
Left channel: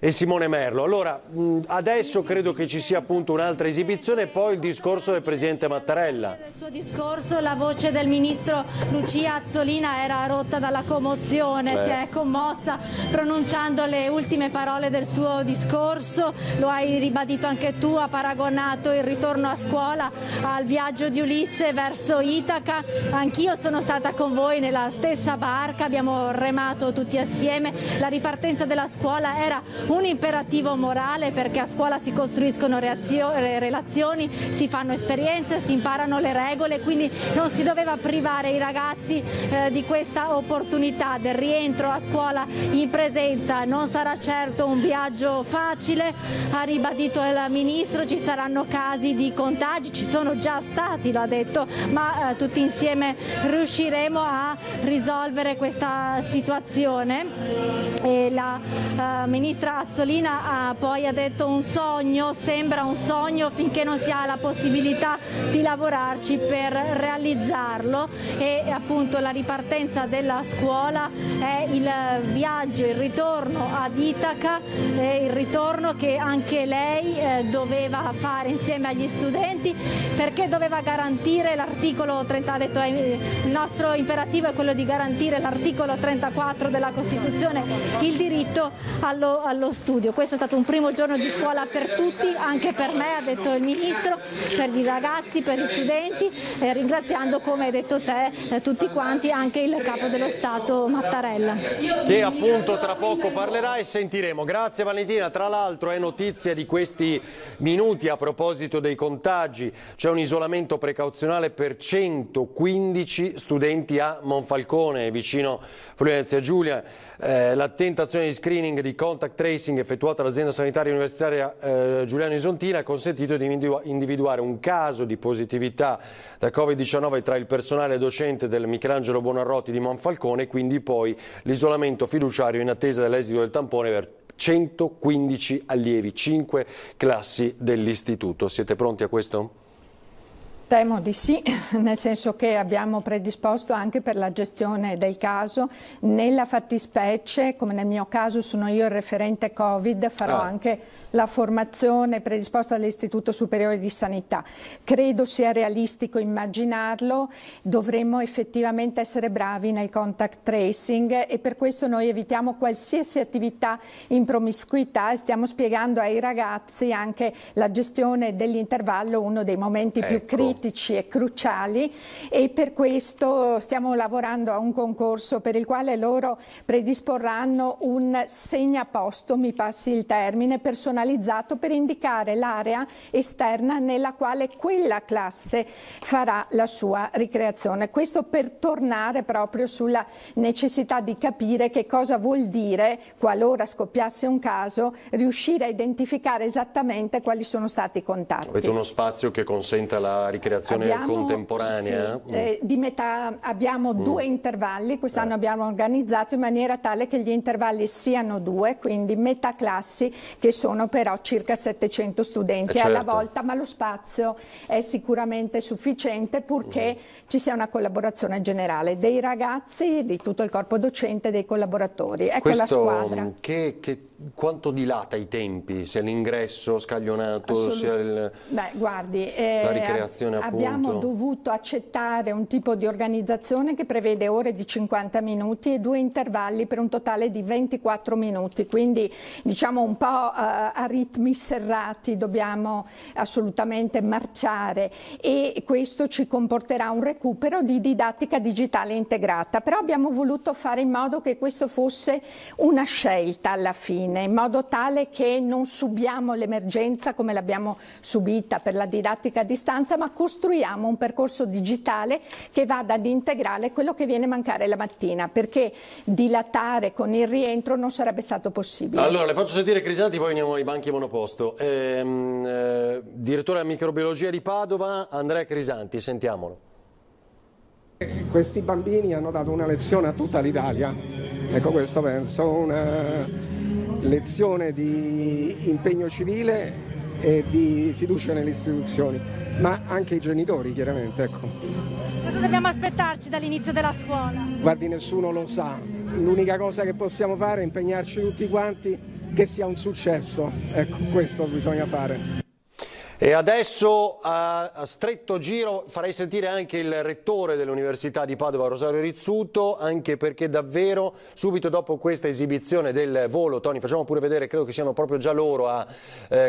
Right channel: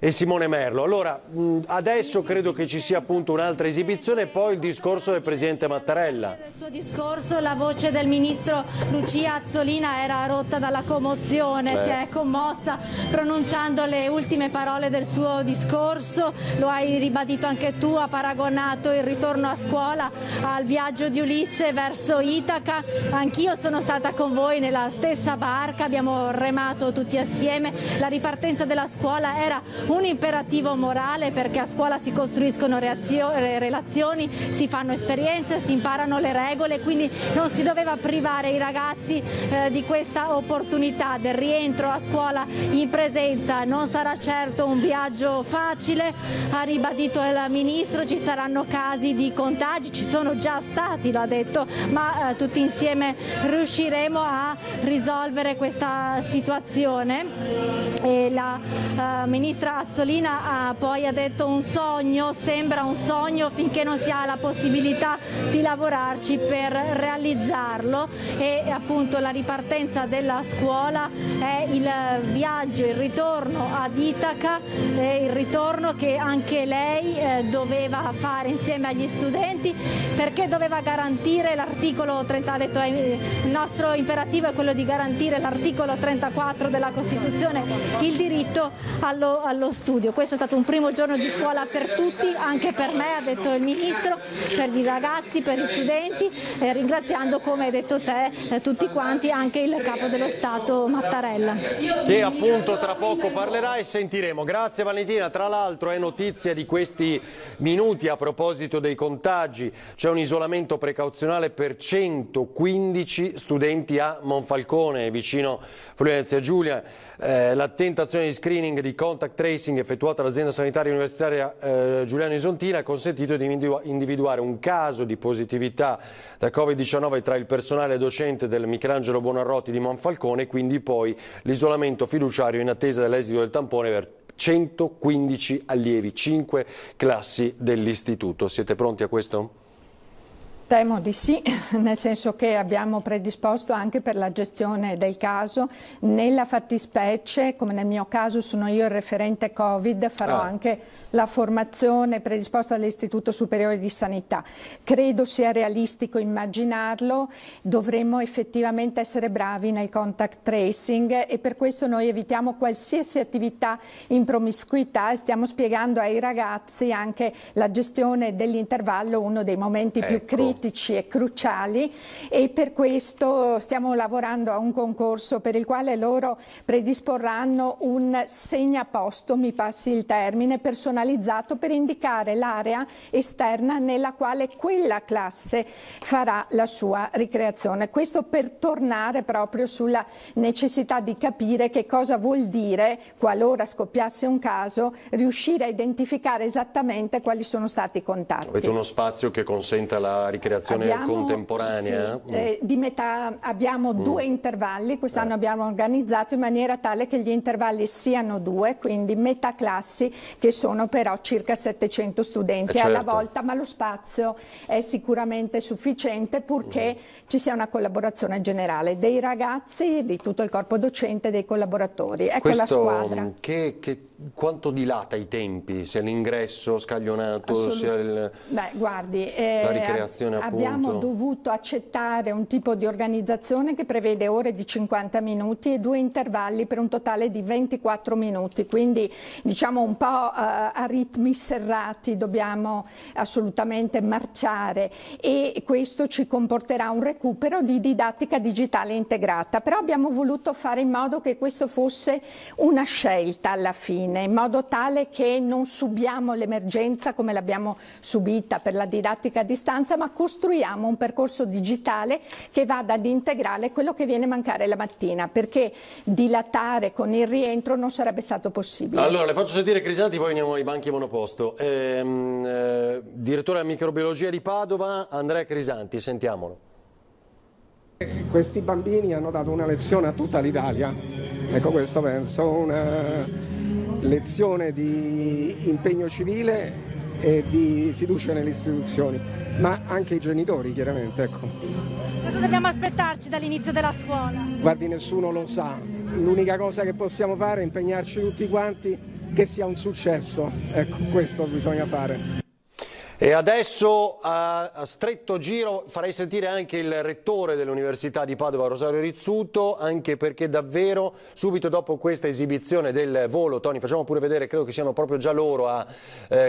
E Simone Merlo. Allora, adesso credo che ci sia appunto un'altra esibizione e poi il discorso del Presidente Mattarella. Nel suo discorso la voce del Ministro Lucia Azzolina era rotta dalla commozione, si è commossa pronunciando le ultime parole del suo discorso, lo hai ribadito anche tu, ha paragonato il ritorno a scuola al viaggio di Ulisse verso Itaca. Anch'io sono stata con voi nella stessa barca, abbiamo remato tutti assieme. La ripartenza della scuola era un imperativo morale perché a scuola si costruiscono relazioni, si fanno esperienze, si imparano le regole, quindi non si doveva privare i ragazzi di questa opportunità del rientro a scuola in presenza. Non sarà certo un viaggio facile, ha ribadito il Ministro, ci saranno casi di contagi, ci sono già stati, lo ha detto, ma tutti insieme riusciremo a risolvere questa situazione. E la Ministra Azzolina poi ha detto un sogno, sembra un sogno finché non si ha la possibilità di lavorarci per realizzarlo, e appunto la ripartenza della scuola è il viaggio, il ritorno ad Itaca, il ritorno che anche lei doveva fare insieme agli studenti perché doveva garantire l'articolo 30, ha detto il nostro imperativo è quello di garantire l'articolo 34 della Costituzione, il diritto allo studio. Questo è stato un primo giorno di scuola per tutti, anche per me, ha detto il Ministro, per i ragazzi, per gli studenti, ringraziando, come hai detto te, tutti quanti, anche il Capo dello Stato Mattarella. Che appunto tra poco parlerà e sentiremo. Grazie Valentina. Tra l'altro è notizia di questi minuti a proposito dei contagi, c'è un isolamento precauzionale per 115 studenti a Monfalcone, vicino Friuli-Venezia Giulia. L'attenta azione di screening di contact tracing effettuata dall'azienda sanitaria universitaria Giuliano Isontina ha consentito di individuare un caso di positività da Covid-19 tra il personale docente del Michelangelo Buonarroti di Monfalcone, quindi poi l'isolamento fiduciario in attesa dell'esito del tampone per 115 allievi, 5 classi dell'istituto. Siete pronti a questo? Temo di sì, nel senso che abbiamo predisposto anche per la gestione del caso. Nella fattispecie, come nel mio caso sono io il referente Covid, farò anche la formazione predisposta dall'Istituto Superiore di Sanità. Credo sia realistico immaginarlo, dovremmo effettivamente essere bravi nel contact tracing e per questo noi evitiamo qualsiasi attività in promiscuità e stiamo spiegando ai ragazzi anche la gestione dell'intervallo, uno dei momenti più critici critici e cruciali, e per questo stiamo lavorando a un concorso per il quale loro predisporranno un segnaposto, mi passi il termine, personalizzato per indicare l'area esterna nella quale quella classe farà la sua ricreazione. Questo per tornare proprio sulla necessità di capire che cosa vuol dire, qualora scoppiasse un caso, riuscire a identificare esattamente quali sono stati i contatti. Avete uno spazio che consenta la ricreazione contemporanea? Sì, di metà abbiamo 2 intervalli, quest'anno abbiamo organizzato in maniera tale che gli intervalli siano 2, quindi metà classi, che sono però circa 700 studenti alla volta, ma lo spazio è sicuramente sufficiente purché ci sia una collaborazione generale dei ragazzi, di tutto il corpo docente e dei collaboratori. Ecco la squadra. Quanto dilata i tempi, sia l'ingresso scaglionato, sia la ricreazione appunto? Abbiamo dovuto accettare un tipo di organizzazione che prevede ore di 50 minuti e 2 intervalli per un totale di 24 minuti, quindi diciamo un po' a ritmi serrati dobbiamo assolutamente marciare, e questo ci comporterà un recupero di didattica digitale integrata, però abbiamo voluto fare in modo che questo fosse una scelta alla fine, in modo tale che non subiamo l'emergenza come l'abbiamo subita per la didattica a distanza, ma costruiamo un percorso digitale che vada ad integrare quello che viene a mancare la mattina, perché dilatare con il rientro non sarebbe stato possibile. Allora, le faccio sentire Crisanti, poi veniamo ai banchi monoposto. Direttore della microbiologia di Padova, Andrea Crisanti, sentiamolo. Questi bambini hanno dato una lezione a tutta l'Italia, ecco, questo penso, una lezione di impegno civile e di fiducia nelle istituzioni, ma anche i genitori chiaramente, ecco. Cosa dobbiamo aspettarci dall'inizio della scuola? Guardi, nessuno lo sa, l'unica cosa che possiamo fare è impegnarci tutti quanti che sia un successo, ecco, questo bisogna fare. E adesso a stretto giro farei sentire anche il rettore dell'Università di Padova, Rosario Rizzuto, anche perché davvero subito dopo questa esibizione del volo, Tony, facciamo pure vedere, credo che siano proprio già loro a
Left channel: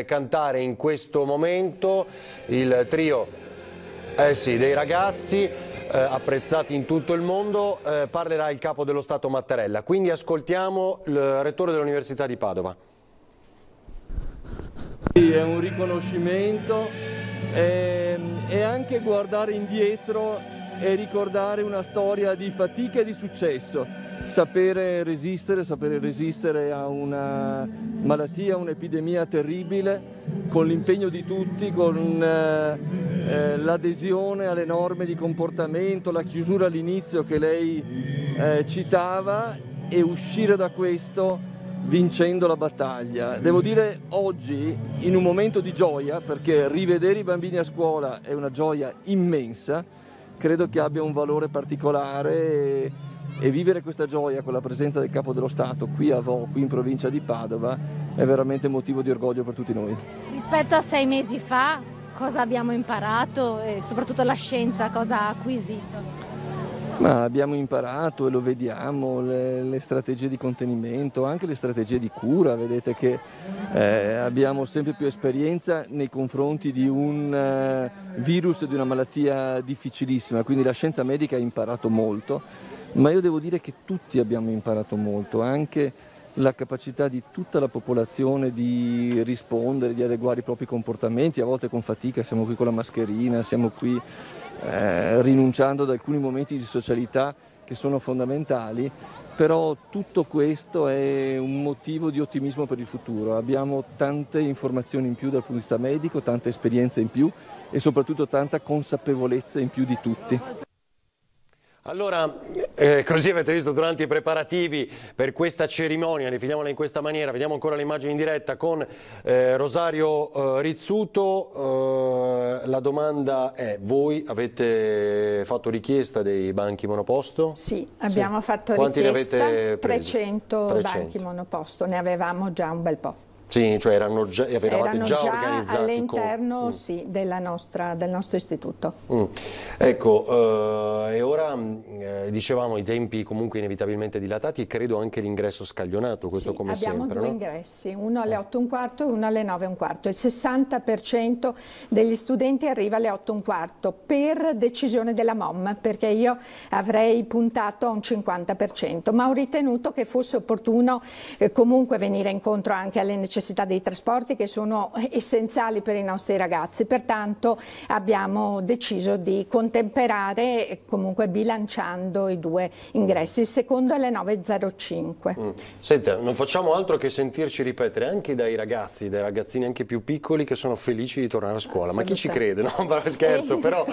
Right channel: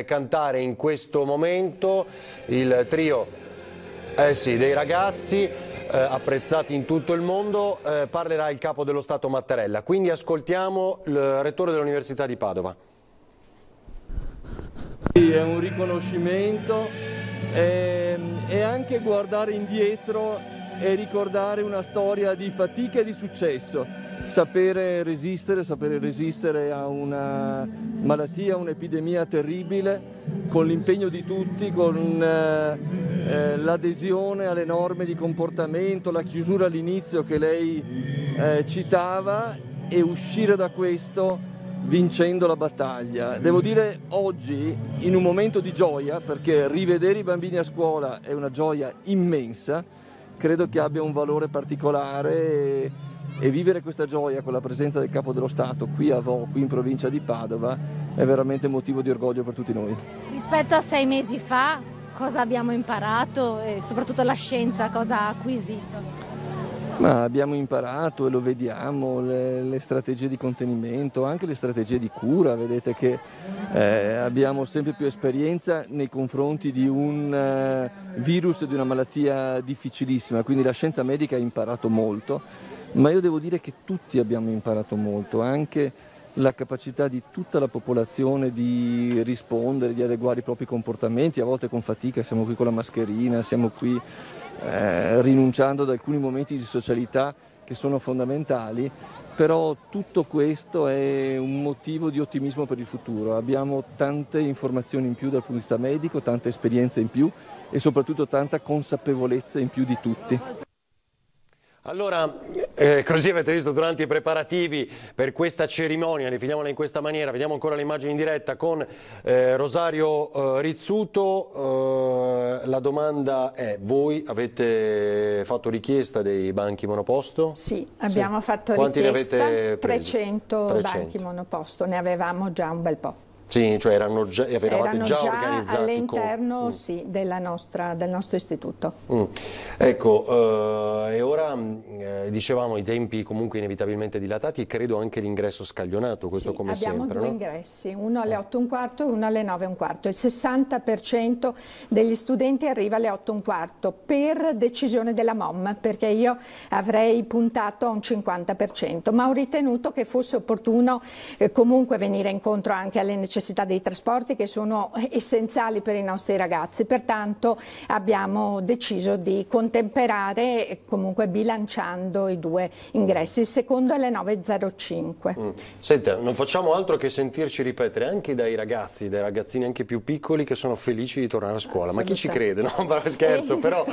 cantare in questo momento, il trio dei ragazzi apprezzati in tutto il mondo, parlerà il capo dello Stato Mattarella. Quindi ascoltiamo il rettore dell'Università di Padova. È un riconoscimento e anche guardare indietro e ricordare una storia di fatica e di successo, sapere resistere a una malattia, un'epidemia terribile, con l'impegno di tutti, con l'adesione alle norme di comportamento, la chiusura all'inizio che lei citava, e uscire da questo vincendo la battaglia. Devo dire oggi, in un momento di gioia, perché rivedere i bambini a scuola è una gioia immensa, credo che abbia un valore particolare, e vivere questa gioia con la presenza del Capo dello Stato qui a Vo, qui in provincia di Padova, è veramente motivo di orgoglio per tutti noi. Rispetto a 6 mesi fa, cosa abbiamo imparato e soprattutto la scienza cosa ha acquisito? Ma abbiamo imparato, e lo vediamo, le strategie di contenimento, anche le strategie di cura. Vedete che abbiamo sempre più esperienza nei confronti di un virus e di una malattia difficilissima, quindi la scienza medica ha imparato molto, ma io devo dire che tutti abbiamo imparato molto, anche la capacità di tutta la popolazione di rispondere, di adeguare i propri comportamenti, a volte con fatica, siamo qui con la mascherina, siamo qui rinunciando ad alcuni momenti di socialità che sono fondamentali, però tutto questo è un motivo di ottimismo per il futuro. Abbiamo tante informazioni in più dal punto di vista medico, tante esperienze in più e soprattutto tanta consapevolezza in più di tutti. Allora, così avete visto durante i preparativi per questa cerimonia, definiamola in questa maniera, vediamo ancora le immagini in diretta con Rosario Rizzuto. La domanda è: voi avete fatto richiesta dei banchi monoposto? Sì, abbiamo fatto Quanti richiesta, ne avete presi? 300 banchi monoposto, ne avevamo già un bel po'. Sì, cioè eravate già organizzati all'interno sì, del nostro istituto. Ecco, e ora dicevamo i tempi comunque inevitabilmente dilatati e credo anche l'ingresso scaglionato, questo sì, come abbiamo sempre. Abbiamo 2 ingressi, uno alle 8:15 e uno alle 9:15. Il 60% degli studenti arriva alle 8:15 per decisione della MOM, perché io avrei puntato a un 50%, ma ho ritenuto che fosse opportuno comunque venire incontro anche alle necessità dei trasporti che sono essenziali per i nostri ragazzi, pertanto abbiamo deciso di contemperare comunque bilanciando i 2 ingressi. Il secondo è alle 9:05. Senta, non facciamo altro che sentirci ripetere anche dai ragazzi, dai ragazzini anche più piccoli che sono felici di tornare a scuola, ma chi ci crede? No, scherzo, però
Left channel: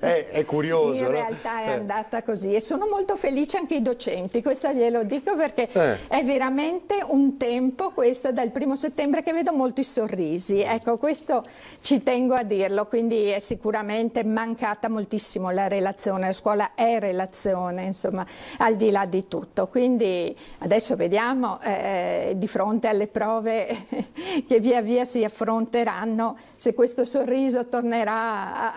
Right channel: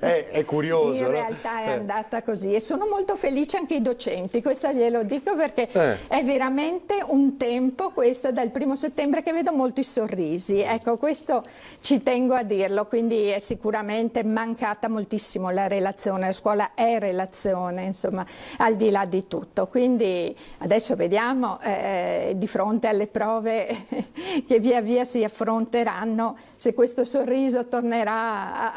è curioso. In realtà è andata così e sono molto felici anche i docenti, questo glielo dico perché è veramente un tempo, questo dal 1° settembre, che vedo molti sorrisi, ecco, questo ci tengo a dirlo, quindi è sicuramente mancata moltissimo la relazione, la scuola è relazione, insomma, al di là di tutto, quindi adesso vediamo di fronte alle prove che via via si affronteranno se questo sorriso tornerà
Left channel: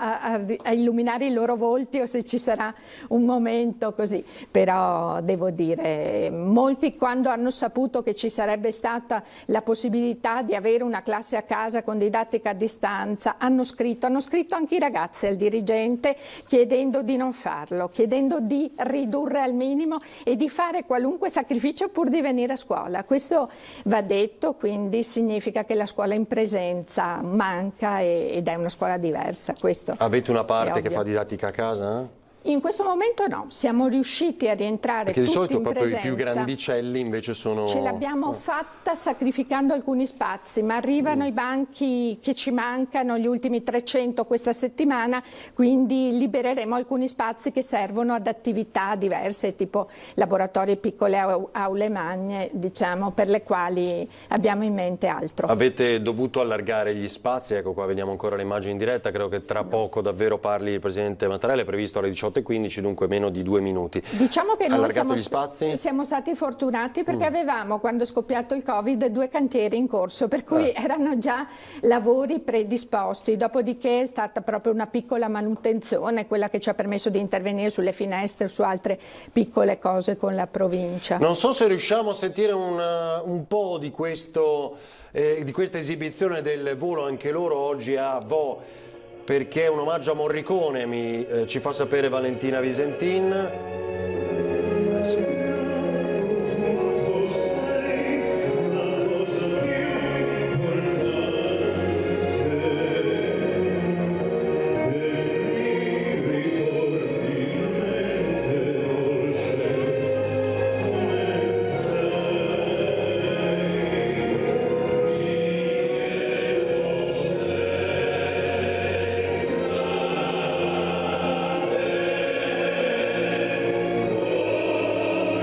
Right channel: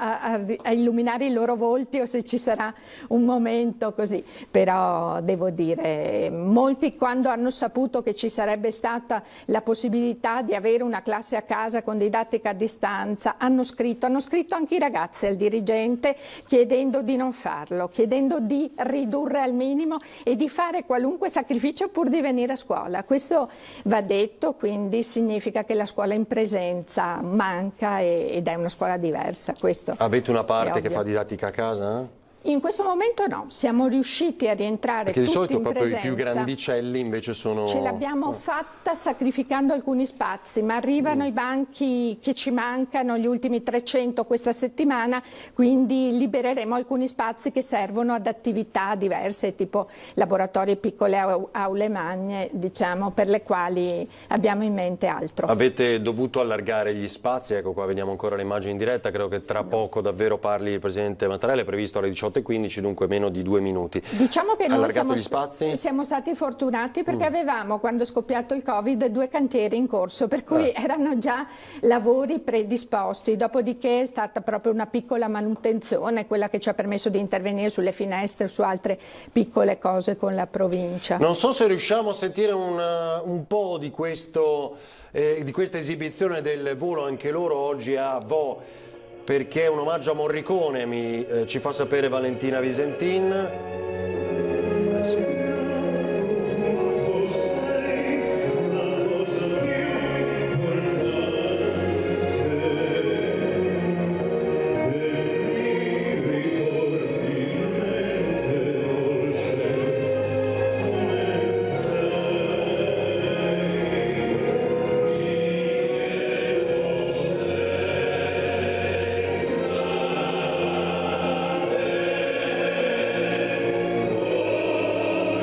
a illuminare i loro volti o se ci sarà un momento così, però devo dire, molti quando hanno saputo che ci sarebbe stata la possibilità di avere una classe a casa con didattica a distanza, hanno scritto anche i ragazzi al dirigente chiedendo di non farlo, chiedendo di ridurre al minimo e di fare qualunque sacrificio pur di venire a scuola. Questo va detto, quindi significa che la scuola in presenza manca ed è una scuola diversa. Questo avete una parte che fa didattica a casa? In questo momento no, siamo riusciti a rientrare perché di solito tutti in proprio presenza. I più grandicelli invece sono... Ce l'abbiamo fatta sacrificando alcuni spazi, ma arrivano i banchi che ci mancano, gli ultimi 300 questa settimana, quindi libereremo alcuni spazi che servono ad attività diverse, tipo laboratori e piccole aule magne, diciamo, per le quali abbiamo in mente altro. Avete dovuto allargare gli spazi, ecco qua vediamo ancora le immagini in diretta, credo che tra poco davvero parli il Presidente Mattarella, è previsto alle 18:15, dunque meno di 2 minuti. Diciamo che noi siamo stati fortunati perché avevamo, quando è scoppiato il Covid, 2 cantieri in corso, per cui erano già lavori predisposti, dopodiché è stata proprio una piccola manutenzione, quella che ci ha permesso di intervenire sulle finestre, su altre piccole cose con la provincia. Non so se riusciamo a sentire un po' di questa esibizione del volo anche loro oggi a Vo', perché è un omaggio a Morricone, ci fa sapere Valentina Visentin. Sì.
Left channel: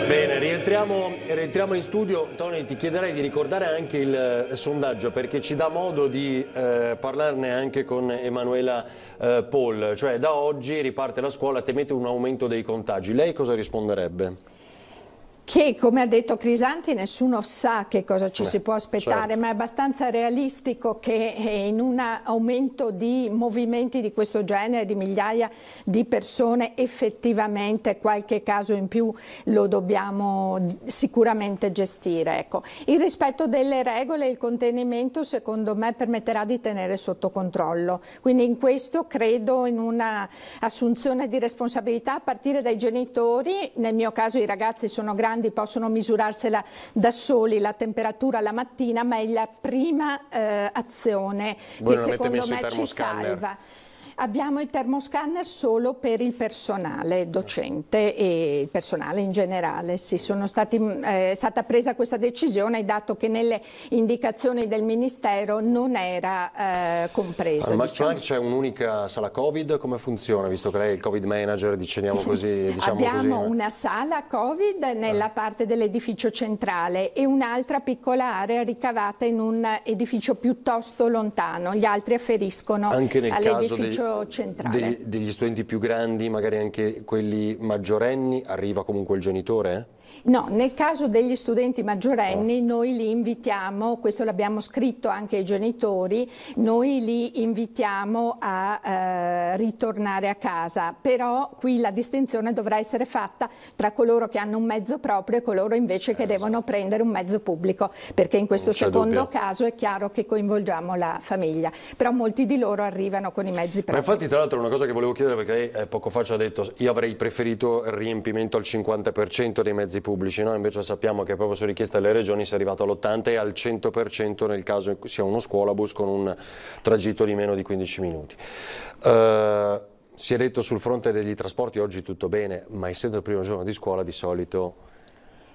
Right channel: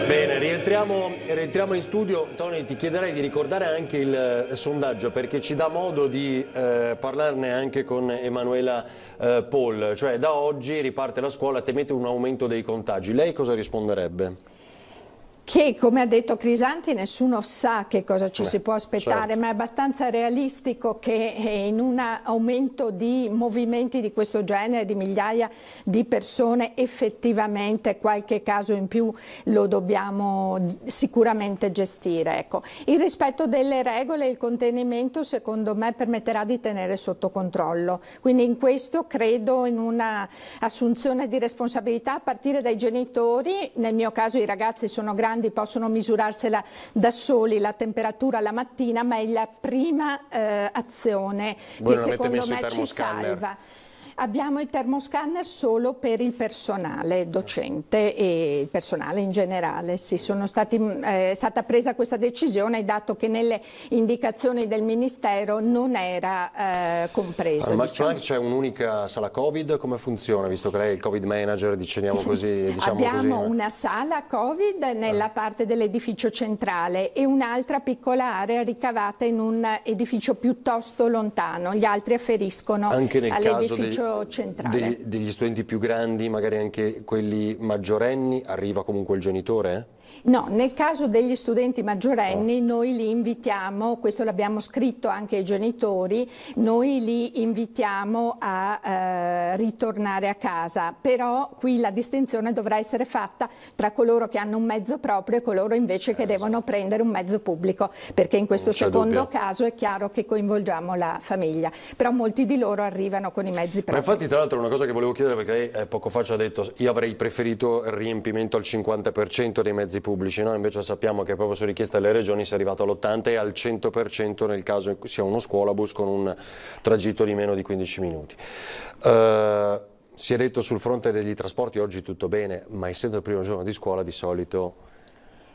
Bene, rientriamo in studio. Tony, ti chiederei di ricordare anche il sondaggio, perché ci dà modo di parlarne anche con Emanuela Paul, cioè da oggi riparte la scuola, temete un aumento dei contagi, lei cosa risponderebbe? Che, come ha detto Crisanti, nessuno sa che cosa ci si può aspettare, certo. Ma è abbastanza realistico che in un aumento di movimenti di questo genere, di migliaia di persone, effettivamente qualche caso in più lo dobbiamo sicuramente gestire. Ecco. Il rispetto delle regole e il contenimento, secondo me, permetterà di tenere sotto controllo. Quindi in questo credo in una assunzione di responsabilità a partire dai genitori. Nel mio caso i ragazzi sono grandi, possono misurarsela da soli la temperatura la mattina, ma è la prima azione che secondo me ci salva. Abbiamo il termoscanner solo per il personale docente e il personale in generale. Sì, è stata presa questa decisione dato che nelle indicazioni del Ministero non era compresa. Allora, ma c'è un'unica sala Covid? Come funziona? Visto che lei è il Covid manager, diciamo così. Abbiamo una sala Covid nella parte dell'edificio centrale e un'altra piccola area ricavata in un edificio piuttosto lontano. Gli altri afferiscono anche nel caso all'edificio passaggio centrale. Degli studenti più grandi, magari anche quelli maggiorenni, arriva comunque il genitore? No, nel caso degli studenti maggiorenni noi li invitiamo, questo l'abbiamo scritto anche ai genitori, noi li invitiamo a ritornare a casa, però qui la distinzione dovrà essere fatta tra coloro che hanno un mezzo proprio e coloro invece che devono prendere un mezzo pubblico, perché in questo secondo caso è chiaro che coinvolgiamo la famiglia, però molti di loro arrivano con i mezzi propri. Ma infatti tra l'altro una cosa che volevo chiedere, perché lei poco fa ci ha detto io avrei preferito il riempimento al 50% dei mezzi pubblici, no? Invece sappiamo che proprio su richiesta delle regioni si è arrivato all'80% e al 100% nel caso in cui sia uno scuolabus con un tragitto di meno di 15 minuti. Si è detto sul fronte degli trasporti oggi tutto bene, ma essendo il primo giorno di scuola di solito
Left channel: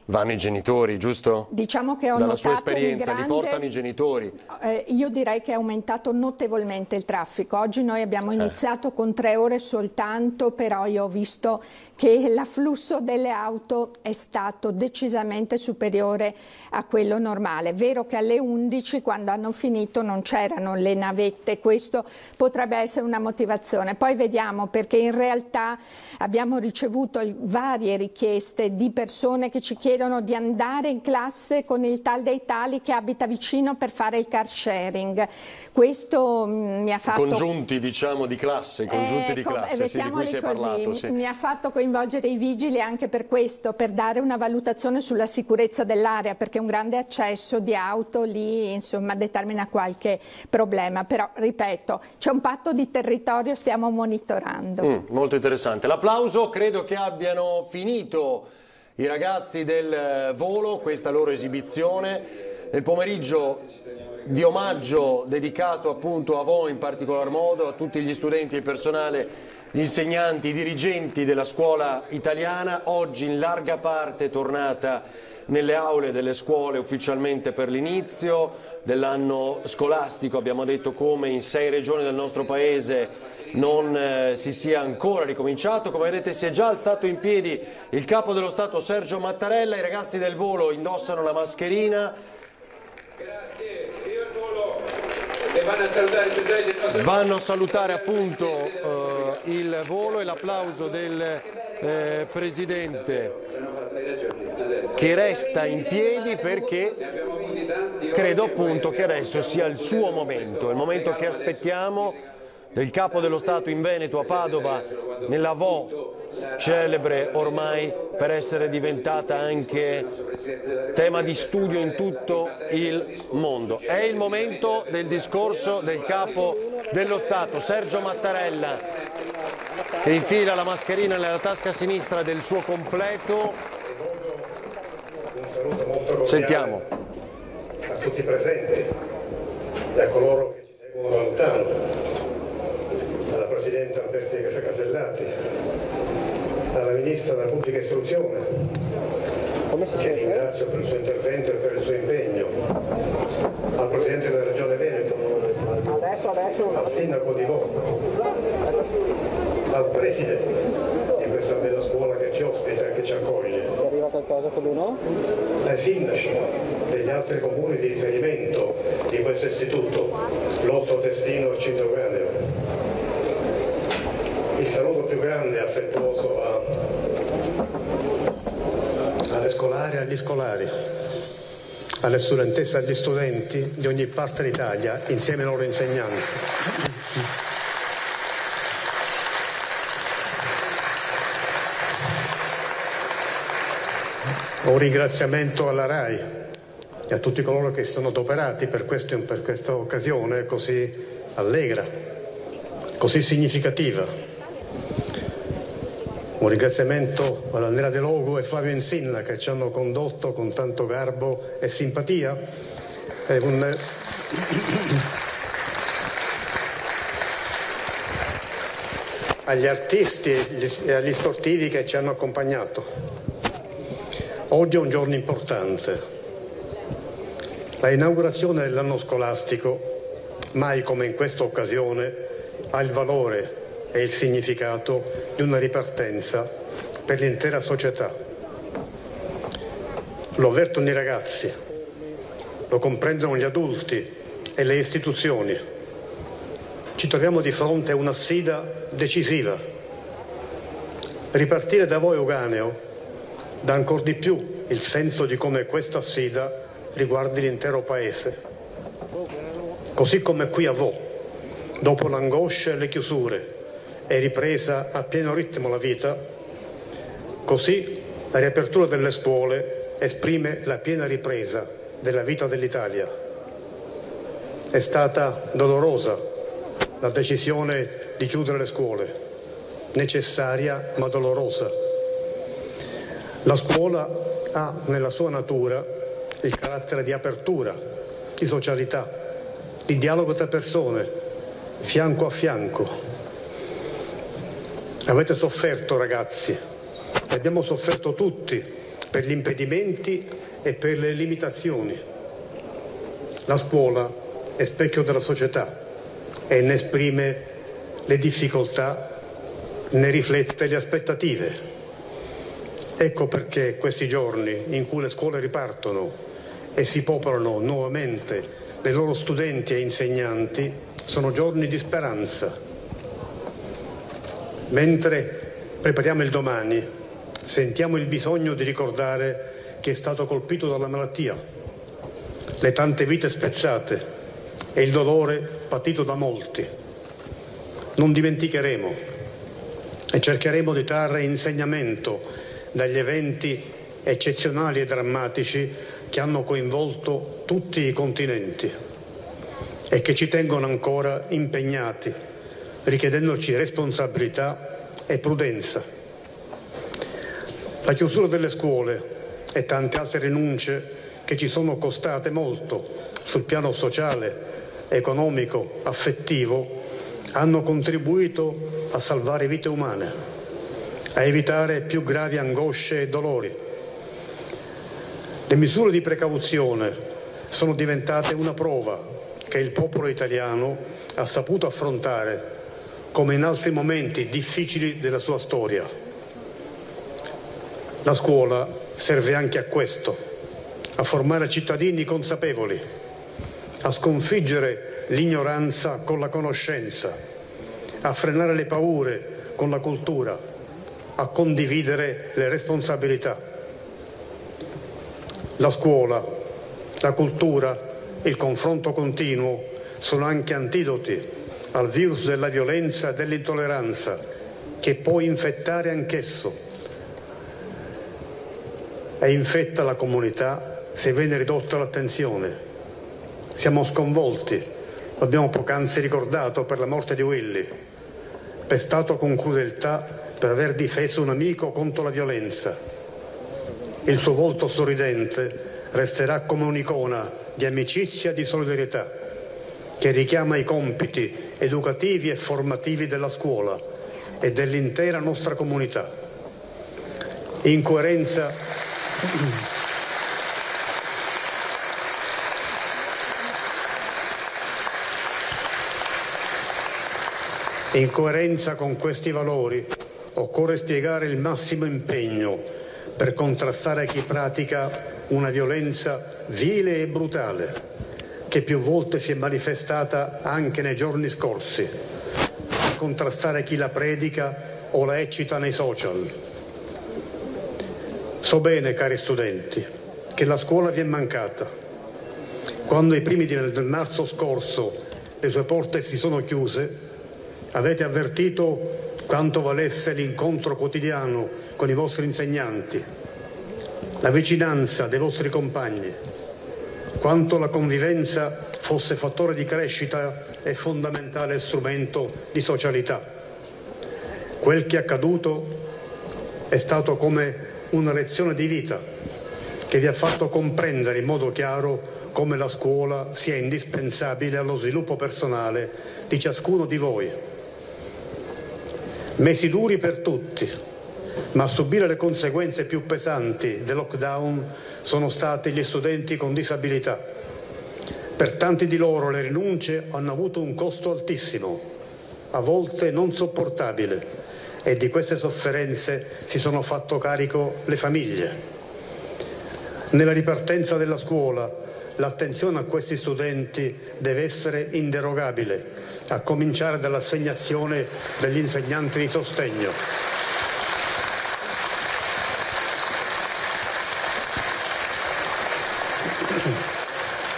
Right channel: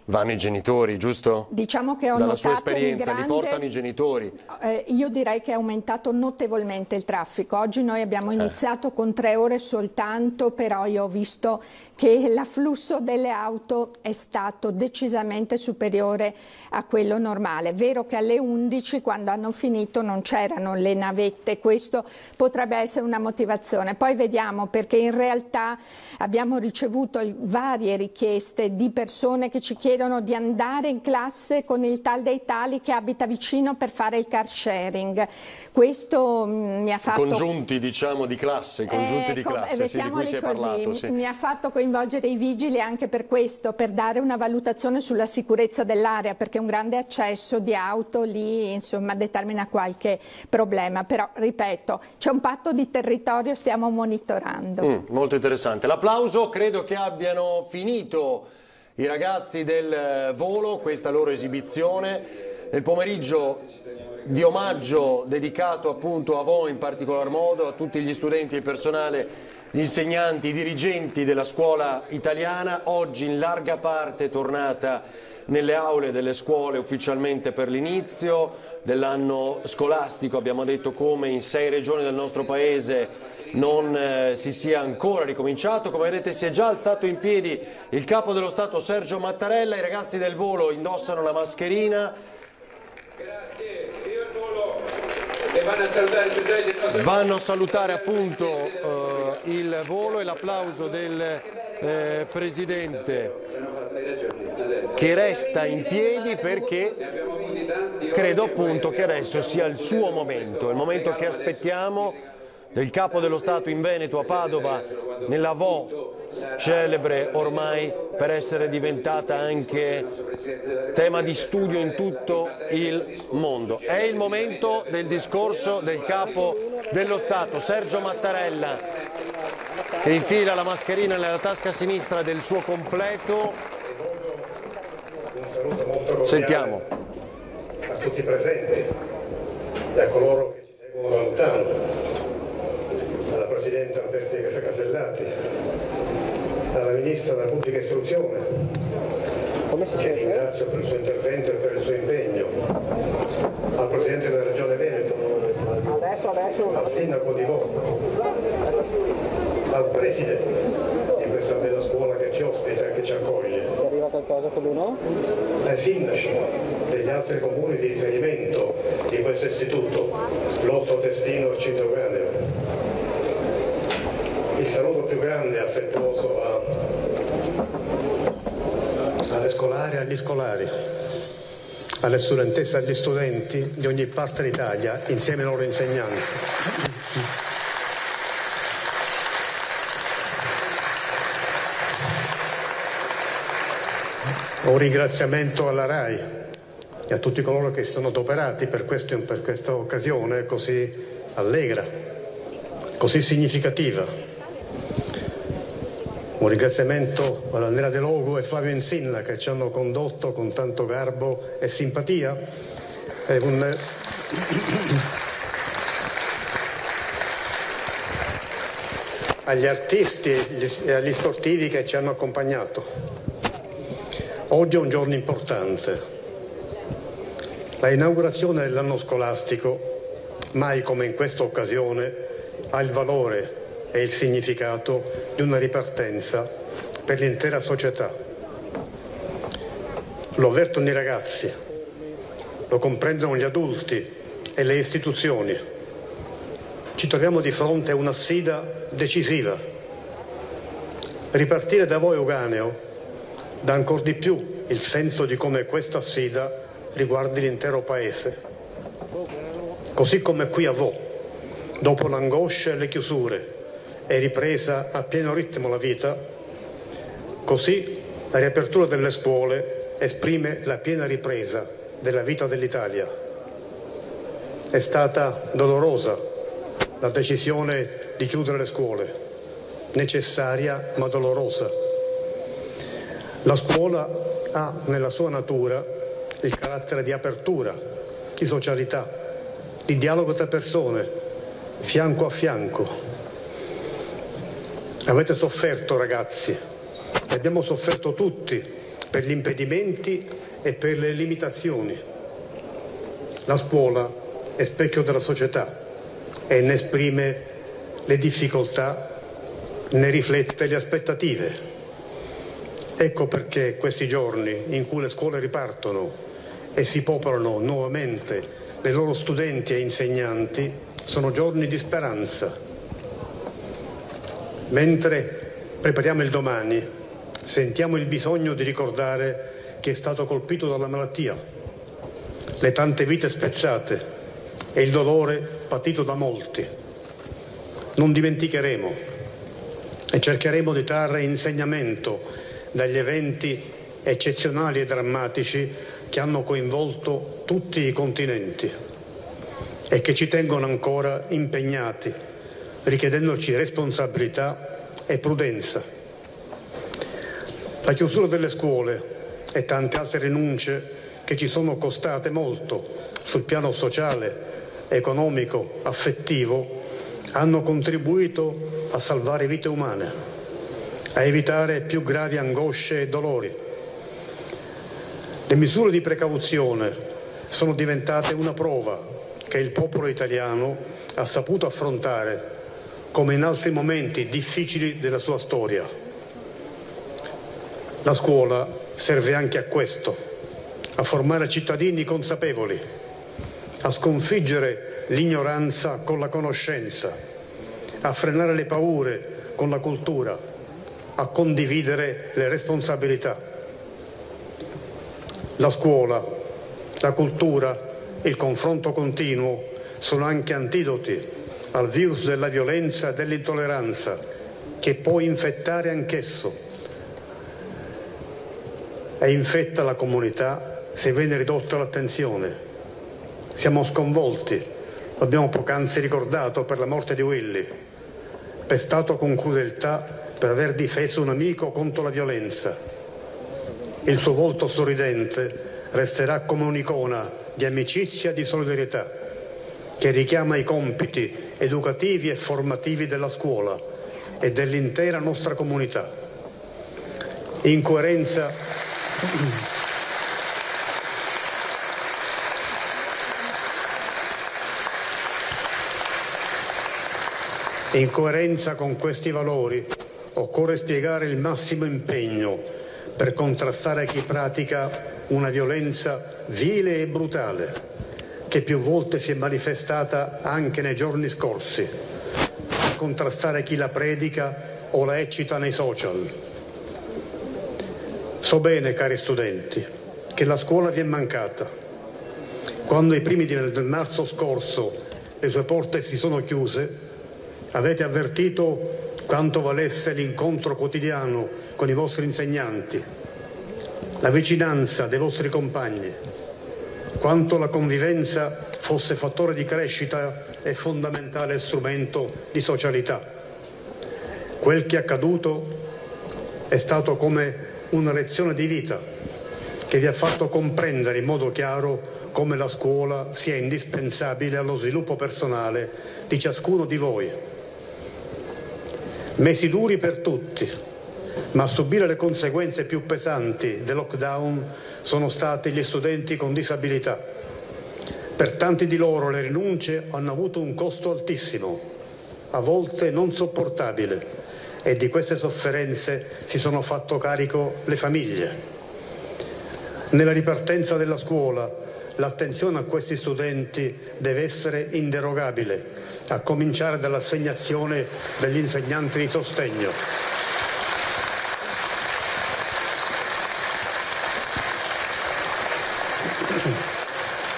vanno i genitori, giusto? Diciamo che ho dalla sua notato esperienza, li portano i genitori. Io direi che è aumentato notevolmente il traffico. Oggi noi abbiamo iniziato con 3 ore soltanto, però io ho visto che l'afflusso delle auto è stato decisamente superiore a quello normale. È vero che alle 11, quando hanno finito, non c'erano le navette, questo potrebbe essere una motivazione. Poi vediamo, perché in realtà abbiamo ricevuto varie richieste di persone che ci chiedono di andare in classe con il tal dei tali che abita vicino per fare il car sharing. Questo mi ha fatto... Congiunti, diciamo, di classe, congiunti di classe, sì, di cui si è parlato. Sì. Mi ha fatto coinvolgere i vigili anche per questo, per dare una valutazione sulla sicurezza dell'area, perché un grande accesso di auto lì, insomma, determina qualche problema. Però, ripeto, c'è un patto di territorio, stiamo monitorando. Molto interessante. L'applauso, credo che abbiano finito i ragazzi del volo questa loro esibizione. Nel pomeriggio di omaggio dedicato appunto a voi in particolar modo, a tutti gli studenti e il personale, gli insegnanti, i dirigenti della scuola italiana, oggi in larga parte tornata nelle aule delle scuole ufficialmente per l'inizio dell'anno scolastico. Abbiamo detto come in 6 regioni del nostro paese non si sia ancora ricominciato. Come vedete si è già alzato in piedi il capo dello Stato Sergio Mattarella, i ragazzi del volo indossano la mascherina. Vanno a salutare appunto il volo e l'applauso del Presidente che resta in piedi, perché credo appunto che adesso sia il suo momento, il momento che aspettiamo del Capo dello Stato in Veneto, a Padova, nella Vo, celebre ormai per essere diventata anche tema di studio in tutto il mondo. È il momento del discorso del Capo dello Stato, Sergio Mattarella, che infila la mascherina nella tasca sinistra del suo completo. Un saluto molto Sentiamo. A tutti i presenti e a coloro che ci seguono da lontano, alla Presidente Alberti Casellati, alla Ministra della Pubblica Istruzione, che ringrazio per il suo intervento e per il suo impegno, al Presidente della Regione Veneto, al Sindaco di Vo, al Presidente di questa bella scuola che ci ospita e che ci accoglie, ai sindaci degli altri comuni di riferimento di questo istituto, Lotto, Testino e Cintoganeo. Il saluto più grande e affettuoso alle scolari e agli scolari, alle studentesse e agli studenti di ogni parte d'Italia, insieme ai loro insegnanti. Un ringraziamento alla RAI e a tutti coloro che si sono adoperati per questa occasione così allegra, così significativa. Un ringraziamento alla Nera De Logo e Flavio Insinna che ci hanno condotto con tanto garbo e simpatia. Agli artisti e agli sportivi che ci hanno accompagnato. Oggi è un giorno importante. La inaugurazione dell'anno scolastico, mai come in questa occasione, ha il valore e il significato di una ripartenza per l'intera società. Lo avvertono i ragazzi, lo comprendono gli adulti e le istituzioni. ci troviamo di fronte a una sfida decisiva. Ripartire da voi, Euganeo, dà ancor di più il senso di come questa sfida riguardi l'intero Paese. Così come qui a Vo, dopo l'angoscia e le chiusure, è ripresa a pieno ritmo la vita, così la riapertura delle scuole esprime la piena ripresa della vita dell'Italia. È stata dolorosa la decisione di chiudere le scuole, necessaria ma dolorosa. La scuola ha nella sua natura il carattere di apertura, di socialità, di dialogo tra persone, fianco a fianco. Avete sofferto, ragazzi, e abbiamo sofferto tutti per gli impedimenti e per le limitazioni. La scuola è specchio della società e ne esprime le difficoltà, ne riflette le aspettative. Ecco perché questi giorni in cui le scuole ripartono e si popolano nuovamente dei loro studenti e insegnanti sono giorni di speranza. Mentre prepariamo il domani, sentiamo il bisogno di ricordare chi è stato colpito dalla malattia, le tante vite spezzate e il dolore patito da molti. Non dimenticheremo e cercheremo di trarre insegnamento dagli eventi eccezionali e drammatici che hanno coinvolto tutti i continenti e che ci tengono ancora impegnati, richiedendoci responsabilità e prudenza. La chiusura delle scuole e tante altre rinunce che ci sono costate molto sul piano sociale, economico, affettivo, hanno contribuito a salvare vite umane, a evitare più gravi angosce e dolori. Le misure di precauzione sono diventate una prova che il popolo italiano ha saputo affrontare come in altri momenti difficili della sua storia. La scuola serve anche a questo, a formare cittadini consapevoli, a sconfiggere l'ignoranza con la conoscenza, a frenare le paure con la cultura, a condividere le responsabilità. La scuola, la cultura, il confronto continuo sono anche antidoti al virus della violenza e dell'intolleranza che può infettare anch'esso e infetta la comunità se viene ridotta l'attenzione. Siamo sconvolti, lo abbiamo poc'anzi ricordato per la morte di Willy, pestato con crudeltà per aver difeso un amico contro la violenza. Il suo volto sorridente resterà come un'icona di amicizia e di solidarietà che richiama i compiti educativi e formativi della scuola e dell'intera nostra comunità. In coerenza con questi valori occorre spiegare il massimo impegno per contrastare chi pratica una violenza vile e brutale, che più volte si è manifestata anche nei giorni scorsi, per contrastare chi la predica o la eccita nei social. So bene, cari studenti, che la scuola vi è mancata. Quando ai primi del marzo scorso le sue porte si sono chiuse, avete avvertito quanto valesse l'incontro quotidiano con i vostri insegnanti, la vicinanza dei vostri compagni, quanto la convivenza fosse fattore di crescita e fondamentale strumento di socialità. Quel che è accaduto è stato come una lezione di vita che vi ha fatto comprendere in modo chiaro come la scuola sia indispensabile allo sviluppo personale di ciascuno di voi. Mesi duri per tutti, ma a subire le conseguenze più pesanti del lockdown sono stati gli studenti con disabilità. Per tanti di loro le rinunce hanno avuto un costo altissimo, a volte non sopportabile, e di queste sofferenze si sono fatto carico le famiglie. Nella ripartenza della scuola l'attenzione a questi studenti deve essere inderogabile, a cominciare dall'assegnazione degli insegnanti di sostegno.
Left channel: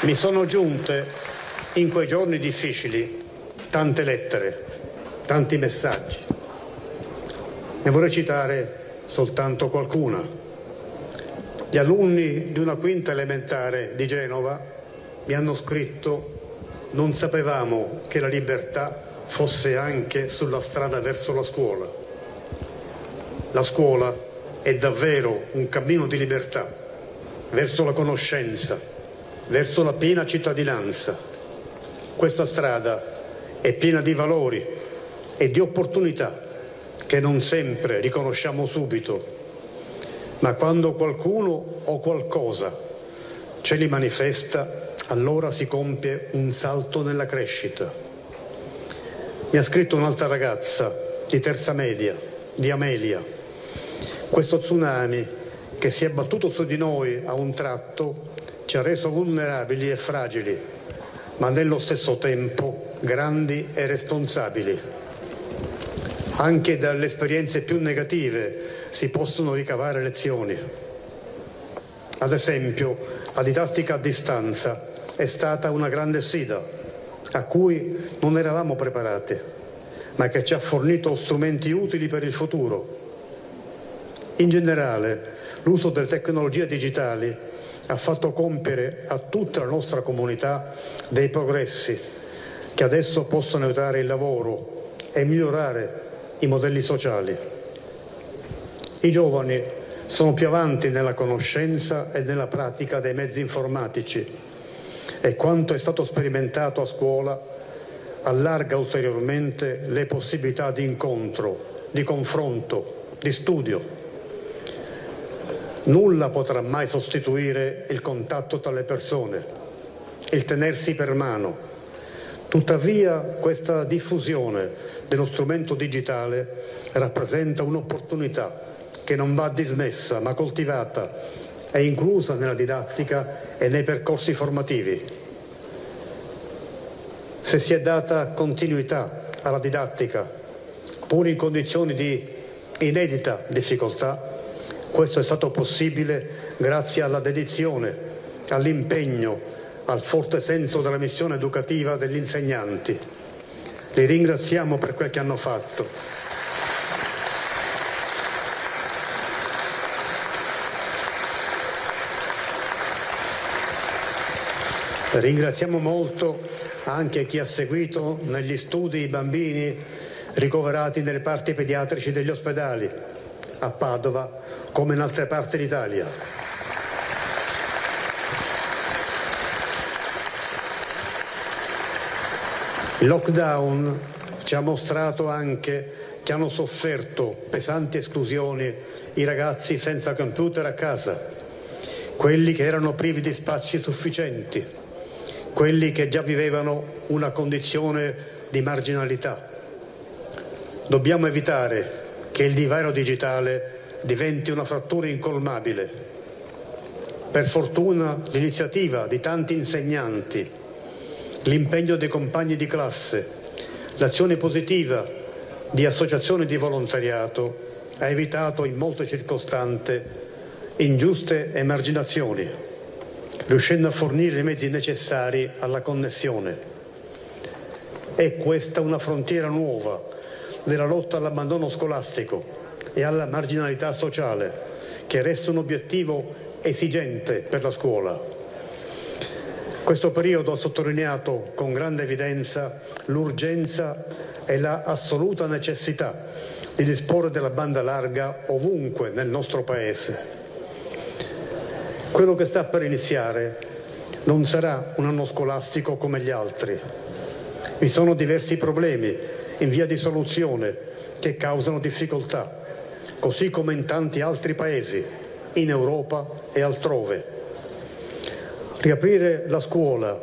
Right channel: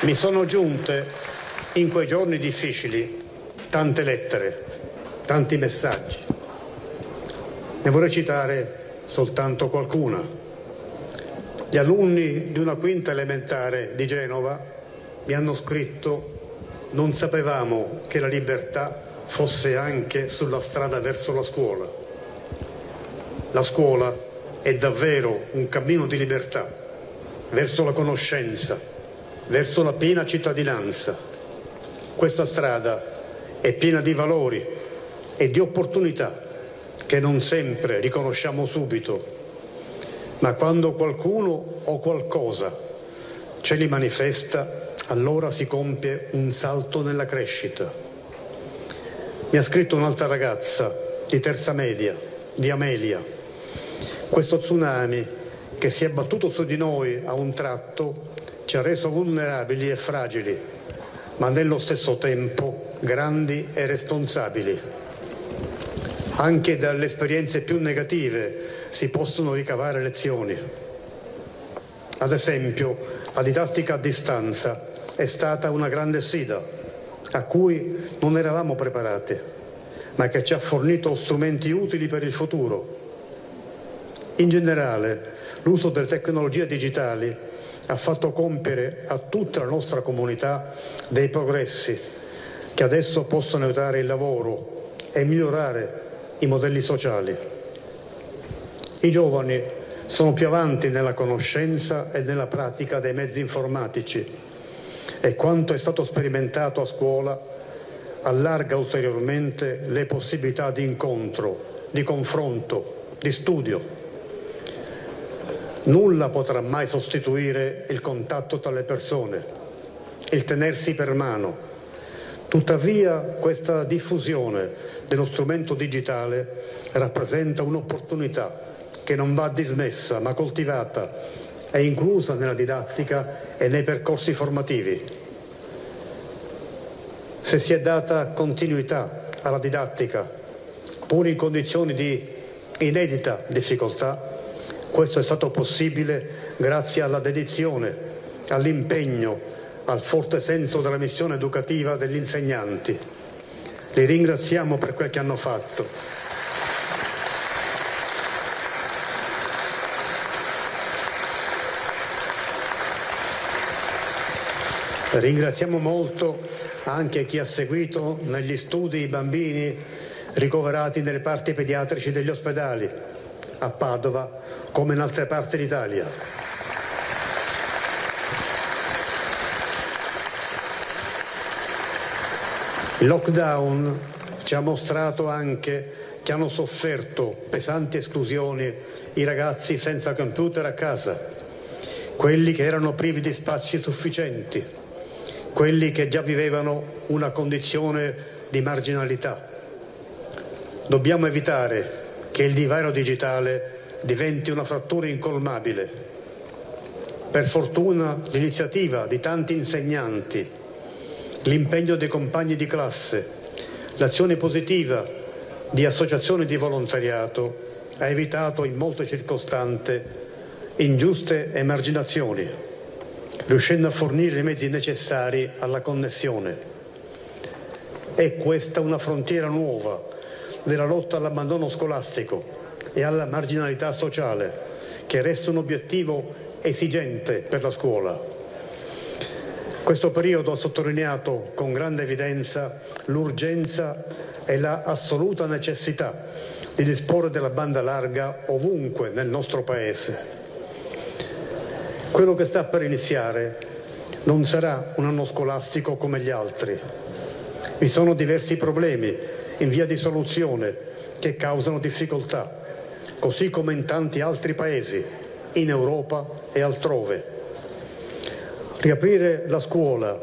Mi sono giunte in quei giorni difficili tante lettere, tanti messaggi. Ne vorrei citare soltanto qualcuna. Gli alunni di una quinta elementare di Genova mi hanno scritto: non sapevamo che la libertà fosse anche sulla strada verso la scuola. La scuola è davvero un cammino di libertà verso la conoscenza, verso la piena cittadinanza. Questa strada è piena di valori e di opportunità che non sempre riconosciamo subito, ma quando qualcuno o qualcosa ce li manifesta, allora si compie un salto nella crescita. Mi ha scritto un'altra ragazza di terza media, di Amelia. Questo tsunami che si è abbattuto su di noi a un tratto ci ha reso vulnerabili e fragili, ma nello stesso tempo grandi e responsabili. Anche dalle esperienze più negative si possono ricavare lezioni. Ad esempio, la didattica a distanza è stata una grande sfida a cui non eravamo preparati, ma che ci ha fornito strumenti utili per il futuro. In generale, l'uso delle tecnologie digitali ha fatto compiere a tutta la nostra comunità dei progressi che adesso possono aiutare il lavoro e migliorare i modelli sociali. I giovani sono più avanti nella conoscenza e nella pratica dei mezzi informatici e quanto è stato sperimentato a scuola allarga ulteriormente le possibilità di incontro, di confronto, di studio. Nulla potrà mai sostituire il contatto tra le persone, il tenersi per mano. Tuttavia, questa diffusione dello strumento digitale rappresenta un'opportunità che non va dismessa, ma coltivata e inclusa nella didattica e nei percorsi formativi. Se si è data continuità alla didattica, pur in condizioni di inedita difficoltà, questo è stato possibile grazie alla dedizione, all'impegno, al forte senso della missione educativa degli insegnanti. Li ringraziamo per quel che hanno fatto. Ringraziamo molto anche chi ha seguito negli studi i bambini ricoverati nelle parti pediatrici degli ospedali, a Padova come in altre parti d'Italia. Il lockdown ci ha mostrato anche che hanno sofferto pesanti esclusioni i ragazzi senza computer a casa, quelli che erano privi di spazi sufficienti, quelli che già vivevano una condizione di marginalità. Dobbiamo evitare che il divario digitale diventi una frattura incolmabile. Per fortuna l'iniziativa di tanti insegnanti, l'impegno dei compagni di classe, l'azione positiva di associazioni di volontariato ha evitato in molte circostanze ingiuste emarginazioni, riuscendo a fornire i mezzi necessari alla connessione. È questa una frontiera nuova della lotta all'abbandono scolastico e alla marginalità sociale, che resta un obiettivo esigente per la scuola. Questo periodo ha sottolineato con grande evidenza l'urgenza e la assoluta necessità di disporre della banda larga ovunque nel nostro Paese. Quello che sta per iniziare non sarà un anno scolastico come gli altri. Vi sono diversi problemi in via di soluzione che causano difficoltà, così come in tanti altri paesi, in Europa e altrove. Riaprire la scuola,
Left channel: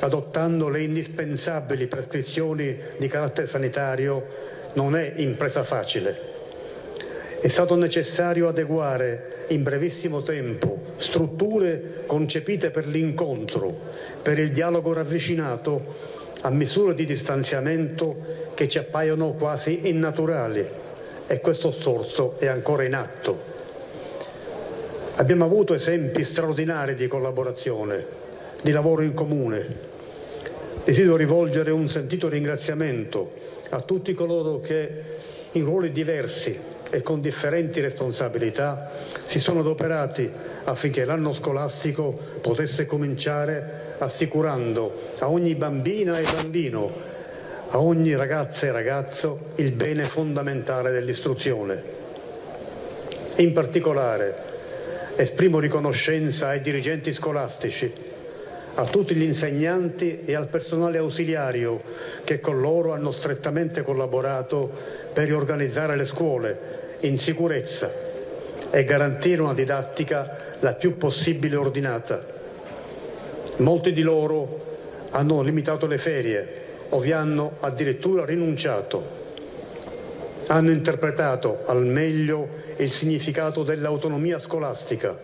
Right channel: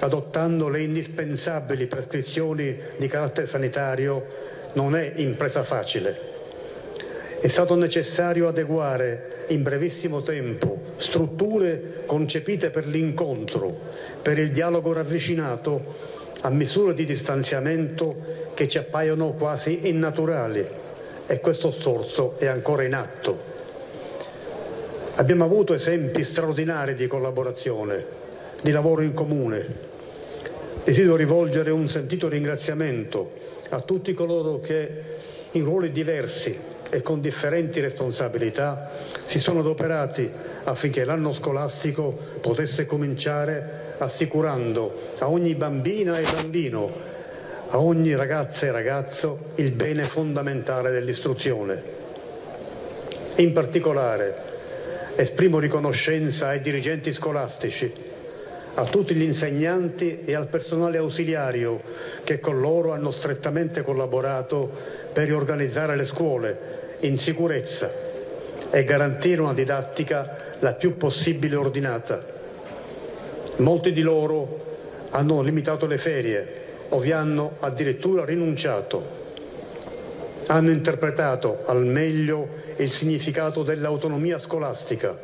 adottando le indispensabili prescrizioni di carattere sanitario, non è impresa facile. È stato necessario adeguare in brevissimo tempo strutture concepite per l'incontro, per il dialogo ravvicinato, a misure di distanziamento che ci appaiono quasi innaturali, e questo sforzo è ancora in atto. Abbiamo avuto esempi straordinari di collaborazione, di lavoro in comune. Desidero rivolgere un sentito ringraziamento a tutti coloro che in ruoli diversi e con differenti responsabilità si sono adoperati affinché l'anno scolastico potesse cominciare assicurando a ogni bambina e bambino, a ogni ragazza e ragazzo, il bene fondamentale dell'istruzione. In particolare esprimo riconoscenza ai dirigenti scolastici, a tutti gli insegnanti e al personale ausiliario che con loro hanno strettamente collaborato per riorganizzare le scuole in sicurezza e garantire una didattica la più possibile ordinata. Molti di loro hanno limitato le ferie o vi hanno addirittura rinunciato. Hanno interpretato al meglio il significato dell'autonomia scolastica,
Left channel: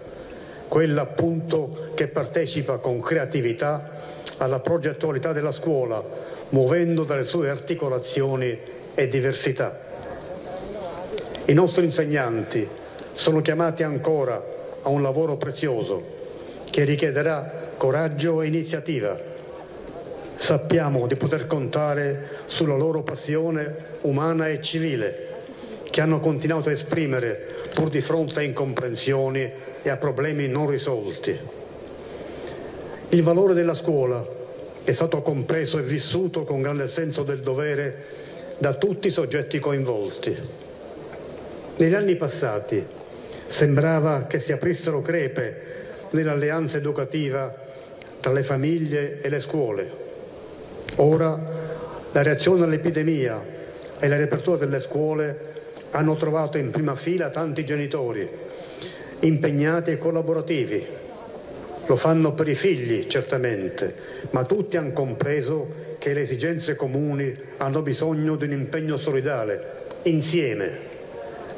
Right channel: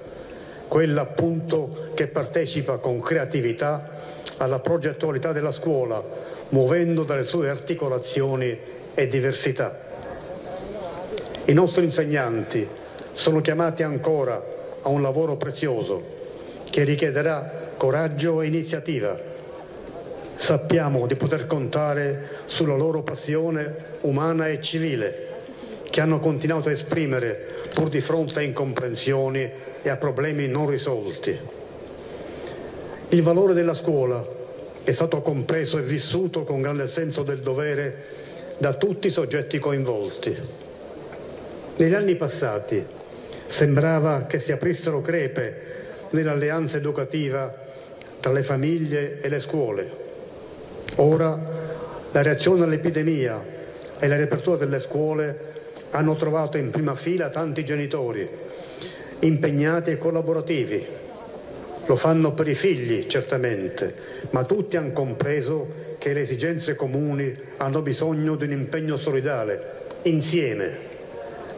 quella appunto che partecipa con creatività alla progettualità della scuola, muovendo dalle sue articolazioni e diversità. I nostri insegnanti sono chiamati ancora a un lavoro prezioso che richiederà coraggio e iniziativa. Sappiamo di poter contare sulla loro passione umana e civile, che hanno continuato a esprimere pur di fronte a incomprensioni e a problemi non risolti. Il valore della scuola è stato compreso e vissuto con grande senso del dovere da tutti i soggetti coinvolti. Negli anni passati sembrava che si aprissero crepe nell'alleanza educativa tra le famiglie e le scuole. Ora la reazione all'epidemia e la riapertura delle scuole hanno trovato in prima fila tanti genitori impegnati e collaborativi. Lo fanno per i figli, certamente, ma tutti hanno compreso che le esigenze comuni hanno bisogno di un impegno solidale, insieme.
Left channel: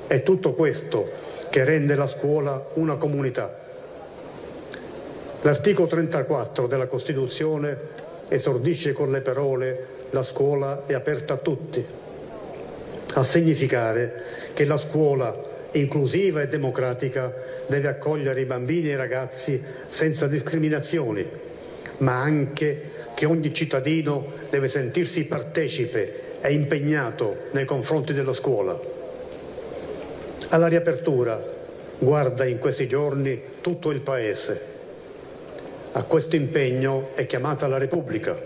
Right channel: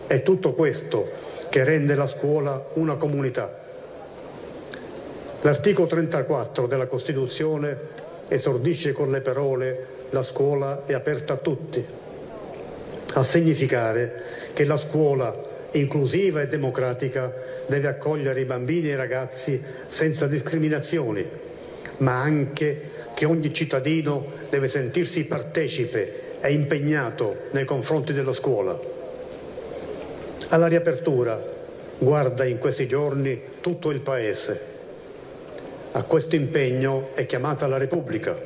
È tutto questo che rende la scuola una comunità. L'articolo 34 della Costituzione esordisce con le parole «La scuola è aperta a tutti», a significare che la scuola inclusiva e democratica deve accogliere i bambini e i ragazzi senza discriminazioni, ma anche che ogni cittadino deve sentirsi partecipe e impegnato nei confronti della scuola. Alla riapertura guarda in questi giorni tutto il Paese. A questo impegno è chiamata la Repubblica,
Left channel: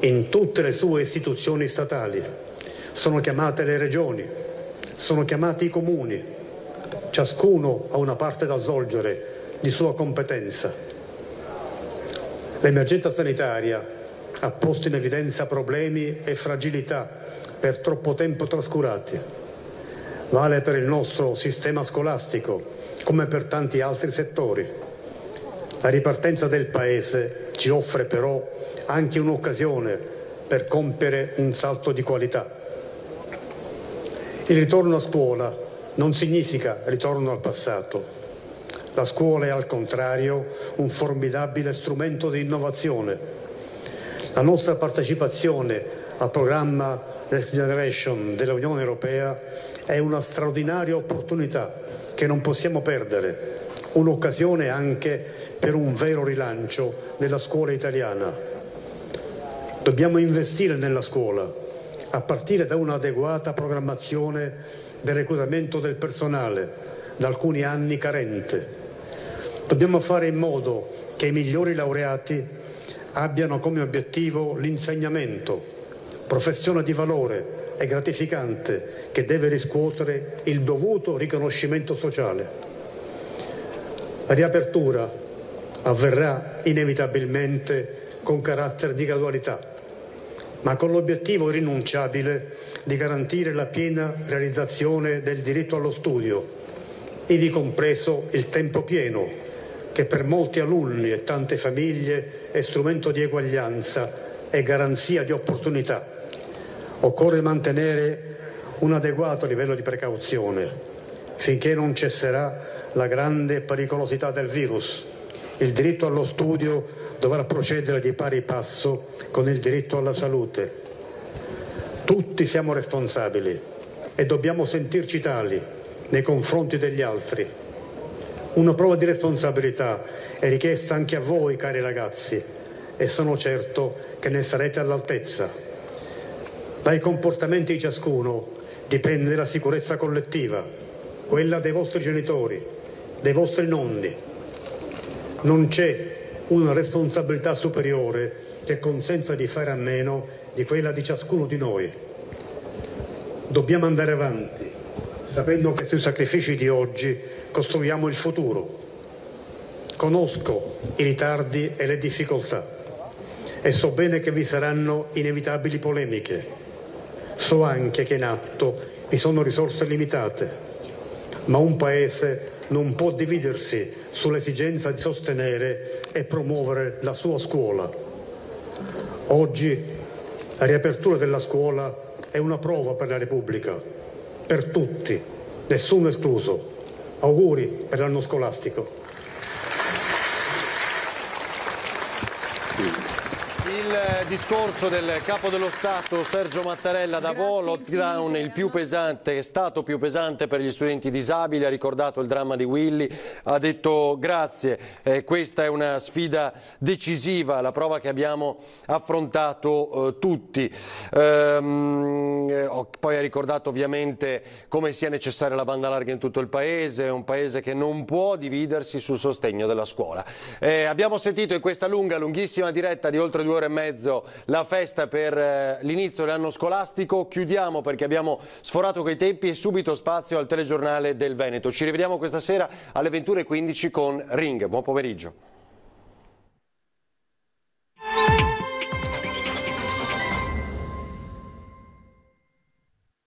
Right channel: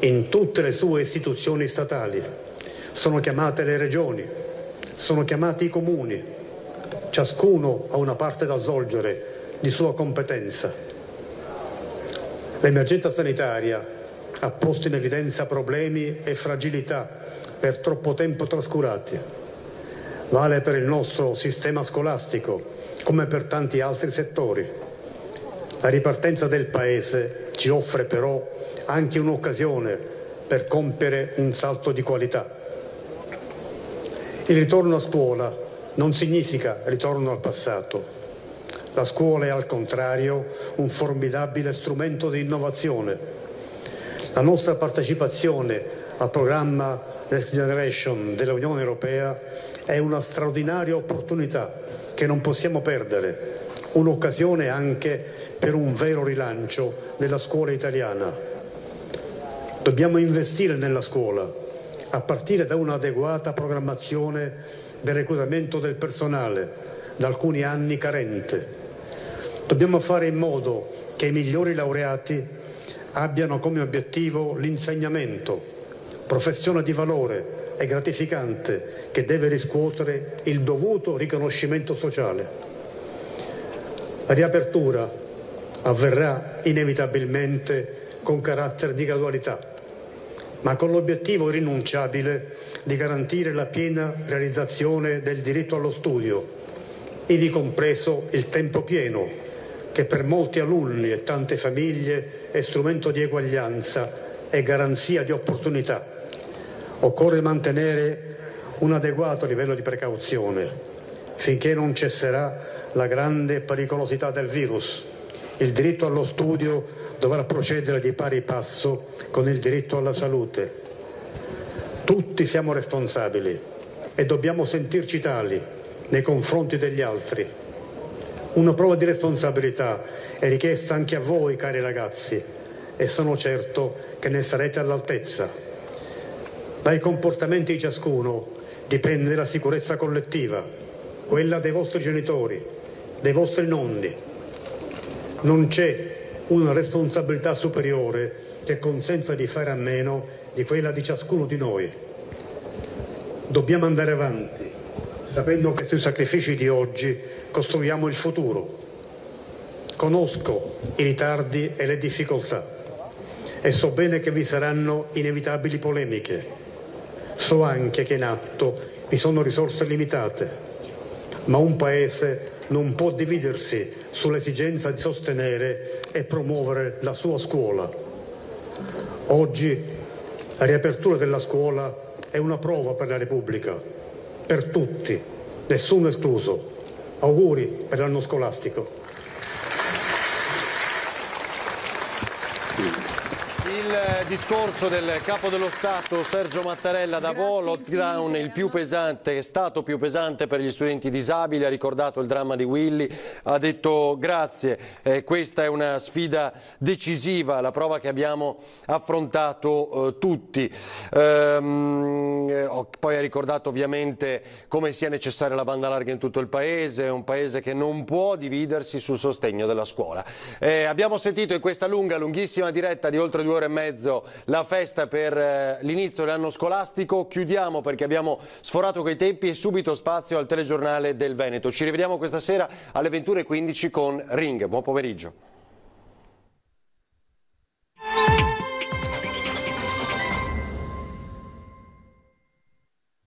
in tutte le sue istituzioni statali. Sono chiamate le regioni, sono chiamati i comuni. Ciascuno ha una parte da svolgere di sua competenza. L'emergenza sanitaria ha posto in evidenza problemi e fragilità per troppo tempo trascurati. Vale per il nostro sistema scolastico, come per tanti altri settori. La ripartenza del Paese ci offre però anche un'occasione per compiere un salto di qualità. Il ritorno a scuola non significa ritorno al passato. La scuola è al contrario un formidabile strumento di innovazione. La nostra partecipazione al programma Next Generation dell'Unione Europea è una straordinaria opportunità che non possiamo perdere, un'occasione anche per un vero rilancio della scuola italiana. Dobbiamo investire nella scuola, a partire da un'adeguata programmazione del reclutamento del personale, da alcuni anni carente. Dobbiamo fare in modo che i migliori laureati abbiano come obiettivo l'insegnamento, professione di valore e gratificante che deve riscuotere il dovuto riconoscimento sociale. La riapertura avverrà inevitabilmente con carattere di gradualità, ma con l'obiettivo irrinunciabile di garantire la piena realizzazione del diritto allo studio, ivi compreso il tempo pieno, che per molti alunni e tante famiglie è strumento di eguaglianza e garanzia di opportunità. Occorre mantenere un adeguato livello di precauzione. finché non cesserà la grande pericolosità del virus. Il diritto allo studio dovrà procedere di pari passo con il diritto alla salute. Tutti siamo responsabili e dobbiamo sentirci tali nei confronti degli altri. Una prova di responsabilità è richiesta anche a voi, cari ragazzi, e sono certo che ne sarete all'altezza. Dai comportamenti di ciascuno dipende la sicurezza collettiva, quella dei vostri genitori, dei vostri nonni. Non c'è una responsabilità superiore che consenta di fare a meno di quella di ciascuno di noi. Dobbiamo andare avanti, sapendo che sui sacrifici di oggi costruiamo il futuro. Conosco i ritardi e le difficoltà e so bene che vi saranno inevitabili polemiche. So anche che in atto vi sono risorse limitate, ma un Paese non può dividersi sull'esigenza di sostenere e promuovere la sua scuola. Oggi la riapertura della scuola è una prova per la Repubblica, per tutti, nessuno escluso. Auguri per l'anno scolastico. Il discorso del Capo dello Stato Sergio Mattarella: Davos, lockdown il più pesante, è stato più pesante per gli studenti disabili, ha ricordato il dramma di Willy, ha detto grazie, questa è una sfida decisiva, la prova che abbiamo affrontato tutti. Poi ha ricordato ovviamente come sia necessaria la banda larga in tutto il Paese, è un Paese che non può dividersi sul sostegno della scuola. Abbiamo sentito in questa lunghissima diretta di oltre 2 ore e mezzo la festa per l'inizio dell'anno scolastico. Chiudiamo perché abbiamo sforato quei tempi e subito spazio al telegiornale del Veneto. Ci rivediamo questa sera alle 21:15 con Ring. Buon pomeriggio.